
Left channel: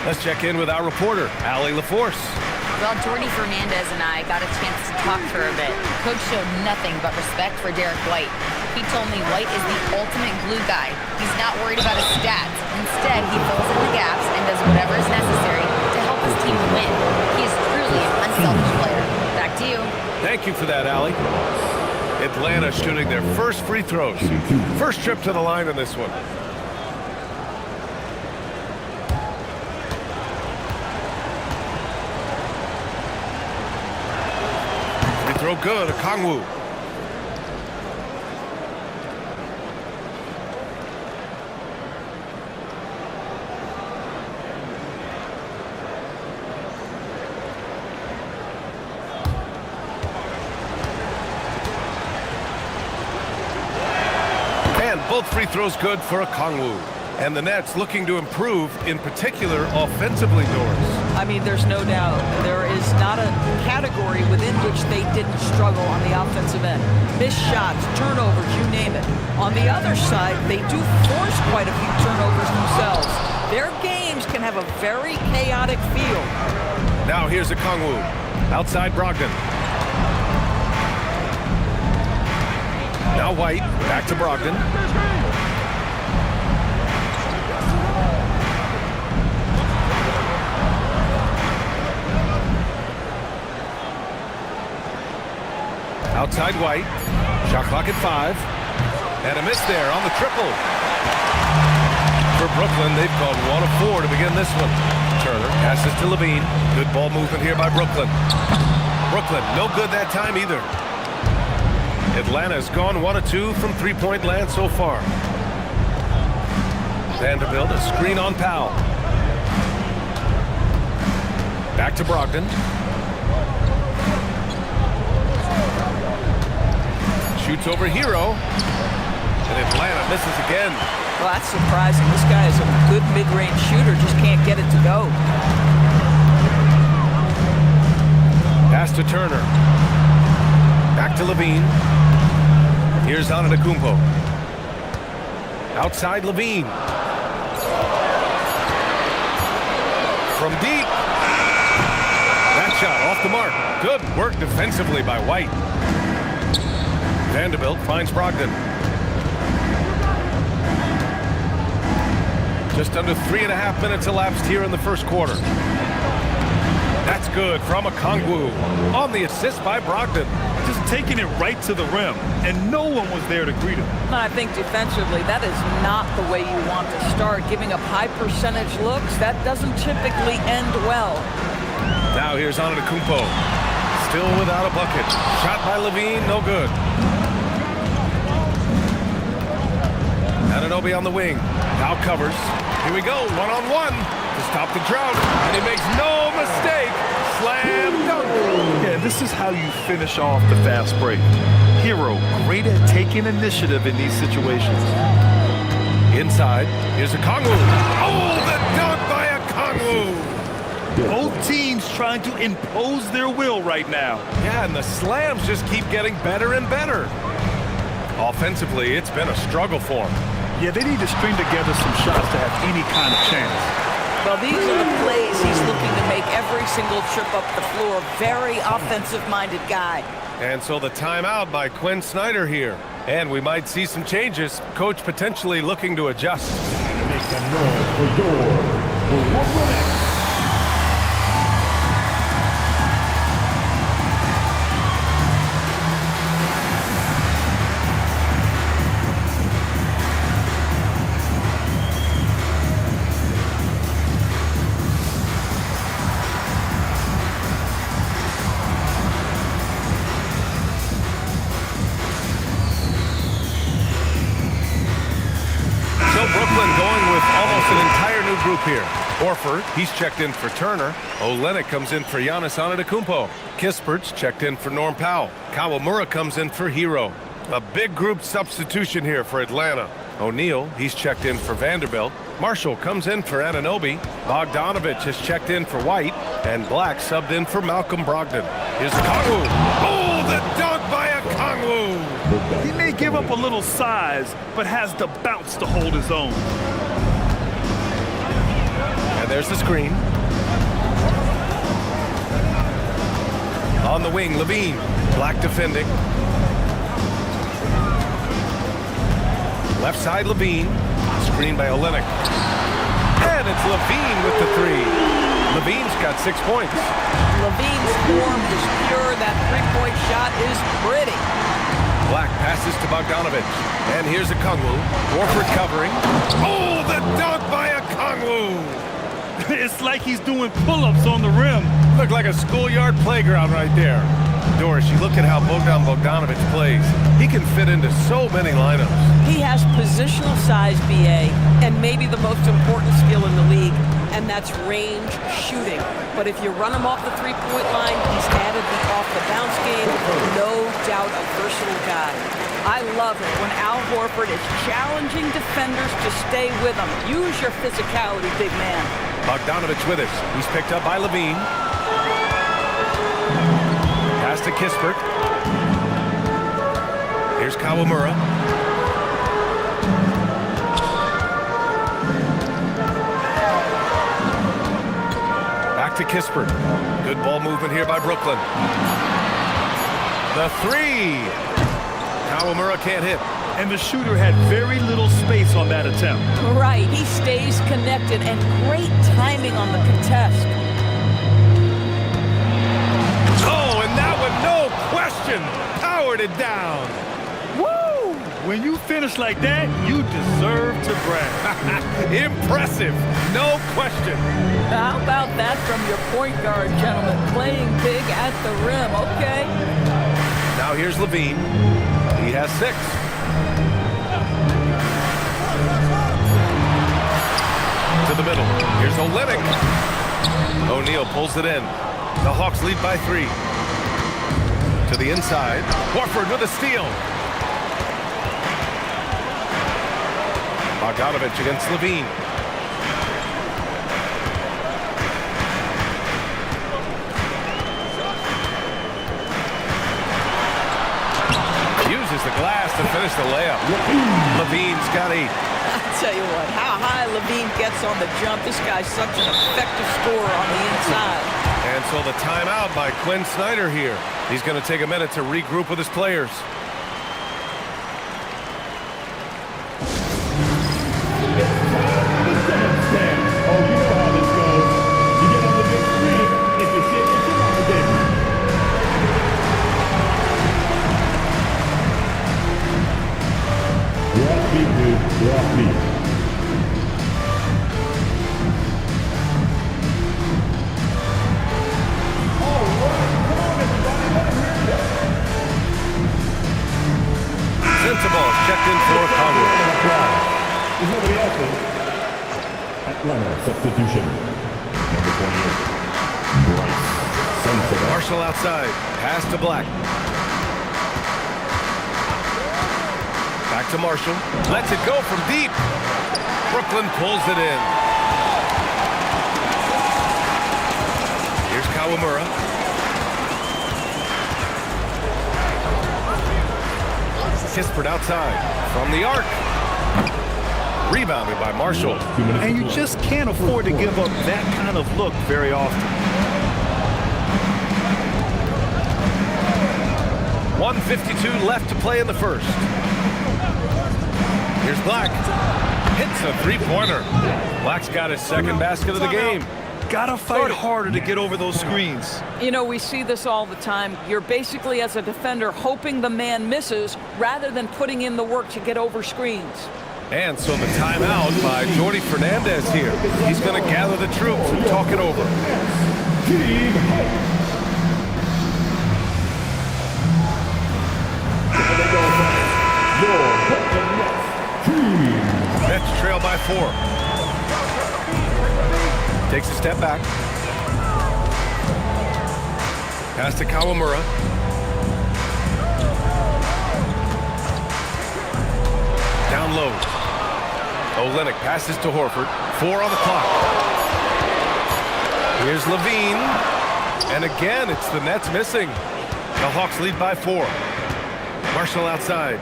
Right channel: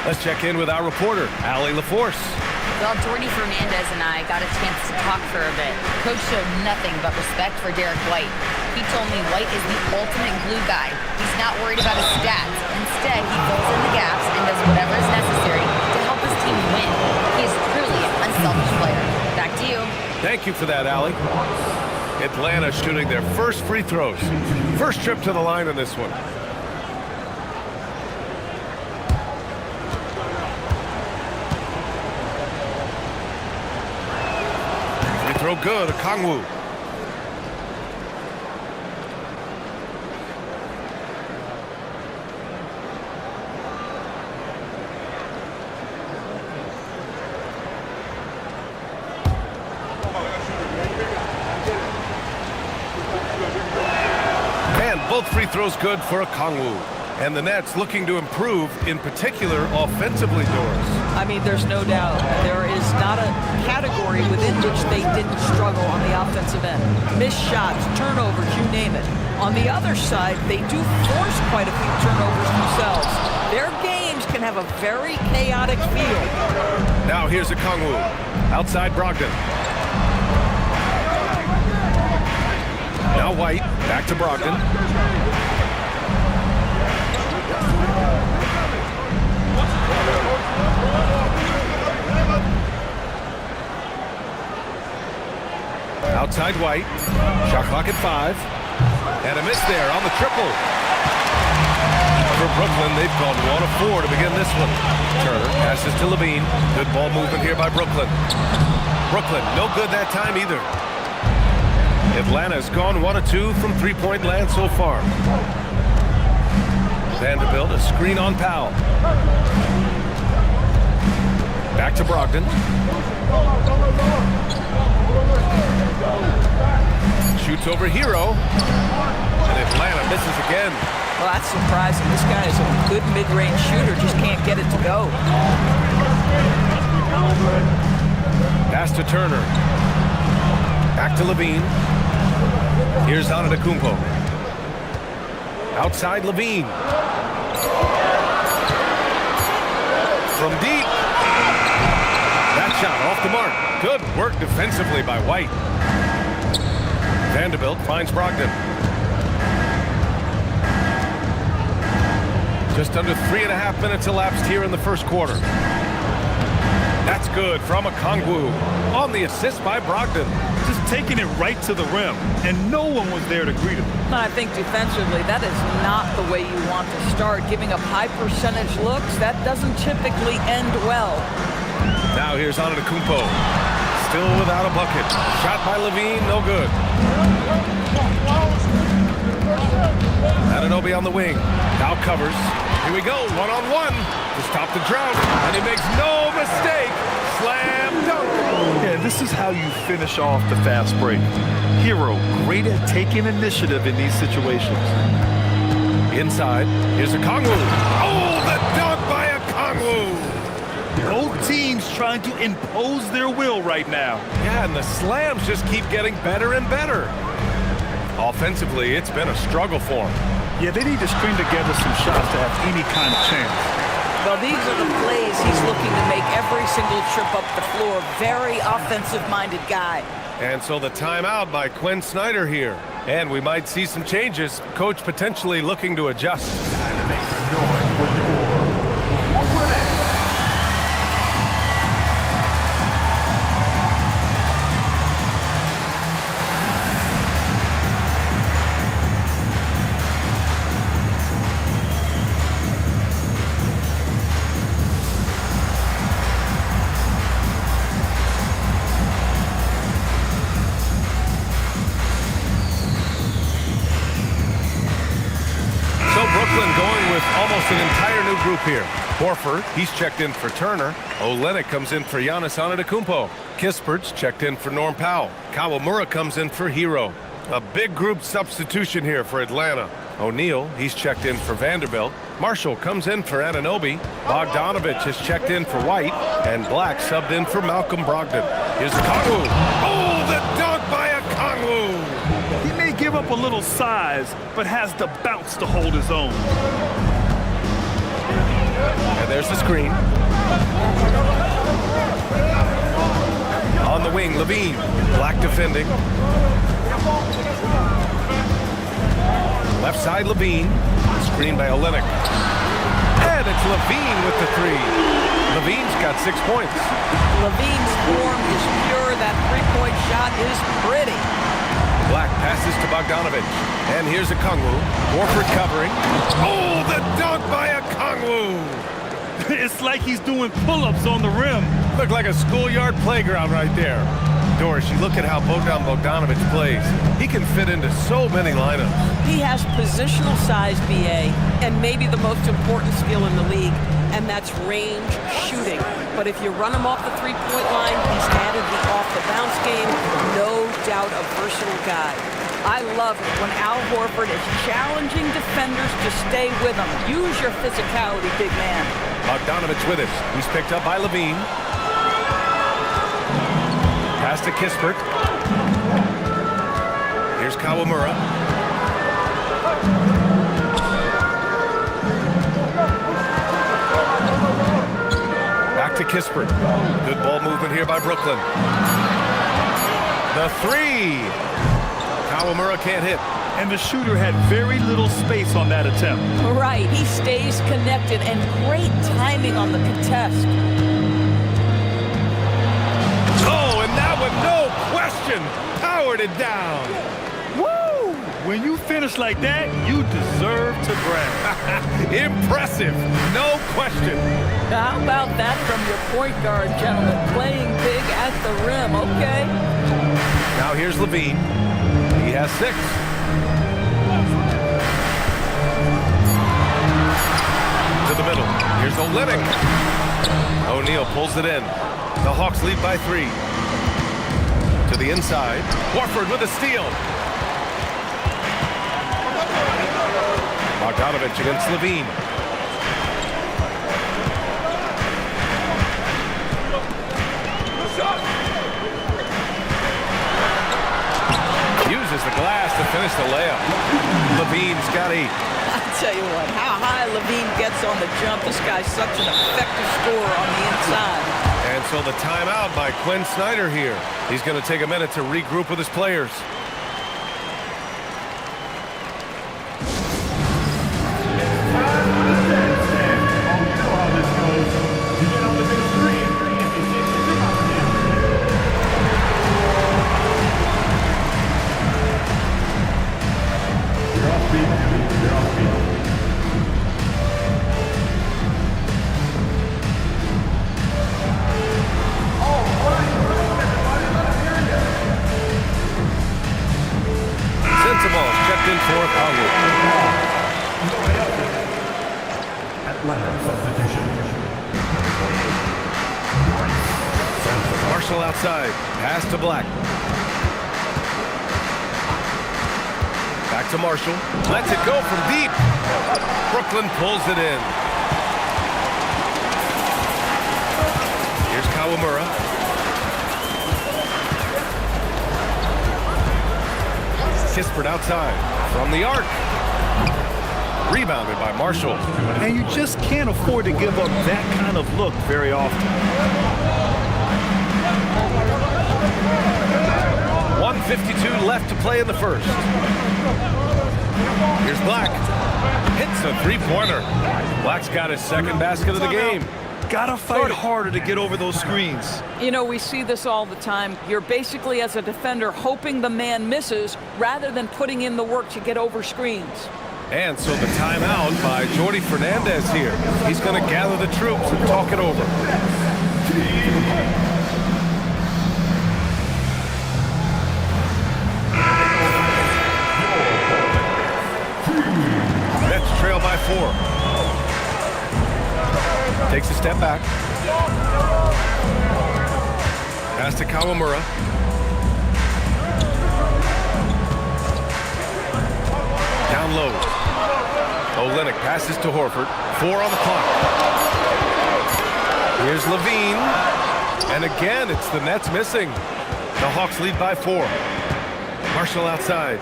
Let's check in with our reporter, Allie LaForce. Well, Jordy Fernandez and I got a chance to talk for a bit. Coach showed nothing but respect for Derek White. He told me White is the ultimate glue guy. He's not worried about his stats. Instead, he fills in the gaps and does whatever is necessary to help his team win. He is truly an unselfish player. Back to you. Thank you for that, Allie. Atlanta shooting their first free throws. First trip to the line in this one. Throw good, Okongwu. And both free throws good for Okongwu. And the Nets looking to improve, in particular, offensively, Doris. I mean, there's no doubt. There is not a category within which they didn't struggle on the offensive end. Missed shots, turnovers, you name it. On the other side, they do force quite a few turnovers themselves. Their games can have a very chaotic feel. Now here's Okongwu. Outside Brogdon. Now White. Back to Brogdon. Outside White. Shot clock at 5. And a miss there on the triple. For Brooklyn, they've gone 1 of 4 to begin this one. Turner passes to Levine. Good ball movement here by Brooklyn. Brooklyn, no good that time either. Atlanta's gone 1 of 2 from three-point land so far. Vanderbilt, a screen on Powell. Back to Brogdon. Shoots over Hero. And Atlanta misses again. Well, that's surprising. This guy is a good mid-range shooter, just can't get it to go. Pass to Turner. Back to Levine. Here's Antetokounmpo. Outside Levine. From deep. That shot off the mark. Good work defensively by White. Vanderbilt finds Brogdon. Just under 3.5 minutes elapsed here in the first quarter. That's good from Okongwu on the assist by Brogdon. just taking it right to the rim, and no one was there to greet him. And I think defensively, that is not the way you want to start. Giving up high percentage looks, that doesn't typically end well. Now here's Antetokounmpo. Still without a bucket. Shot by Levine, no good. Anunoby on the wing. Now covers. Here we go, one-on-one to stop the drought. And he makes no mistake. Slam dunk. Yeah, this is how you finish off the fast break. Hero, great at taking initiative in these situations. Inside, here's Okongwu. Oh, the dunk by Okongwu. Both teams trying to impose their will right now. Yeah, and the slams just keep getting better and better. Offensively, it's been a struggle for them. Yeah, they need to string together some shots to have any kind of chance. Well, these are the plays he's looking to make every single trip up the floor. Very offensive-minded guy. And so the timeout by Quinn Snyder here. And we might see some changes. Coach potentially looking to adjust. Make some noise for your X. So Brooklyn going with almost an entire new group here. Horford, he's checked in for Turner. Olynyk comes in for Giannis Antetokounmpo. Kispert's checked in for Norm Powell. Kawamura comes in for Hero. A big group substitution here for Atlanta. O'Neal, he's checked in for Vanderbilt. Marshall comes in for Anunoby. Bogdanovich has checked in for White. And Black subbed in for Malcolm Brogdon. Here's Okongwu. Oh, the dunk by Okongwu. He may give up a little size, but has the bounce to hold his own. And there's the screen. On the wing, Levine. Black defending. Left side, Levine. Screen by Olynyk. And it's Levine with the three. Levine's got 6 points. Levine's form is pure. That three-point shot is pretty. Black passes to Bogdanovich. And here's Okongwu. Horford covering. Oh, the dunk by Okongwu. It's like he's doing pull-ups on the rim. Looked like a schoolyard playground right there. Doris, you look at how Bogdanovich plays. He can fit into so many lineups. He has positional size, BA, and maybe the most important skill in the league, and that's range shooting. But if you run him off the three-point line, he's added the off-the-bounce game. No doubt a versatile guy. I love it when Al Horford is challenging defenders to stay with him. Use your physicality, big man. Bogdanovich with it. He's picked up by Levine. Pass to Kispert. Here's Kawamura. Back to Kispert. Good ball movement here by Brooklyn. The three. Kawamura can't hit. And the shooter had very little space on that attempt. Right, he stays connected, and great timing on the contest. Oh, and that one, no question, powered it down. Woo! When you finish like that, you deserve to brag. Impressive, no question. How about that from your point guard, gentlemen? Playing big at the rim, okay? Now here's Levine. He has 6. To the middle. Here's Olynyk. O'Neal pulls it in. The Hawks lead by 3. To the inside. Horford with a steal. Bogdanovich against Levine. Uses the glass to finish the layup. Levine's got 8. I tell you what, how high Levine gets on the jump, this guy's such an effective scorer on the inside. And so the timeout by Quinn Snyder here. He's going to take a minute to regroup with his players. your offbeat. Sensible is checked in for Congo. Atlanta substitution. Number 28, Bryce Sensible. Marshall outside. Pass to Black. Back to Marshall. Lets it go from deep. Brooklyn pulls it in. Here's Kawamura. Kispert outside from the arc. Rebounded by Marshall. And you just can't afford to give up that kind of look very often. 1:52 left to play in the first. Here's Black. Hits a three-pointer. Black's got his second basket of the game. Gotta fight harder to get over those screens. You know, we see this all the time. You're basically, as a defender, hoping the man misses rather than putting in the work to get over screens. And so the timeout by Jordi Fernandez here. He's going to gather the troops and talk it over. Nets trail by 4. Takes a step back. Pass to Kawamura. Down low. Olynyk passes to Horford. 4 on the clock. Here's Levine. And again, it's the Nets missing. The Hawks lead by 4. Marshall outside.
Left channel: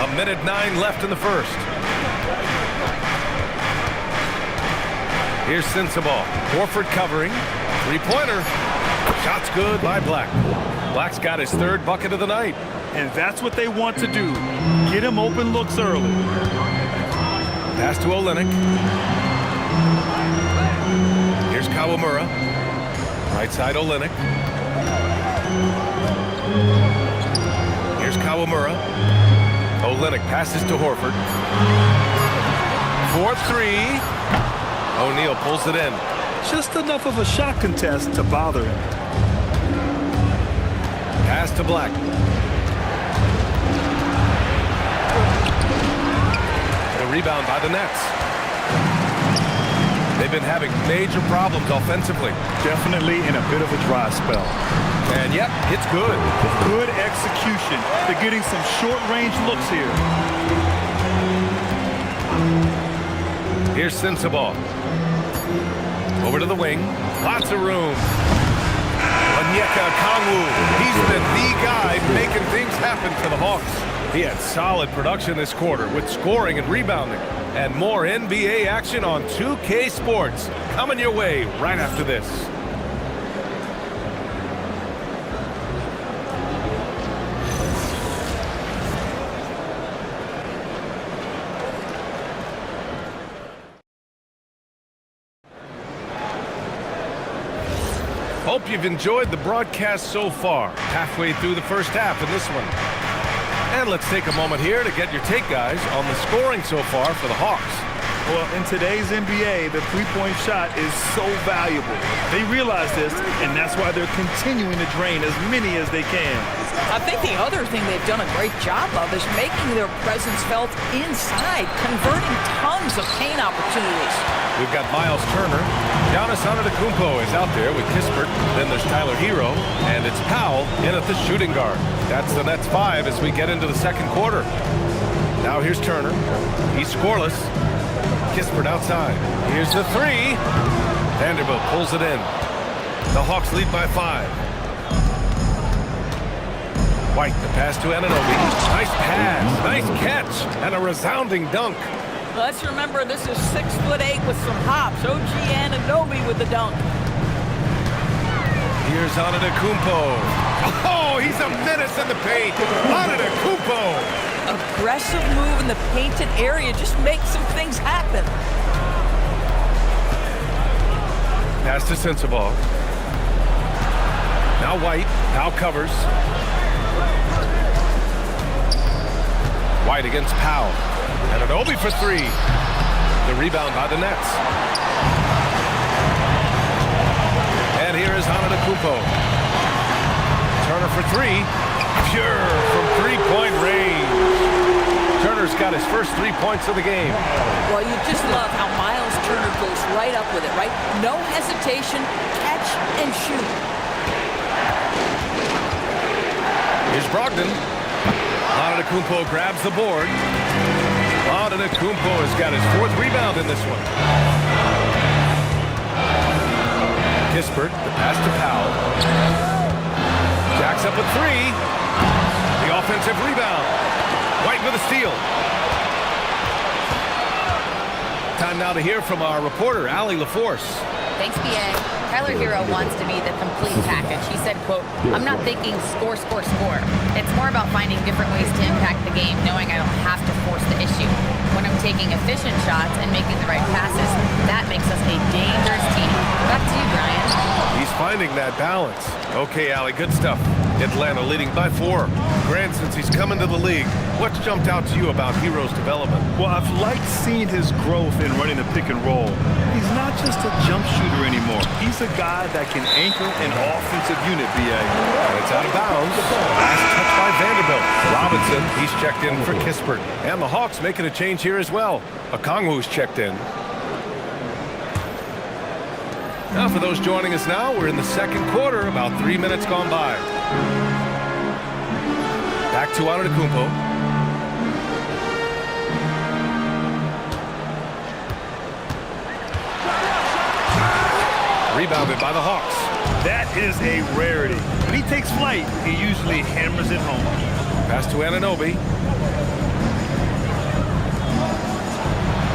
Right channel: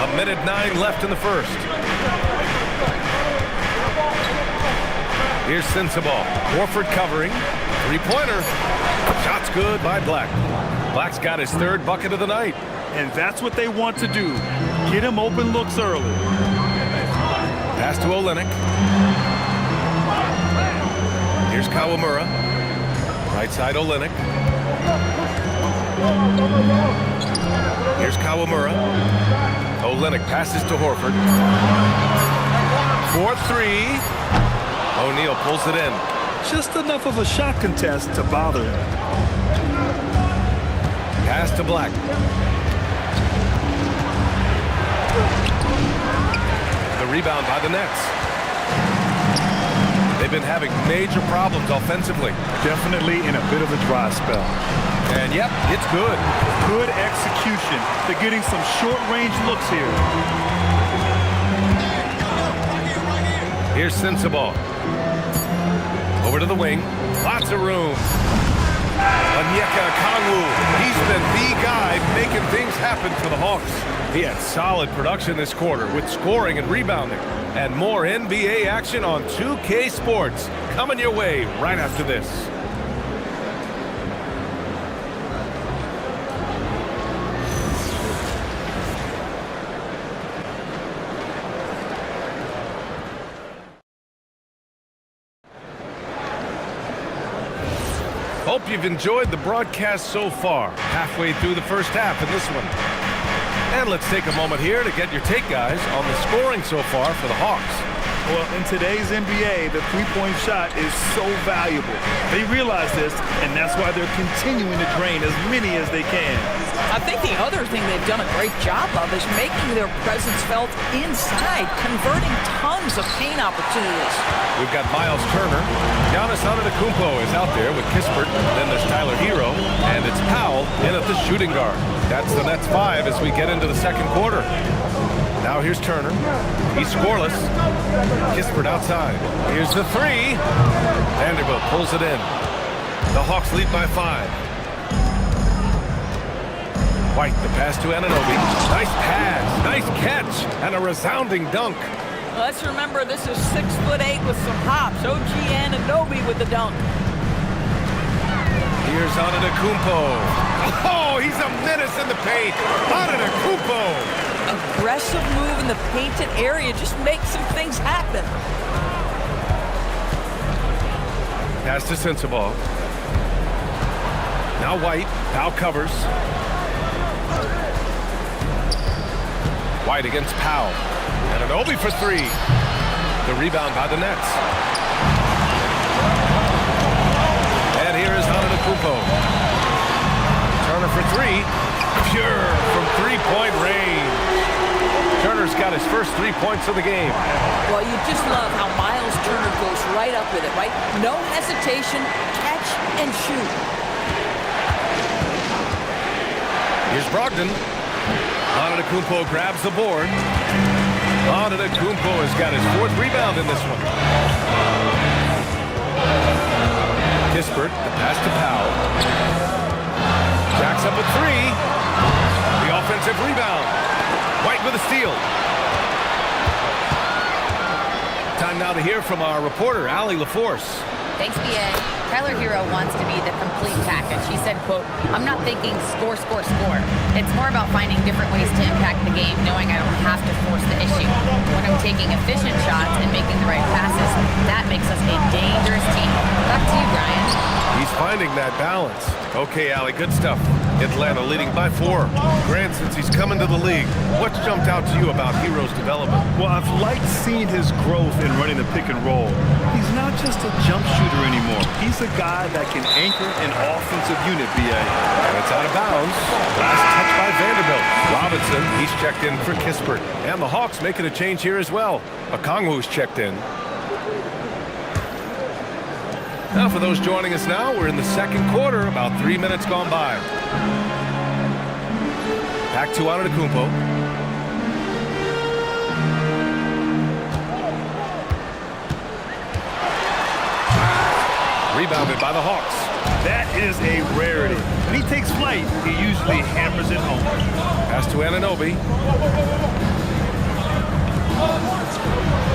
1:09 left in the first. Here's Sensible. Horford covering. Three-pointer. Shot's good by Black. Black's got his third bucket of the night. And that's what they want to do. Get him open looks early. Pass to Olynyk. Here's Kawamura. Right side Olynyk. Here's Kawamura. Olynyk passes to Horford. 4-3. O'Neal pulls it in. Just enough of a shot contest to bother him. Pass to Black. The rebound by the Nets. They've been having major problems offensively. Definitely in a bit of a dry spell. And yep, it's good. Good execution. They're getting some short-range looks here. Here's Sensible. Over to the wing. Lots of room. Onyeka Okongwu. He's been the guy making things happen for the Hawks. He had solid production this quarter with scoring and rebounding. And more NBA action on 2K Sports. Coming your way right after this. Hope you've enjoyed the broadcast so far. Halfway through the first half in this one. And let's take a moment here to get your take, guys, on the scoring so far for the Hawks. Well, in today's NBA, the three-point shot is so valuable. They realize this, and that's why they're continuing to drain as many as they can. I think the other thing they've done a great job of is making their presence felt inside, converting tons of paint opportunities. We've got Miles Turner. Giannis Antetokounmpo is out there with Kispert. Then there's Tyler Hero, and it's Powell in at the shooting guard. That's the Nets 5 as we get into the second quarter. Now here's Turner. He's scoreless. Kispert outside. Here's the three. Vanderbilt pulls it in. The Hawks lead by 5. White, the pass to Anunoby. Nice pass, nice catch, and a resounding dunk. Let's remember this is 6'8" with some hops. OG Anunoby with the dunk. Here's Antetokounmpo. Oh, he's a menace in the paint. Antetokounmpo. Aggressive move in the painted area. Just make some things happen. Pass to Sensible. Now White. Powell covers. White against Powell. And an Obi for three. The rebound by the Nets. And here is Antetokounmpo. Turner for three. Pure from three-point range. Turner's got his first 3 points of the game. Well, you just love how Miles Turner goes right up with it, right? No hesitation, catch and shoot. Here's Brogdon. Antetokounmpo grabs the board. Antetokounmpo has got his 4th rebound in this one. Kispert, the pass to Powell. Jacks up a three. The offensive rebound. White with a steal. Time now to hear from our reporter, Allie LaForce. Thanks, B.A. Tyler Hero wants to be the complete package. He said, quote, "I'm not thinking score, score, score. It's more about finding different ways to impact the game, knowing I don't have to force the issue. When I'm taking efficient shots and making the right passes, that makes us a dangerous team." Back to you, Brian. He's finding that balance. Okay, Allie, good stuff. Atlanta leading by 4. Grant, since he's come into the league, what's jumped out to you about Hero's development? Well, I've liked seeing his growth in running the pick and roll. He's not just a jump shooter anymore. He's a guy that can anchor an offensive unit, B.A. And it's out of bounds. Last touch by Vanderbilt. Robinson, he's checked in for Kispert. And the Hawks making a change here as well. Okongwu's checked in. Now, for those joining us now, we're in the second quarter, about 3 minutes gone by. Back to Antetokounmpo. Rebounded by the Hawks. That is a rarity. When he takes flight, he usually hammers it home. Pass to Anunoby.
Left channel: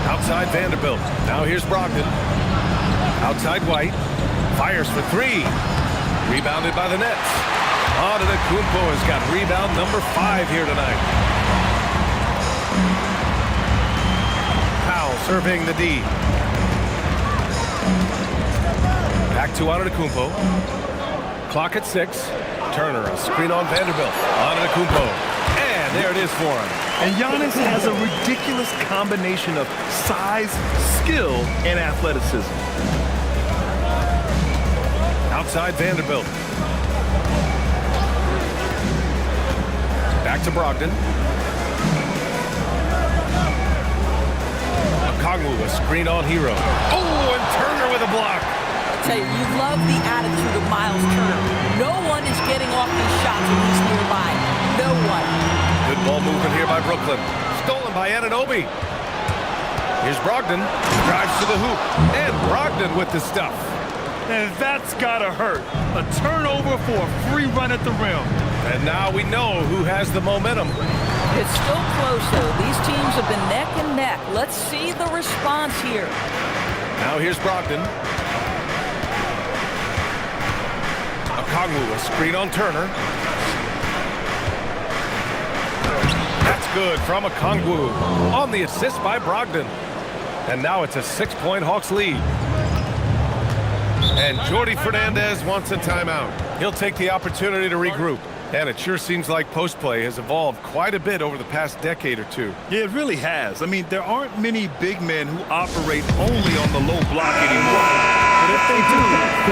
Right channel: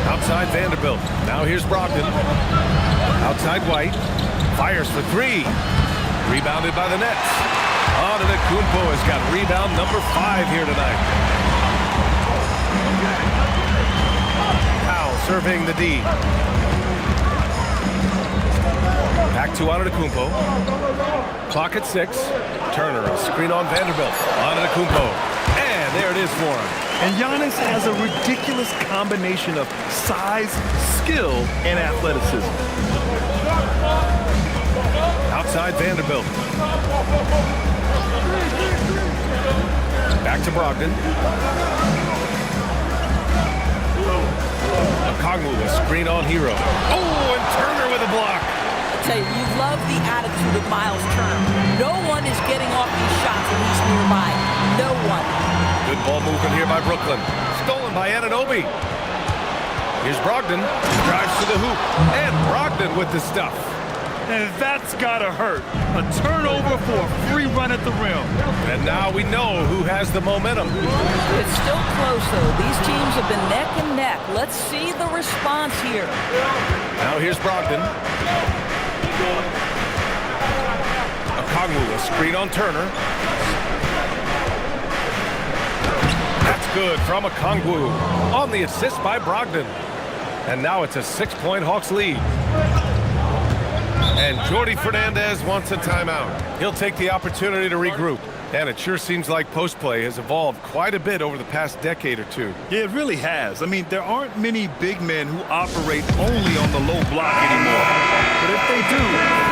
Outside Vanderbilt. Now here's Brogdon. Outside White. Fires for three. Rebounded by the Nets. Antetokounmpo has got rebound number 5 here tonight. Powell surveying the D. Back to Antetokounmpo. Clock at 6. Turner, a screen on Vanderbilt. Antetokounmpo. And there it is for him. And Giannis has a ridiculous combination of size, skill, and athleticism. Outside Vanderbilt. Back to Brogdon. Okongwu, a screen on Hero. Oh, and Turner with a block. I tell you, you love the attitude of Miles Turner. No one is getting off these shots when he's nearby. No one. Good ball movement here by Brooklyn. Stolen by Anunoby. Here's Brogdon. Drives to the hoop. And Brogdon with the stuff. And that's gotta hurt. A turnover for a free run at the rim. And now we know who has the momentum. It's still close, though. These teams have been neck and neck. Let's see the response here. Now here's Brogdon. Okongwu, a screen on Turner. That's good from Okongwu. On the assist by Brogdon. And now it's a 6-point Hawks lead. And Jordi Fernandez wants a timeout. He'll take the opportunity to regroup. And it sure seems like post play has evolved quite a bit over the past decade or two. Yeah, it really has. I mean, there aren't many big men who operate only on the low block anymore. But if they do,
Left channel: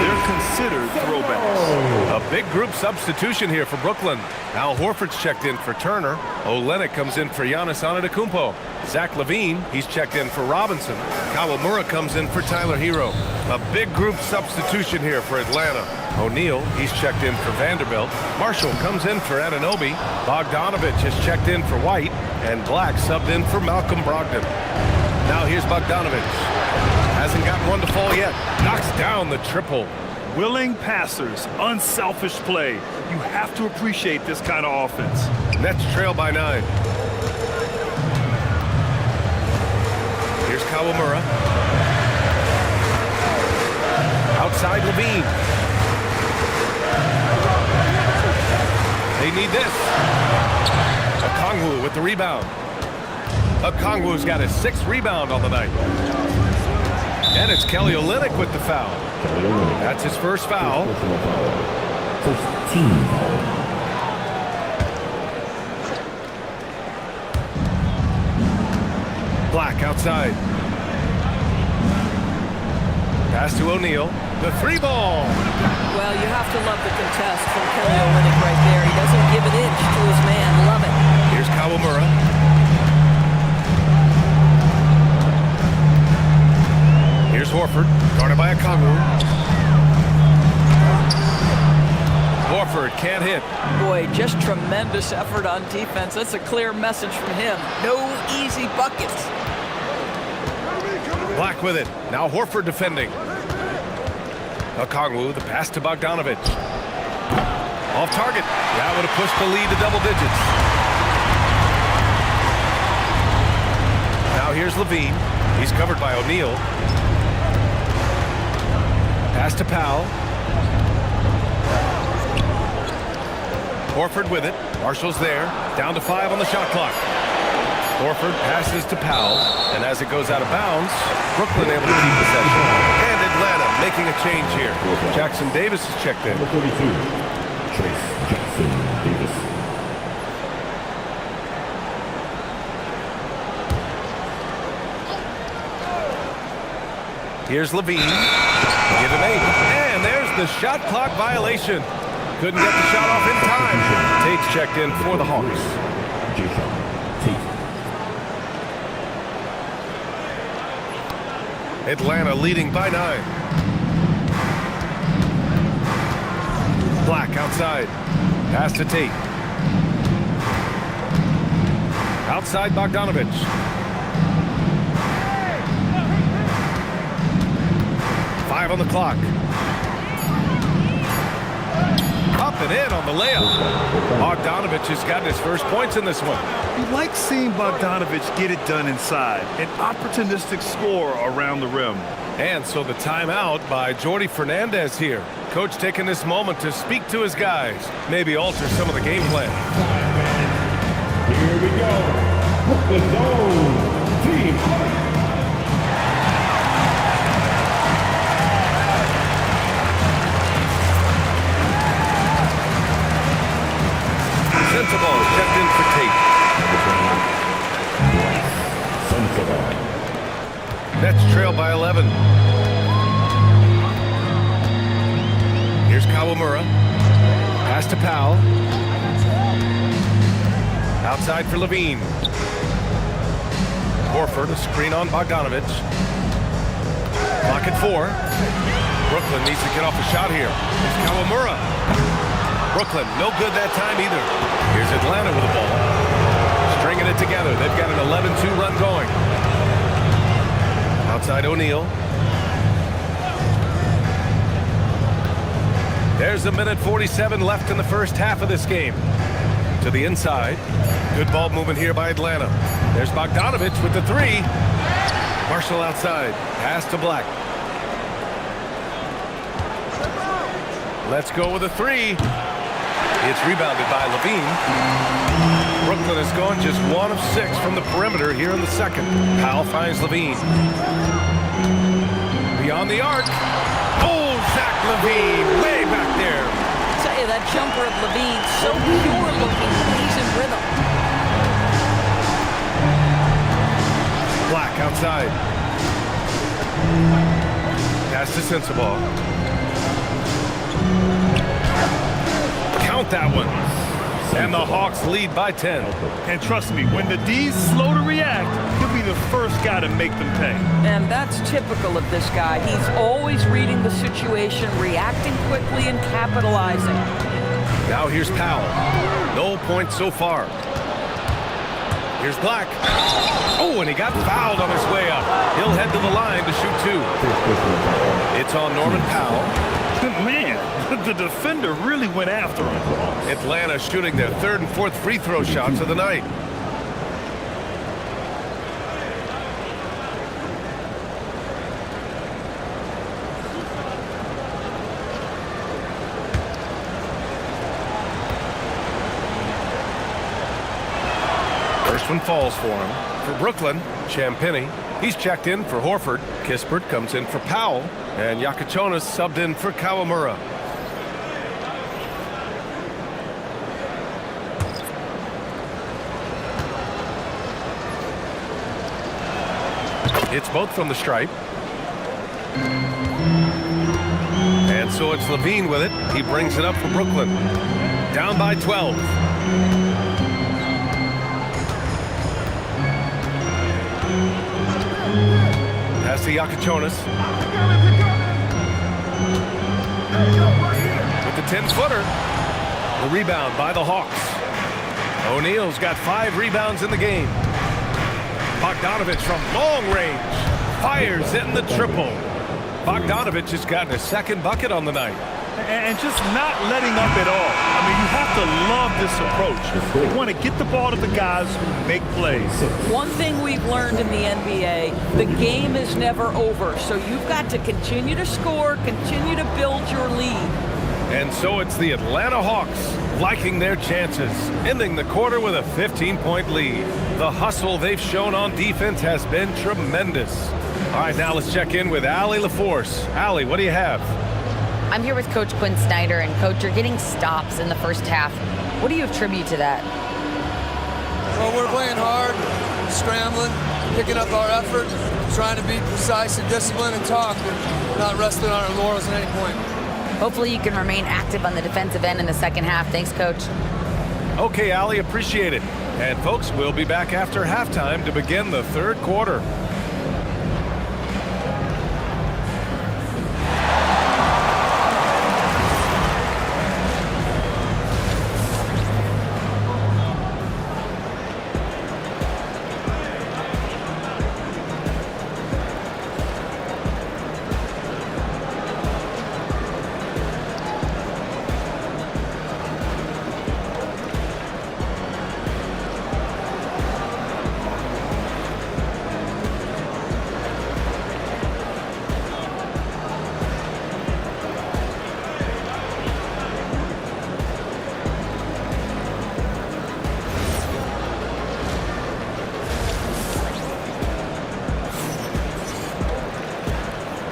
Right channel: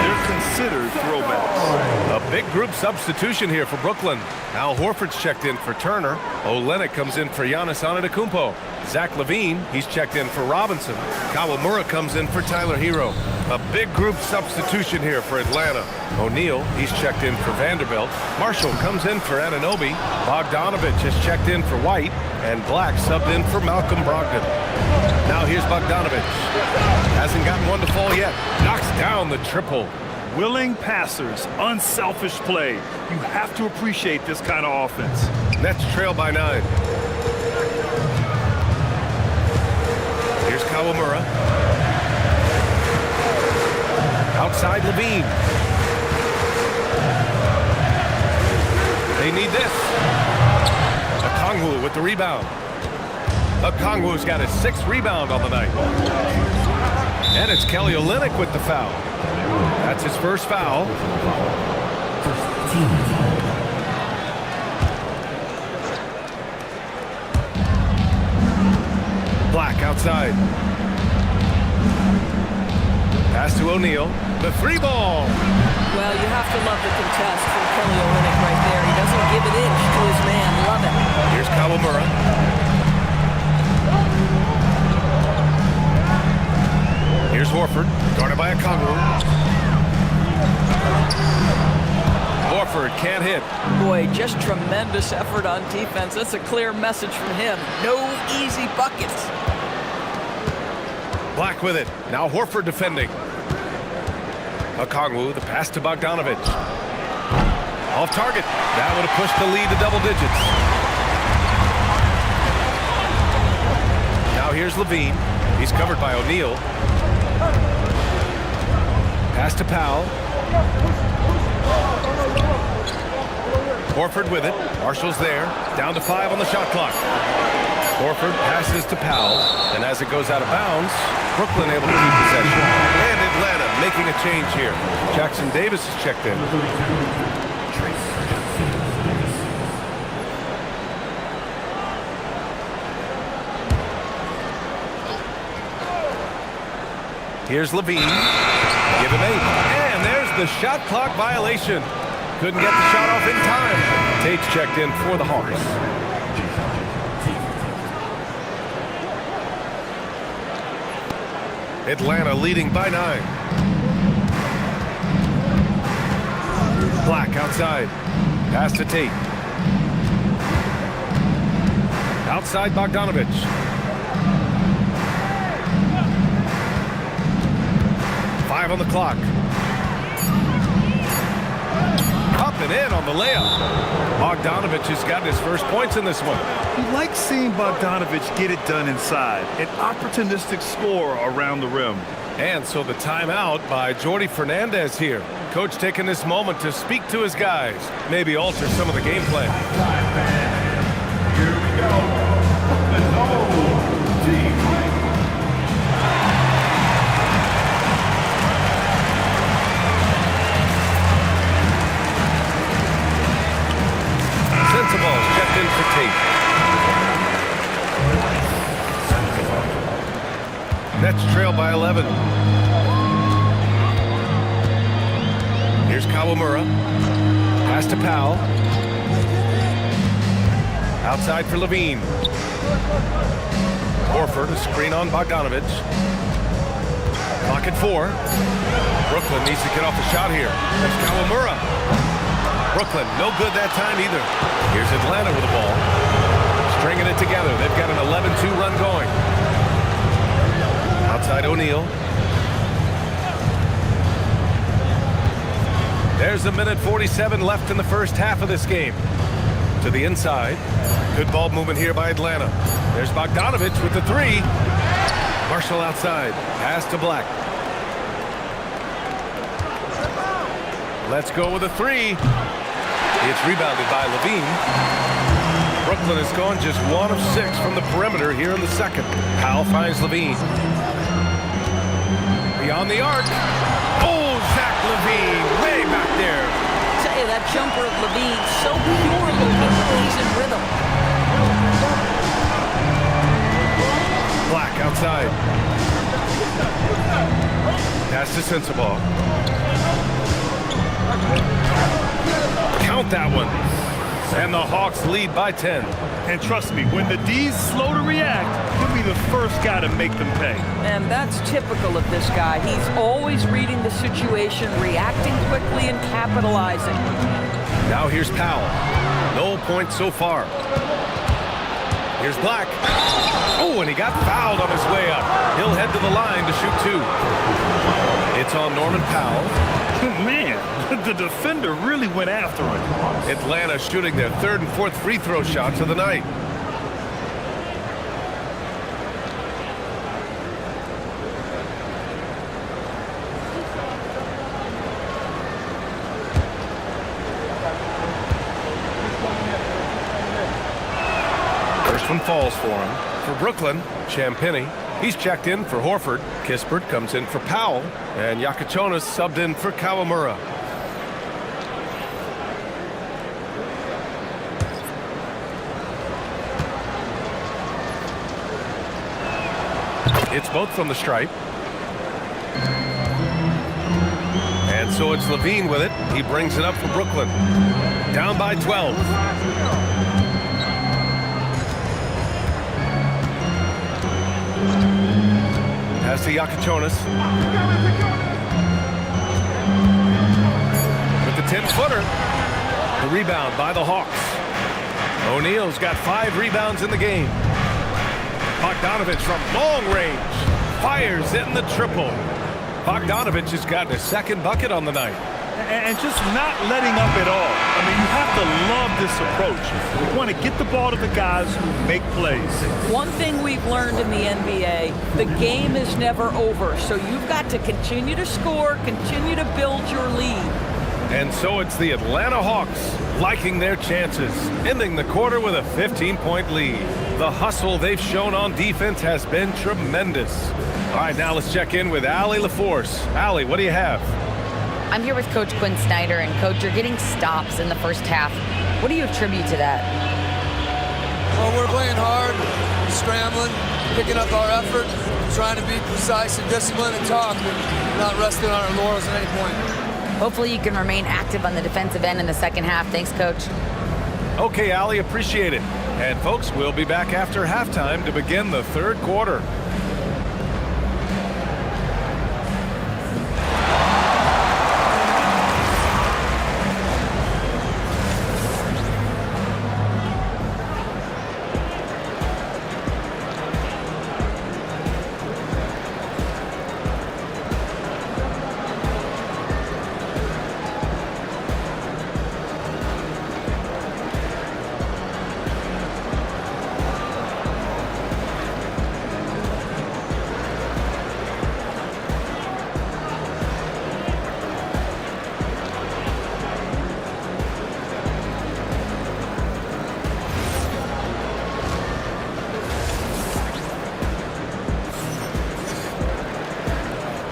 they're considered throwbacks. A big group substitution here for Brooklyn. Al Horford's checked in for Turner. Olynyk comes in for Giannis Antetokounmpo. Zach LaVine, he's checked in for Robinson. Kawamura comes in for Tyler Hero. A big group substitution here for Atlanta. O'Neal, he's checked in for Vanderbilt. Marshall comes in for Anunoby. Bogdanovich has checked in for White. And Black subbed in for Malcolm Brogdon. Now here's Bogdanovich. Hasn't gotten one to fall yet. Knocks down the triple. Willing passers, unselfish play. You have to appreciate this kind of offense. Nets trail by 9. Here's Kawamura. Outside LaVine. They need this. Okongwu with the rebound. Okongwu's got his 6th rebound on the night. And it's Kelly Olynyk with the foul. That's his first foul. First team foul. Black outside. Pass to O'Neal. The 3 ball. Well, you have to love the contest from Kelly Olynyk right there. He doesn't give an inch to his man. Love it. Here's Kawamura. Here's Horford, guarded by Okongwu. Horford can't hit. Boy, just tremendous effort on defense. That's a clear message from him. No easy buckets. Black with it. Now Horford defending. Okongwu, the pass to Bogdanovic. Off target. That would have pushed the lead to double digits. Now here's Levine. He's covered by O'Neal. Pass to Powell. Horford with it. Marshall's there. Down to 5 on the shot clock. Horford passes to Powell, and as it goes out of bounds, Brooklyn able to keep possession. And Atlanta making a change here. Jackson Davis is checked in. Number 32, Trace Jackson Davis. Here's Levine. Give him 8. And there's the shot clock violation. Couldn't get the shot off in time. Tate's checked in for the Hawks. Atlanta leading by 9. Black outside. Pass to Tate. Outside Bogdanovic. Five on the clock. Up and in on the layup. Bogdanovic has gotten his first points in this one. You like seeing Bogdanovic get it done inside. An opportunistic score around the rim. And so the timeout by Jordi Fernandez here. Coach taking this moment to speak to his guys. Maybe alter some of the game plan. Here we go. The zone team. Sensabaugh is checked in for Tate. Nets trail by 11. Here's Kawamura. Pass to Powell. Outside for Levine. Horford, a screen on Bogdanovic. Clock at 4. Brooklyn needs to get off a shot here. Here's Kawamura. Brooklyn, no good that time either. Here's Atlanta with the ball. Stringing it together. They've got an 11-2 run going. Outside O'Neal. There's a minute 47 left in the first half of this game. To the inside. Good ball movement here by Atlanta. There's Bogdanovic with the 3. Marshall outside. Pass to Black. Let's go with a 3. It's rebounded by Levine. Brooklyn has gone just 1 of 6 from the perimeter here in the second. Powell finds Levine. Beyond the arc. Oh, Zach Levine way back there. I tell you, that jumper of Levine, so pure looking when he's in rhythm. Black outside. Pass to Sensabaugh. Count that one. And the Hawks lead by 10. And trust me, when the D's slow to react, he'll be the first guy to make them pay. And that's typical of this guy. He's always reading the situation, reacting quickly, and capitalizing. Now here's Powell. No points so far. Here's Black. Oh, and he got fouled on his way up. He'll head to the line to shoot 2. It's on Norman Powell. Man, the defender really went after him. Atlanta shooting their 3rd and 4th free throw shots of the night. First one falls for him. For Brooklyn, Champagnie. He's checked in for Horford. Kispert comes in for Powell. And Yakachonis subbed in for Kawamura. It's both from the stripe. And so it's Levine with it. He brings it up for Brooklyn. Down by 12. Pass to Yakuchonis. With the 10-footer. The rebound by the Hawks. O'Neal's got 5 rebounds in the game. Bogdanovich from long range fires in the triple. Bogdanovich has gotten his 2nd bucket on the night. And just not letting up at all. I mean, you have to love this approach. You want to get the ball to the guys who make plays. One thing we've learned in the NBA, the game is never over. So you've got to continue to score, continue to build your lead. And so it's the Atlanta Hawks liking their chances, ending the quarter with a 15-point lead. The hustle they've shown on defense has been tremendous. All right, now let's check in with Allie LaForce. Allie, what do you have? I'm here with Coach Quinn Snyder, and Coach, you're getting stops in the first half. What do you attribute to that? Well, we're playing hard, scrambling, picking up our effort, trying to be precise and disciplined and talk, and not resting on our laurels at any point. Hopefully you can remain active on the defensive end in the second half. Thanks, Coach. Okay, Allie, appreciate it. And folks, we'll be back after halftime to begin the 3rd quarter.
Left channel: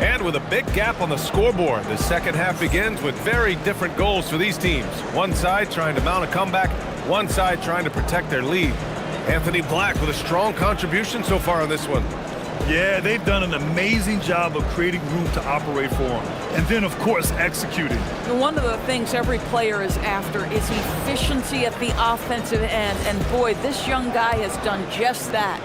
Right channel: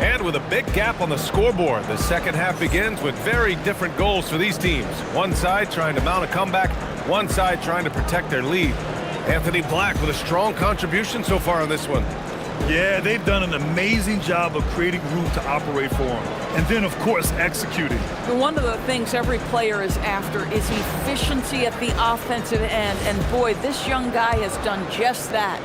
And with a big gap on the scoreboard, the second half begins with very different goals for these teams. One side trying to mount a comeback, one side trying to protect their lead. Anthony Black with a strong contribution so far on this one. Yeah, they've done an amazing job of creating room to operate for them. And then, of course, executing. One of the things every player is after is efficiency at the offensive end. And boy, this young guy has done just that.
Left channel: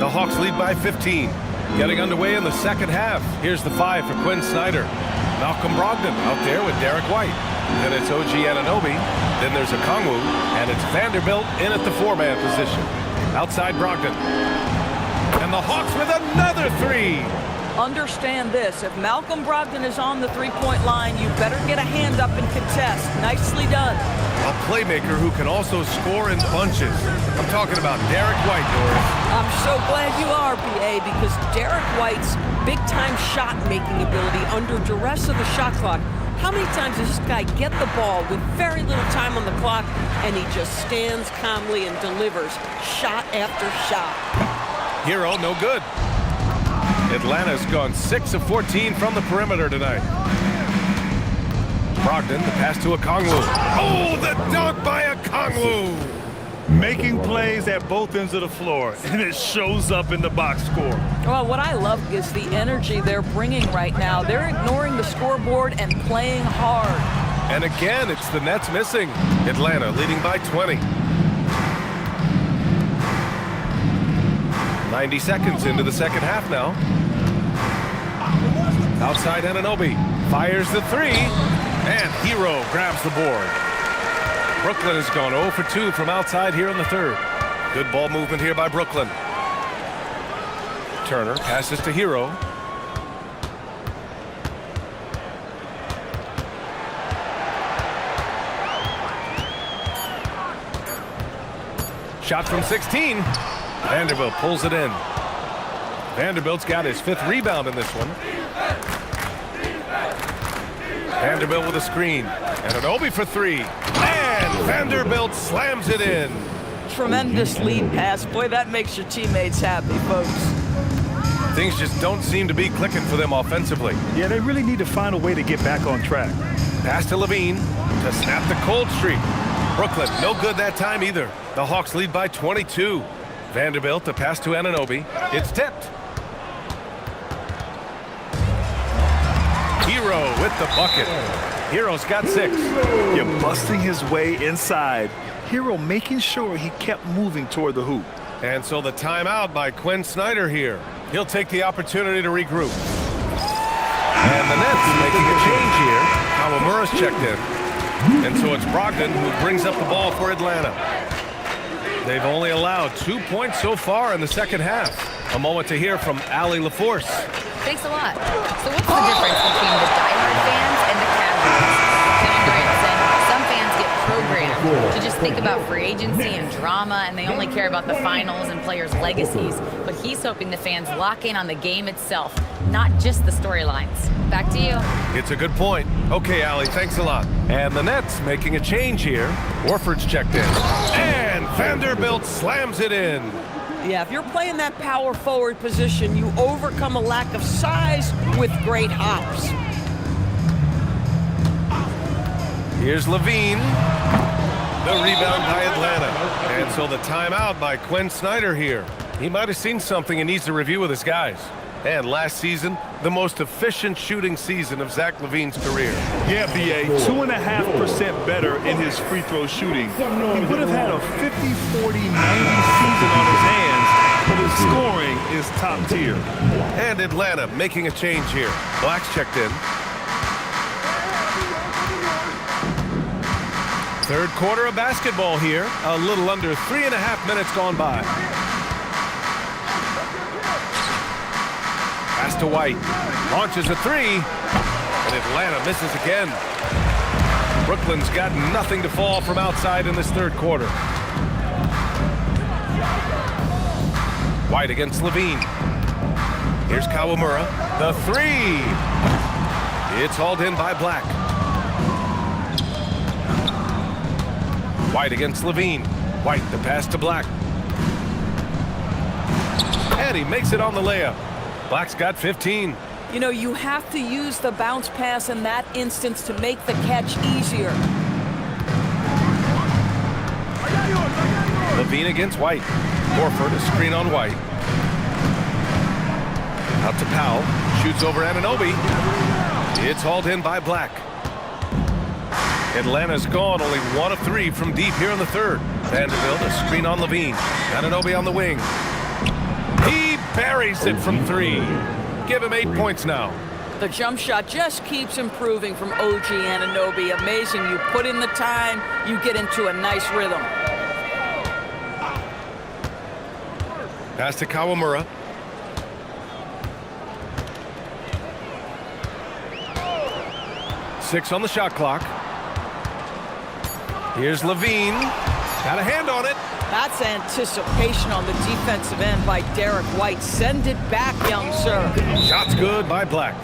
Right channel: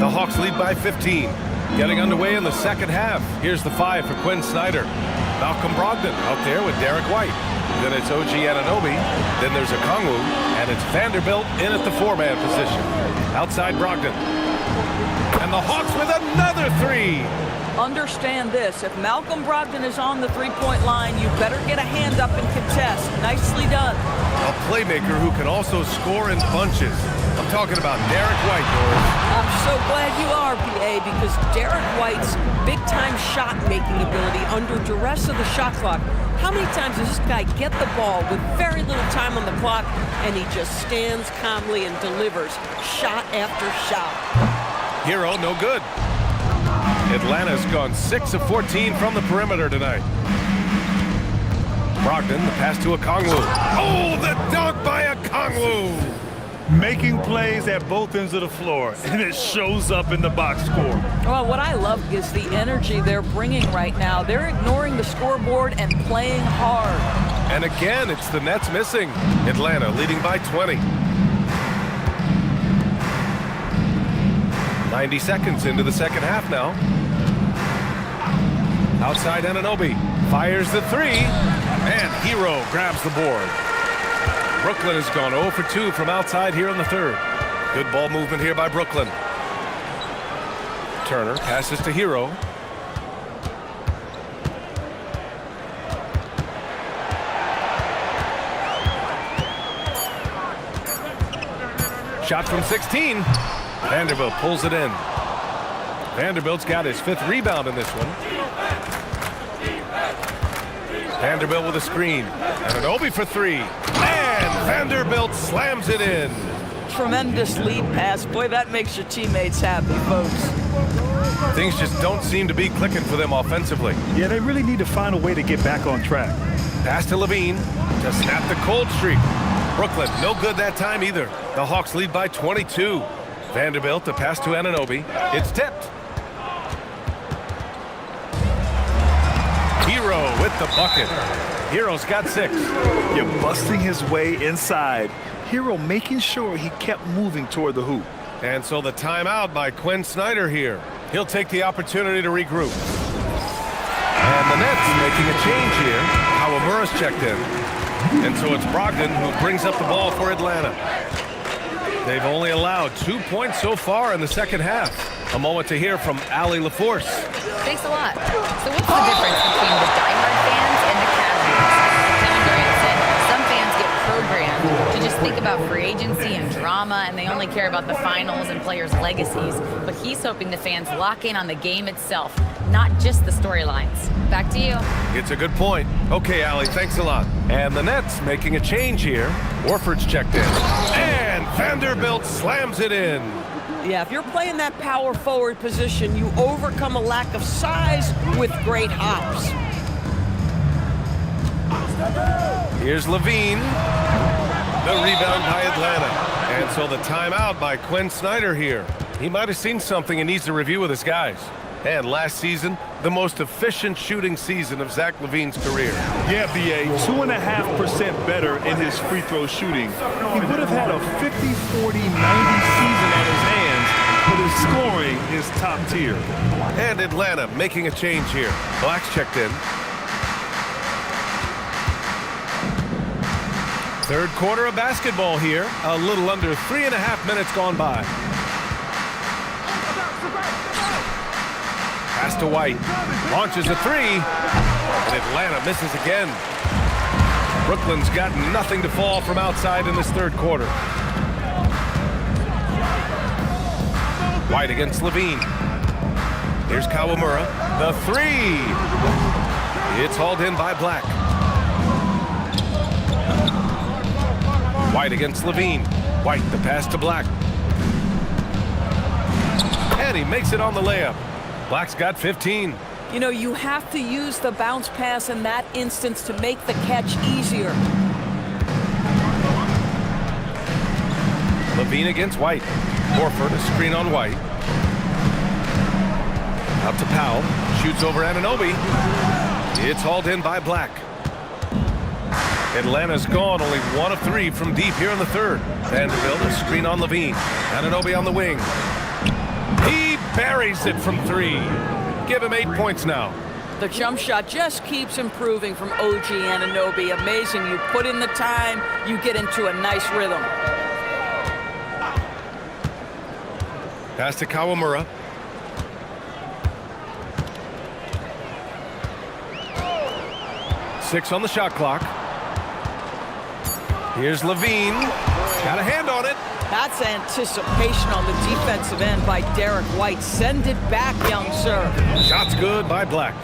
The Hawks lead by 15. Getting underway in the second half. Here's the 5 for Quinn Snyder. Malcolm Brogdon out there with Derek White. Then it's OG Anunoby. Then there's Okongwu. And it's Vanderbilt in at the 4-man position. Outside Brogdon. And the Hawks with another 3. Understand this. If Malcolm Brogdon is on the 3-point line, you better get a hand up and contest. Nicely done. A playmaker who can also score in bunches. I'm talking about Derek White, Doris. I'm so glad you are, BA, because Derek White's big-time shot-making ability under duress of the shot clock. How many times does this guy get the ball with very little time on the clock, and he just stands calmly and delivers shot after shot? Hero, no good. Atlanta's gone 6 of 14 from the perimeter tonight. Brogdon, the pass to Okongwu. Oh, the dunk by Okongwu! Making plays at both ends of the floor, and it shows up in the box score. Well, what I love is the energy they're bringing right now. They're ignoring the scoreboard and playing hard. And again, it's the Nets missing. Atlanta leading by 20. 90 seconds into the second half now. Outside Anunoby fires the 3, and Hero grabs the board. Brooklyn has gone 0 for 2 from outside here in the 3rd. Good ball movement here by Brooklyn. Turner passes to Hero. Shot from 16. Vanderbilt pulls it in. Vanderbilt's got his 5th rebound in this one. Vanderbilt with a screen. And Anunoby for 3. And Vanderbilt slams it in. Tremendous lead pass. Boy, that makes your teammates happy, folks. Things just don't seem to be clicking for them offensively. Yeah, they really need to find a way to get back on track. Pass to Levine to snap the cold streak. Brooklyn, no good that time either. The Hawks lead by 22. Vanderbilt, the pass to Anunoby. It's tipped. Hero with the bucket. Hero's got 6. You're busting his way inside. Hero making sure he kept moving toward the hoop. And so the timeout by Quinn Snyder here. He'll take the opportunity to regroup. And the Nets making a change here. Kawamura's checked in. And so it's Brogdon who brings up the ball for Atlanta. They've only allowed 2 points so far in the second half. A moment to hear from Allie LaForce. Thanks a lot. So what's the difference between the diehard fans and the casuals? Kevin Durant said some fans get programmed to just think about free agency and drama, and they only care about the finals and players' legacies. But he's hoping the fans lock in on the game itself, not just the storylines. Back to you. It's a good point. Okay, Allie, thanks a lot. And the Nets making a change here. Warford's checked in. And Vanderbilt slams it in. Yeah, if you're playing that power forward position, you overcome a lack of size with great hops. Here's Levine. The rebound by Atlanta. And so the timeout by Quinn Snyder here. He might have seen something and needs to review with his guys. And last season, the most efficient shooting season of Zach LaVine's career. Yeah, B.A., 2.5% better in his free throw shooting. He would have had a 50, 40, 90 season on his hands, but his scoring is top tier. And Atlanta making a change here. Black's checked in. Third quarter of basketball here. A little under 3.5 minutes gone by. Pass to White. Launches a 3. And Atlanta misses again. Brooklyn's got nothing to fall from outside in this third quarter. White against Levine. Here's Kawamura. The 3. It's hauled in by Black. White against Levine. White, the pass to Black. And he makes it on the layup. Black's got 15. You know, you have to use the bounce pass in that instance to make the catch easier. Levine against White. Horford, a screen on White. Out to Powell. Shoots over Anunoby. It's hauled in by Black. Atlanta's gone only 1 of 3 from deep here in the third. Vanderbilt, a screen on Levine. Anunoby on the wing. He buries it from 3. Give him 8 points now. The jump shot just keeps improving from OG Anunoby. Amazing. You put in the time, you get into a nice rhythm. Pass to Kawamura. Six on the shot clock. Here's Levine. Got a hand on it. That's anticipation on the defensive end by Derek White. Send it back, young sir. Shot's good by Black.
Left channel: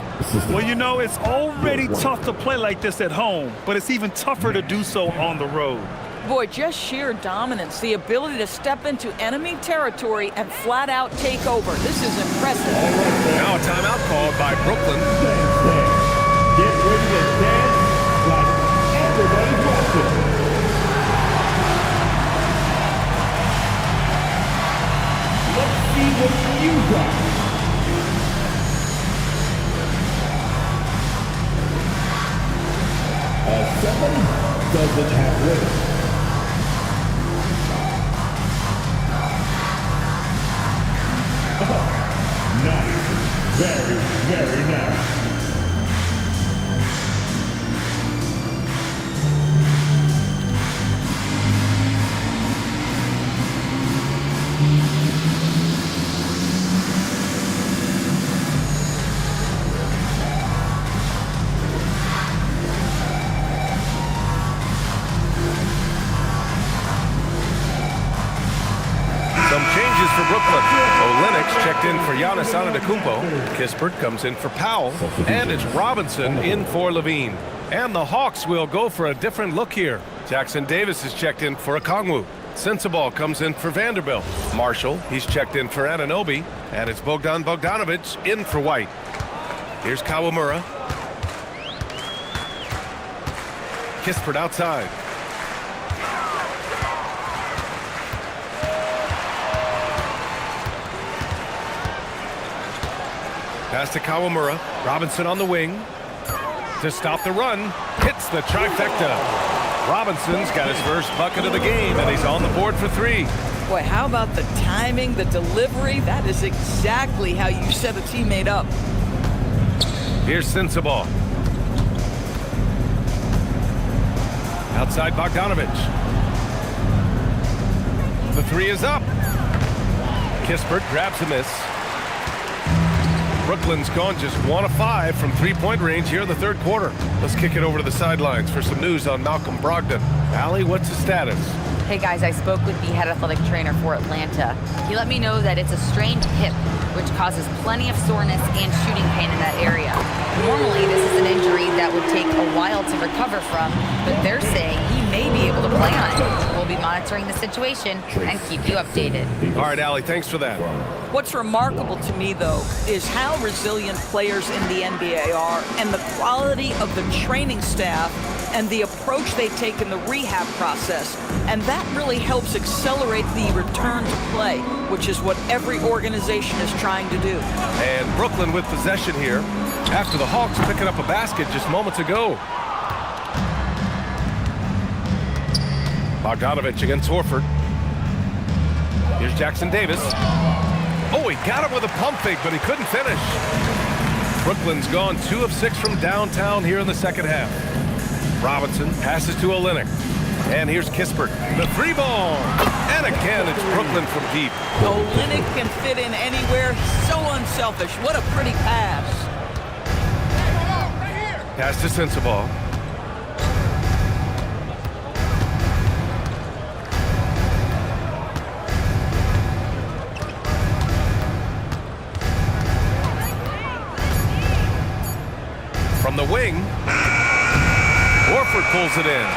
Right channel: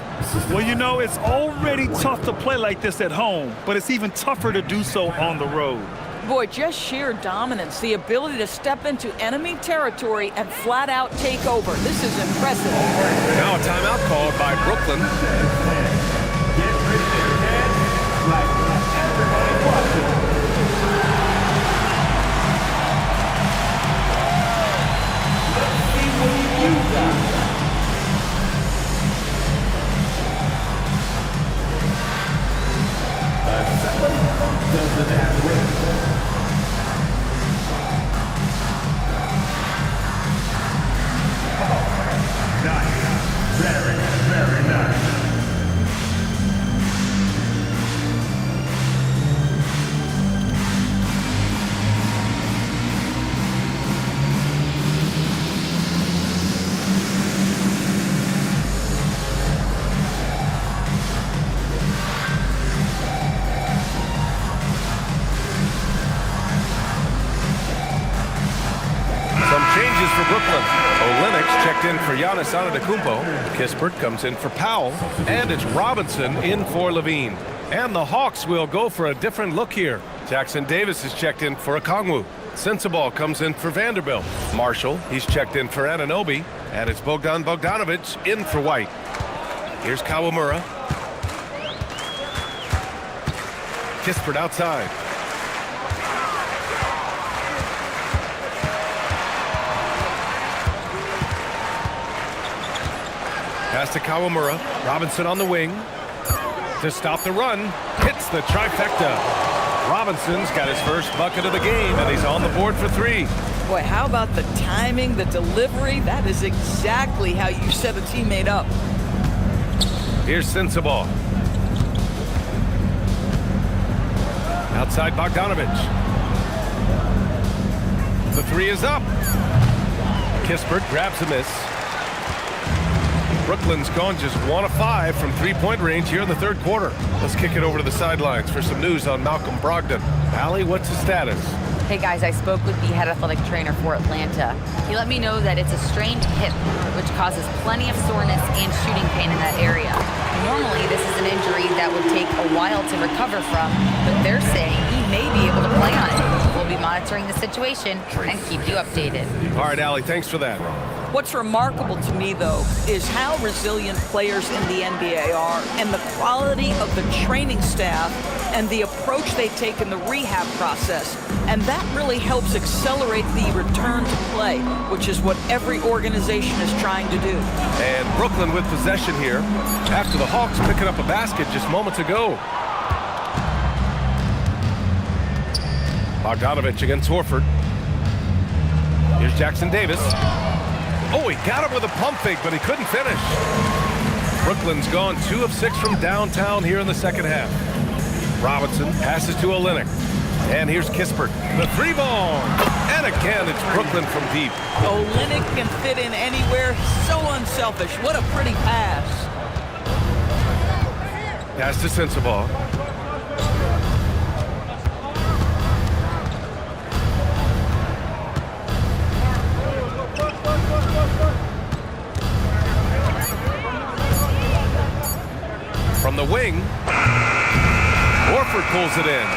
Well, you know, it's already tough to play like this at home, but it's even tougher to do so on the road. Boy, just sheer dominance, the ability to step into enemy territory and flat out take over. This is impressive. Now a timeout called by Brooklyn. Get ready to dance like everybody watching. Let's see what you got. Somebody doesn't have rhythm. Oh, nice. Very, very nice. Some changes for Brooklyn. Olenek's checked in for Giannis Antetokounmpo. Kispert comes in for Powell. And it's Robinson in for Levine. And the Hawks will go for a different look here. Jackson Davis is checked in for Okongwu. Sensabaugh comes in for Vanderbilt. Marshall, he's checked in for Anunoby. And it's Bogdan Bogdanovic in for White. Here's Kawamura. Kispert outside. Pass to Kawamura. Robinson on the wing. to stop the run. Hits the trifecta. Robinson's got his first bucket of the game, and he's on the board for 3. Boy, how about the timing, the delivery? That is exactly how you set a teammate up. Here's Sensabaugh. Outside Bogdanovich. The 3 is up. Kispert grabs a miss. Brooklyn's gone just 1 of 5 from three-point range here in the third quarter. Let's kick it over to the sidelines for some news on Malcolm Brogdon. Allie, what's the status? Hey guys, I spoke with the head athletic trainer for Atlanta. He let me know that it's a strained hip, which causes plenty of soreness and shooting pain in that area. Normally, this is an injury that would take a while to recover from, but they're saying he may be able to play on it. We'll be monitoring the situation and keep you updated. All right, Allie, thanks for that. What's remarkable to me, though, is how resilient players in the NBA are and the quality of the training staff and the approach they take in the rehab process. And that really helps accelerate the return to play, which is what every organization is trying to do. And Brooklyn with possession here after the Hawks picking up a basket just moments ago. Bogdanovich against Horford. Here's Jackson Davis. Oh, he got him with a pump fake, but he couldn't finish. Brooklyn's gone 2 of 6 from downtown here in the second half. Robinson passes to Olynyk. And here's Kispert. The 3-ball. And again, it's Brooklyn from deep. Olynyk can fit in anywhere. So unselfish. What a pretty pass. Pass to Sensabaugh. From the wing, Horford pulls it in.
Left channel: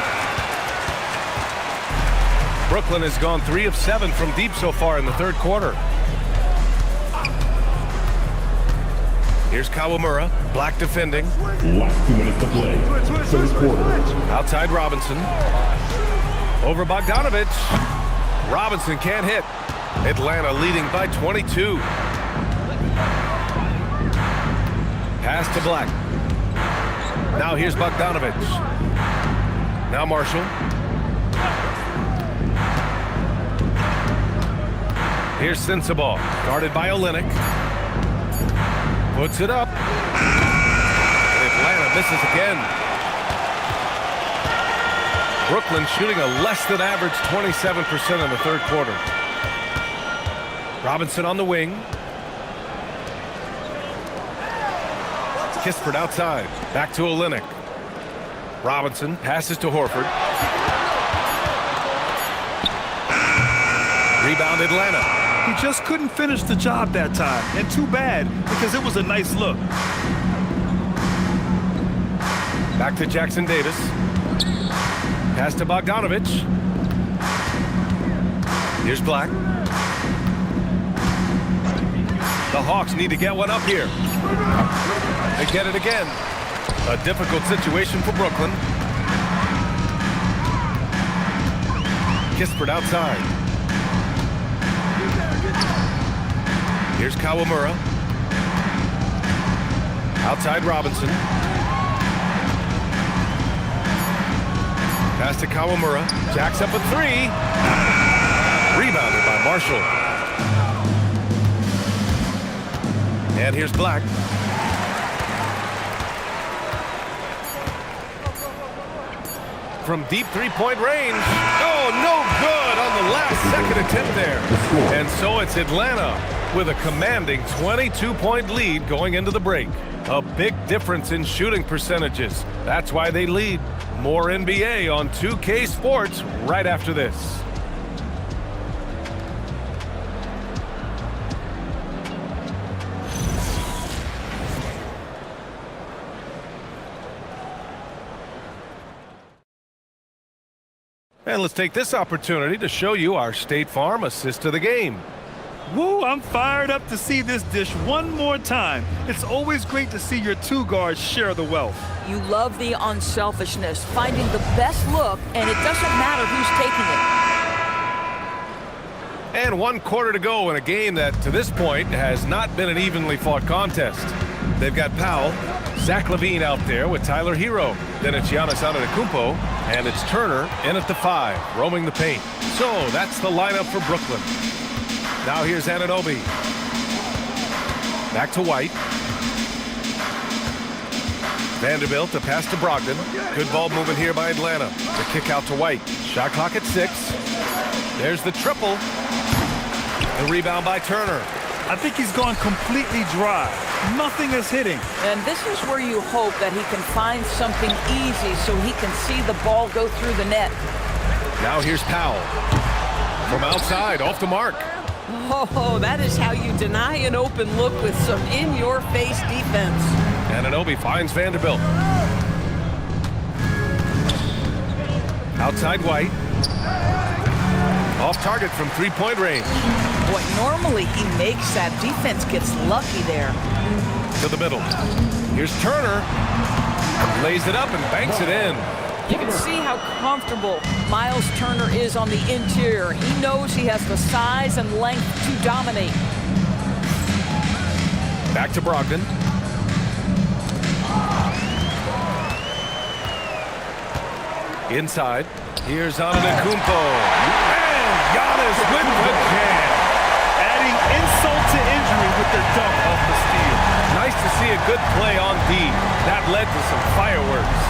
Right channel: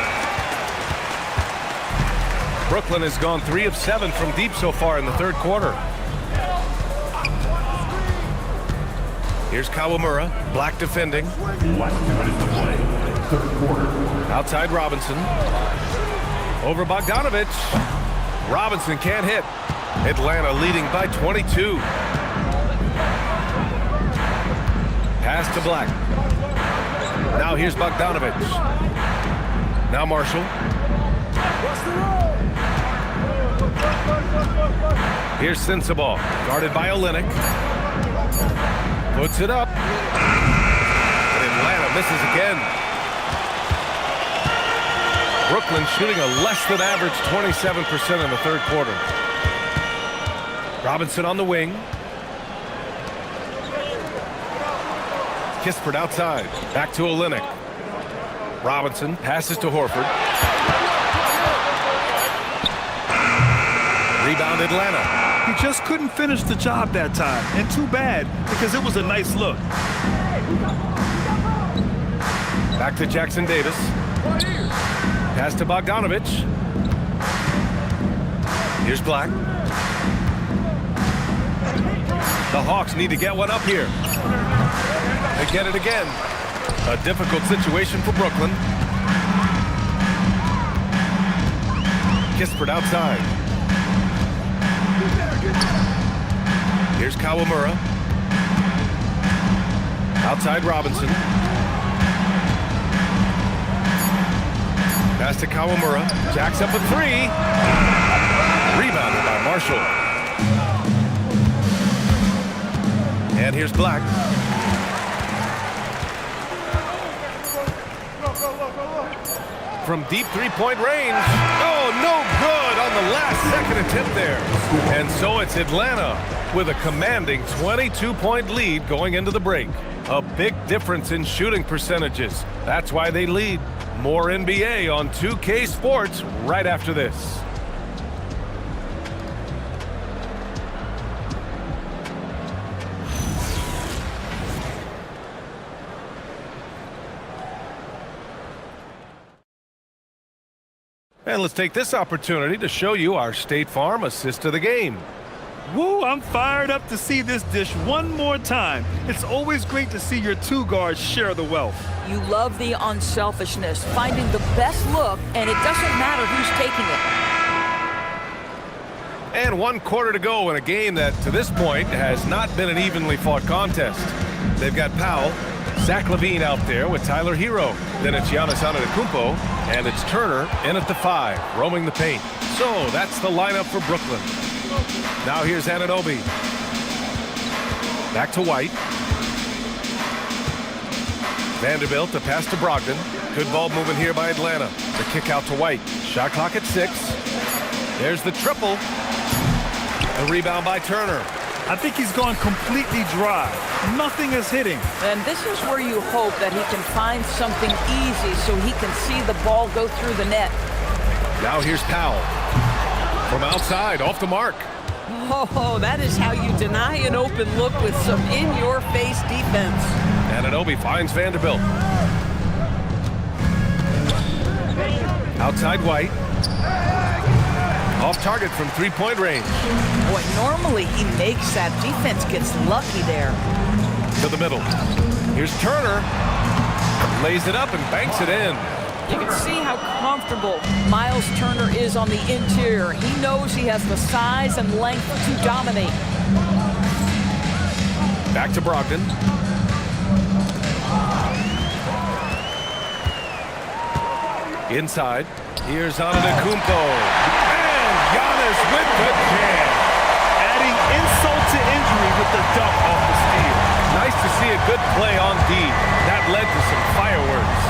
Brooklyn has gone 3 of 7 from deep so far in the third quarter. Here's Kawamura, Black defending. Last 2 minutes to play. Third quarter. Outside Robinson. Over Bogdanovich. Robinson can't hit. Atlanta leading by 22. Pass to Black. Now here's Bogdanovich. Now Marshall. Here's Sensabaugh, guarded by Olynyk. Puts it up. And Atlanta misses again. Brooklyn shooting a less than average 27% in the third quarter. Robinson on the wing. Kispert outside. Back to Olynyk. Robinson passes to Horford. Rebound Atlanta. He just couldn't finish the job that time. And too bad, because it was a nice look. Back to Jackson Davis. Pass to Bogdanovich. Here's Black. The Hawks need to get one up here. They get it again. A difficult situation for Brooklyn. Kispert outside. Here's Kawamura. Outside Robinson. Pass to Kawamura. Jacks up a 3. Rebounded by Marshall. And here's Black. From deep three-point range. Oh, no good on the last second attempt there. And so it's Atlanta with a commanding 22-point lead going into the break. A big difference in shooting percentages. That's why they lead. More NBA on 2K Sports right after this. And let's take this opportunity to show you our State Farm assist of the game. Woo, I'm fired up to see this dish one more time. It's always great to see your 2 guards share the wealth. You love the unselfishness, finding the best look, and it doesn't matter who's taking it. And 1 quarter to go in a game that, to this point, has not been an evenly fought contest. They've got Powell Zach LaVine out there with Tyler Hero. Then it's Giannis Antetokounmpo, and it's Turner in at the 5, roaming the paint. So that's the lineup for Brooklyn. Now here's Anunoby. Back to White. Vanderbilt, the pass to Brogdon. Good ball movement here by Atlanta. The kick out to White. Shot clock at 6. There's the triple. The rebound by Turner. I think he's gone completely dry. Nothing is hitting. And this is where you hope that he can find something easy so he can see the ball go through the net. Now here's Powell. From outside, off the mark. Oh, that is how you deny an open look with some in-your-face defense. Anunoby finds Vanderbilt. Outside White. Off target from three-point range. Boy, normally he makes that. Defense gets lucky there. To the middle. Here's Turner. Lays it up and banks it in. You can see how comfortable Miles Turner is on the interior. He knows he has the size and length to dominate. Back to Brogdon. Inside. Here's Antetokounmpo. And Giannis with the jam. Adding insult to injury with the dunk off the steal. Nice to see a good play on D. That led to some fireworks.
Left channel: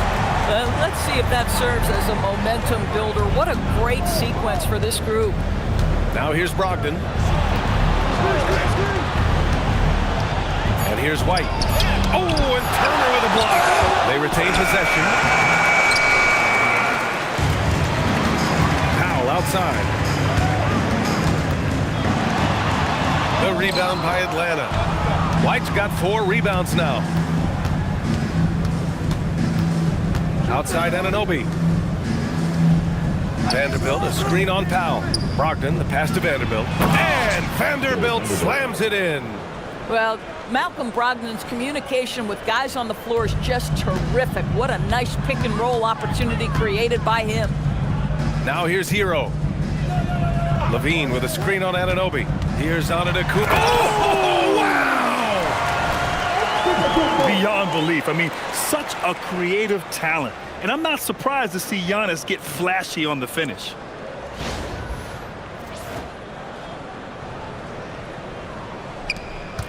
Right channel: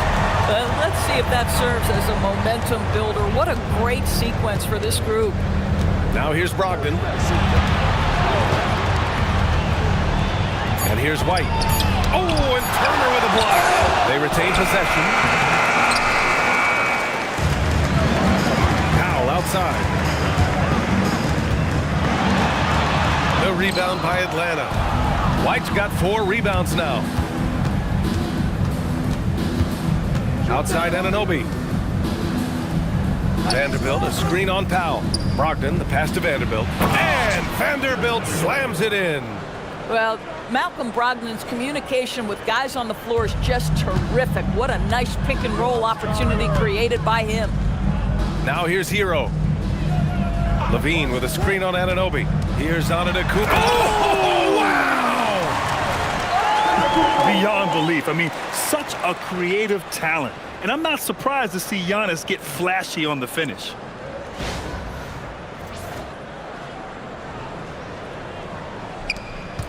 Let's see if that serves as a momentum builder. What a great sequence for this group. Now here's Brogdon. And here's White. Oh, and Turner with a block. They retain possession. Powell outside. The rebound by Atlanta. White's got 4 rebounds now. Outside Anunoby. Vanderbilt, a screen on Powell. Brogdon, the pass to Vanderbilt. And Vanderbilt slams it in. Well, Malcolm Brogdon's communication with guys on the floor is just terrific. What a nice pick and roll opportunity created by him. Now here's Hero. LaVine with a screen on Anunoby. Here's Antetokounmpo. Oh, wow! Beyond belief. I mean, such a creative talent. And I'm not surprised to see Giannis get flashy on the finish.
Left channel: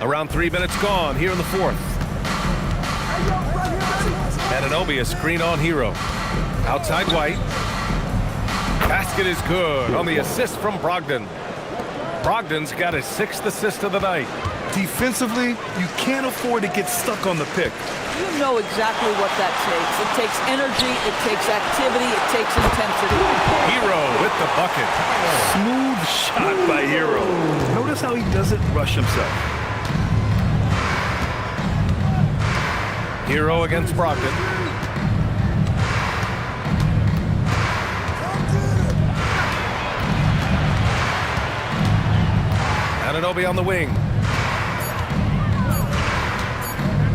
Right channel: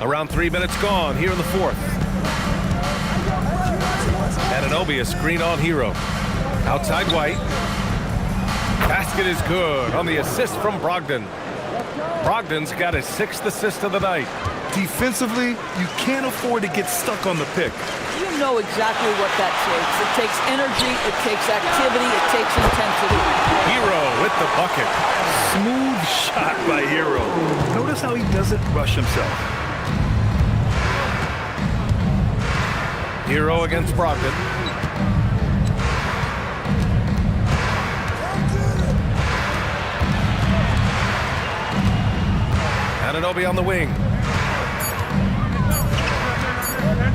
Around 3 minutes gone here in the 4th. Anunoby, a screen on Hero. Outside White. Basket is good on the assist from Brogdon. Brogdon's got his 6th assist of the night. Defensively, you can't afford to get stuck on the pick. You know exactly what that takes. It takes energy, it takes activity, it takes intensity. Hero with the bucket. Smooth shot by Hero. Notice how he doesn't rush himself. Hero against Brogdon. Anunoby on the wing.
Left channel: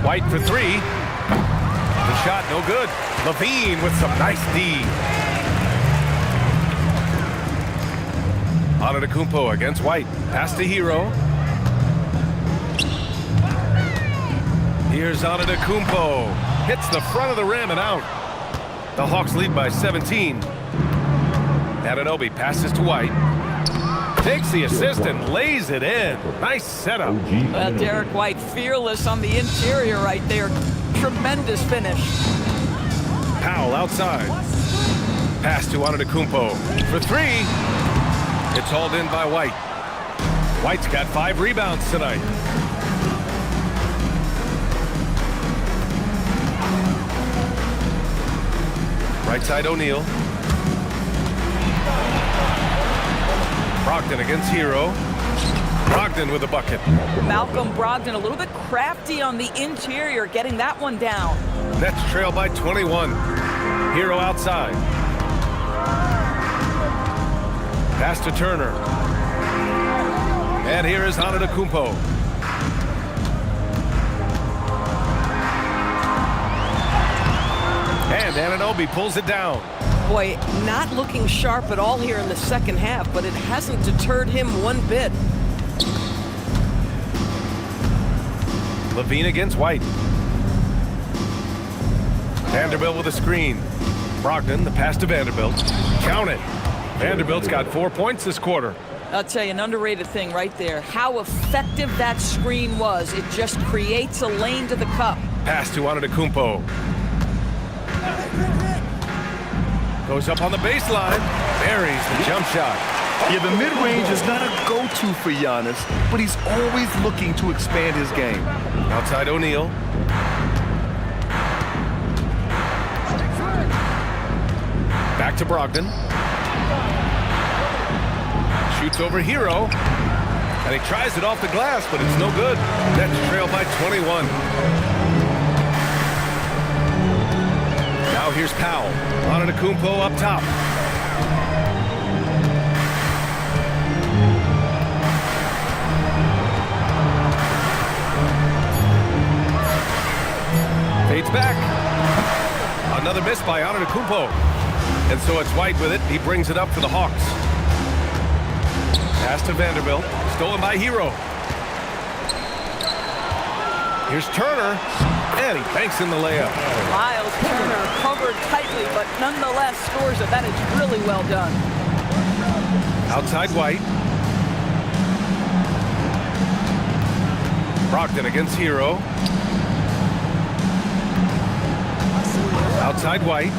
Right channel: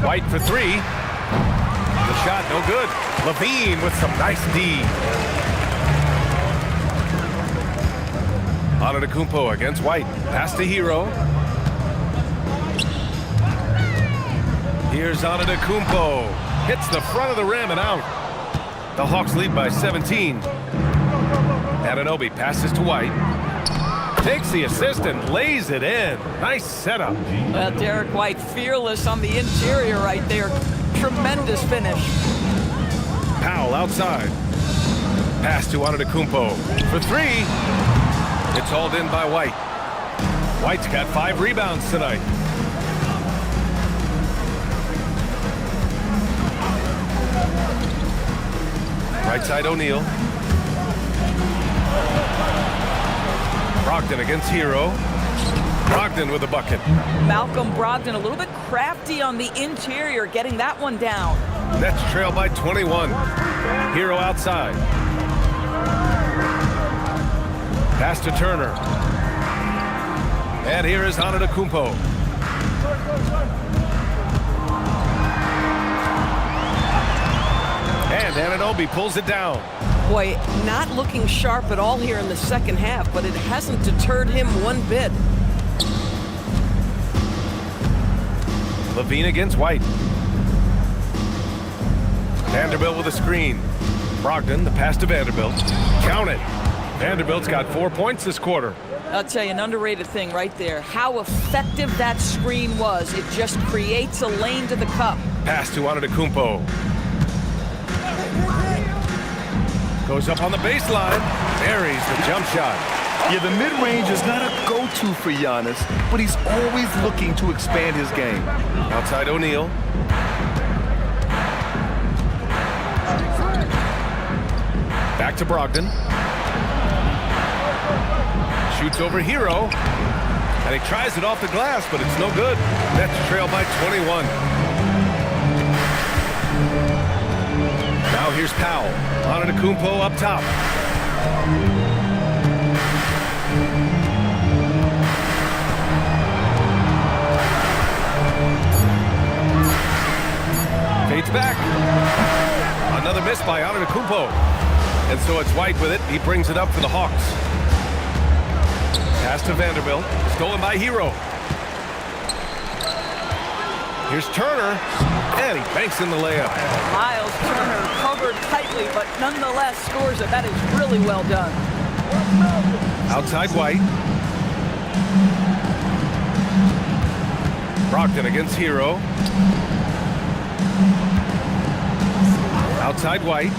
White for 3. The shot no good. LaVine with some nice D. Antetokounmpo against White. Pass to Hero. Here's Antetokounmpo. Hits the front of the rim and out. The Hawks lead by 17. Anunoby passes to White. Takes the assist and lays it in. Nice setup. Well, Derek White fearless on the interior right there. Tremendous finish. Powell outside. Pass to Antetokounmpo for 3. It's hauled in by White. White's got 5 rebounds tonight. Right side O'Neal. Brogdon against Hero. Brogdon with a bucket. Malcolm Brogdon a little bit crafty on the interior, getting that one down. Nets trail by 21. Hero outside. Pass to Turner. And here is Antetokounmpo. And Anunoby pulls it down. Boy, not looking sharp at all here in the second half, but it hasn't deterred him one bit. LaVine against White. Vanderbilt with a screen. Brogdon, the pass to Vanderbilt. Count it. Vanderbilt's got 4 points this quarter. I'll tell you, an underrated thing right there. How effective that screen was. It just creates a lane to the cup. Pass to Antetokounmpo. Goes up on the baseline. Buries the jump shot. Yeah, the mid-range is not a go-to for Giannis, but he's always looking to expand his game. Outside O'Neal. Back to Brogdon. Shoots over Hero. And he tries it off the glass, but it's no good. Nets trail by 21. Now here's Powell. Antetokounmpo up top. Fades back. Another miss by Antetokounmpo. And so it's White with it. He brings it up for the Hawks. Pass to Vanderbilt. Stolen by Hero. Here's Turner. And he banks in the layup. Miles Turner covered tightly, but nonetheless scores it. That is really well done. Outside White. Brogdon against Hero. Outside White.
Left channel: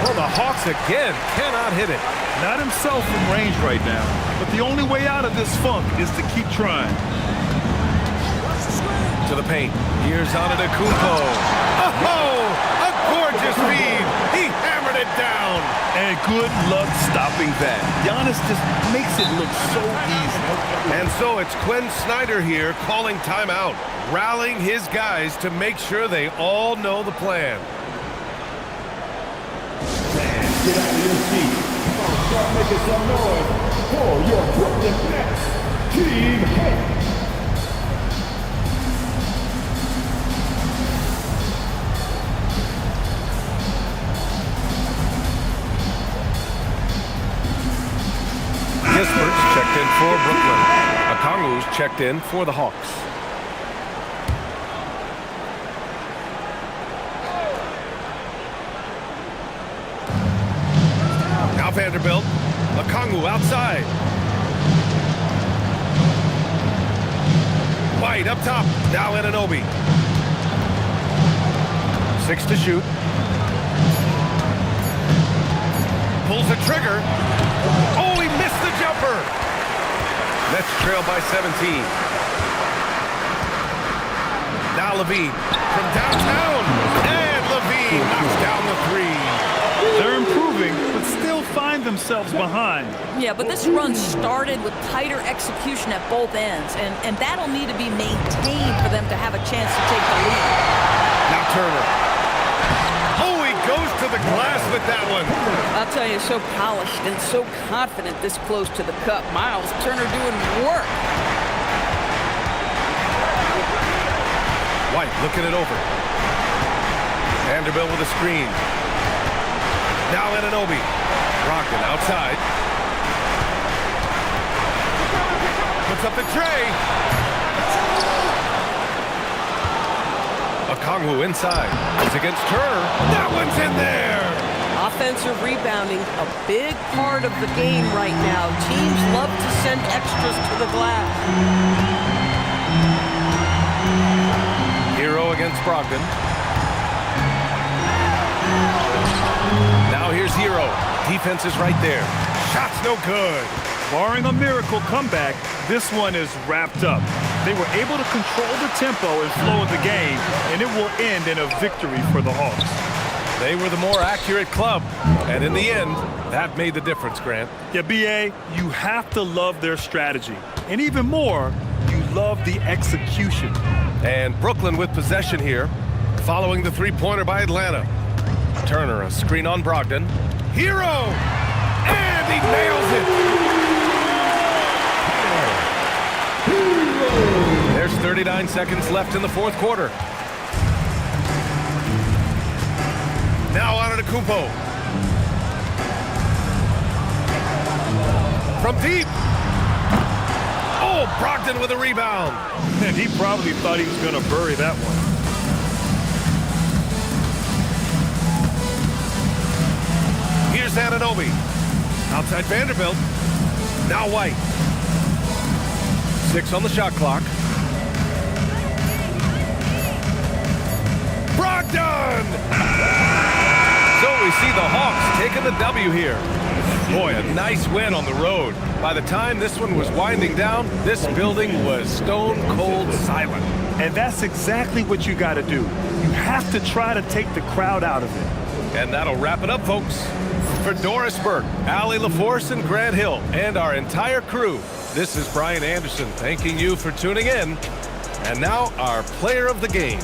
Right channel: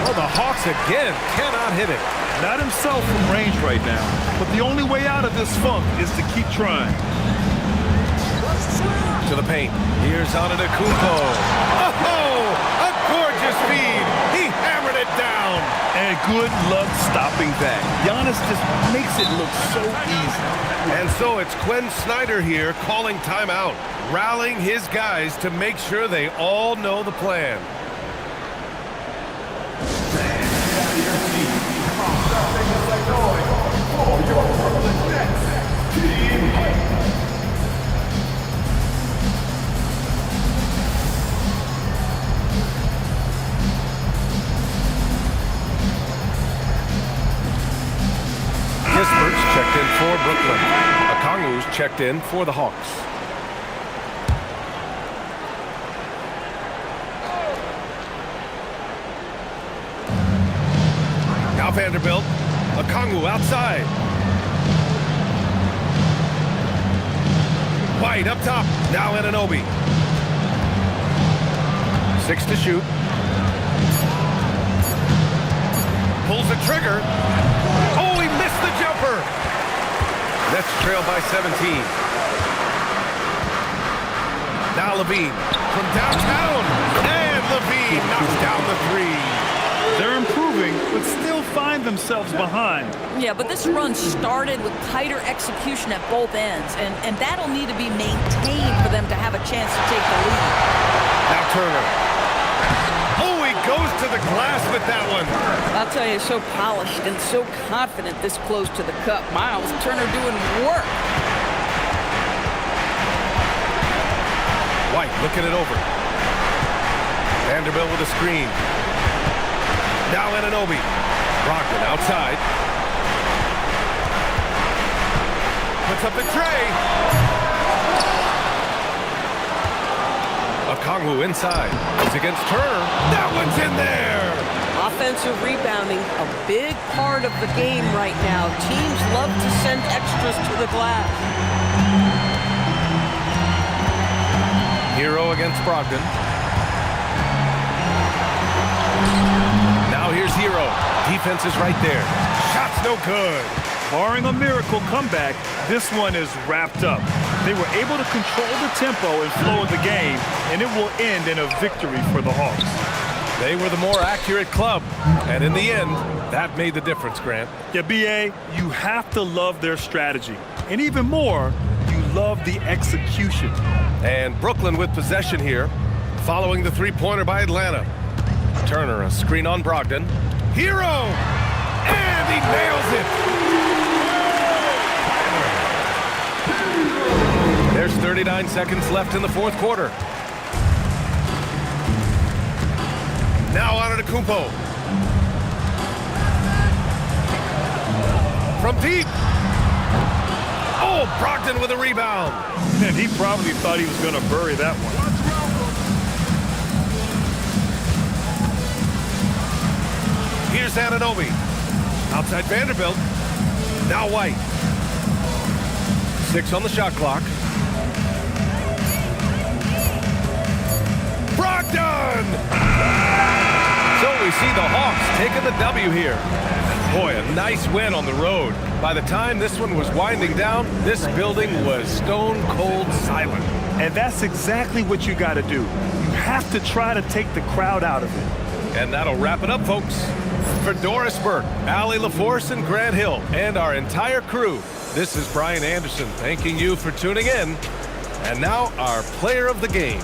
Oh, the Hawks again cannot hit it. Not himself from range right now, but the only way out of this funk is to keep trying. To the paint. Here's Antetokounmpo. Oh, a gorgeous feed. He hammered it down. And good luck stopping that. Giannis just makes it look so easy. And so it's Quinn Snyder here calling timeout, rallying his guys to make sure they all know the plan. Fans, get out of your seats. Start making some noise for your Brooklyn Nets. Team Heat. Kispert's checked in for Brooklyn. Okongwu's checked in for the Hawks. Now Vanderbilt. Okongwu outside. White up top. Now Anunoby. 6 to shoot. Pulls the trigger. Oh, he missed the jumper. Nets trail by 17. Now Levine from downtown. And Levine knocks down the three. They're improving, but still find themselves behind. Yeah, but this run started with tighter execution at both ends, and that'll need to be maintained for them to have a chance to take the lead. Now Turner. Oh, he goes to the glass with that one. I'll tell you, so polished and so confident this close to the cup. Miles Turner doing work. White looking it over. Vanderbilt with a screen. Now Anunoby. Brogdon outside. Puts up the tray. Okongwu inside. It's against Turner. That one's in there. Offensive rebounding, a big part of the game right now. Teams love to send extras to the glass. Hero against Brogdon. Now here's Hero. Defense is right there. Shot's no good. Barring a miracle comeback, this one is wrapped up. They were able to control the tempo and flow of the game, and it will end in a victory for the Hawks. They were the more accurate club, and in the end, that made the difference, Grant. Yeah, B.A., you have to love their strategy. And even more, you love the execution. And Brooklyn with possession here, following the three-pointer by Atlanta. Turner, a screen on Brogdon. Hero! And he nails it! There's 39 seconds left in the fourth quarter. Now Antetokounmpo. From deep. Oh, Brogdon with a rebound. And he probably thought he was going to bury that one. Here's Anunoby. Outside Vanderbilt. Now White. 6 on the shot clock. Brogdon! So we see the Hawks taking the W here. Boy, a nice win on the road. By the time this one was winding down, this building was stone cold silent. And that's exactly what you got to do. You have to try to take the crowd out of it. And that'll wrap it up, folks. For Doris Burke, Allie LaForce, and Grant Hill, and our entire crew, this is Brian Anderson thanking you for tuning in. And now our player of the game.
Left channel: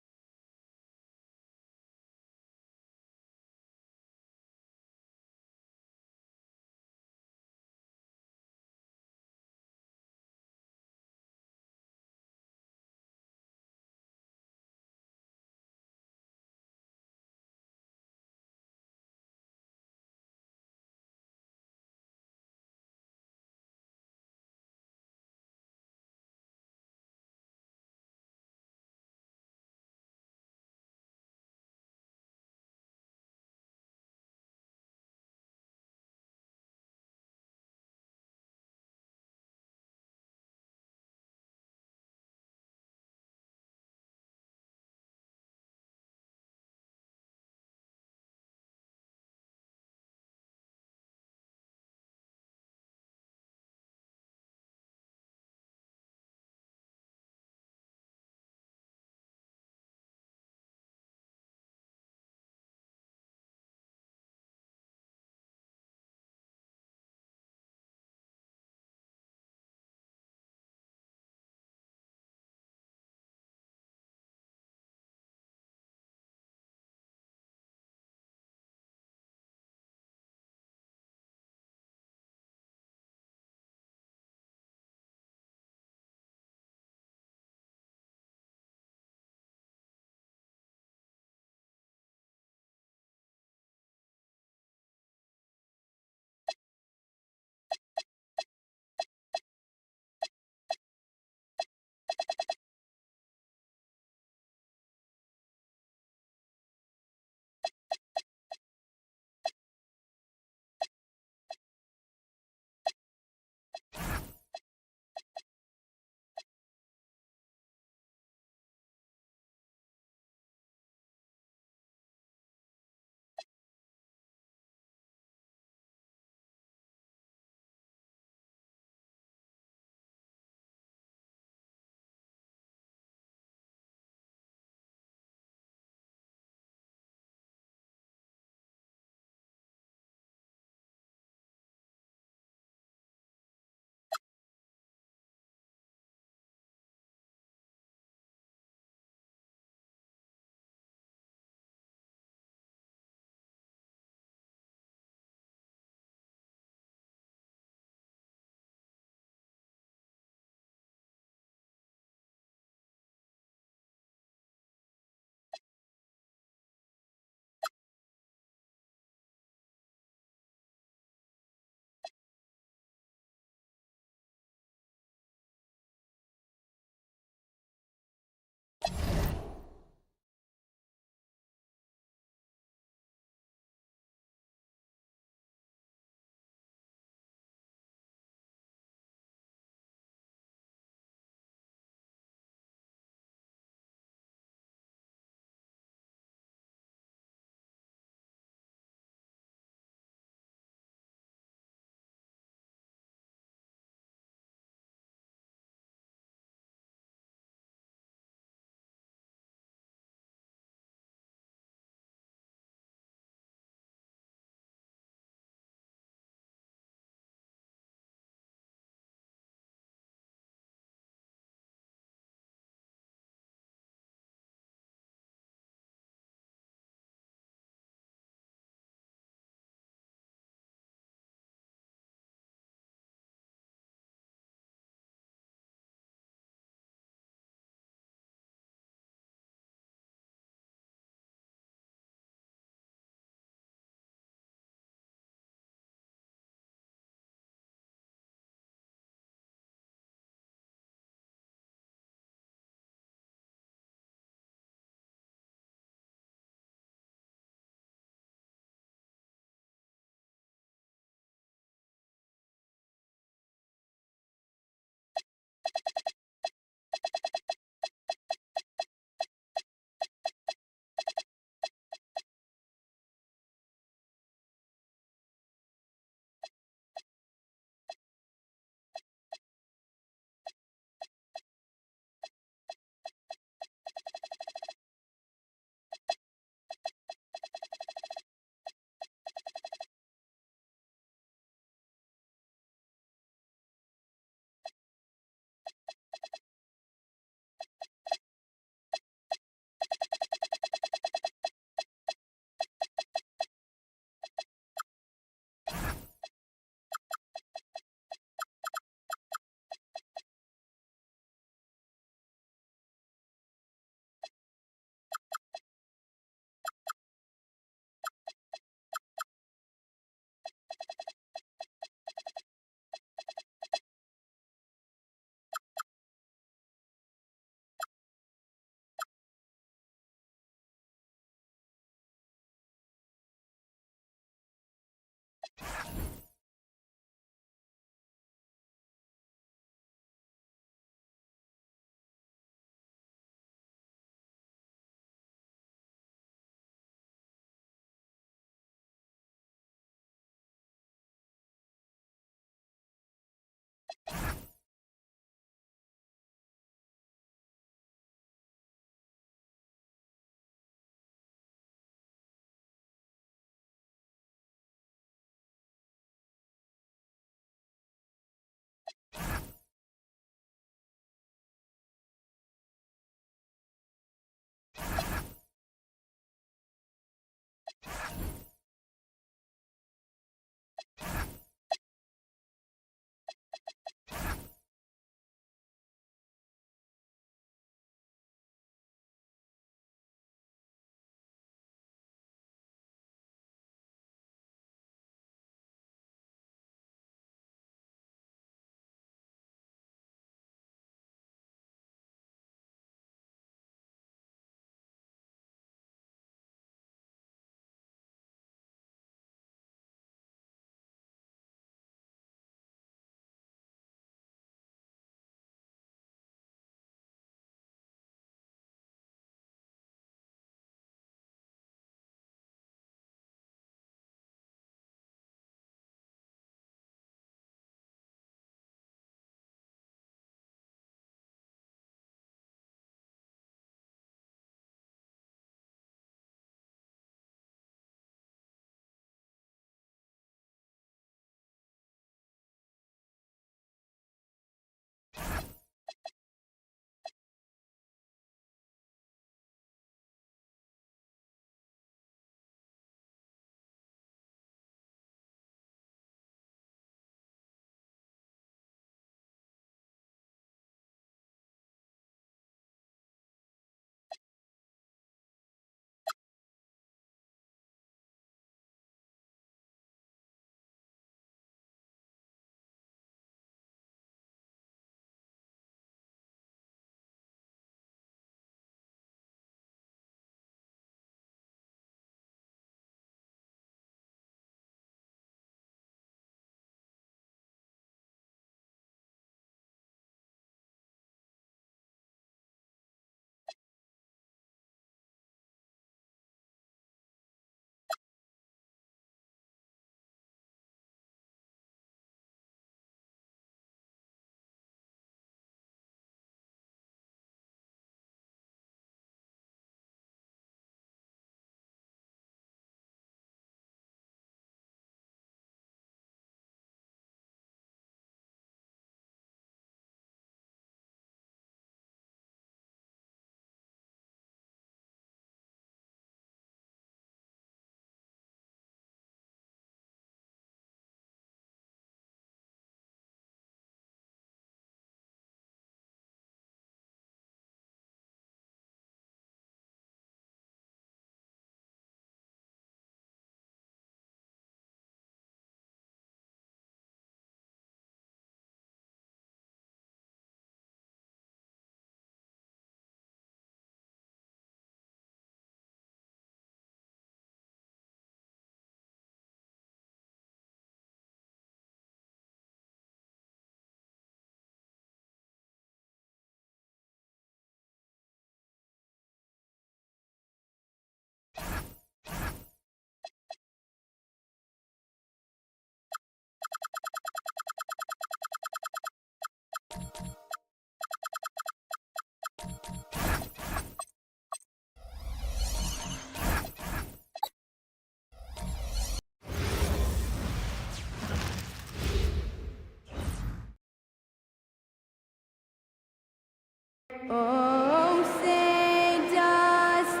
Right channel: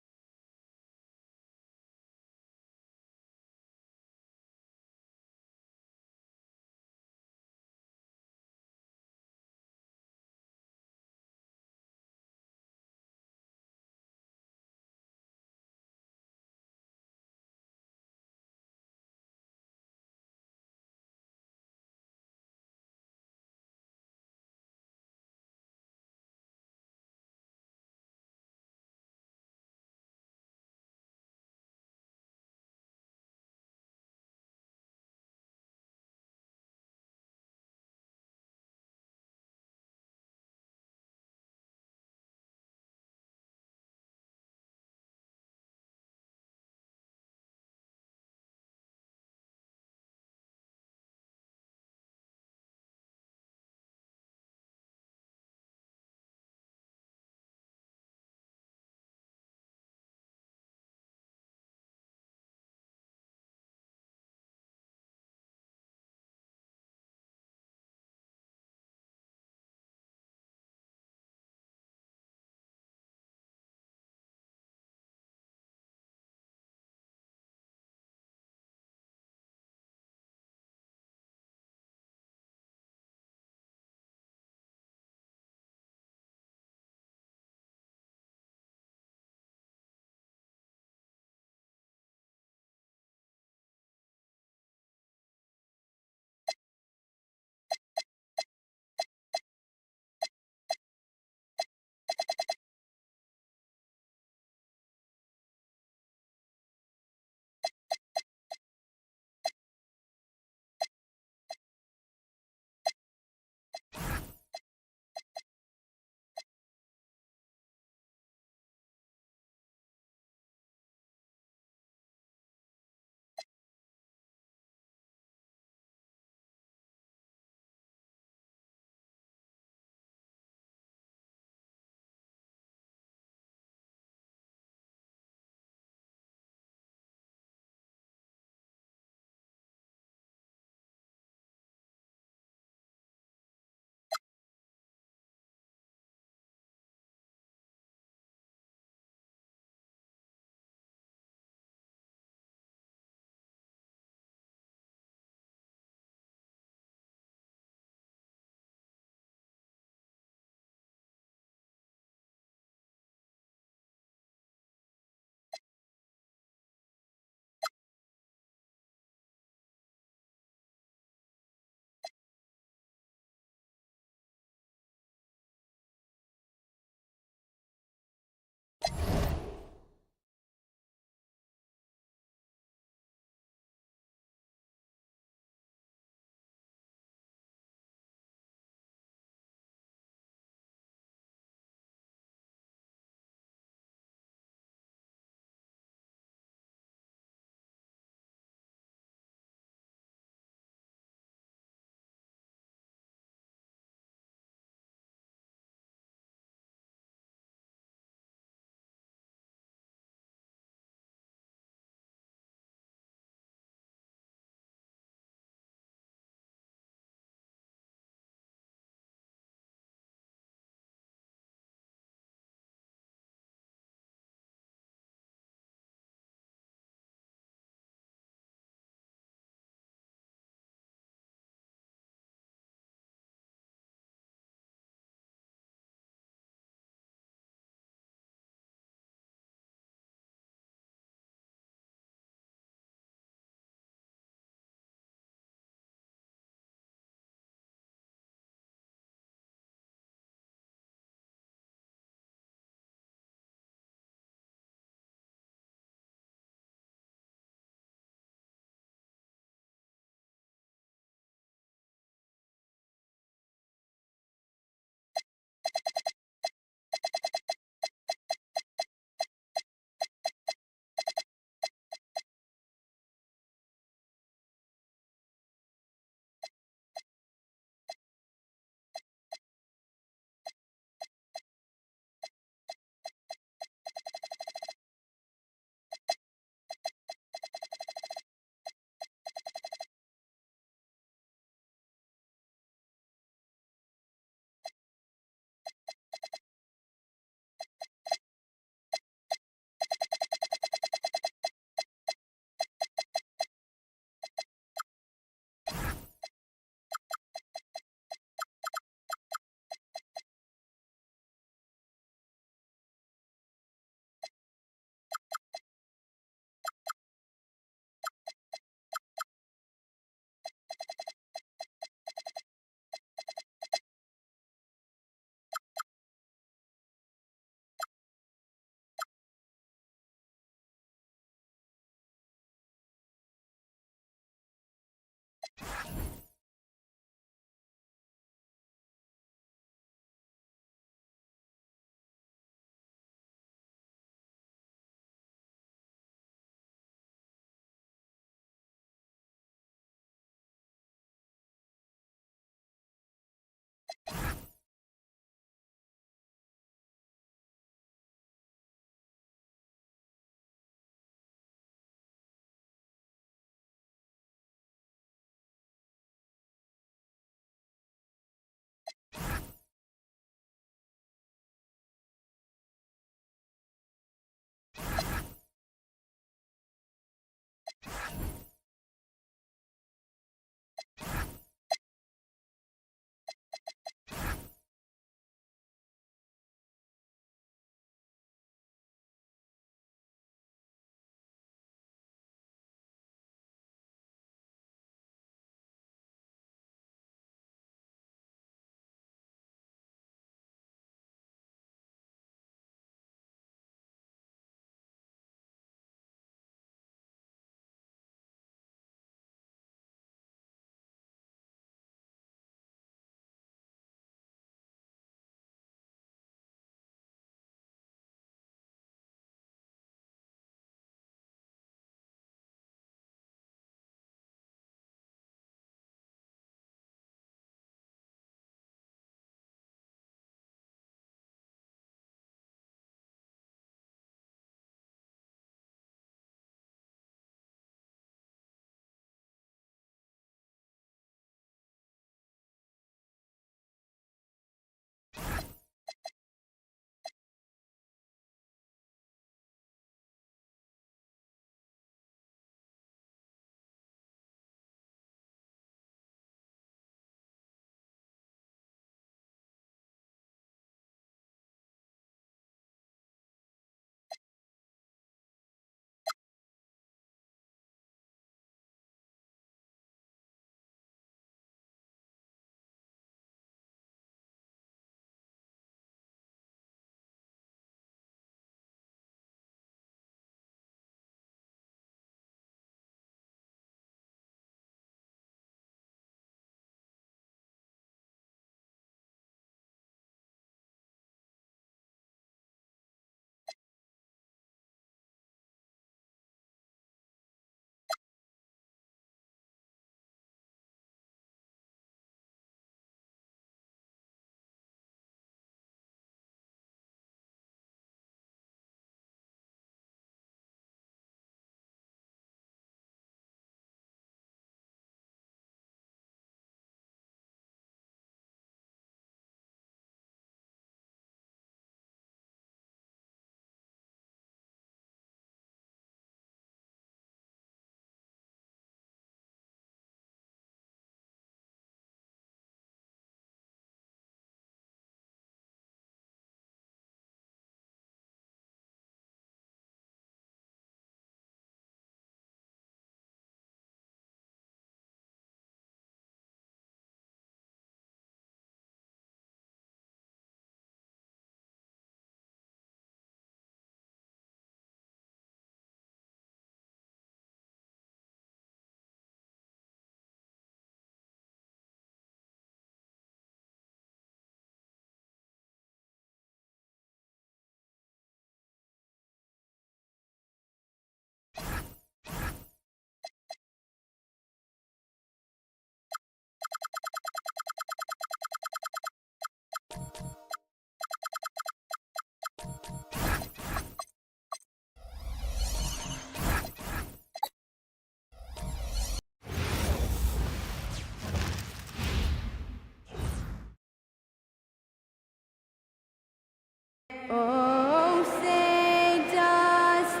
Oh, say does.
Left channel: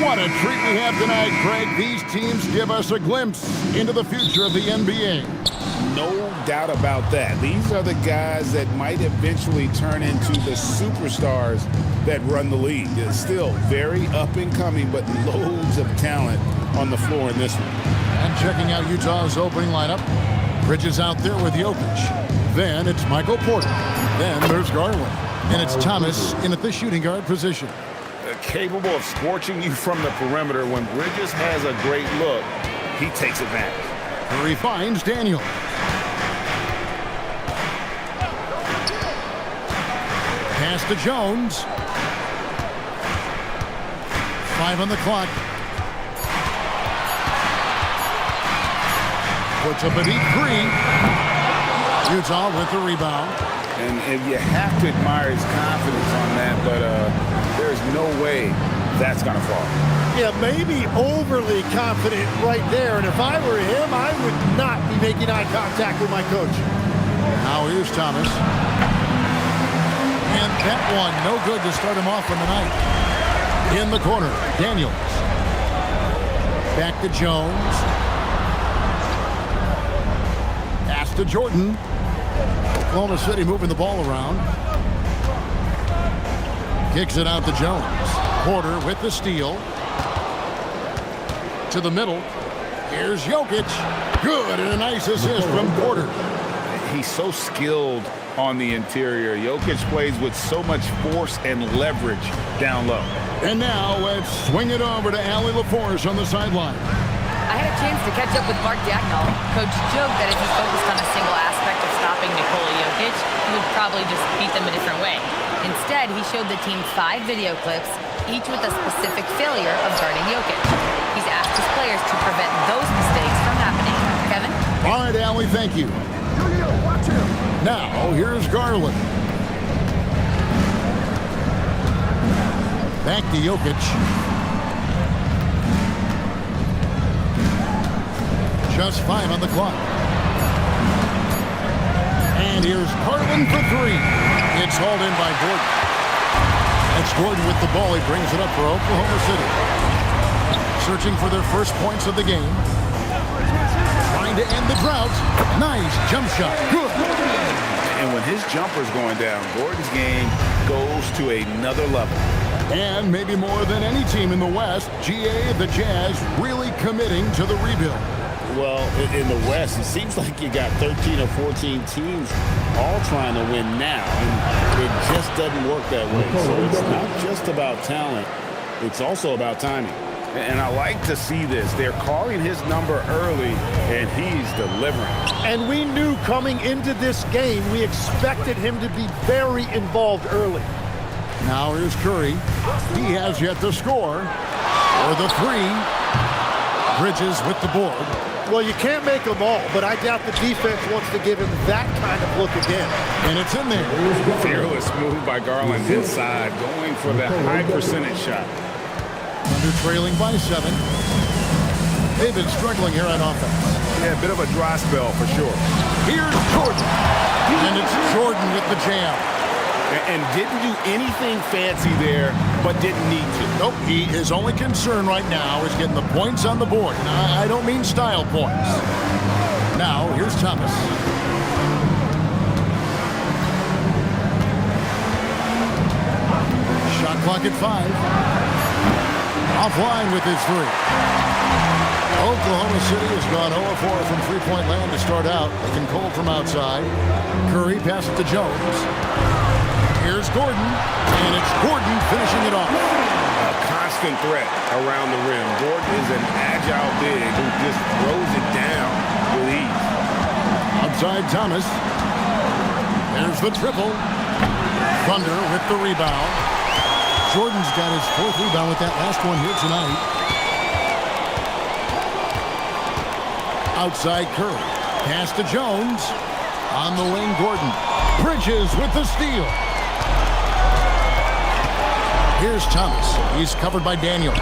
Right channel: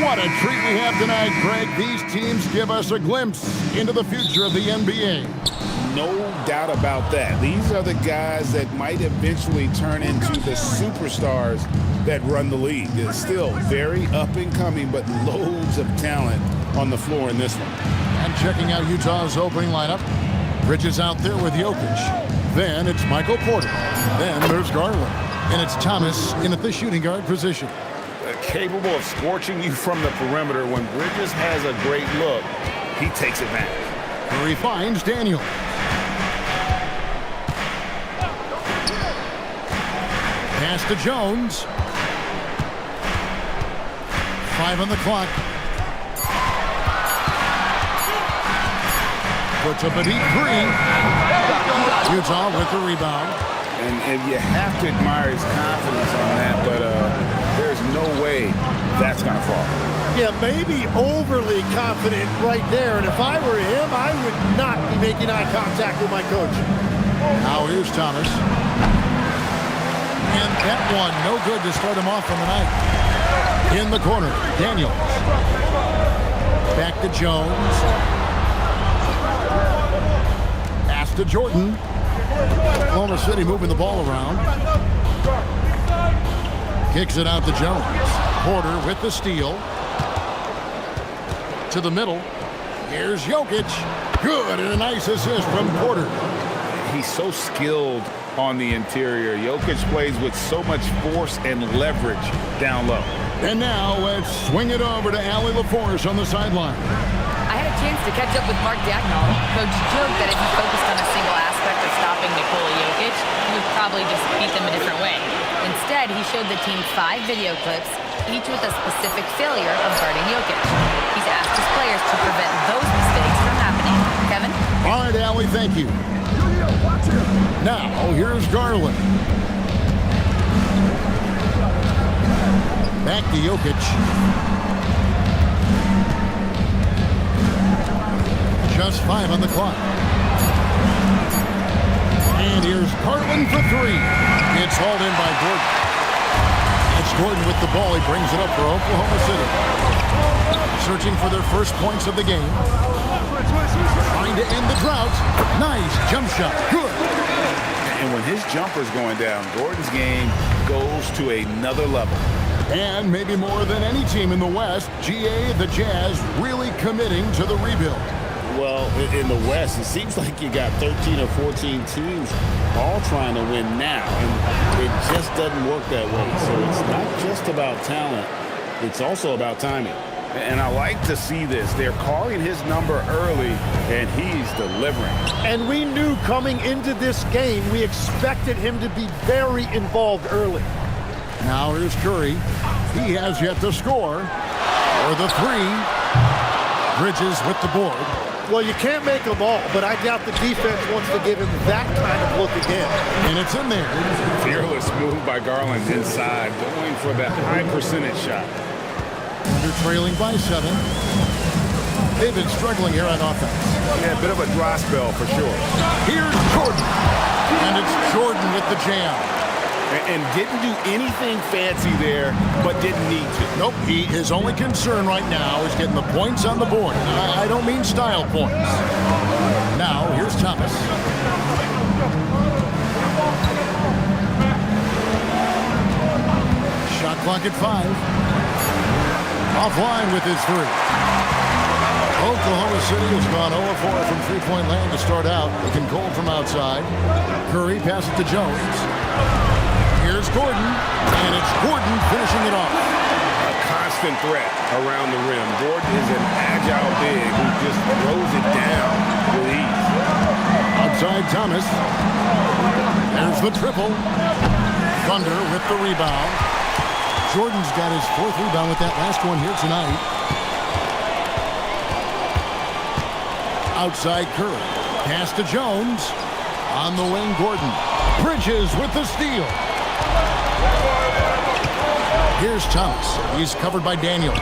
What a treat we have tonight, Greg. These teams give us a glimpse into the future of the NBA. no doubt about that. These are the guys that might eventually turn into the superstars that run the league. It's still very up and coming, but loads of talent on the floor in this one. And checking out Utah's opening lineup, Bridges out there with Jokic. Then it's Michael Porter. Then there's Garland. And it's Thomas in at the shooting guard position. Capable of scorching you from the perimeter. When Bridges has a great look, he takes advantage. Curry finds Daniel. Pass to Jones. 5 on the clock. Puts up a deep 3. Utah with the rebound. And you have to admire his confidence on that, but there's no way that's going to fall. Yeah, maybe overly confident right there. And if I were him, I would not be making eye contact with my coach. Now here's Thomas. And that one, no good to start him off on the night. In the corner, Daniels. Back to Jones. Pass to Jordan. Oklahoma City moving the ball around. Kicks it out to Jones. Porter with the steal. To the middle. Here's Jokic. Good, and a nice assist from Porter. He's so skilled on the interior. Jokic plays with so much force and leverage down low. And now let's swing it over to Allie LaForce on the sideline. I had a chance to catch up with Mark Dagnall. Coach joked that if he focused on a single aspect of stopping Nikola Jokic, he would probably just beat them a different way. Instead, he showed the team 5 video clips, each with a specific failure of guarding Jokic. He's asked his players to prevent those mistakes from happening. Kevin? All right, Allie, thank you. Watch him. Now, here's Garland. Back to Jokic. Just 5 on the clock. And here's Garland for 3. It's hauled in by Gordon. That's Gordon with the ball. He brings it up for Oklahoma City. Searching for their first points of the game. Trying to end the drought. Nice jump shot. Good. And when his jumper's going down, Gordon's game goes to another level. And maybe more than any team in the West, GA, the Jazz, really committing to the rebuild. Well, in the West, it seems like you got 13 or 14 teams all trying to win now, and it just doesn't work that way. So it's not just about talent, it's also about timing. And I like to see this. They're calling his number early, and he's delivering. And we knew coming into this game, we expected him to be very involved early. Now here's Curry. He has yet to score. For the 3. Bridges with the board. Well, you can't make them all, but I doubt the defense wants to give him that kind of look again. And it's in there. Fearless move by Garland inside, going for the high percentage shot. Thunder trailing by 7. They've been struggling here on offense. Yeah, a bit of a dry spell for sure. Here's Jordan. And it's Jordan with the jam. And didn't do anything fancy there, but didn't need to. Nope, his only concern right now is getting the points on the board. And I don't mean style points. Now, here's Thomas. Shot clock at 5. Offline with his 3. Oklahoma City has gone 0-4 from three-point land to start out. Looking cold from outside. Curry passes to Jones. Here's Gordon, and it's Gordon finishing it off. A constant threat around the rim. Gordon is an agile big who just throws it down with ease. Outside Thomas. There's the triple. Thunder with the rebound. Jordan's got his 4th rebound with that last one here tonight. Outside Curry. Pass to Jones. On the wing, Gordon. Bridges with the steal. Here's Thomas. He's covered by Daniels.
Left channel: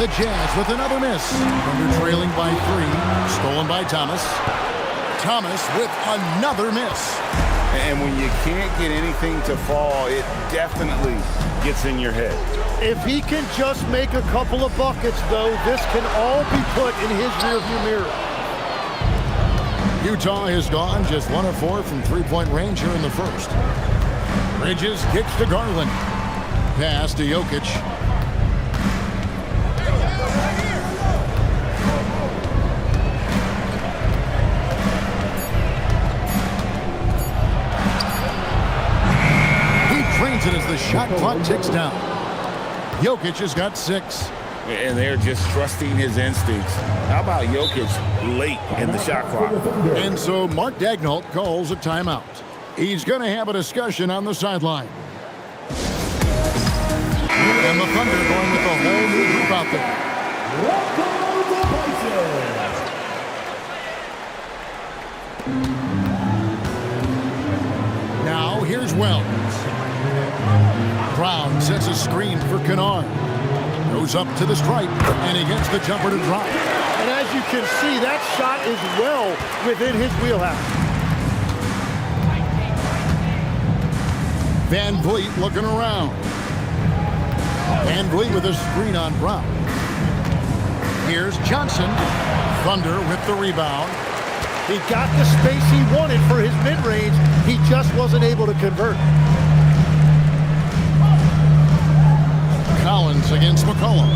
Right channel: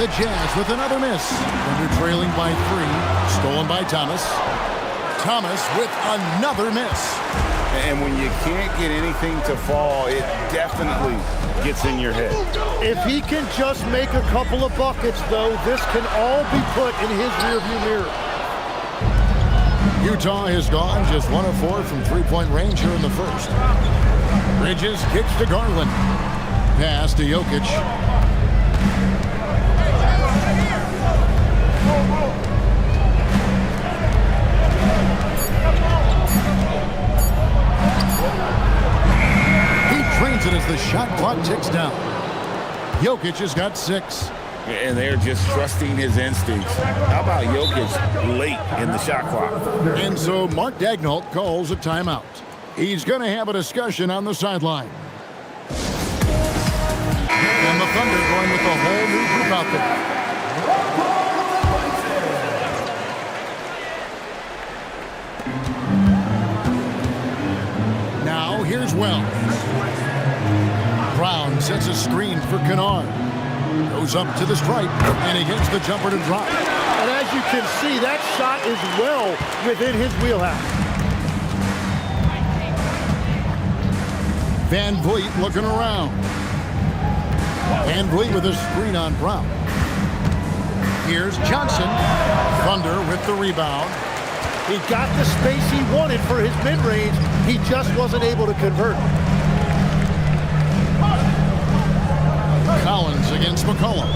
The Jazz with another miss. Thunder trailing by 3. Stolen by Thomas. Thomas with another miss. And when you can't get anything to fall, it definitely gets in your head. If he can just make a couple of buckets, though, this can all be put in his rearview mirror. Utah has gone just 1 of 4 from three-point range here in the first. Bridges kicks to Garland. Pass to Jokic. He trains it as the shot clock ticks down. Jokic has got 6. And they're just trusting his instincts. How about Jokic late in the shot clock? And so Mark Daigneault calls a timeout. He's going to have a discussion on the sideline. And the Thunder going with a whole new group out there. Now here's Wells. Brown sets a screen for Kennard. Goes up to the stripe, and he gets the jumper to drop. And as you can see, that shot is well within his wheelhouse. Van Vliet looking around. Van Vliet with a screen on Brown. Here's Johnson. Thunder with the rebound. He got the space he wanted for his mid-range. He just wasn't able to convert. Collins against McCollum.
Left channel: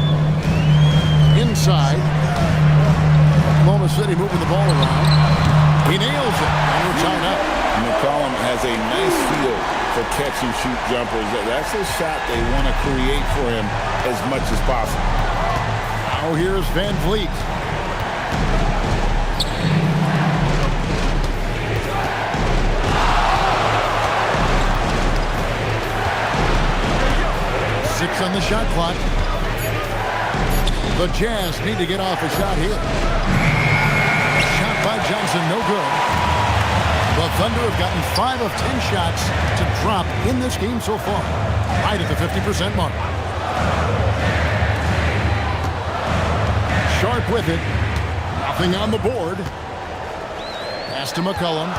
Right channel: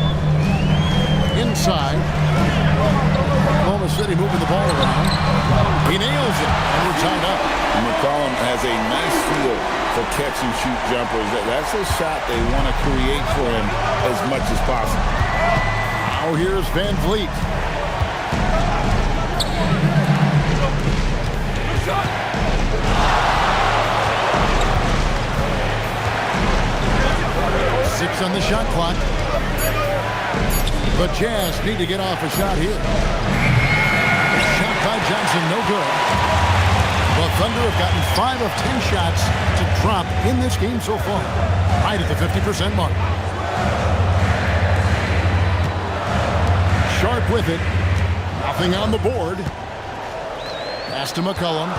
Inside. Oklahoma City moving the ball around. He nails it, and we're tied up. McCollum has a nice feel for catch-and-shoot jumpers. That's a shot they want to create for him as much as possible. Now here's Van Vliet. Six on the shot clock. The Jazz need to get off a shot here. Shot by Johnson, no good. The Thunder have gotten 5 of 10 shots to drop in this game so far. Right at the 50% mark. Sharp with it. Nothing on the board. Pass to McCollum.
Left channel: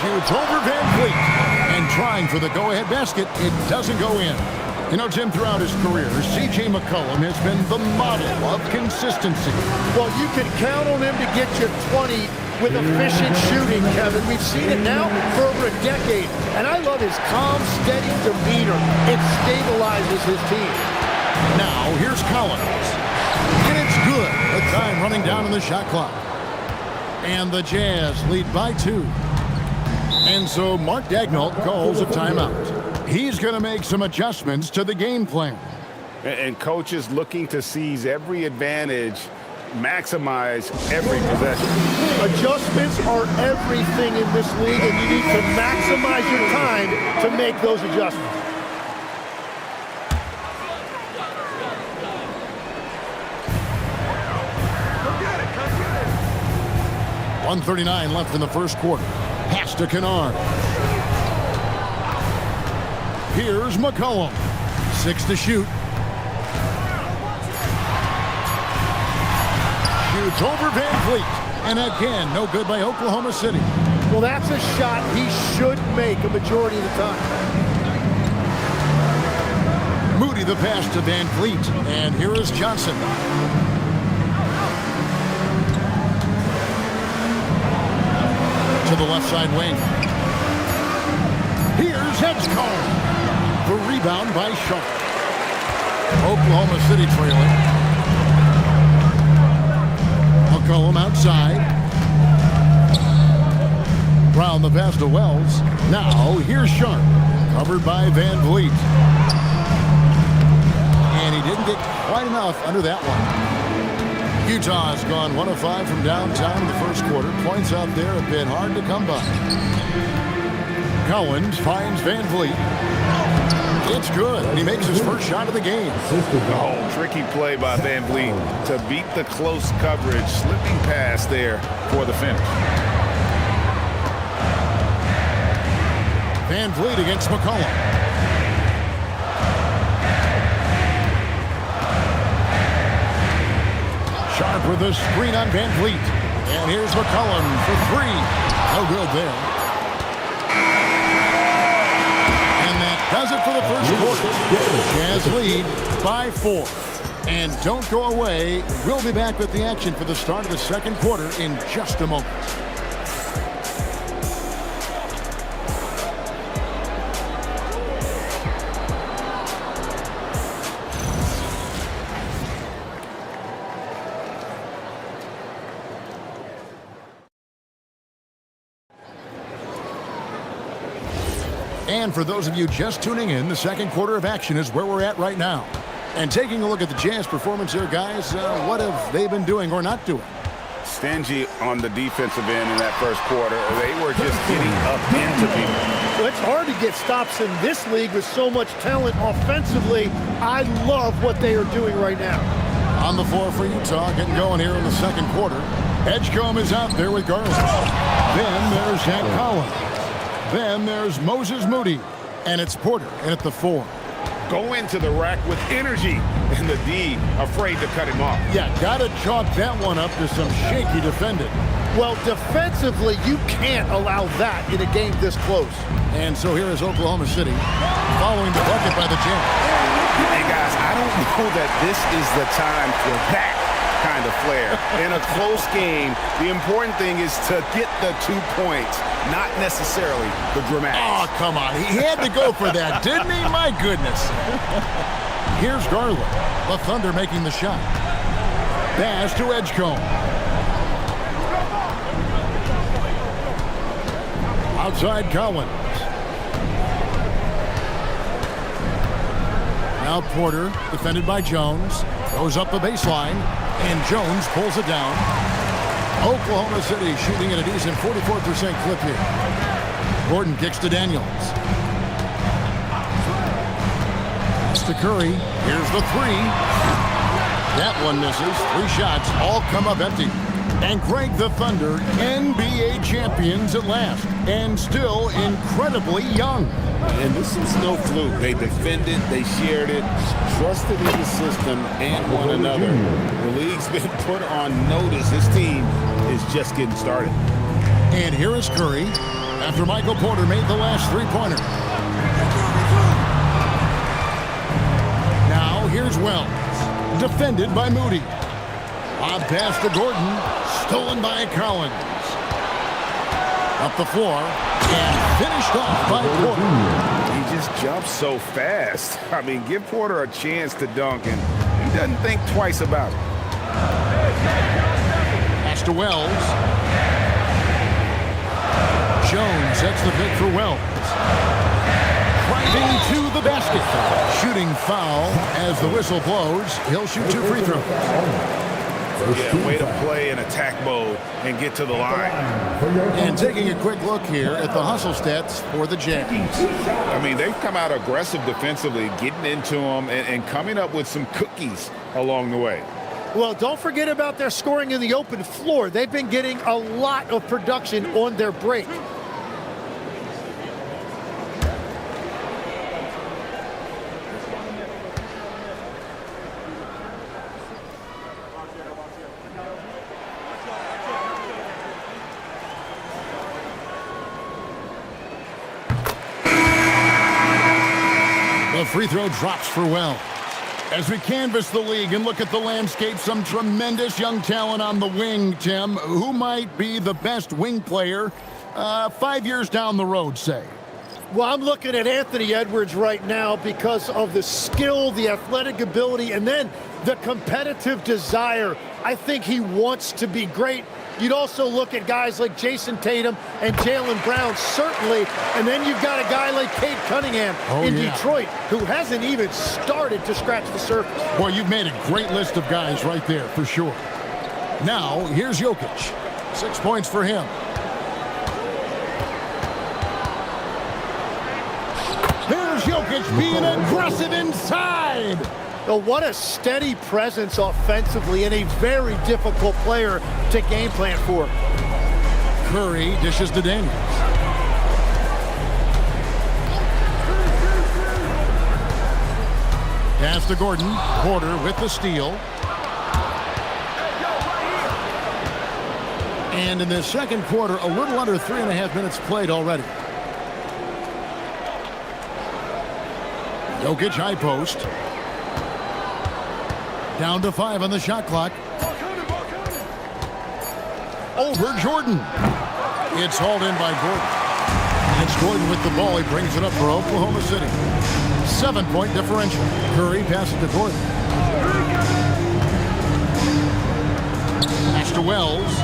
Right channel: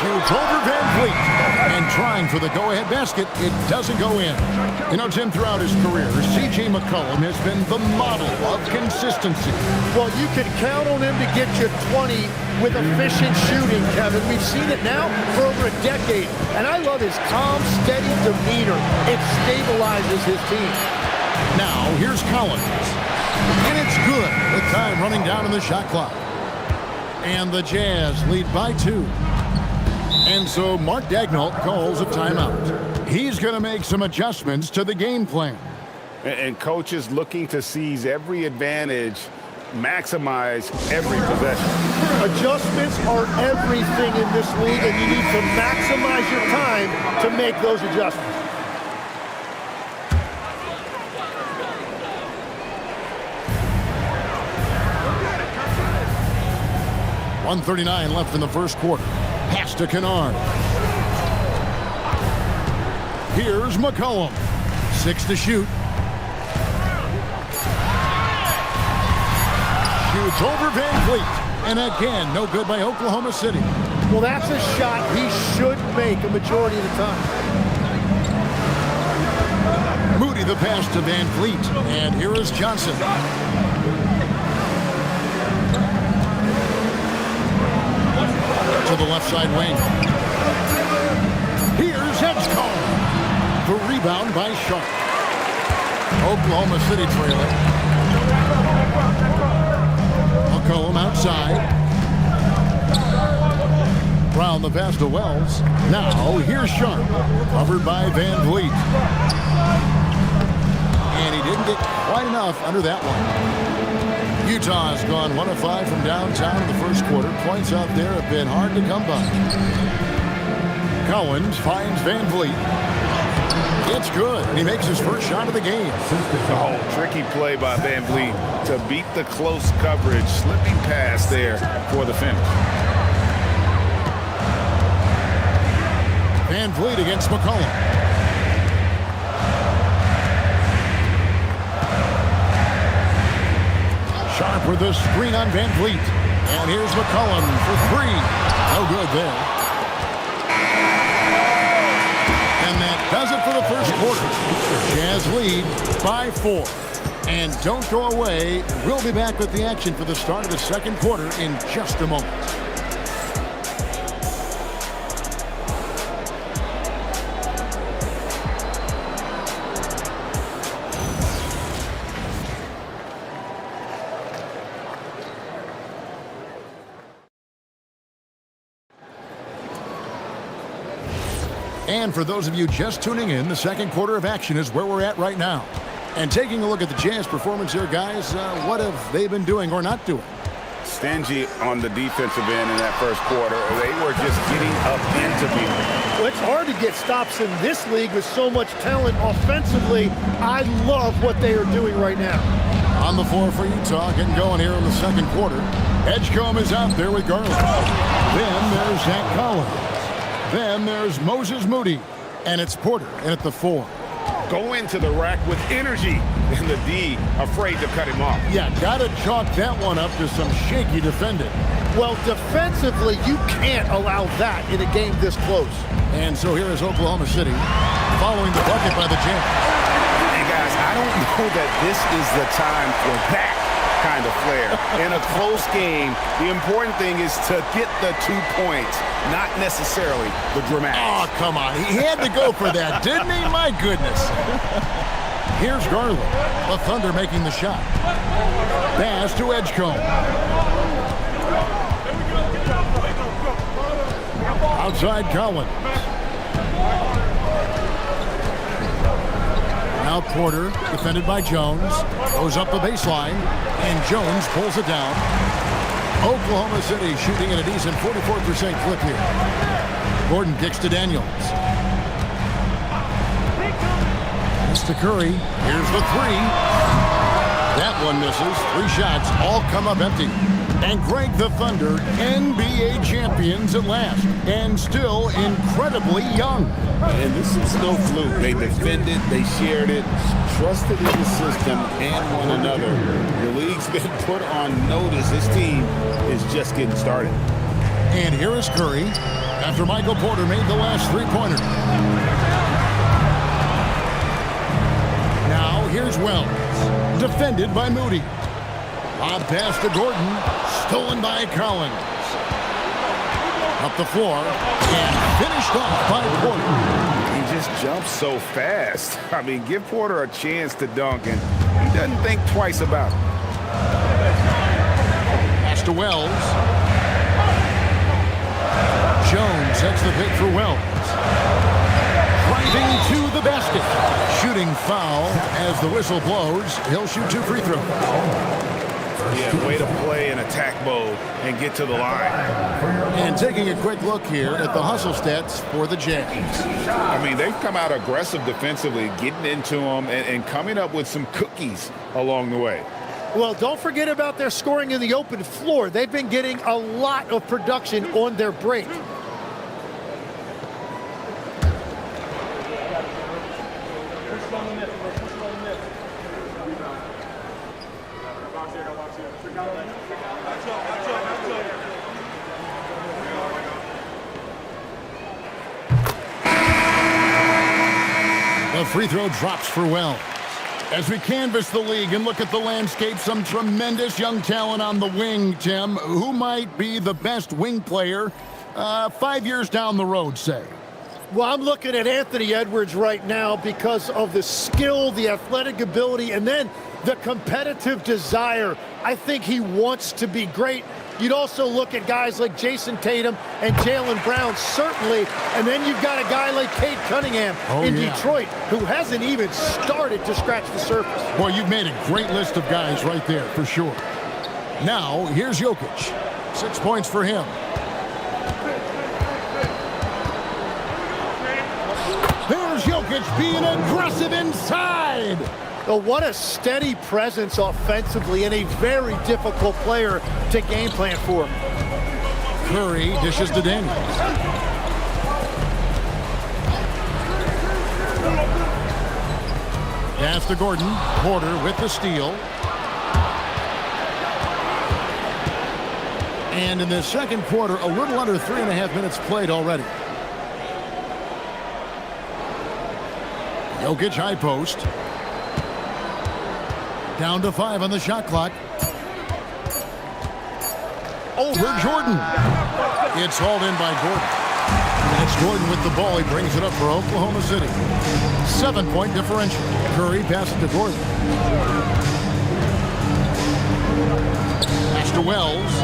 Shoots over Van Vliet. And trying for the go-ahead basket, it doesn't go in. You know, Tim, throughout his career, C.J. McCollum has been the model of consistency. Well, you can count on him to get you 20 with efficient shooting, Kevin. We've seen it now for over a decade. And I love his calm, steady demeanor. It stabilizes his team. Now, here's Collins. And it's good. The time running down in the shot clock. And the Jazz lead by 2. And so Mark Daigneault calls a timeout. He's going to make some adjustments to the game plan. And coach is looking to seize every advantage, maximize every possession. Adjustments are everything in this league, and you need to maximize your time to make those adjustments. Come get it, come get it. 1:39 left in the first quarter. Pass to Kennard. Here's McCollum. 6 to shoot. Shoots over Van Vliet. And again, no good by Oklahoma City. Well, that's a shot he should make a majority of the time. Moody the pass to Van Vliet. And here is Johnson. To the left side wing. Here's Edgecombe. The rebound by Sharp. Oklahoma City trailing. McCollum outside. Brown the pass to Wells. Now here's Sharp. Covered by Van Vliet. And he didn't get quite enough under that one. Utah has gone 1 of 5 from downtown in the first quarter. Points out there have been hard to come by. Collins finds Van Vliet. It's good, and he makes his first shot of the game. Oh, tricky play by Van Vliet to beat the close coverage, slipping past there for the finish. Van Vliet against McCollum. Sharp with the screen on Van Vliet. And here's McCollum for 3. No good there. And that does it for the first quarter. Jazz lead by 4. And don't go away. We'll be back with the action for the start of the second quarter in just a moment. And for those of you just tuning in, the second quarter of action is where we're at right now. And taking a look at the Jazz performance here, guys, what have they been doing or not doing? Stingy on the defensive end in that first quarter. They were just getting up into people. Well, it's hard to get stops in this league with so much talent offensively. I love what they are doing right now. On the floor for Utah, getting going here in the second quarter. Edgecombe is out there with Garland. Then there's Zach Collins. Then there's Moses Moody. And it's Porter in at the 4. Go into the rack with energy, and the D afraid to cut him off. Yeah, got to chalk that one up to some shaky defending. Well, defensively, you can't allow that in a game this close. And so here is Oklahoma City following the bucket by the Jazz. And guys, I don't know that this is the time for that kind of flair. In a close game, the important thing is to get the 2 points, not necessarily the dramatics. Oh, come on. He had to go for that, didn't he? My goodness. Here's Garland. The Thunder making the shot. Pass to Edgecombe. Outside Collins. Now Porter, defended by Jones, goes up the baseline, and Jones pulls it down. Oklahoma City shooting at a decent 44% clip here. Gordon kicks to Daniels. Pass to Curry. Here's the 3. That one misses. 3 shots, all come up empty. And Greg, the Thunder, NBA champions at last, and still incredibly young. And this is no fluke. They defended, they shared it, trusted in the system and one another. The league's been put on notice. This team is just getting started. And here is Curry after Michael Porter made the last 3-pointer. Now here's Wells, defended by Moody. Lob pass to Gordon, stolen by Collins. Up the floor, and finished off by Porter. He just jumps so fast. I mean, give Porter a chance to dunk, and he doesn't think twice about it. Pass to Wells. Jones sets the pick for Wells. Driving to the basket. Shooting foul as the whistle blows. He'll shoot 2 free throws. Yeah, way to play in attack mode and get to the line. And taking a quick look here at the hustle stats for the Jazz. I mean, they've come out aggressive defensively, getting into them and coming up with some cookies along the way. Well, don't forget about their scoring in the open floor. They've been getting a lot of production on their break. The free throw drops for Wells. As we canvass the league and look at the landscape, some tremendous young talent on the wing, Tim. Who might be the best wing player 5 years down the road, say? Well, I'm looking at Anthony Edwards right now because of the skill, the athletic ability, and then the competitive desire. I think he wants to be great. You'd also look at guys like Jason Tatum and Jaylen Brown, certainly. And then you've got a guy like Cade Cunningham in Detroit, who hasn't even started to scratch the surface. Boy, you've made a great list of guys right there, for sure. Now, here's Jokic. 6 points for him. There's Jokic being aggressive inside. Oh, what a steady presence offensively and a very difficult player to game plan for. Curry dishes to Daniels. Pass to Gordon. Porter with the steal. And in the second quarter, a little under 3.5 minutes played already. Jokic high post. Down to 5 on the shot clock. Over Jordan. It's hauled in by Gordon. And it's Gordon with the ball. He brings it up for Oklahoma City. 7-point differential. Curry passes to Gordon. Pass to Wells.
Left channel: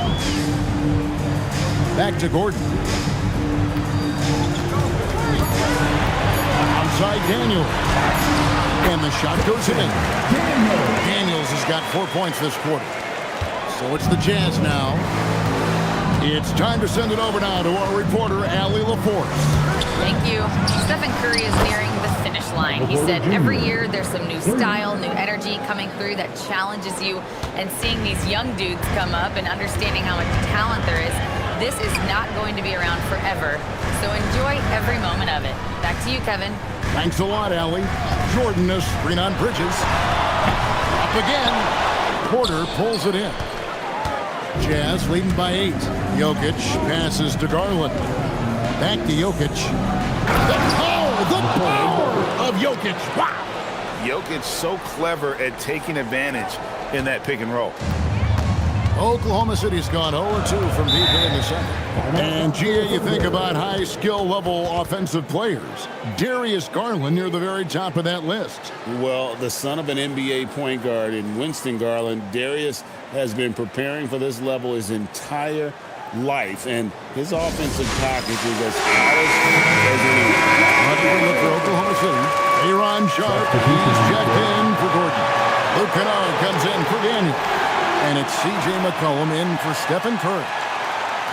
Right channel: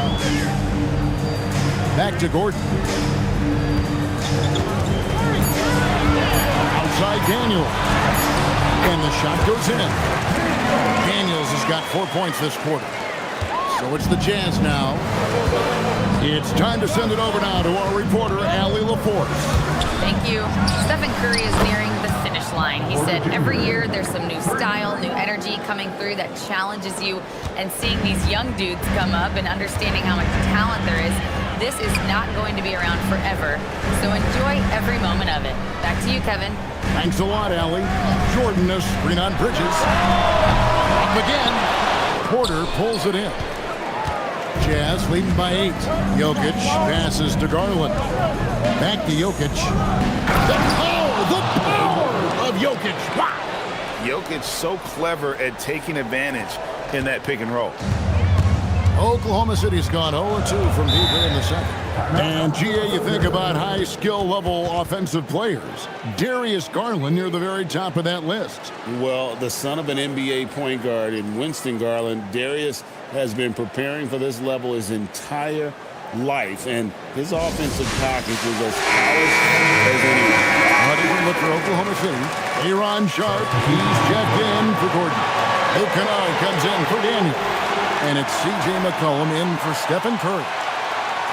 Back to Gordon. Outside Daniels. And the shot goes in. Daniels has got 4 points this quarter. So it's the Jazz now. It's time to send it over now to our reporter, Allie LaForce. Thank you. Stephen Curry is nearing the finish line. He said every year there's some new style, new energy coming through that challenges you. And seeing these young dudes come up and understanding how much talent there is, this is not going to be around forever. So enjoy every moment of it. Back to you, Kevin. Thanks a lot, Allie. Jordan, a screen on Bridges. Up again. Porter pulls it in. Jazz leading by 8. Jokic passes to Garland. Back to Jokic. The power of Jokic. Wow. Jokic so clever at taking advantage in that pick and roll. Oklahoma City's gone 0-2 from deep here in the second. And, GA, you think about high skill level offensive players. Darius Garland near the very top of that list. Well, the son of an NBA point guard in Winston Garland, Darius has been preparing for this level his entire life, and his offensive package is as polished as anyone. A different look for Oklahoma City. Aaron Sharp, he's checked in for Gordon. Luke Kennard comes in for Daniel. And it's C.J. McCollum in for Stephen Curry.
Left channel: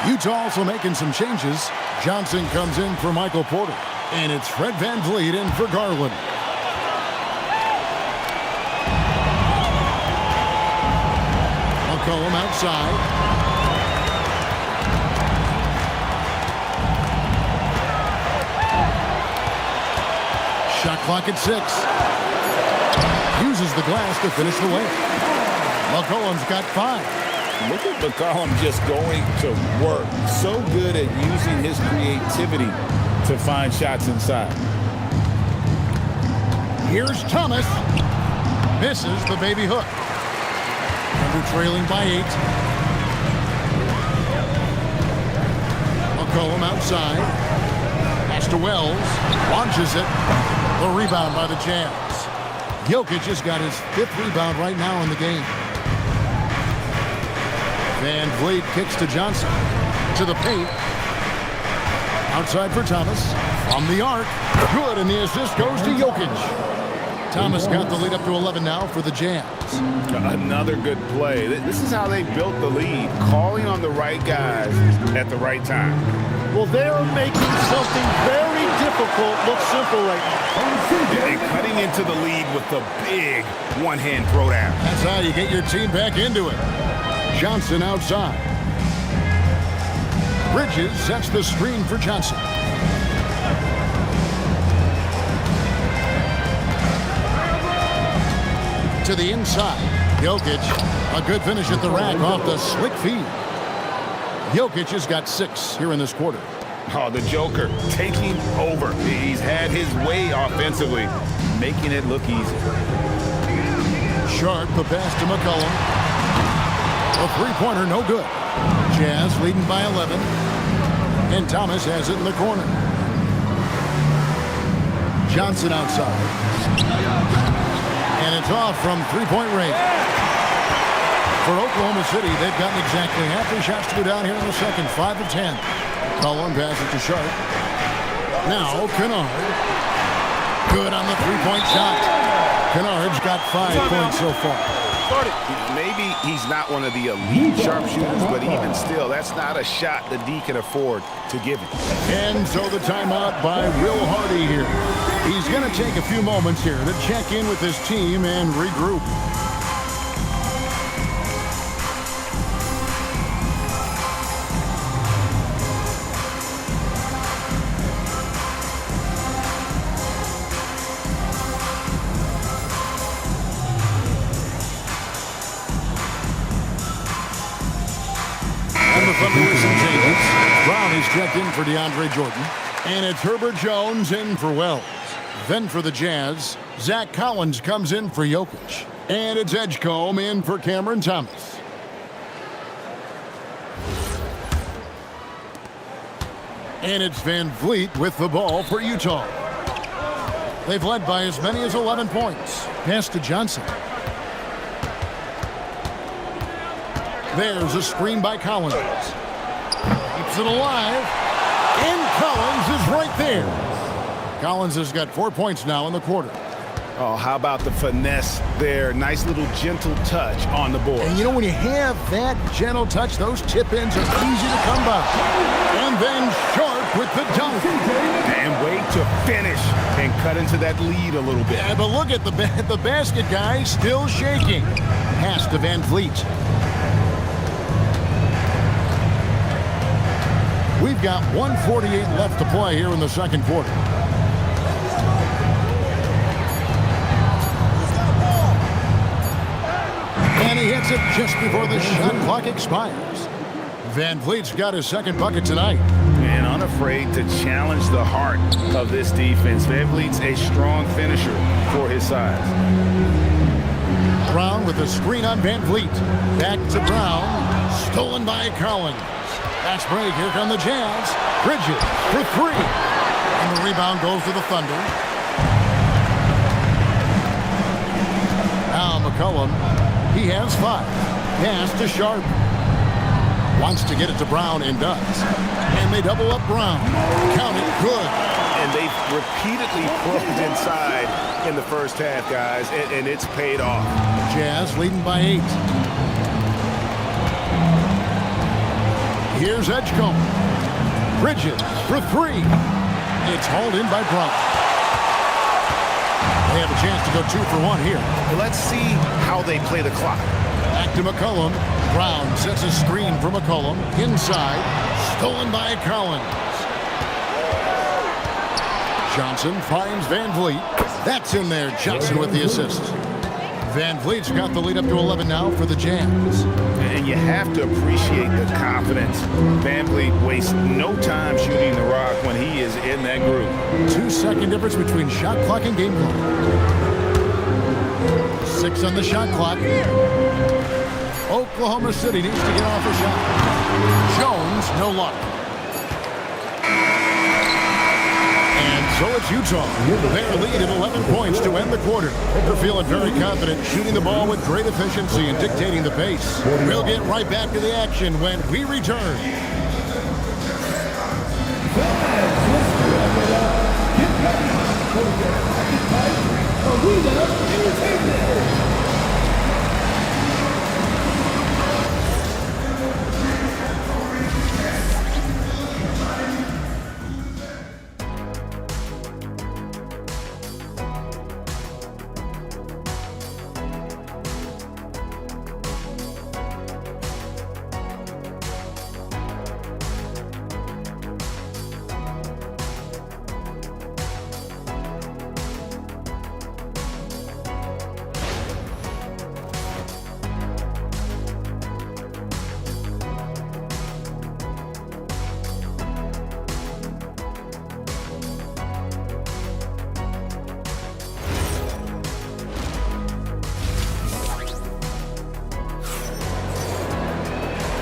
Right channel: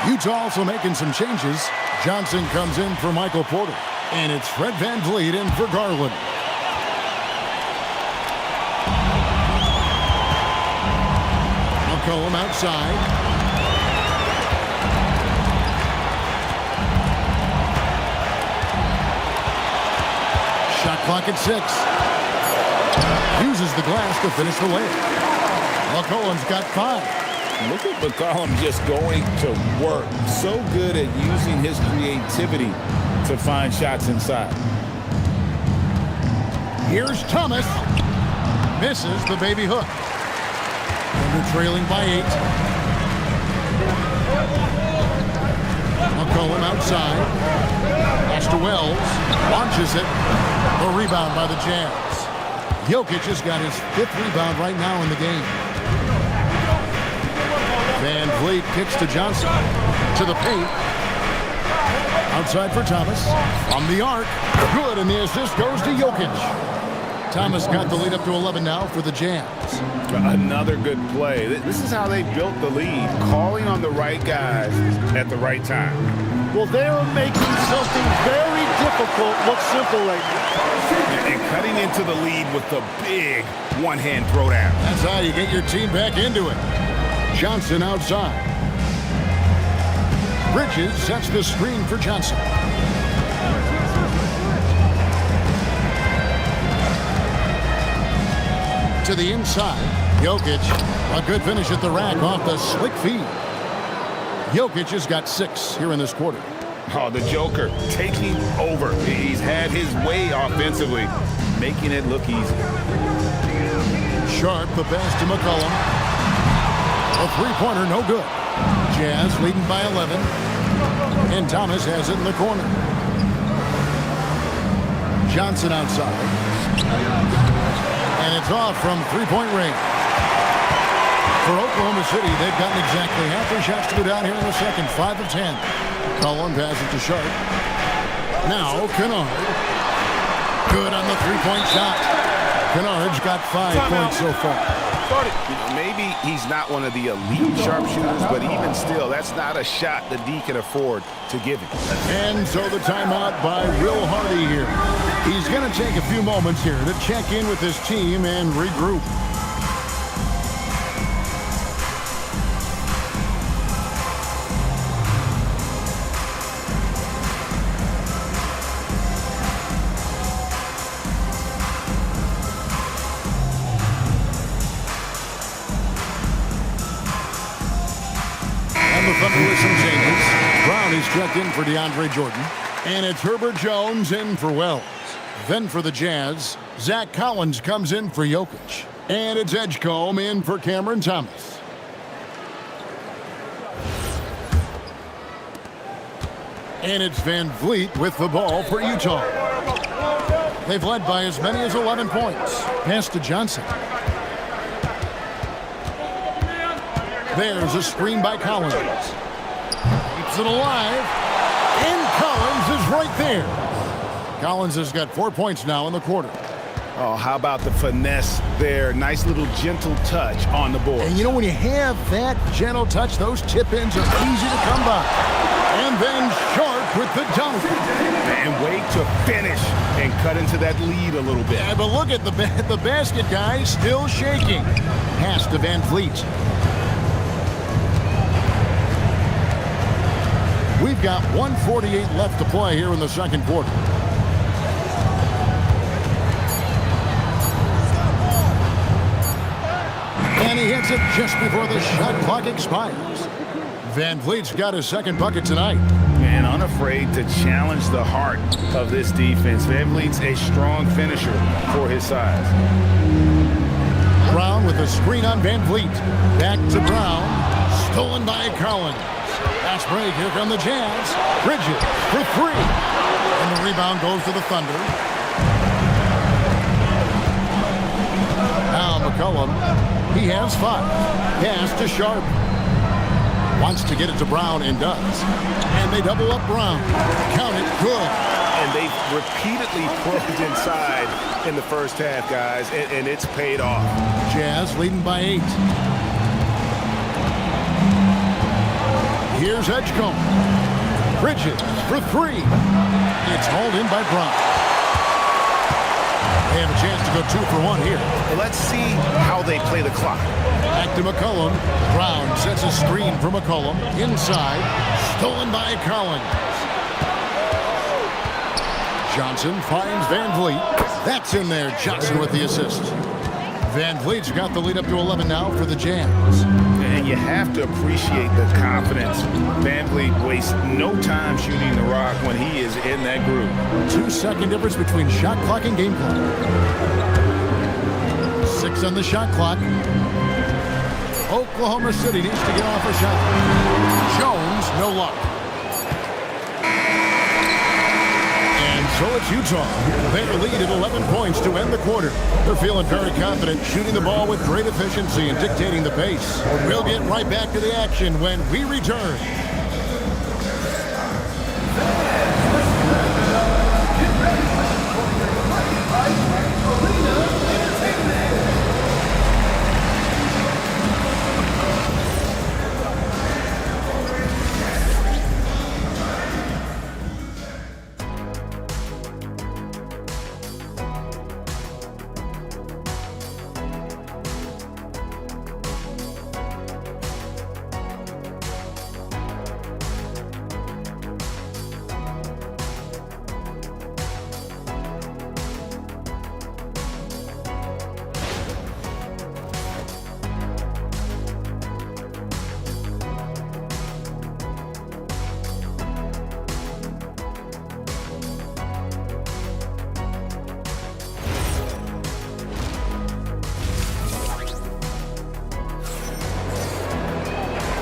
Utah also making some changes. Johnson comes in for Michael Porter. And it's Fred VanVleet in for Garland. McCollum outside. Shot clock at 6. Uses the glass to finish the layup. McCollum's got 5. Look at McCollum just going to work. So good at using his creativity to find shots inside. Here's Thomas. Misses the baby hook. Thunder trailing by 8. McCollum outside. Pass to Wells. Launches it. The rebound by the Jazz. Jokic has got his 5th rebound right now in the game. VanVleet kicks to Johnson. To the paint. Outside for Thomas. From the arc. Good, and the assist goes to Jokic. Thomas got the lead up to 11 now for the Jazz. Another good play. This is how they built the lead, calling on the right guys at the right time. Well, they are making something very difficult look simple right now. And cutting into the lead with the big one-hand throwdown. That's how you get your team back into it. Johnson outside. Bridges sets the screen for Johnson. To the inside. Jokic, a good finish at the rack off the slick feed. Jokic has got 6 here in this quarter. Oh, the Joker taking over. He's had his way offensively, making it look easy. Sharp, the pass to McCollum. A three-pointer, no good. Jazz leading by 11. And Thomas has it in the corner. Johnson outside. And it's off from three-point range. For Oklahoma City, they've gotten exactly half their shots to go down here in the second. 5 of 10. Cullen passes to Sharp. Now Kennard. Good on the three-point shot. Kennard's got 5 points so far. You know, maybe he's not one of the elite sharpshooters, but even still, that's not a shot the D can afford to give him. And so the timeout by Will Hardy here. He's going to take a few moments here to check in with his team and regroup. And the Thunder with some changes. Brown is checked in for DeAndre Jordan. And it's Herbert Jones in for Wells. Then for the Jazz, Zach Collins comes in for Jokic. And it's Edgecombe in for Cameron Thomas. And it's Van Vliet with the ball for Utah. They've led by as many as 11 points. Pass to Johnson. There's a screen by Collins. Keeps it alive. And Collins is right there. Collins has got 4 points now in the quarter. Oh, how about the finesse there? Nice little gentle touch on the board. And you know, when you have that gentle touch, those tip-ins are easy to come by. And then Sharp with the dunk. And wait to finish and cut into that lead a little bit. Yeah, but look at the basket guy still shaking. Pass to Van Vliet. We've got 1:48 left to play here in the second quarter. And he hits it just before the shot clock expires. Van Vliet's got his second bucket tonight. And unafraid to challenge the heart of this defense. Van Vliet's a strong finisher for his size. Brown with a screen on Van Vliet. Back to Brown. Stolen by Collins. Fast break. Here come the Jazz. Bridges for three. And the rebound goes to the Thunder. Now McCollum. He has 5. Pass to Sharp. Wants to get it to Brown and does. And they double up Brown. Count it. Good. And they've repeatedly probed inside in the first half, guys, and it's paid off. Jazz leading by 8. Here's Edgecombe. Bridges for 3. It's hauled in by Brown. They have a chance to go 2 for 1 here. Let's see how they play the clock. Back to McCollum. Brown sets a screen for McCollum. Inside. Stolen by Collins. Johnson finds Van Vliet. That's in there. Johnson with the assist. Van Vliet's got the lead up to 11 now for the Jazz. And you have to appreciate the confidence. Van Vliet wastes no time shooting the rock when he is in that groove. 2-second difference between shot clock and game clock. 6 on the shot clock. Oklahoma City needs to get off a shot. Jones, no luck. And so it's Utah. Their lead at 11 points to end the quarter. They're feeling very confident, shooting the ball with great efficiency and dictating the pace. We'll get right back to the action when we return.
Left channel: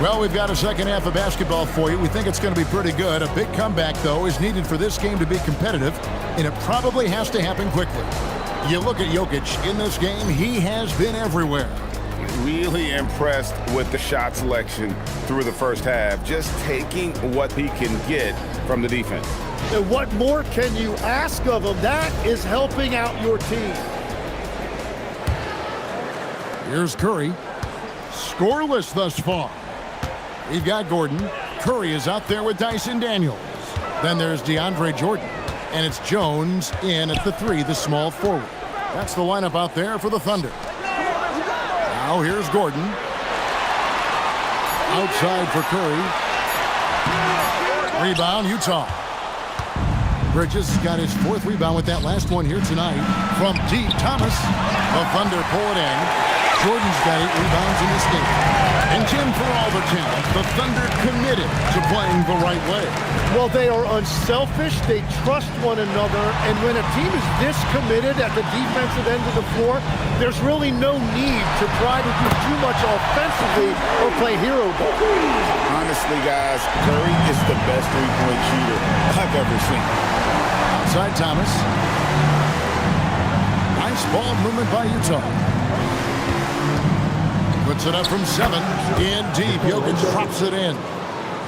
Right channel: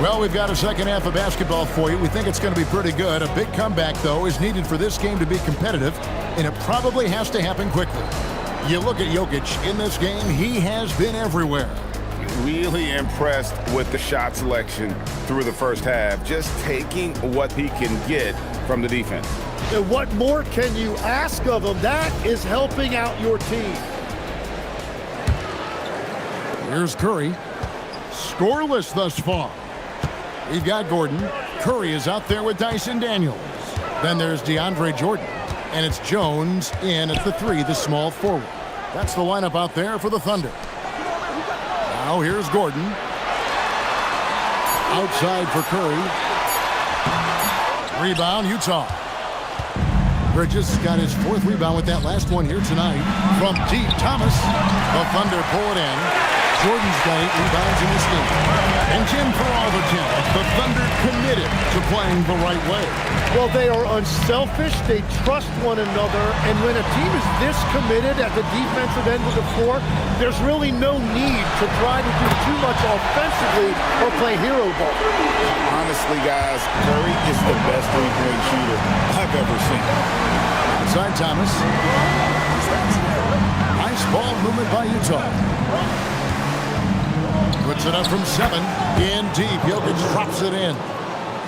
Well, we've got a second half of basketball for you. We think it's going to be pretty good. A big comeback, though, is needed for this game to be competitive, and it probably has to happen quickly. You look at Jokic in this game, he has been everywhere. Really impressed with the shot selection through the first half, just taking what he can get from the defense. And what more can you ask of him? That is helping out your team. Here's Curry. Scoreless thus far. We've got Gordon. Curry is out there with Dyson Daniels. Then there's DeAndre Jordan. And it's Jones in at the 3, the small forward. That's the lineup out there for the Thunder. Now here's Gordon. Outside for Curry. Rebound, Utah. Bridges got his 4th rebound with that last one here tonight. From deep, Thomas. The Thunder pull it in. Jordan's got 8 rebounds in this game. And Jim, for all their talent, the Thunder committed to playing the right way. Well, they are unselfish. They trust one another. And when a team is this committed at the defensive end of the floor, there's really no need to try to do too much offensively or play hero ball. Honestly, guys, Curry is the best three-point shooter I've ever seen. Outside Thomas. Nice ball movement by Utah. Puts it up from 7. In deep. Jokic drops it in.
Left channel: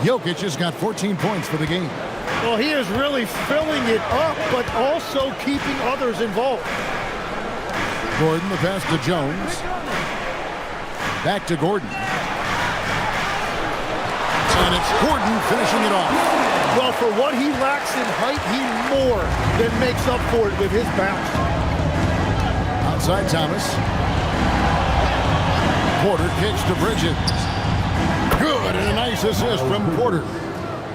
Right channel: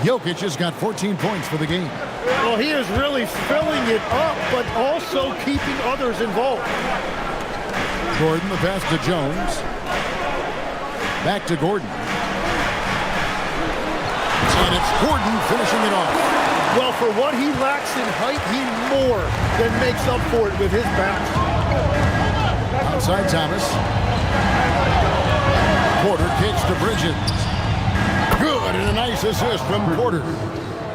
Jokic has got 14 points for the game. Well, he is really filling it up, but also keeping others involved. Gordon, the pass to Jones. Back to Gordon. And it's Gordon finishing it off. Well, for what he lacks in height, he more than makes up for it with his bounce. Outside Thomas. Porter kicks to Bridges. Good, and a nice assist from Porter.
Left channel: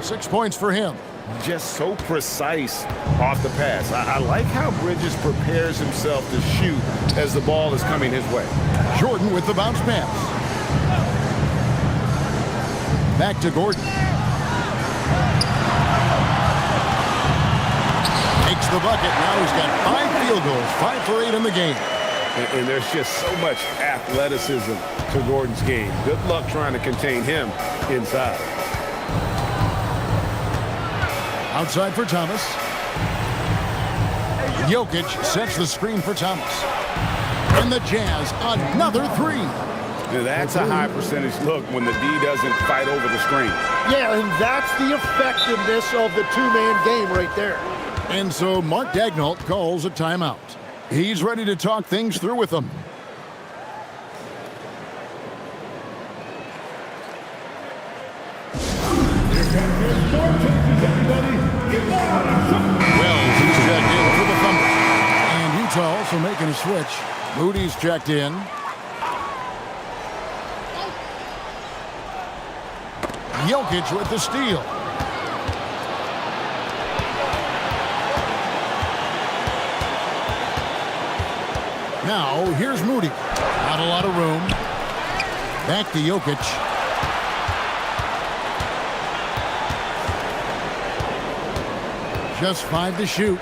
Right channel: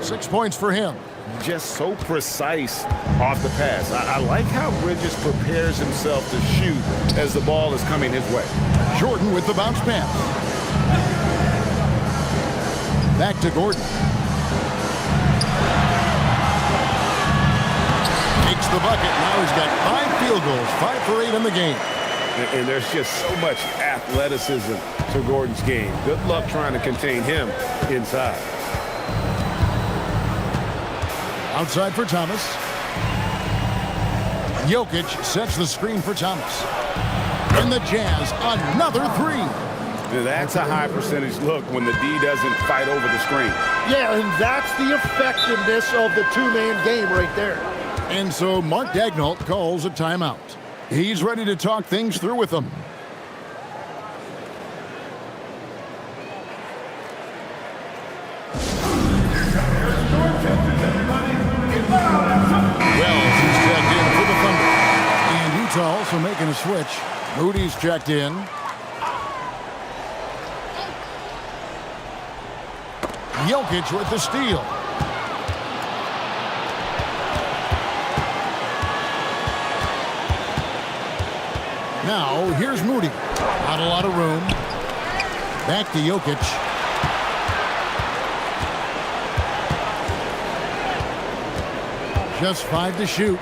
6 points for him. Just so precise off the pass. I like how Bridges prepares himself to shoot as the ball is coming his way. Jordan with the bounce pass. Back to Gordon. Makes the bucket. Now he's got 5 field goals, 5 for 8 in the game. And there's just so much athleticism to Gordon's game. Good luck trying to contain him inside. Outside for Thomas. Jokic sets the screen for Thomas. And the Jazz, another 3. Now that's a high percentage look when the D doesn't fight over the screen. Yeah, and that's the effectiveness of the two-man game right there. And so Mark Daigneault calls a timeout. He's ready to talk things through with them. Wells is checked in for the Thunder. And Utah also making a switch. Moody's checked in. Jokic with the steal. Now, here's Moody. Not a lot of room. Back to Jokic. Just 5 to shoot.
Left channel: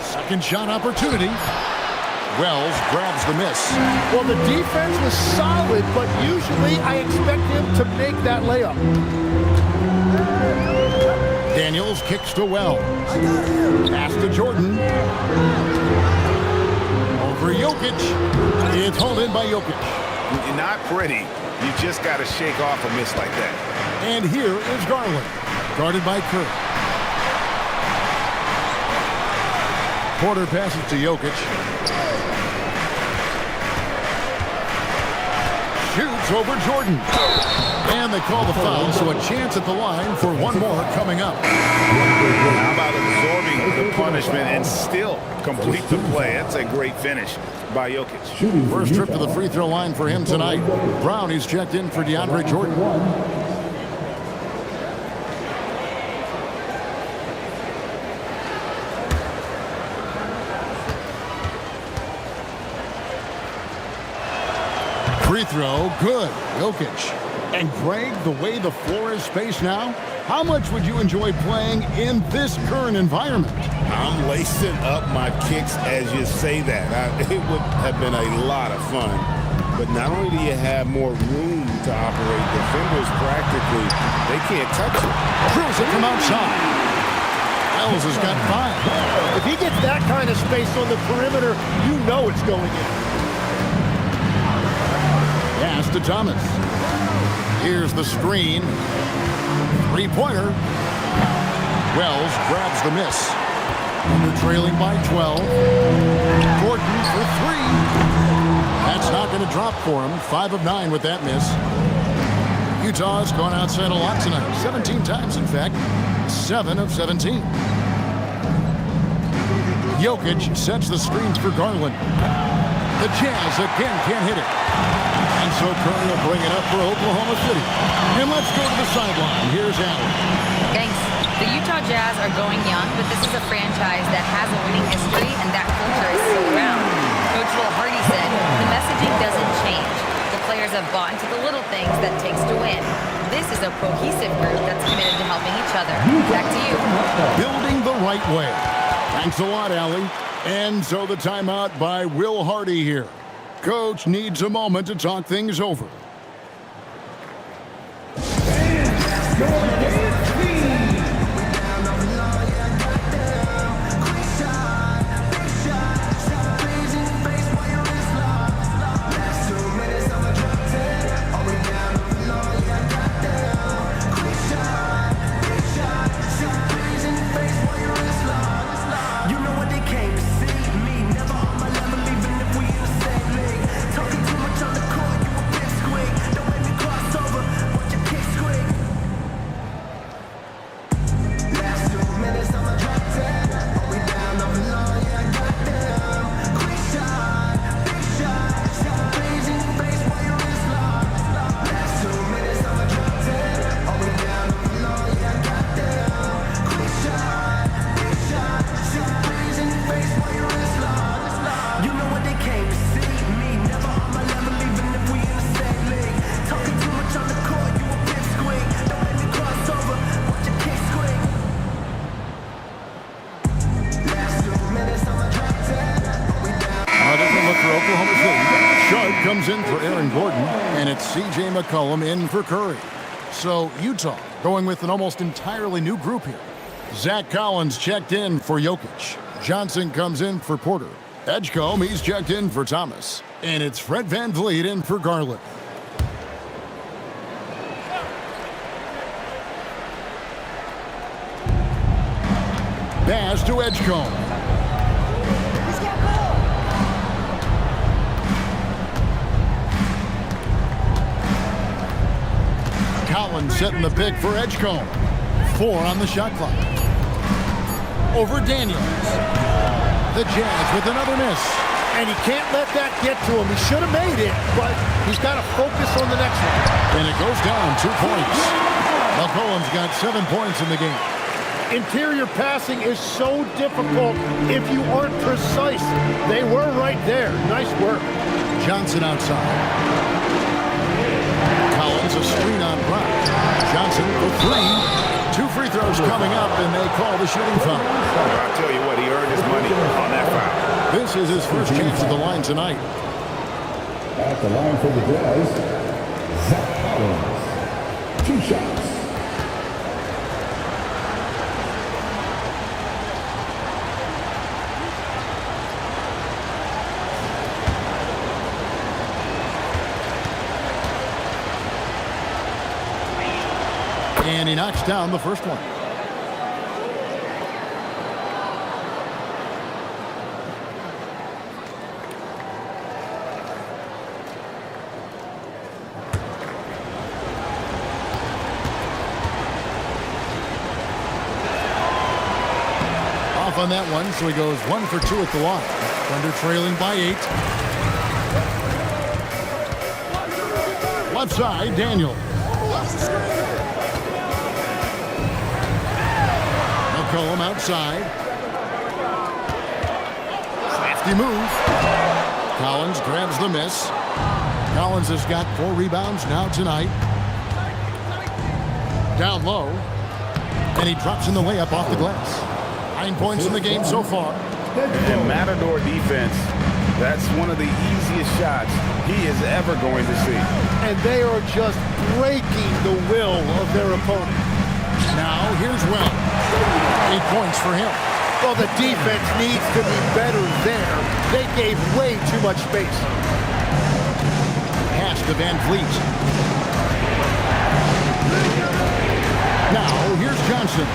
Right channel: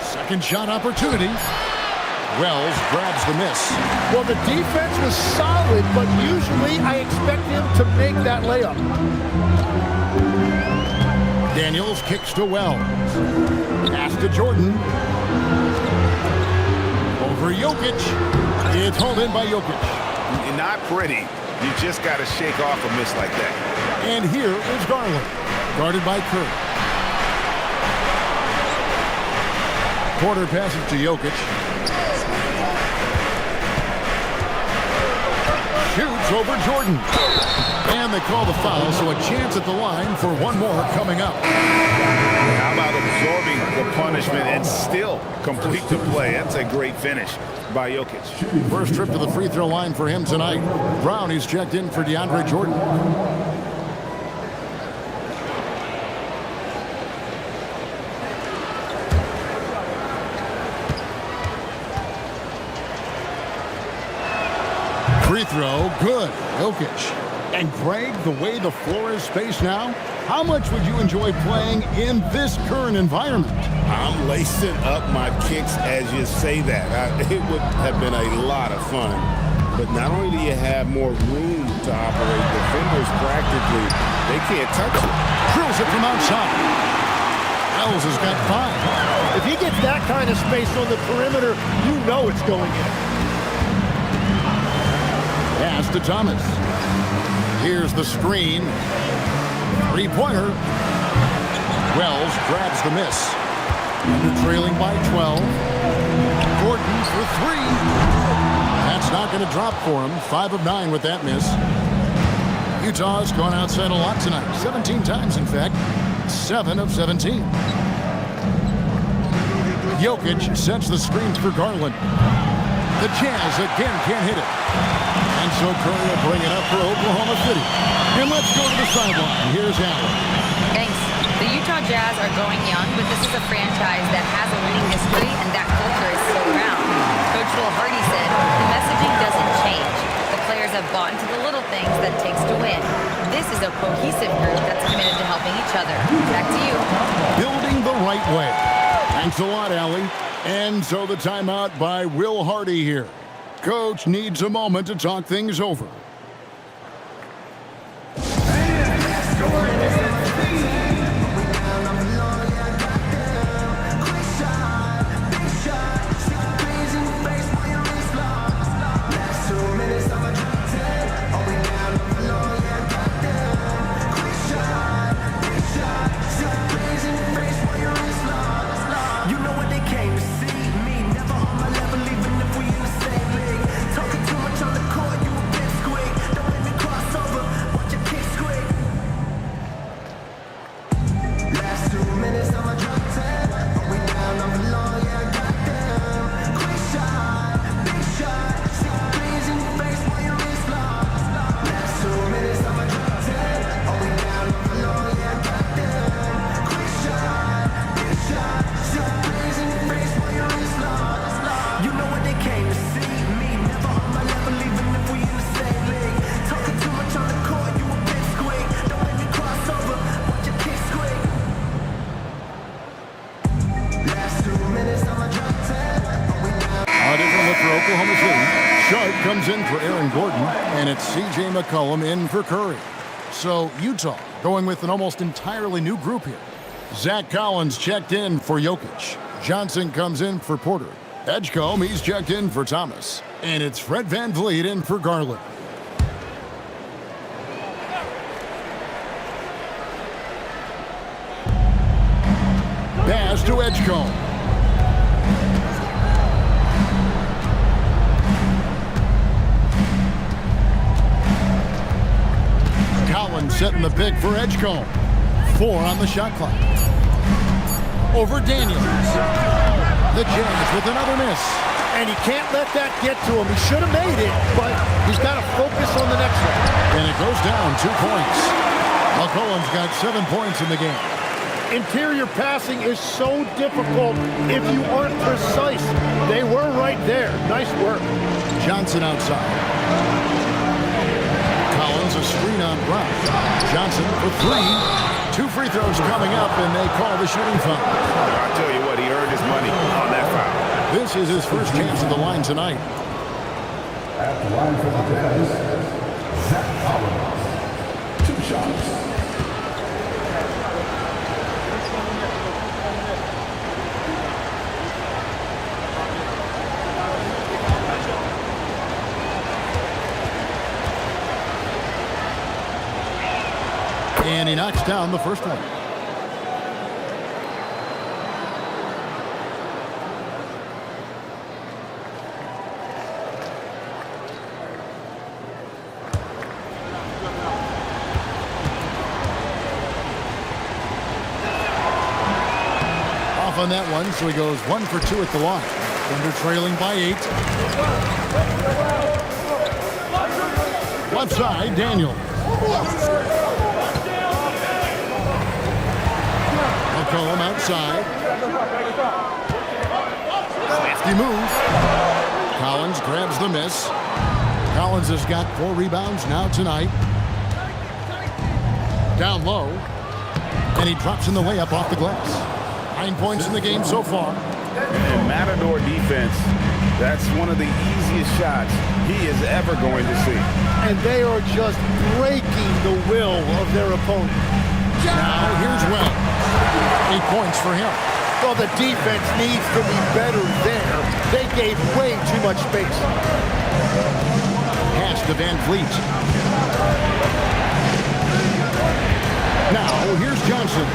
Second shot opportunity. Wells grabs the miss. Well, the defense was solid, but usually I expect him to make that layup. Daniels kicks to Wells. Pass to Jordan. Over Jokic. It's hauled in by Jokic. Not pretty. You just got to shake off a miss like that. And here is Garland. Guarded by Curry. Porter passes to Jokic. Shoots over Jordan. And they call the foul, so a chance at the line for one more coming up. How about absorbing the punishment and still complete the play? That's a great finish by Jokic. First trip to the free throw line for him tonight. Brown, he's checked in for DeAndre Jordan. Free throw, good. Jokic. And Greg, the way the floor is spaced now, how much would you enjoy playing in this current environment? I'm lacing up my kicks as you say that. It would have been a lot of fun. But not only do you have more room to operate, defenders practically, they can't touch it. Drills it from outside. Wells has got 5. If he gets that kind of space on the perimeter, you know it's going in. Pass to Thomas. Here's the screen. Three-pointer. Wells grabs the miss. Under trailing by 12. Gordon for 3. That's not going to drop for him. 5 of 9 with that miss. Utah has gone outside a lot tonight. 17 times, in fact. 7 of 17. Jokic sets the screens for Garland. The Jazz again can't hit it. And so Curry will bring it up for Oklahoma City. And let's go to the sideline. Here's Allen. Thanks. The Utah Jazz are going young, but this is a franchise that has a winning history, and that culture is still around. Coach Will Hardy said, the messaging doesn't change. The players have bought into the little things that takes to win. This is a cohesive group that's committed to helping each other. Back to you. Building the right way. Thanks a lot, Allie. And so the timeout by Will Hardy here. Coach needs a moment to talk things over. For Oklahoma City, Sharp comes in for Aaron Gordon, and it's C.J. McCollum in for Curry. So Utah going with an almost entirely new group here. Zach Collins checked in for Jokic. Johnson comes in for Porter. Edgecombe, he's checked in for Thomas. And it's Fred VanVleet in for Garland. Pass to Edgecombe. Collins setting the pick for Edgecombe. 4 on the shot clock. Over Daniels. The Jazz with another miss. And he can't let that get to him. He should have made it, but he's got to focus on the next one. And it goes down 2 points. McCollum's got 7 points in the game. Interior passing is so difficult if you aren't precise. They were right there. Nice work. Johnson outside. Collins a screen on Brown. Johnson for 3. 2 free throws coming up, and they call the shooting foul. I'll tell you what, he earned his money on that foul. This is his first chance at the line tonight. At the line for the Jazz, Zach Collins. 2 shots. And he knocks down the first one. Off on that one, so he goes 1 for 2 at the line. Thunder trailing by 8. Left side, Daniels. McCollum outside. Safety move. Collins grabs the miss. Collins has got 4 rebounds now tonight. Down low. And he drops in the layup off the glass. 9 points in the game so far. And Matador defense, that's one of the easiest shots he is ever going to see. And they are just breaking the will of their opponent. Now here's Wells. 8 points for him. Well, the defense needs to be better there. They gave way too much space. Pass to VanVleet. Now here's Johnson.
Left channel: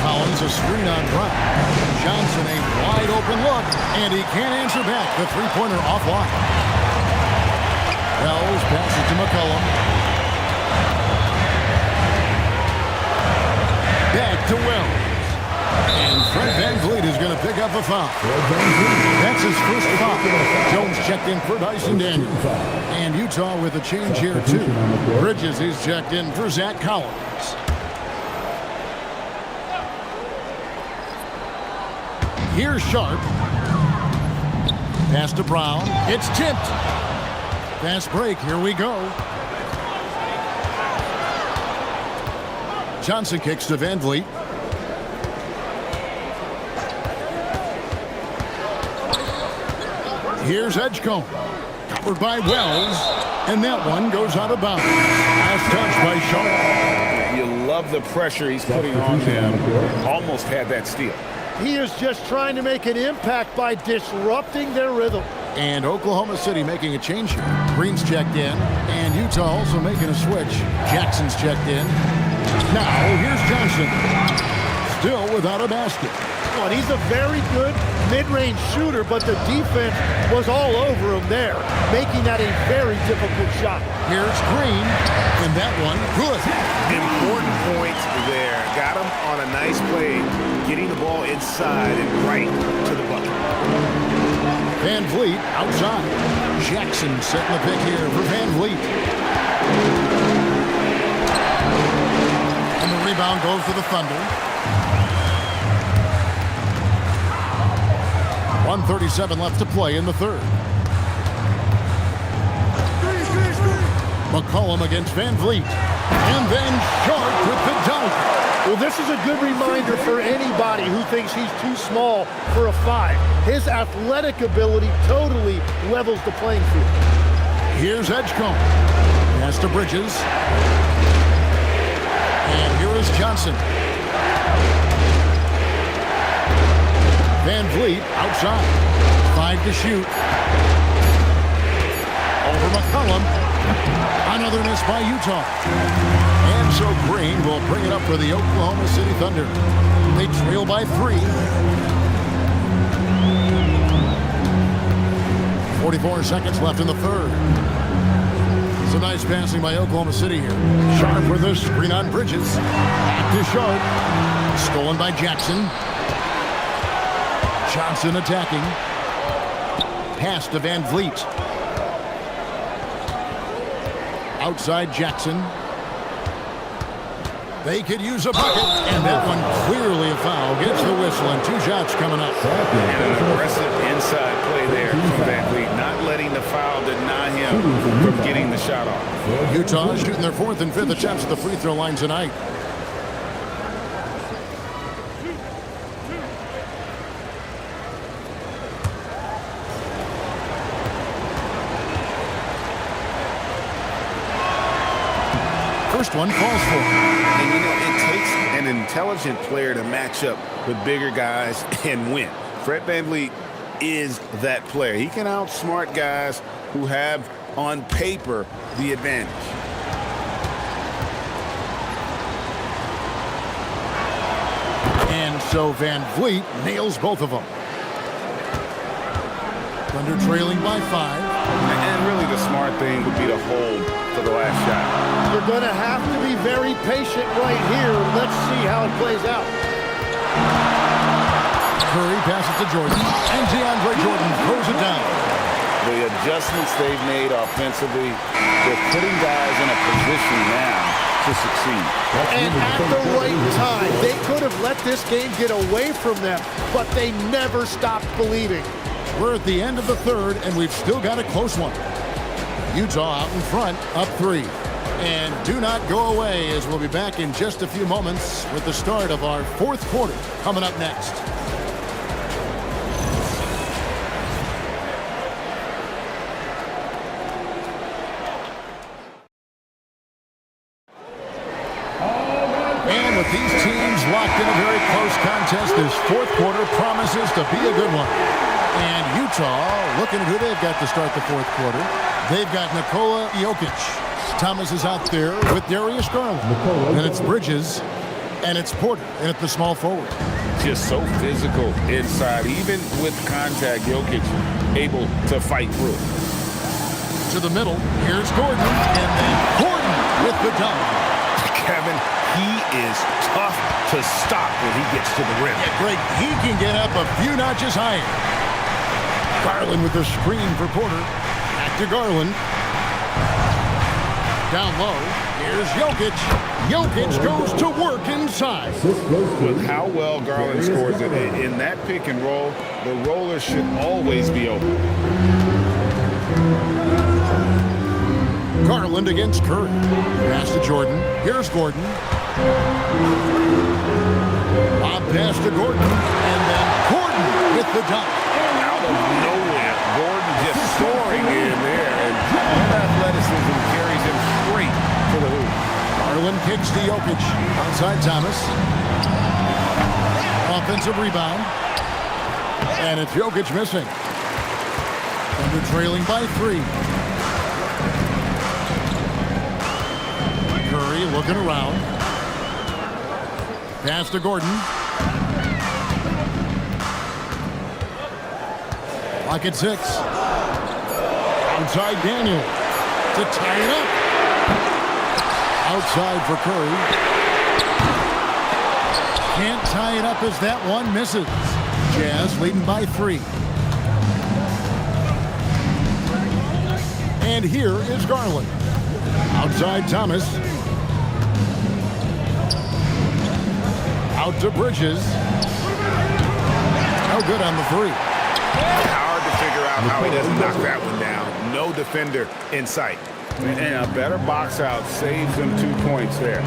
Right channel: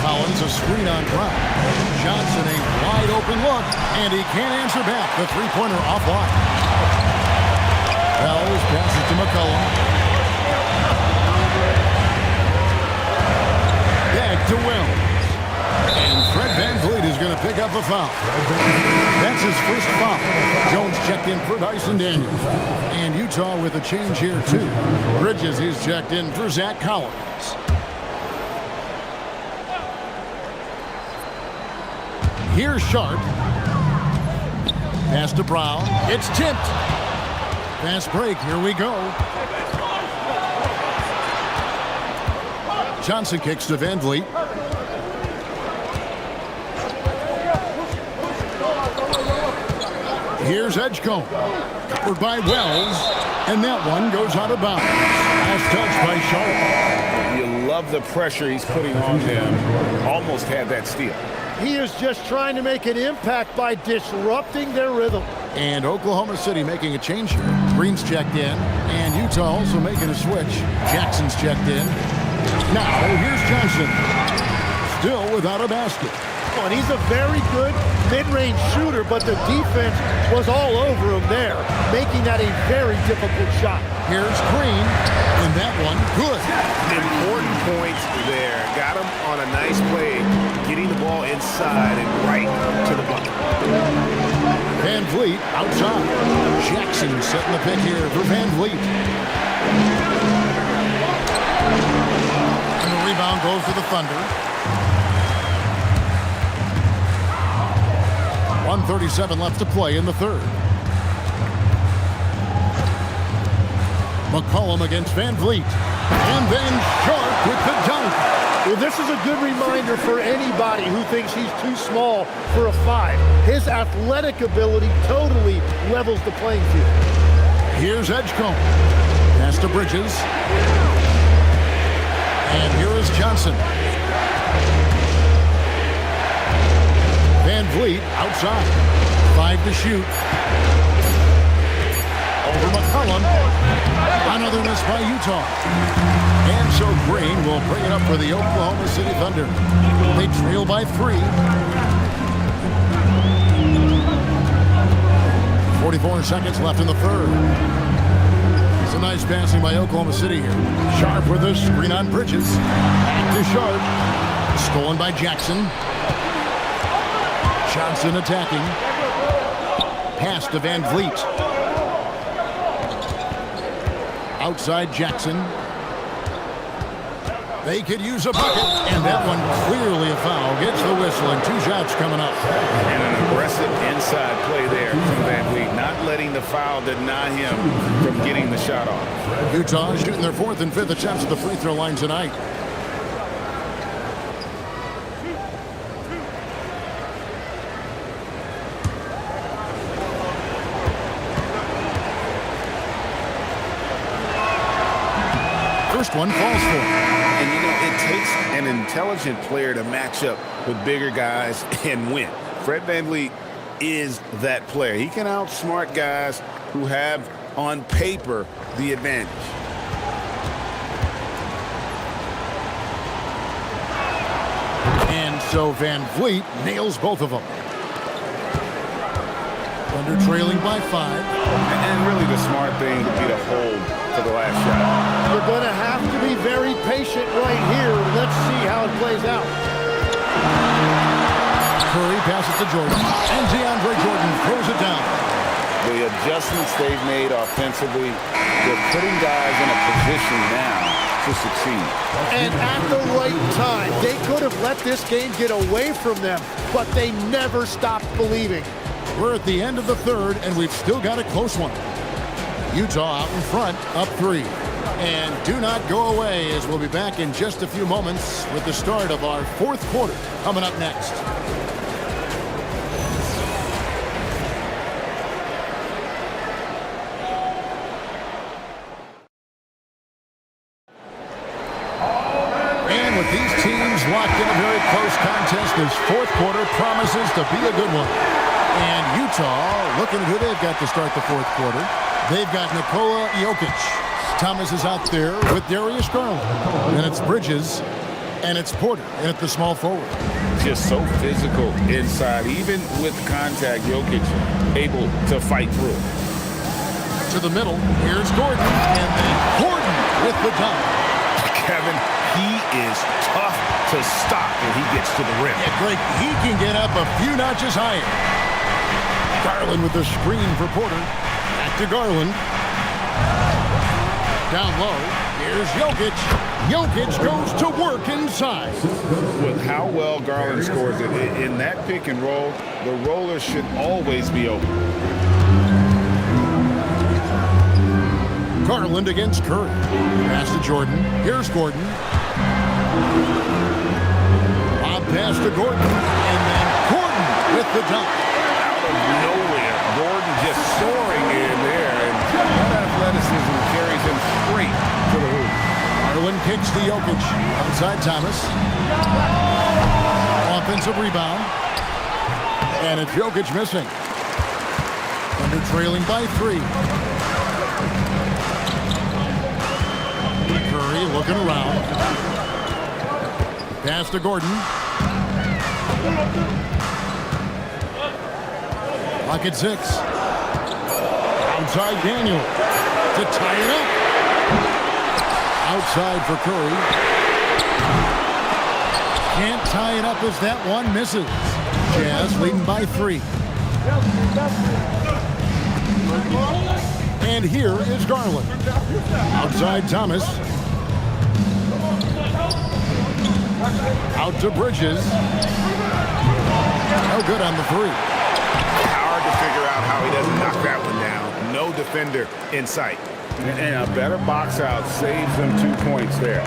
Collins a screen on Brown. Johnson a wide open look, and he can't answer back. The 3-pointer offline. Wells passes to McCollum. Back to Wells. And Fred VanVleet is going to pick up a foul. That's his first foul. Jones checked in for Dyson Daniels. And Utah with a change here, too. Bridges is checked in for Zach Here's Sharp. Pass to Brown. It's tipped. Fast break. Here we go. Johnson kicks to Van Vliet. Here's Edgecombe. Covered by Wells. And that one goes out of bounds. Last touch by Sharp. You love the pressure he's putting on them. Almost had that steal. He is just trying to make an impact by disrupting their rhythm. And Oklahoma City making a change here. Green's checked in. And Utah also making a switch. Jackson's checked in. Now, here's Johnson. Still without a basket. And he's a very good mid-range shooter, but the defense was all over him there, making that a very difficult shot. Here's Green, and that one, good. Important points there. Got him on a nice play, getting the ball inside and right to the bucket. Van Vliet outside. Jackson setting the pick here for Van Vliet. And the rebound goes to the Thunder. 1:37 left to play in the third. McCollum against Van Vliet. And then Sharp with the dunk. Well, this is a good reminder for anybody who thinks he's too small for a 5. His athletic ability totally levels the playing field. Here's Edgecombe. Pass to Bridges. And here is Johnson. Van Vliet outside. 5 to shoot. Over McCollum. Another miss by Utah. And so Green will bring it up for the Oklahoma City Thunder. They trail by 3. 44 seconds left in the third. Some nice passing by Oklahoma City here. Sharp with a screen on Bridges. Back to Sharp. Stolen by Jackson. Johnson attacking. Pass to Van Vliet. Outside Jackson. They could use a bucket, and that one clearly a foul. Gets the whistle, and 2 shots coming up. And an aggressive inside play there from Van Vliet, not letting the foul deny him from getting the shot off. Utah shooting their 4th and 5th attempts at the free throw line tonight. First one falls for him. And, you know, it takes an intelligent player to match up with bigger guys and win. Fred VanVleet is that player. He can outsmart guys who have, on paper, the advantage. And so Van Vliet nails both of them. Thunder trailing by 5. And really the smart thing would be to hold for the last shot. You're going to have to be very patient right here. Let's see how it plays out. Curry passes to Jordan, and DeAndre Jordan throws it down. The adjustments they've made offensively, they're putting guys in a position now to succeed. And at the right time, they could have let this game get away from them, but they never stopped believing. We're at the end of the third, and we've still got a close one. Utah out in front, up 3. And do not go away, as we'll be back in just a few moments with the start of our 4th quarter coming up next. And with these teams locked in a very close contest, this 4th quarter promises to be a good one. And Utah, looking at who they've got to start the 4th quarter, they've got Nikola Jokic. Thomas is out there with Darius Garland. Then it's Bridges, and it's Porter in at the small forward. Just so physical inside. Even with contact, Jokic able to fight through it. To the middle, here's Gordon, and then Gordon with the dunk. Kevin, he is tough to stop when he gets to the rim. Yeah, Greg, he can get up a few notches higher. Garland with the screen for Porter. Back to Garland. Down low, here's Jokic. Jokic goes to work inside. With how well Garland scores it, in that pick and roll, the roller should always be open. Garland against Curry. Pass to Jordan. Here's Gordon. Lob pass to Gordon. And then Gordon with the dunk. Out of nowhere, Gordon just soaring in there, and that athleticism carries him straight to the hoop. Garland kicks to Jokic. Outside Thomas. Offensive rebound. And it's Jokic missing. Thunder trailing by 3. Curry looking around. Pass to Gordon. Clock at 6. Outside Daniel to tie it up. Outside for Curry. Can't tie it up as that one misses. Jazz leading by 3. And here is Garland. Outside Thomas. Out to Bridges. No good on the 3. Hard to figure out how he doesn't knock that one down. No defender in sight. And a better box out saves them 2 points there.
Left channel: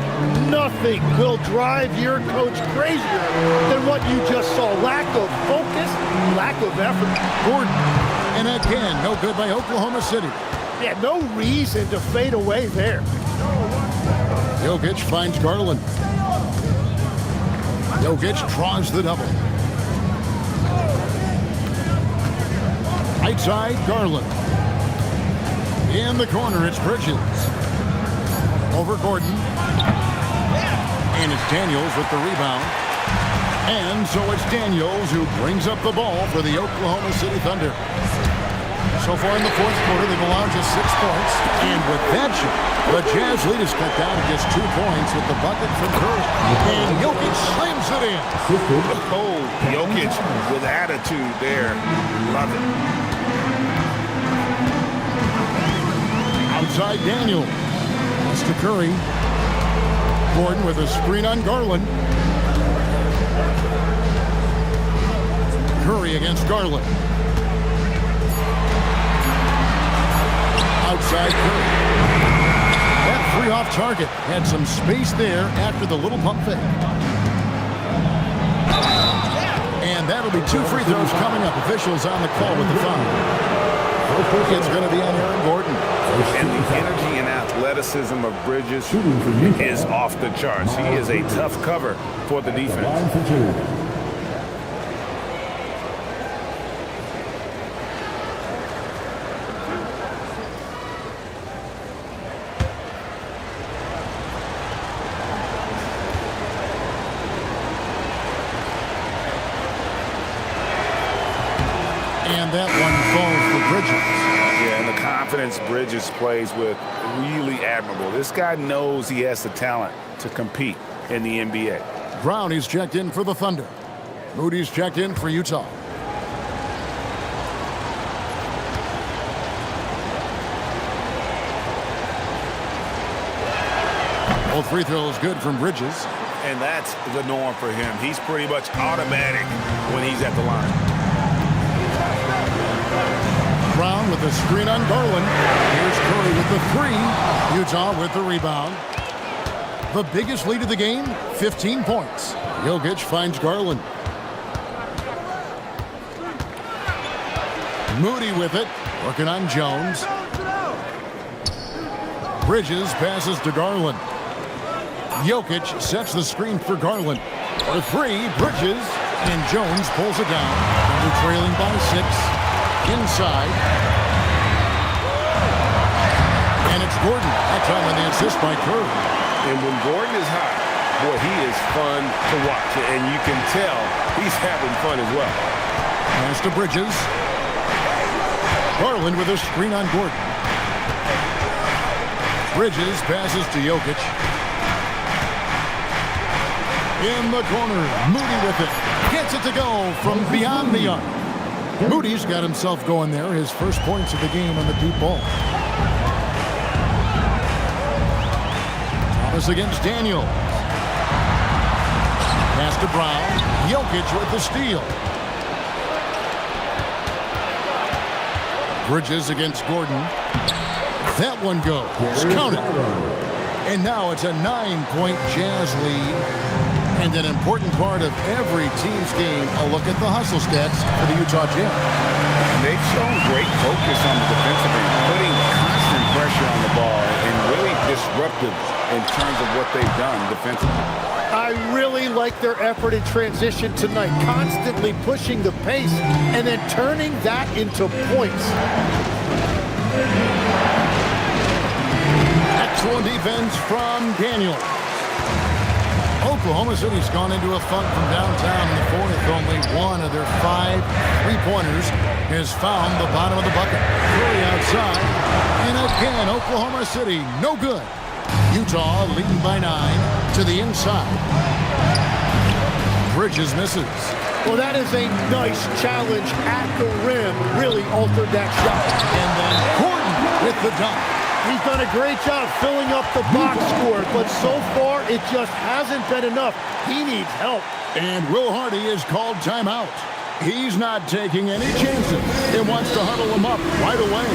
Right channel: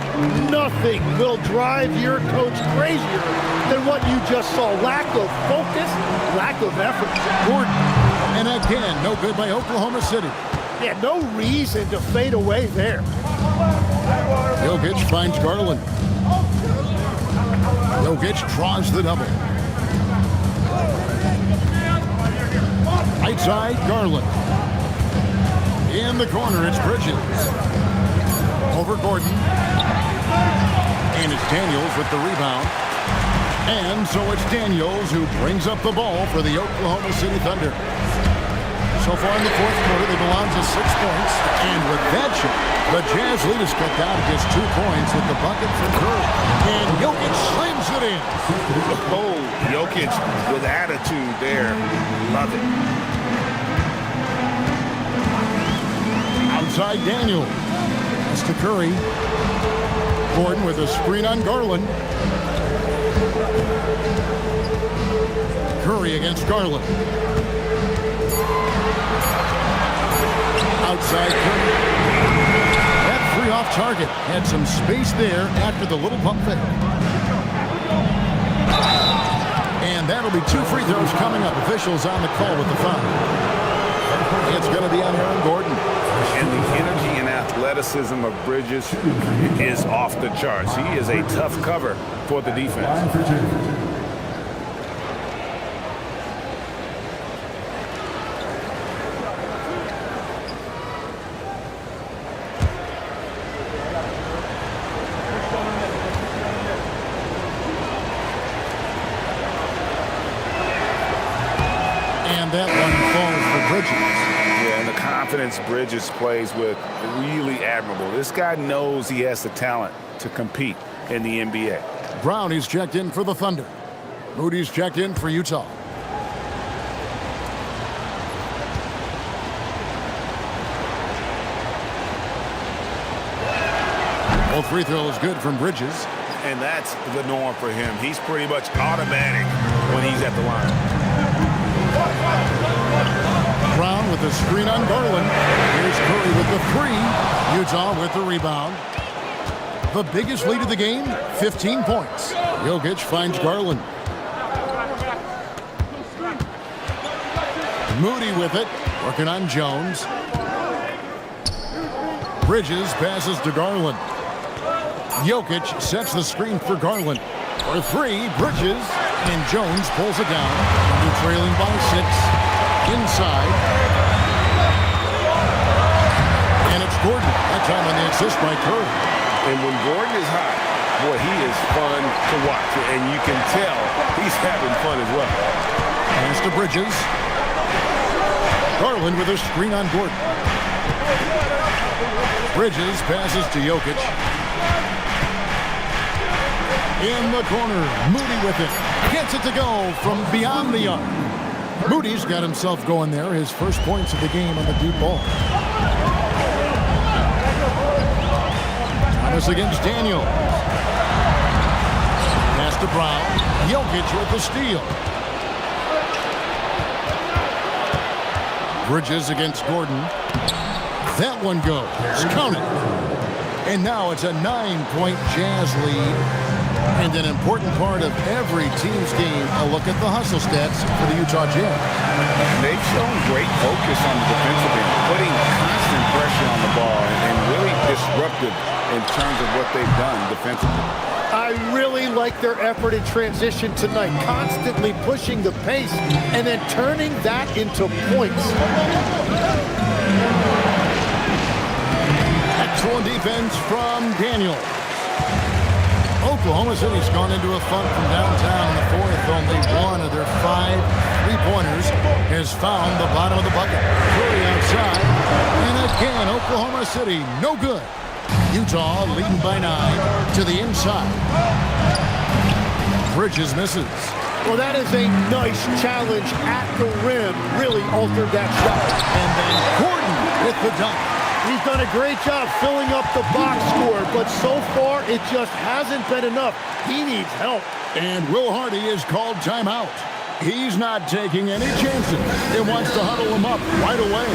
Nothing will drive your coach crazier than what you just saw. Lack of focus, lack of effort. Gordon. And again, no good by Oklahoma City. Yeah, no reason to fade away there. Jokic finds Garland. Jokic draws the double. Right side, Garland. In the corner, it's Bridges. Over Gordon. And it's Daniels with the rebound. And so it's Daniels who brings up the ball for the Oklahoma City Thunder. So far in the fourth quarter, they've allowed just 6 points. And with that shot, the Jazz lead is cut down to just 2 points with the bucket from Curry. And Jokic slams it in. Oh, Jokic with attitude there. Love it. Outside Daniel. Pass to Curry. Gordon with a screen on Garland. Curry against Garland. Outside Curry. That 3 off target. Had some space there after the little pump fake. And that'll be 2 free throws coming up. Officials on the call with the foul. It's going to be on Aaron Gordon. And the energy and athleticism of Bridges is off the charts. He is a tough cover for the defense. And that one falls for Bridges. Yeah, and the confidence Bridges plays with, really admirable. This guy knows he has the talent to compete in the NBA. Brownie's checked in for the Thunder. Moody's checked in for Utah. Both free throws good from Bridges. And that's the norm for him. He's pretty much automatic when he's at the line. Brown with the screen on Garland. Here's Curry with the 3. Utah with the rebound. The biggest lead of the game, 15 points. Jokic finds Garland. Moody with it, working on Jones. Bridges passes to Garland. Jokic sets the screen for Garland. For 3, Bridges, and Jones pulls it down. Thunder trailing by 6. Inside. And it's Gordon. That time on the assist by Curry. And when Gordon is hot, boy, he is fun to watch. And you can tell he's having fun as well. Pass to Bridges. Garland with a screen on Gordon. Bridges passes to Jokic. In the corner, Moody with it. Gets it to go from beyond the arc. Moody's got himself going there. His first points of the game on the deep ball. Thomas against Daniels. Pass to Brown. Jokic with the steal. Bridges against Gordon. That one goes. Count it. And now it's a 9-point Jazz lead. And an important part of every team's game, a look at the hustle stats for the Utah Jazz. And they've shown great focus on the defensive end, putting constant pressure on the ball and really disruptive in terms of what they've done defensively. I really like their effort in transition tonight, constantly pushing the pace and then turning that into points. Excellent defense from Daniels. Oklahoma City's gone into a funk from downtown in the fourth. Only one of their 5 3-pointers has found the bottom of the bucket. Curry outside. And again, Oklahoma City, no good. Utah leading by 9 to the inside. Bridges misses. Well, that is a nice challenge at the rim. Really altered that shot. And then Gordon with the dunk. He's done a great job filling up the box score, but so far it just hasn't been enough. He needs help. And Will Hardy is called timeout. He's not taking any chances and wants to huddle him up right away.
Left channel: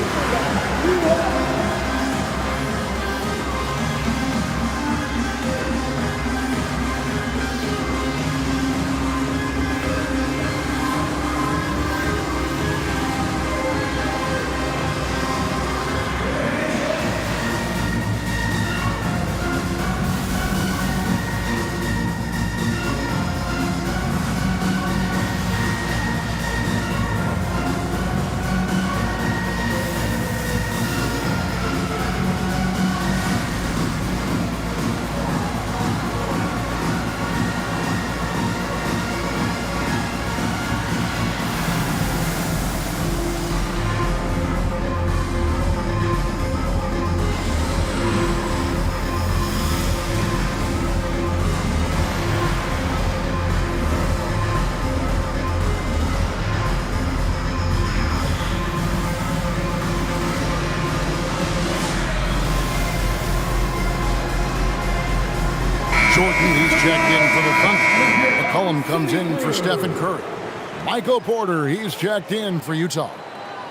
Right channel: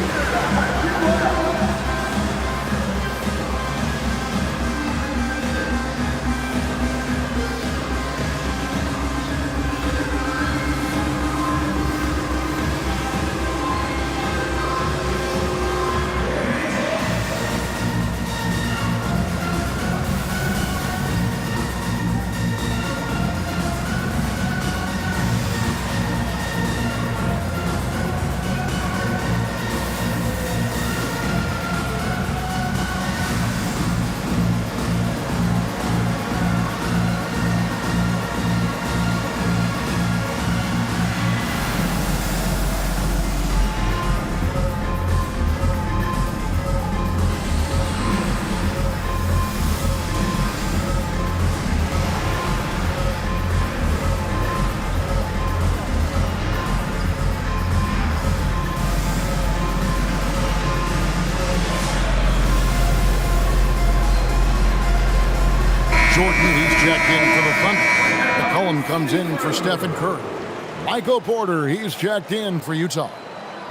Jordan, he's checked in for the Thunder. McCollum comes in for Stephen Curry. Michael Porter, he's checked in for Utah.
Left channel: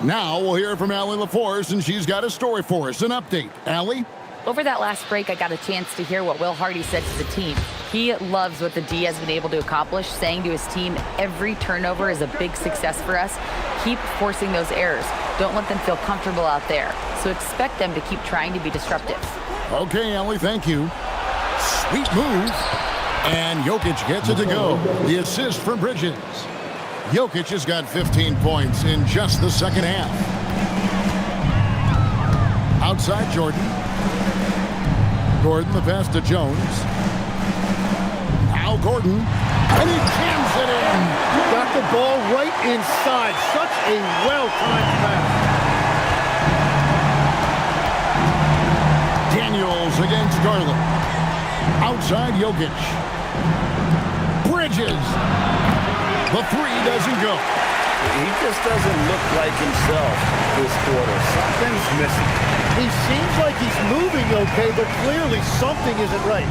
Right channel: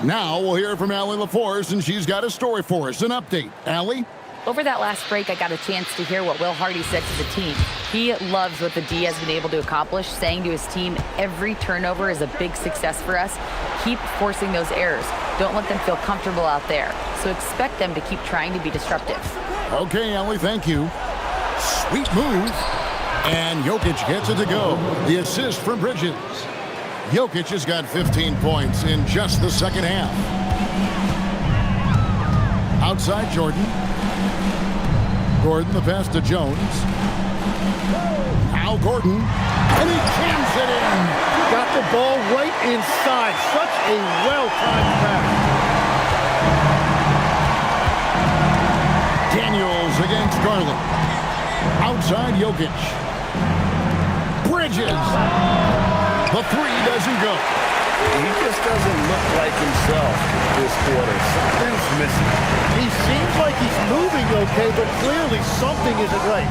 Now we'll hear from Allie LaForce, and she's got a story for us, an update. Allie? Over that last break, I got a chance to hear what Will Hardy said to the team. He loves what the D has been able to accomplish, saying to his team, every turnover is a big success for us. Keep forcing those errors. Don't let them feel comfortable out there. So expect them to keep trying to be disruptive. Okay, Allie, thank you. Sweet move. And Jokic gets it to go. The assist from Bridges. Jokic has got 15 points in just the second half. Outside Jordan. Gordon, the pass to Jones. Now Gordon. And he jams it in. Got the ball right inside. Such a well-timed pass. Daniels against Garland. Outside Jokic. Bridges. The three doesn't go. He just doesn't look like himself this quarter. Something's missing. He seems like he's moving okay, but clearly something isn't right.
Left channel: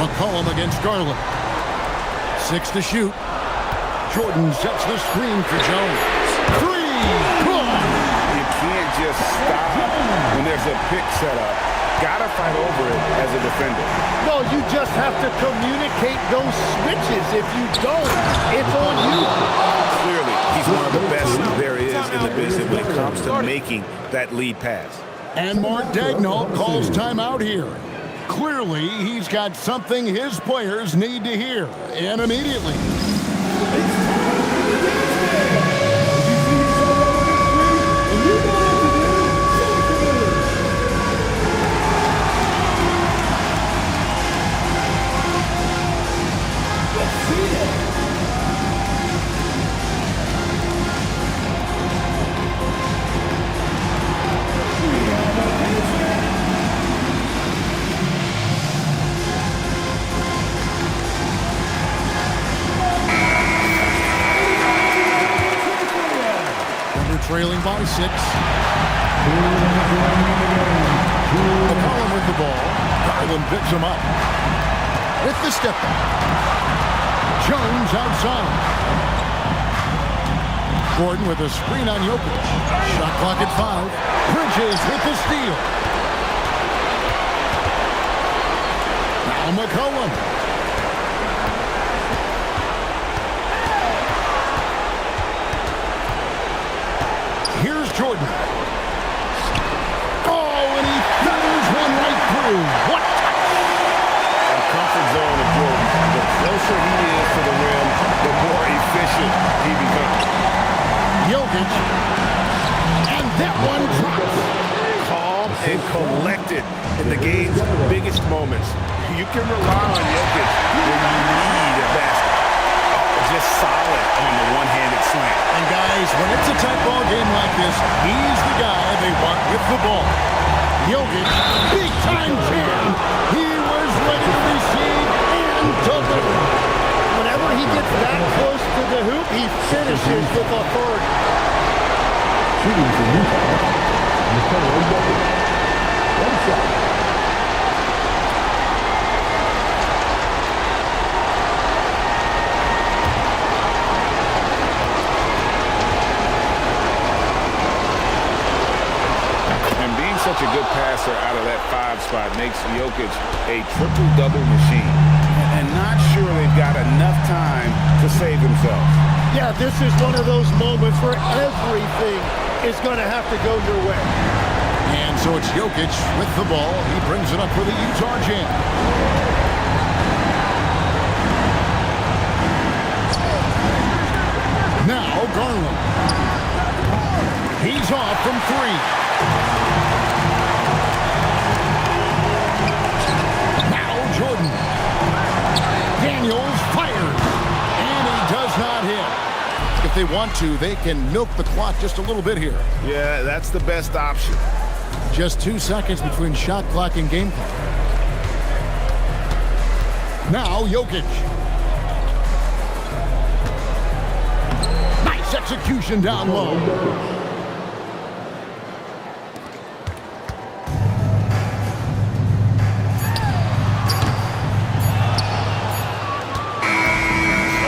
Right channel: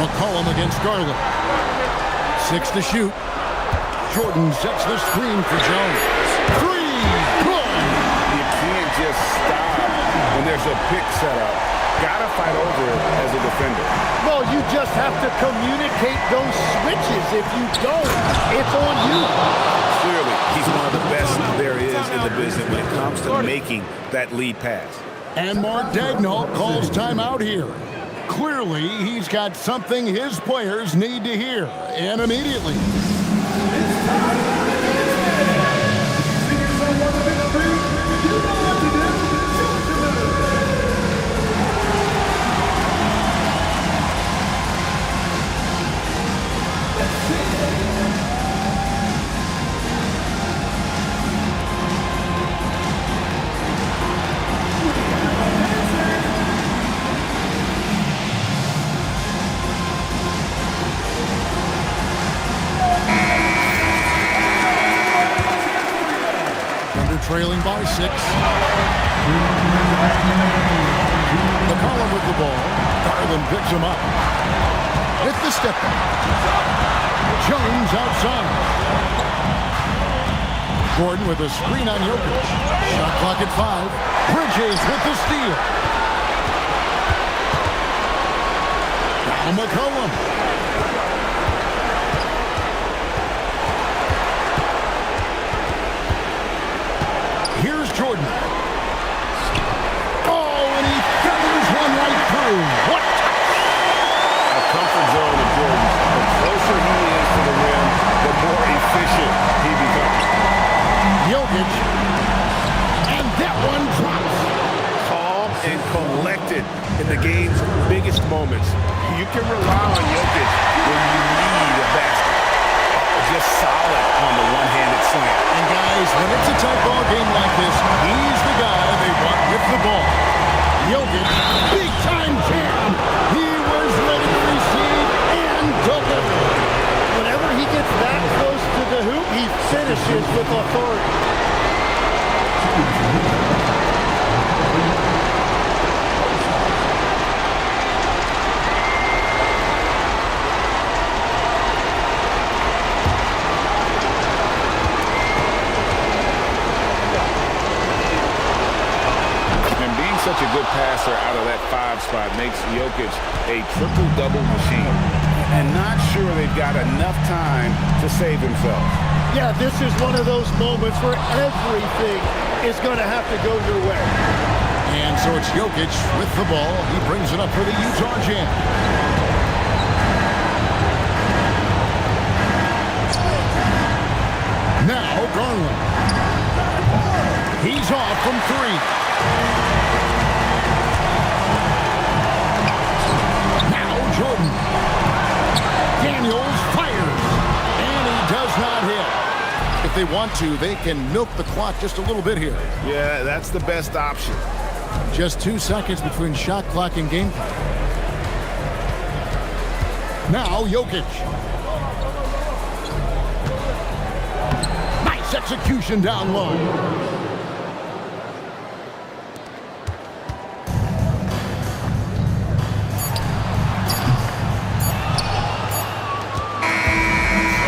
McCollum against Garland. 6 to shoot. Jordan sets the screen for Jones. 3. Good. You can't just stop when there's a pick set up. Gotta fight over it as a defender. Well, you just have to communicate those switches. If you don't, it's on you. Clearly, he's one of the best there is in the business when it comes to making that lead pass. And Mark Daigneault calls timeout here. Clearly, he's got something his players need to hear, and immediately. Trailing by 6. McCollum with the ball. Garland picks him up. With the step back. Jones outside. Gordon with a screen on Jokic. Shot clock at 5. Bridges with the steal. Now McCollum. Here's Jordan. Oh, and he feathers one right through. What touch! A comfort zone of Jordan's. The closer he is to the rim, the more efficient he becomes. Jokic. And that one drops. Calm and collected in the game's biggest moments. You can rely on Jokic when you need a basket. Oh, just solid on the one-handed slant. And guys, when it's a tight ball game like this, he's the guy they want with the ball. Jokic, big-time jam. He was ready to receive and deliver. Whenever he gets that close to the hoop, he finishes with authority. And being such a good passer out of that 5 spot makes Jokic a triple-double machine. And not sure they've got enough time to save themselves. Yeah, this is one of those moments where everything is going to have to go your way. And so it's Jokic with the ball. He brings it up for the Utah Jazz. Now Garland. He's off from 3. Now Jordan. Daniels fires. And he does not hit. If they want to, they can milk the clock just a little bit here. Yeah, that's the best option. Just 2 seconds between shot clock and game clock. Now Jokic. Nice execution down low.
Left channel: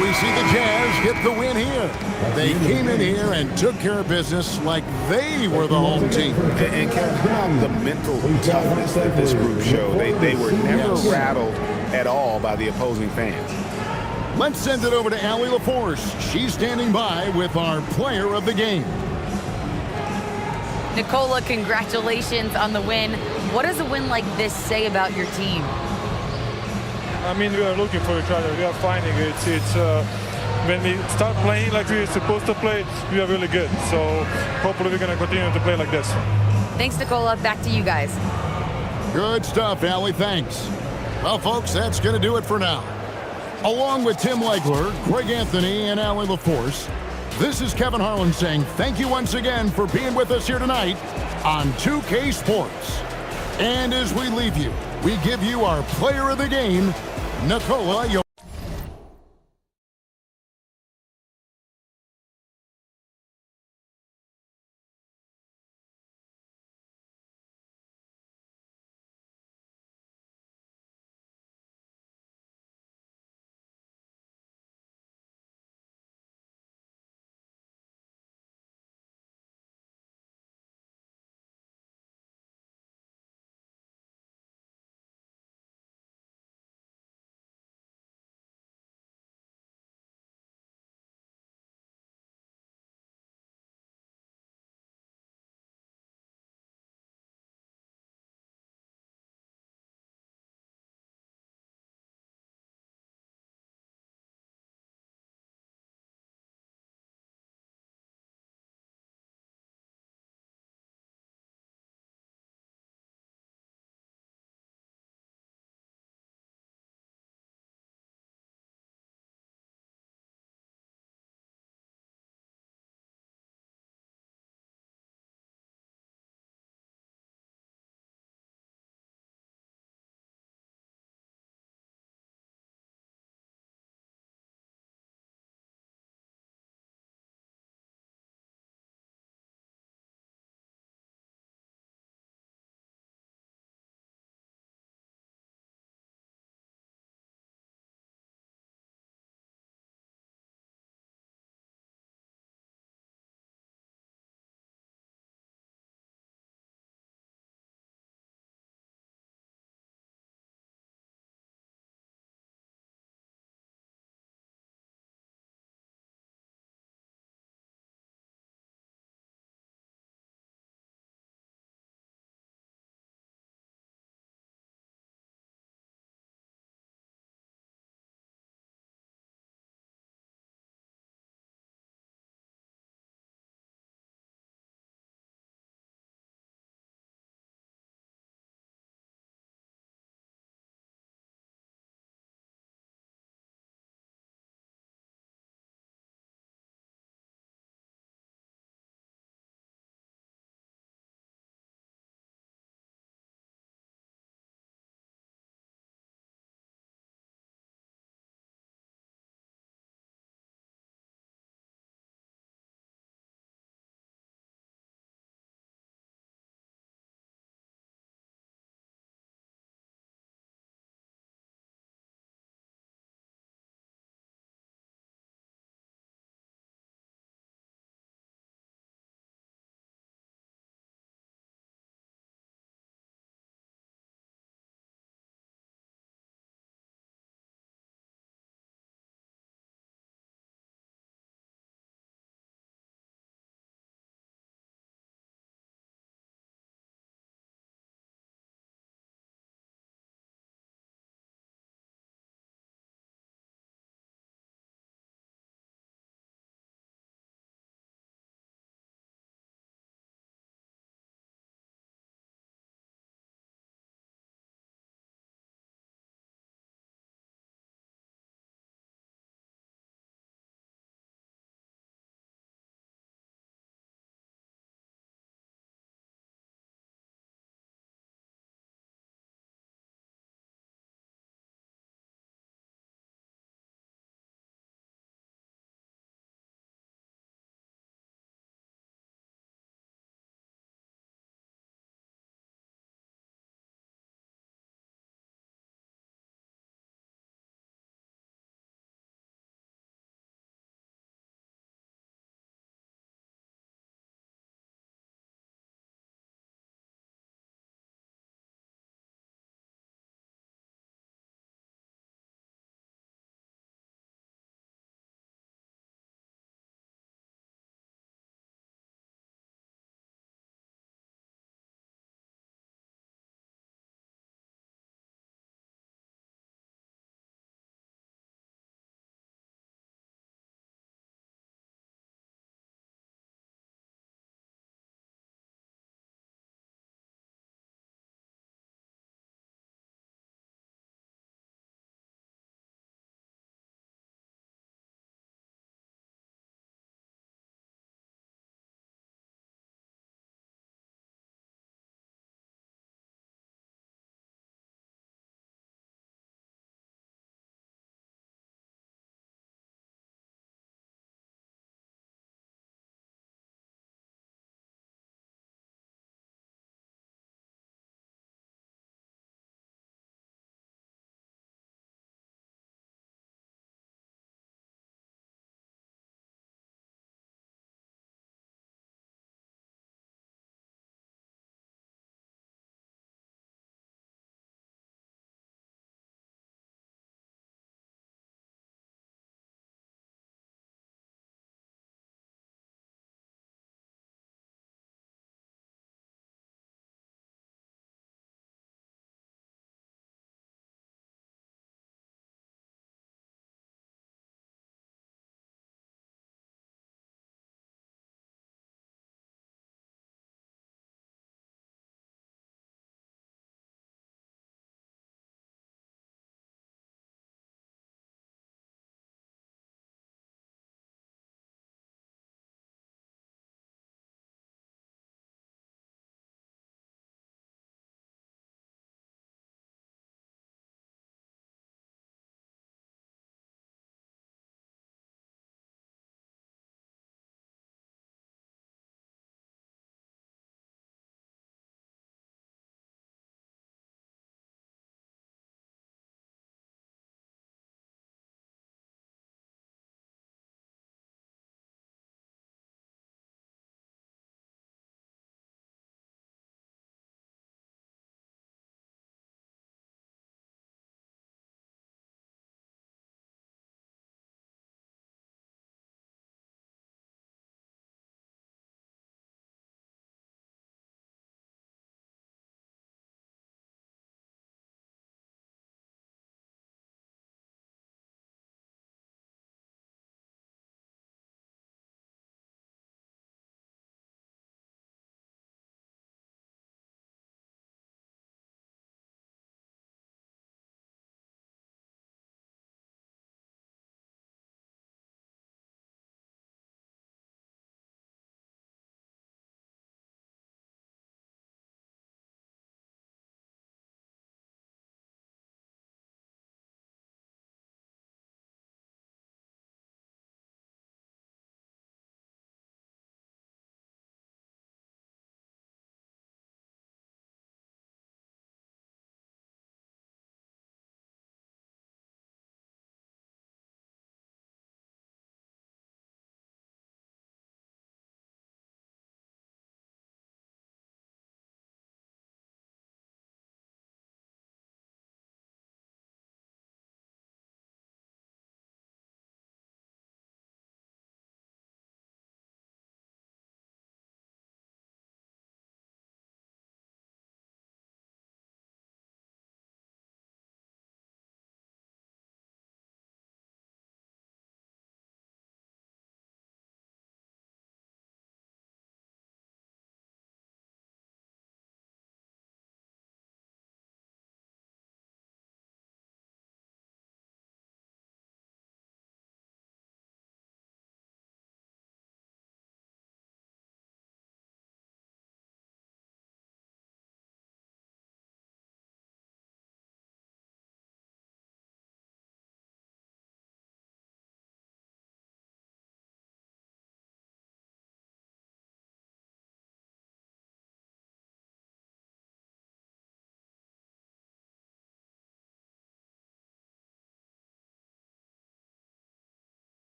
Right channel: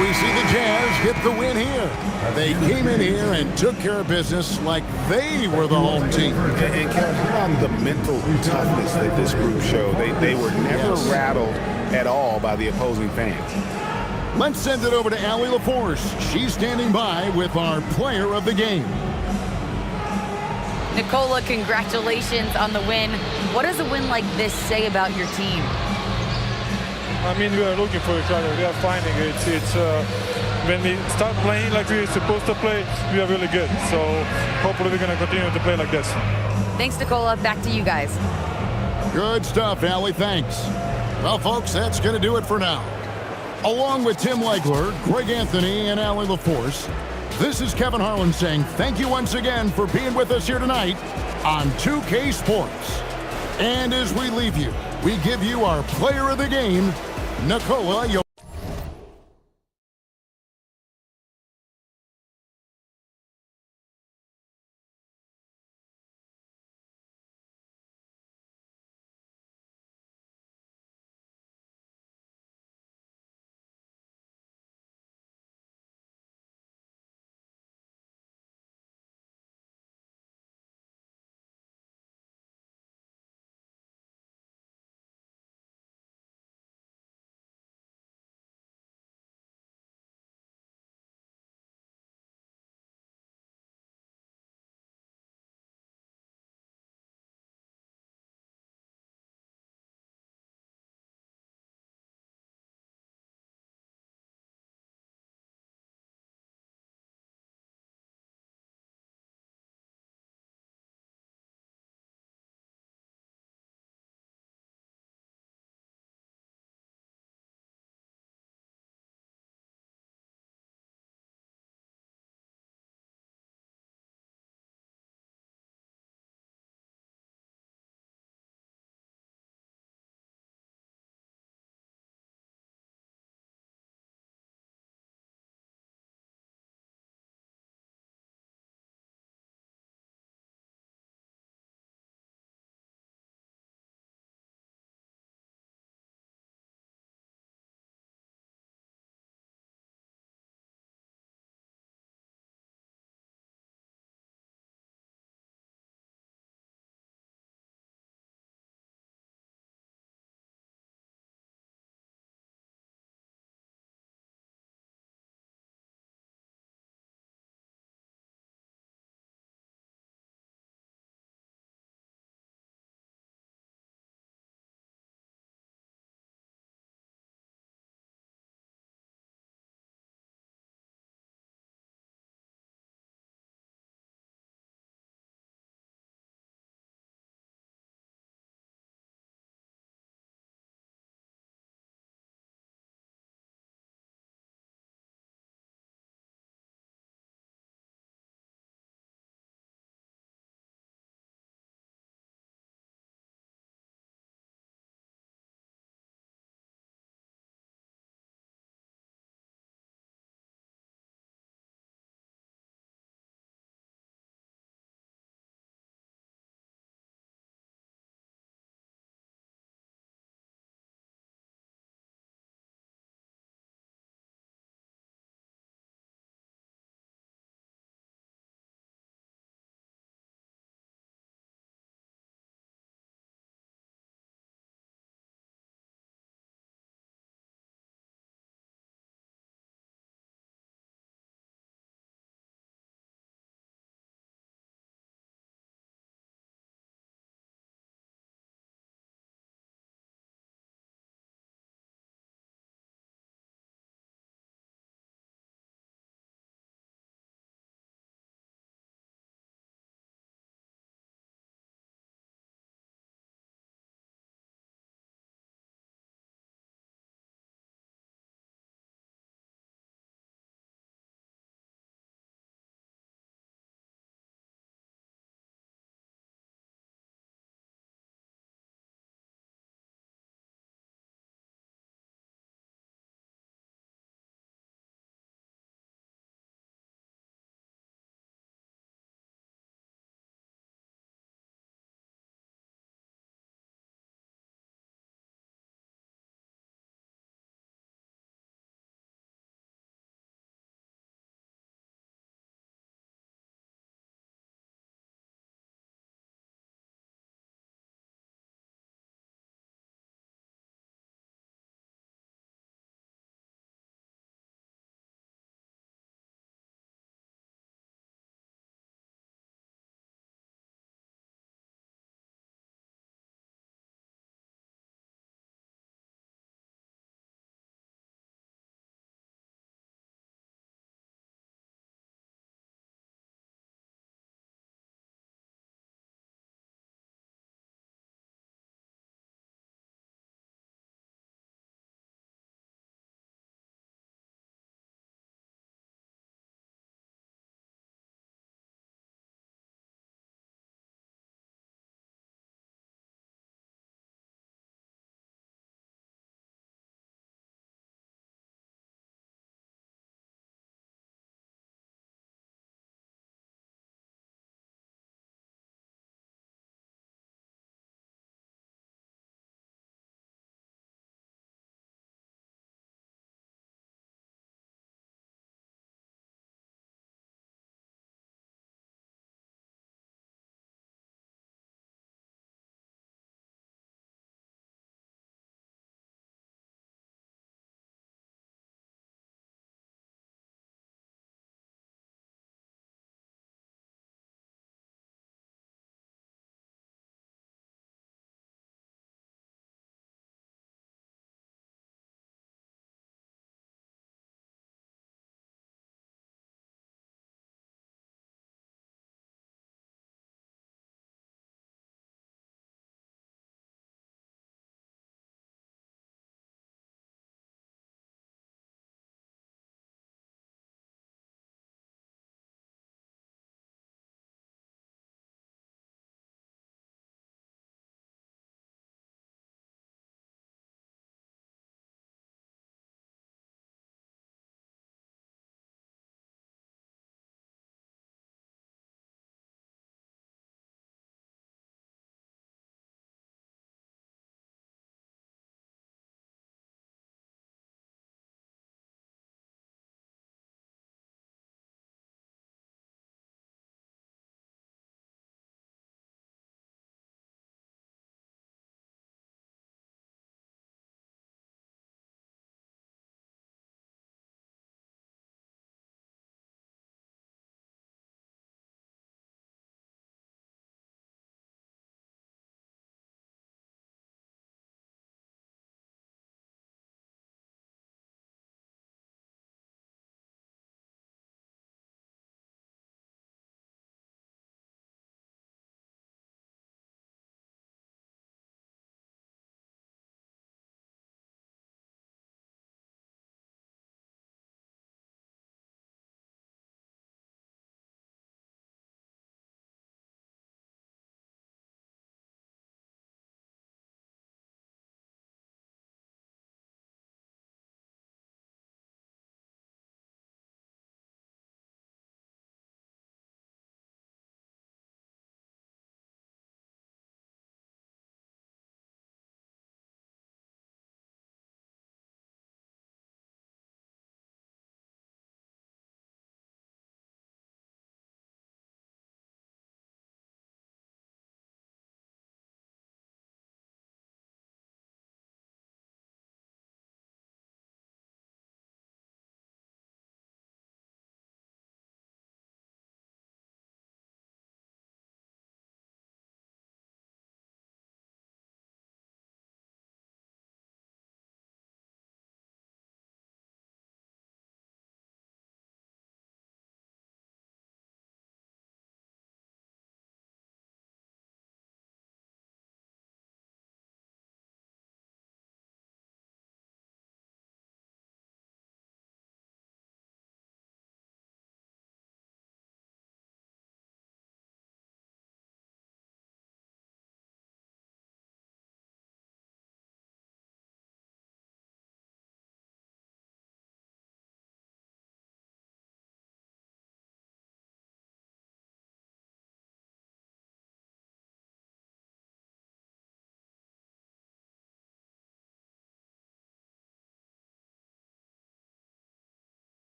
We see the Jazz get the win here. They came in here and took care of business like they were the home team. And Kevin, hit on the mental toughness that this group showed. They were never rattled at all by the opposing fans. Let's send it over to Allie LaForce. She's standing by with our player of the game. Nikola, congratulations on the win. What does a win like this say about your team? I mean, we are looking for each other. We are finding it. It's when we start playing like we're supposed to play, we are really good. So hopefully we're going to continue to play like this. Thanks, Nikola. Back to you guys. Good stuff, Allie. Thanks. Well, folks, that's going to do it for now. Along with Tim Legler, Greg Anthony, and Allie LaForce, this is Kevin Harlan saying thank you once again for being with us here tonight on 2K Sports. And as we leave you, we give you our player of the game, Nikola Jokic.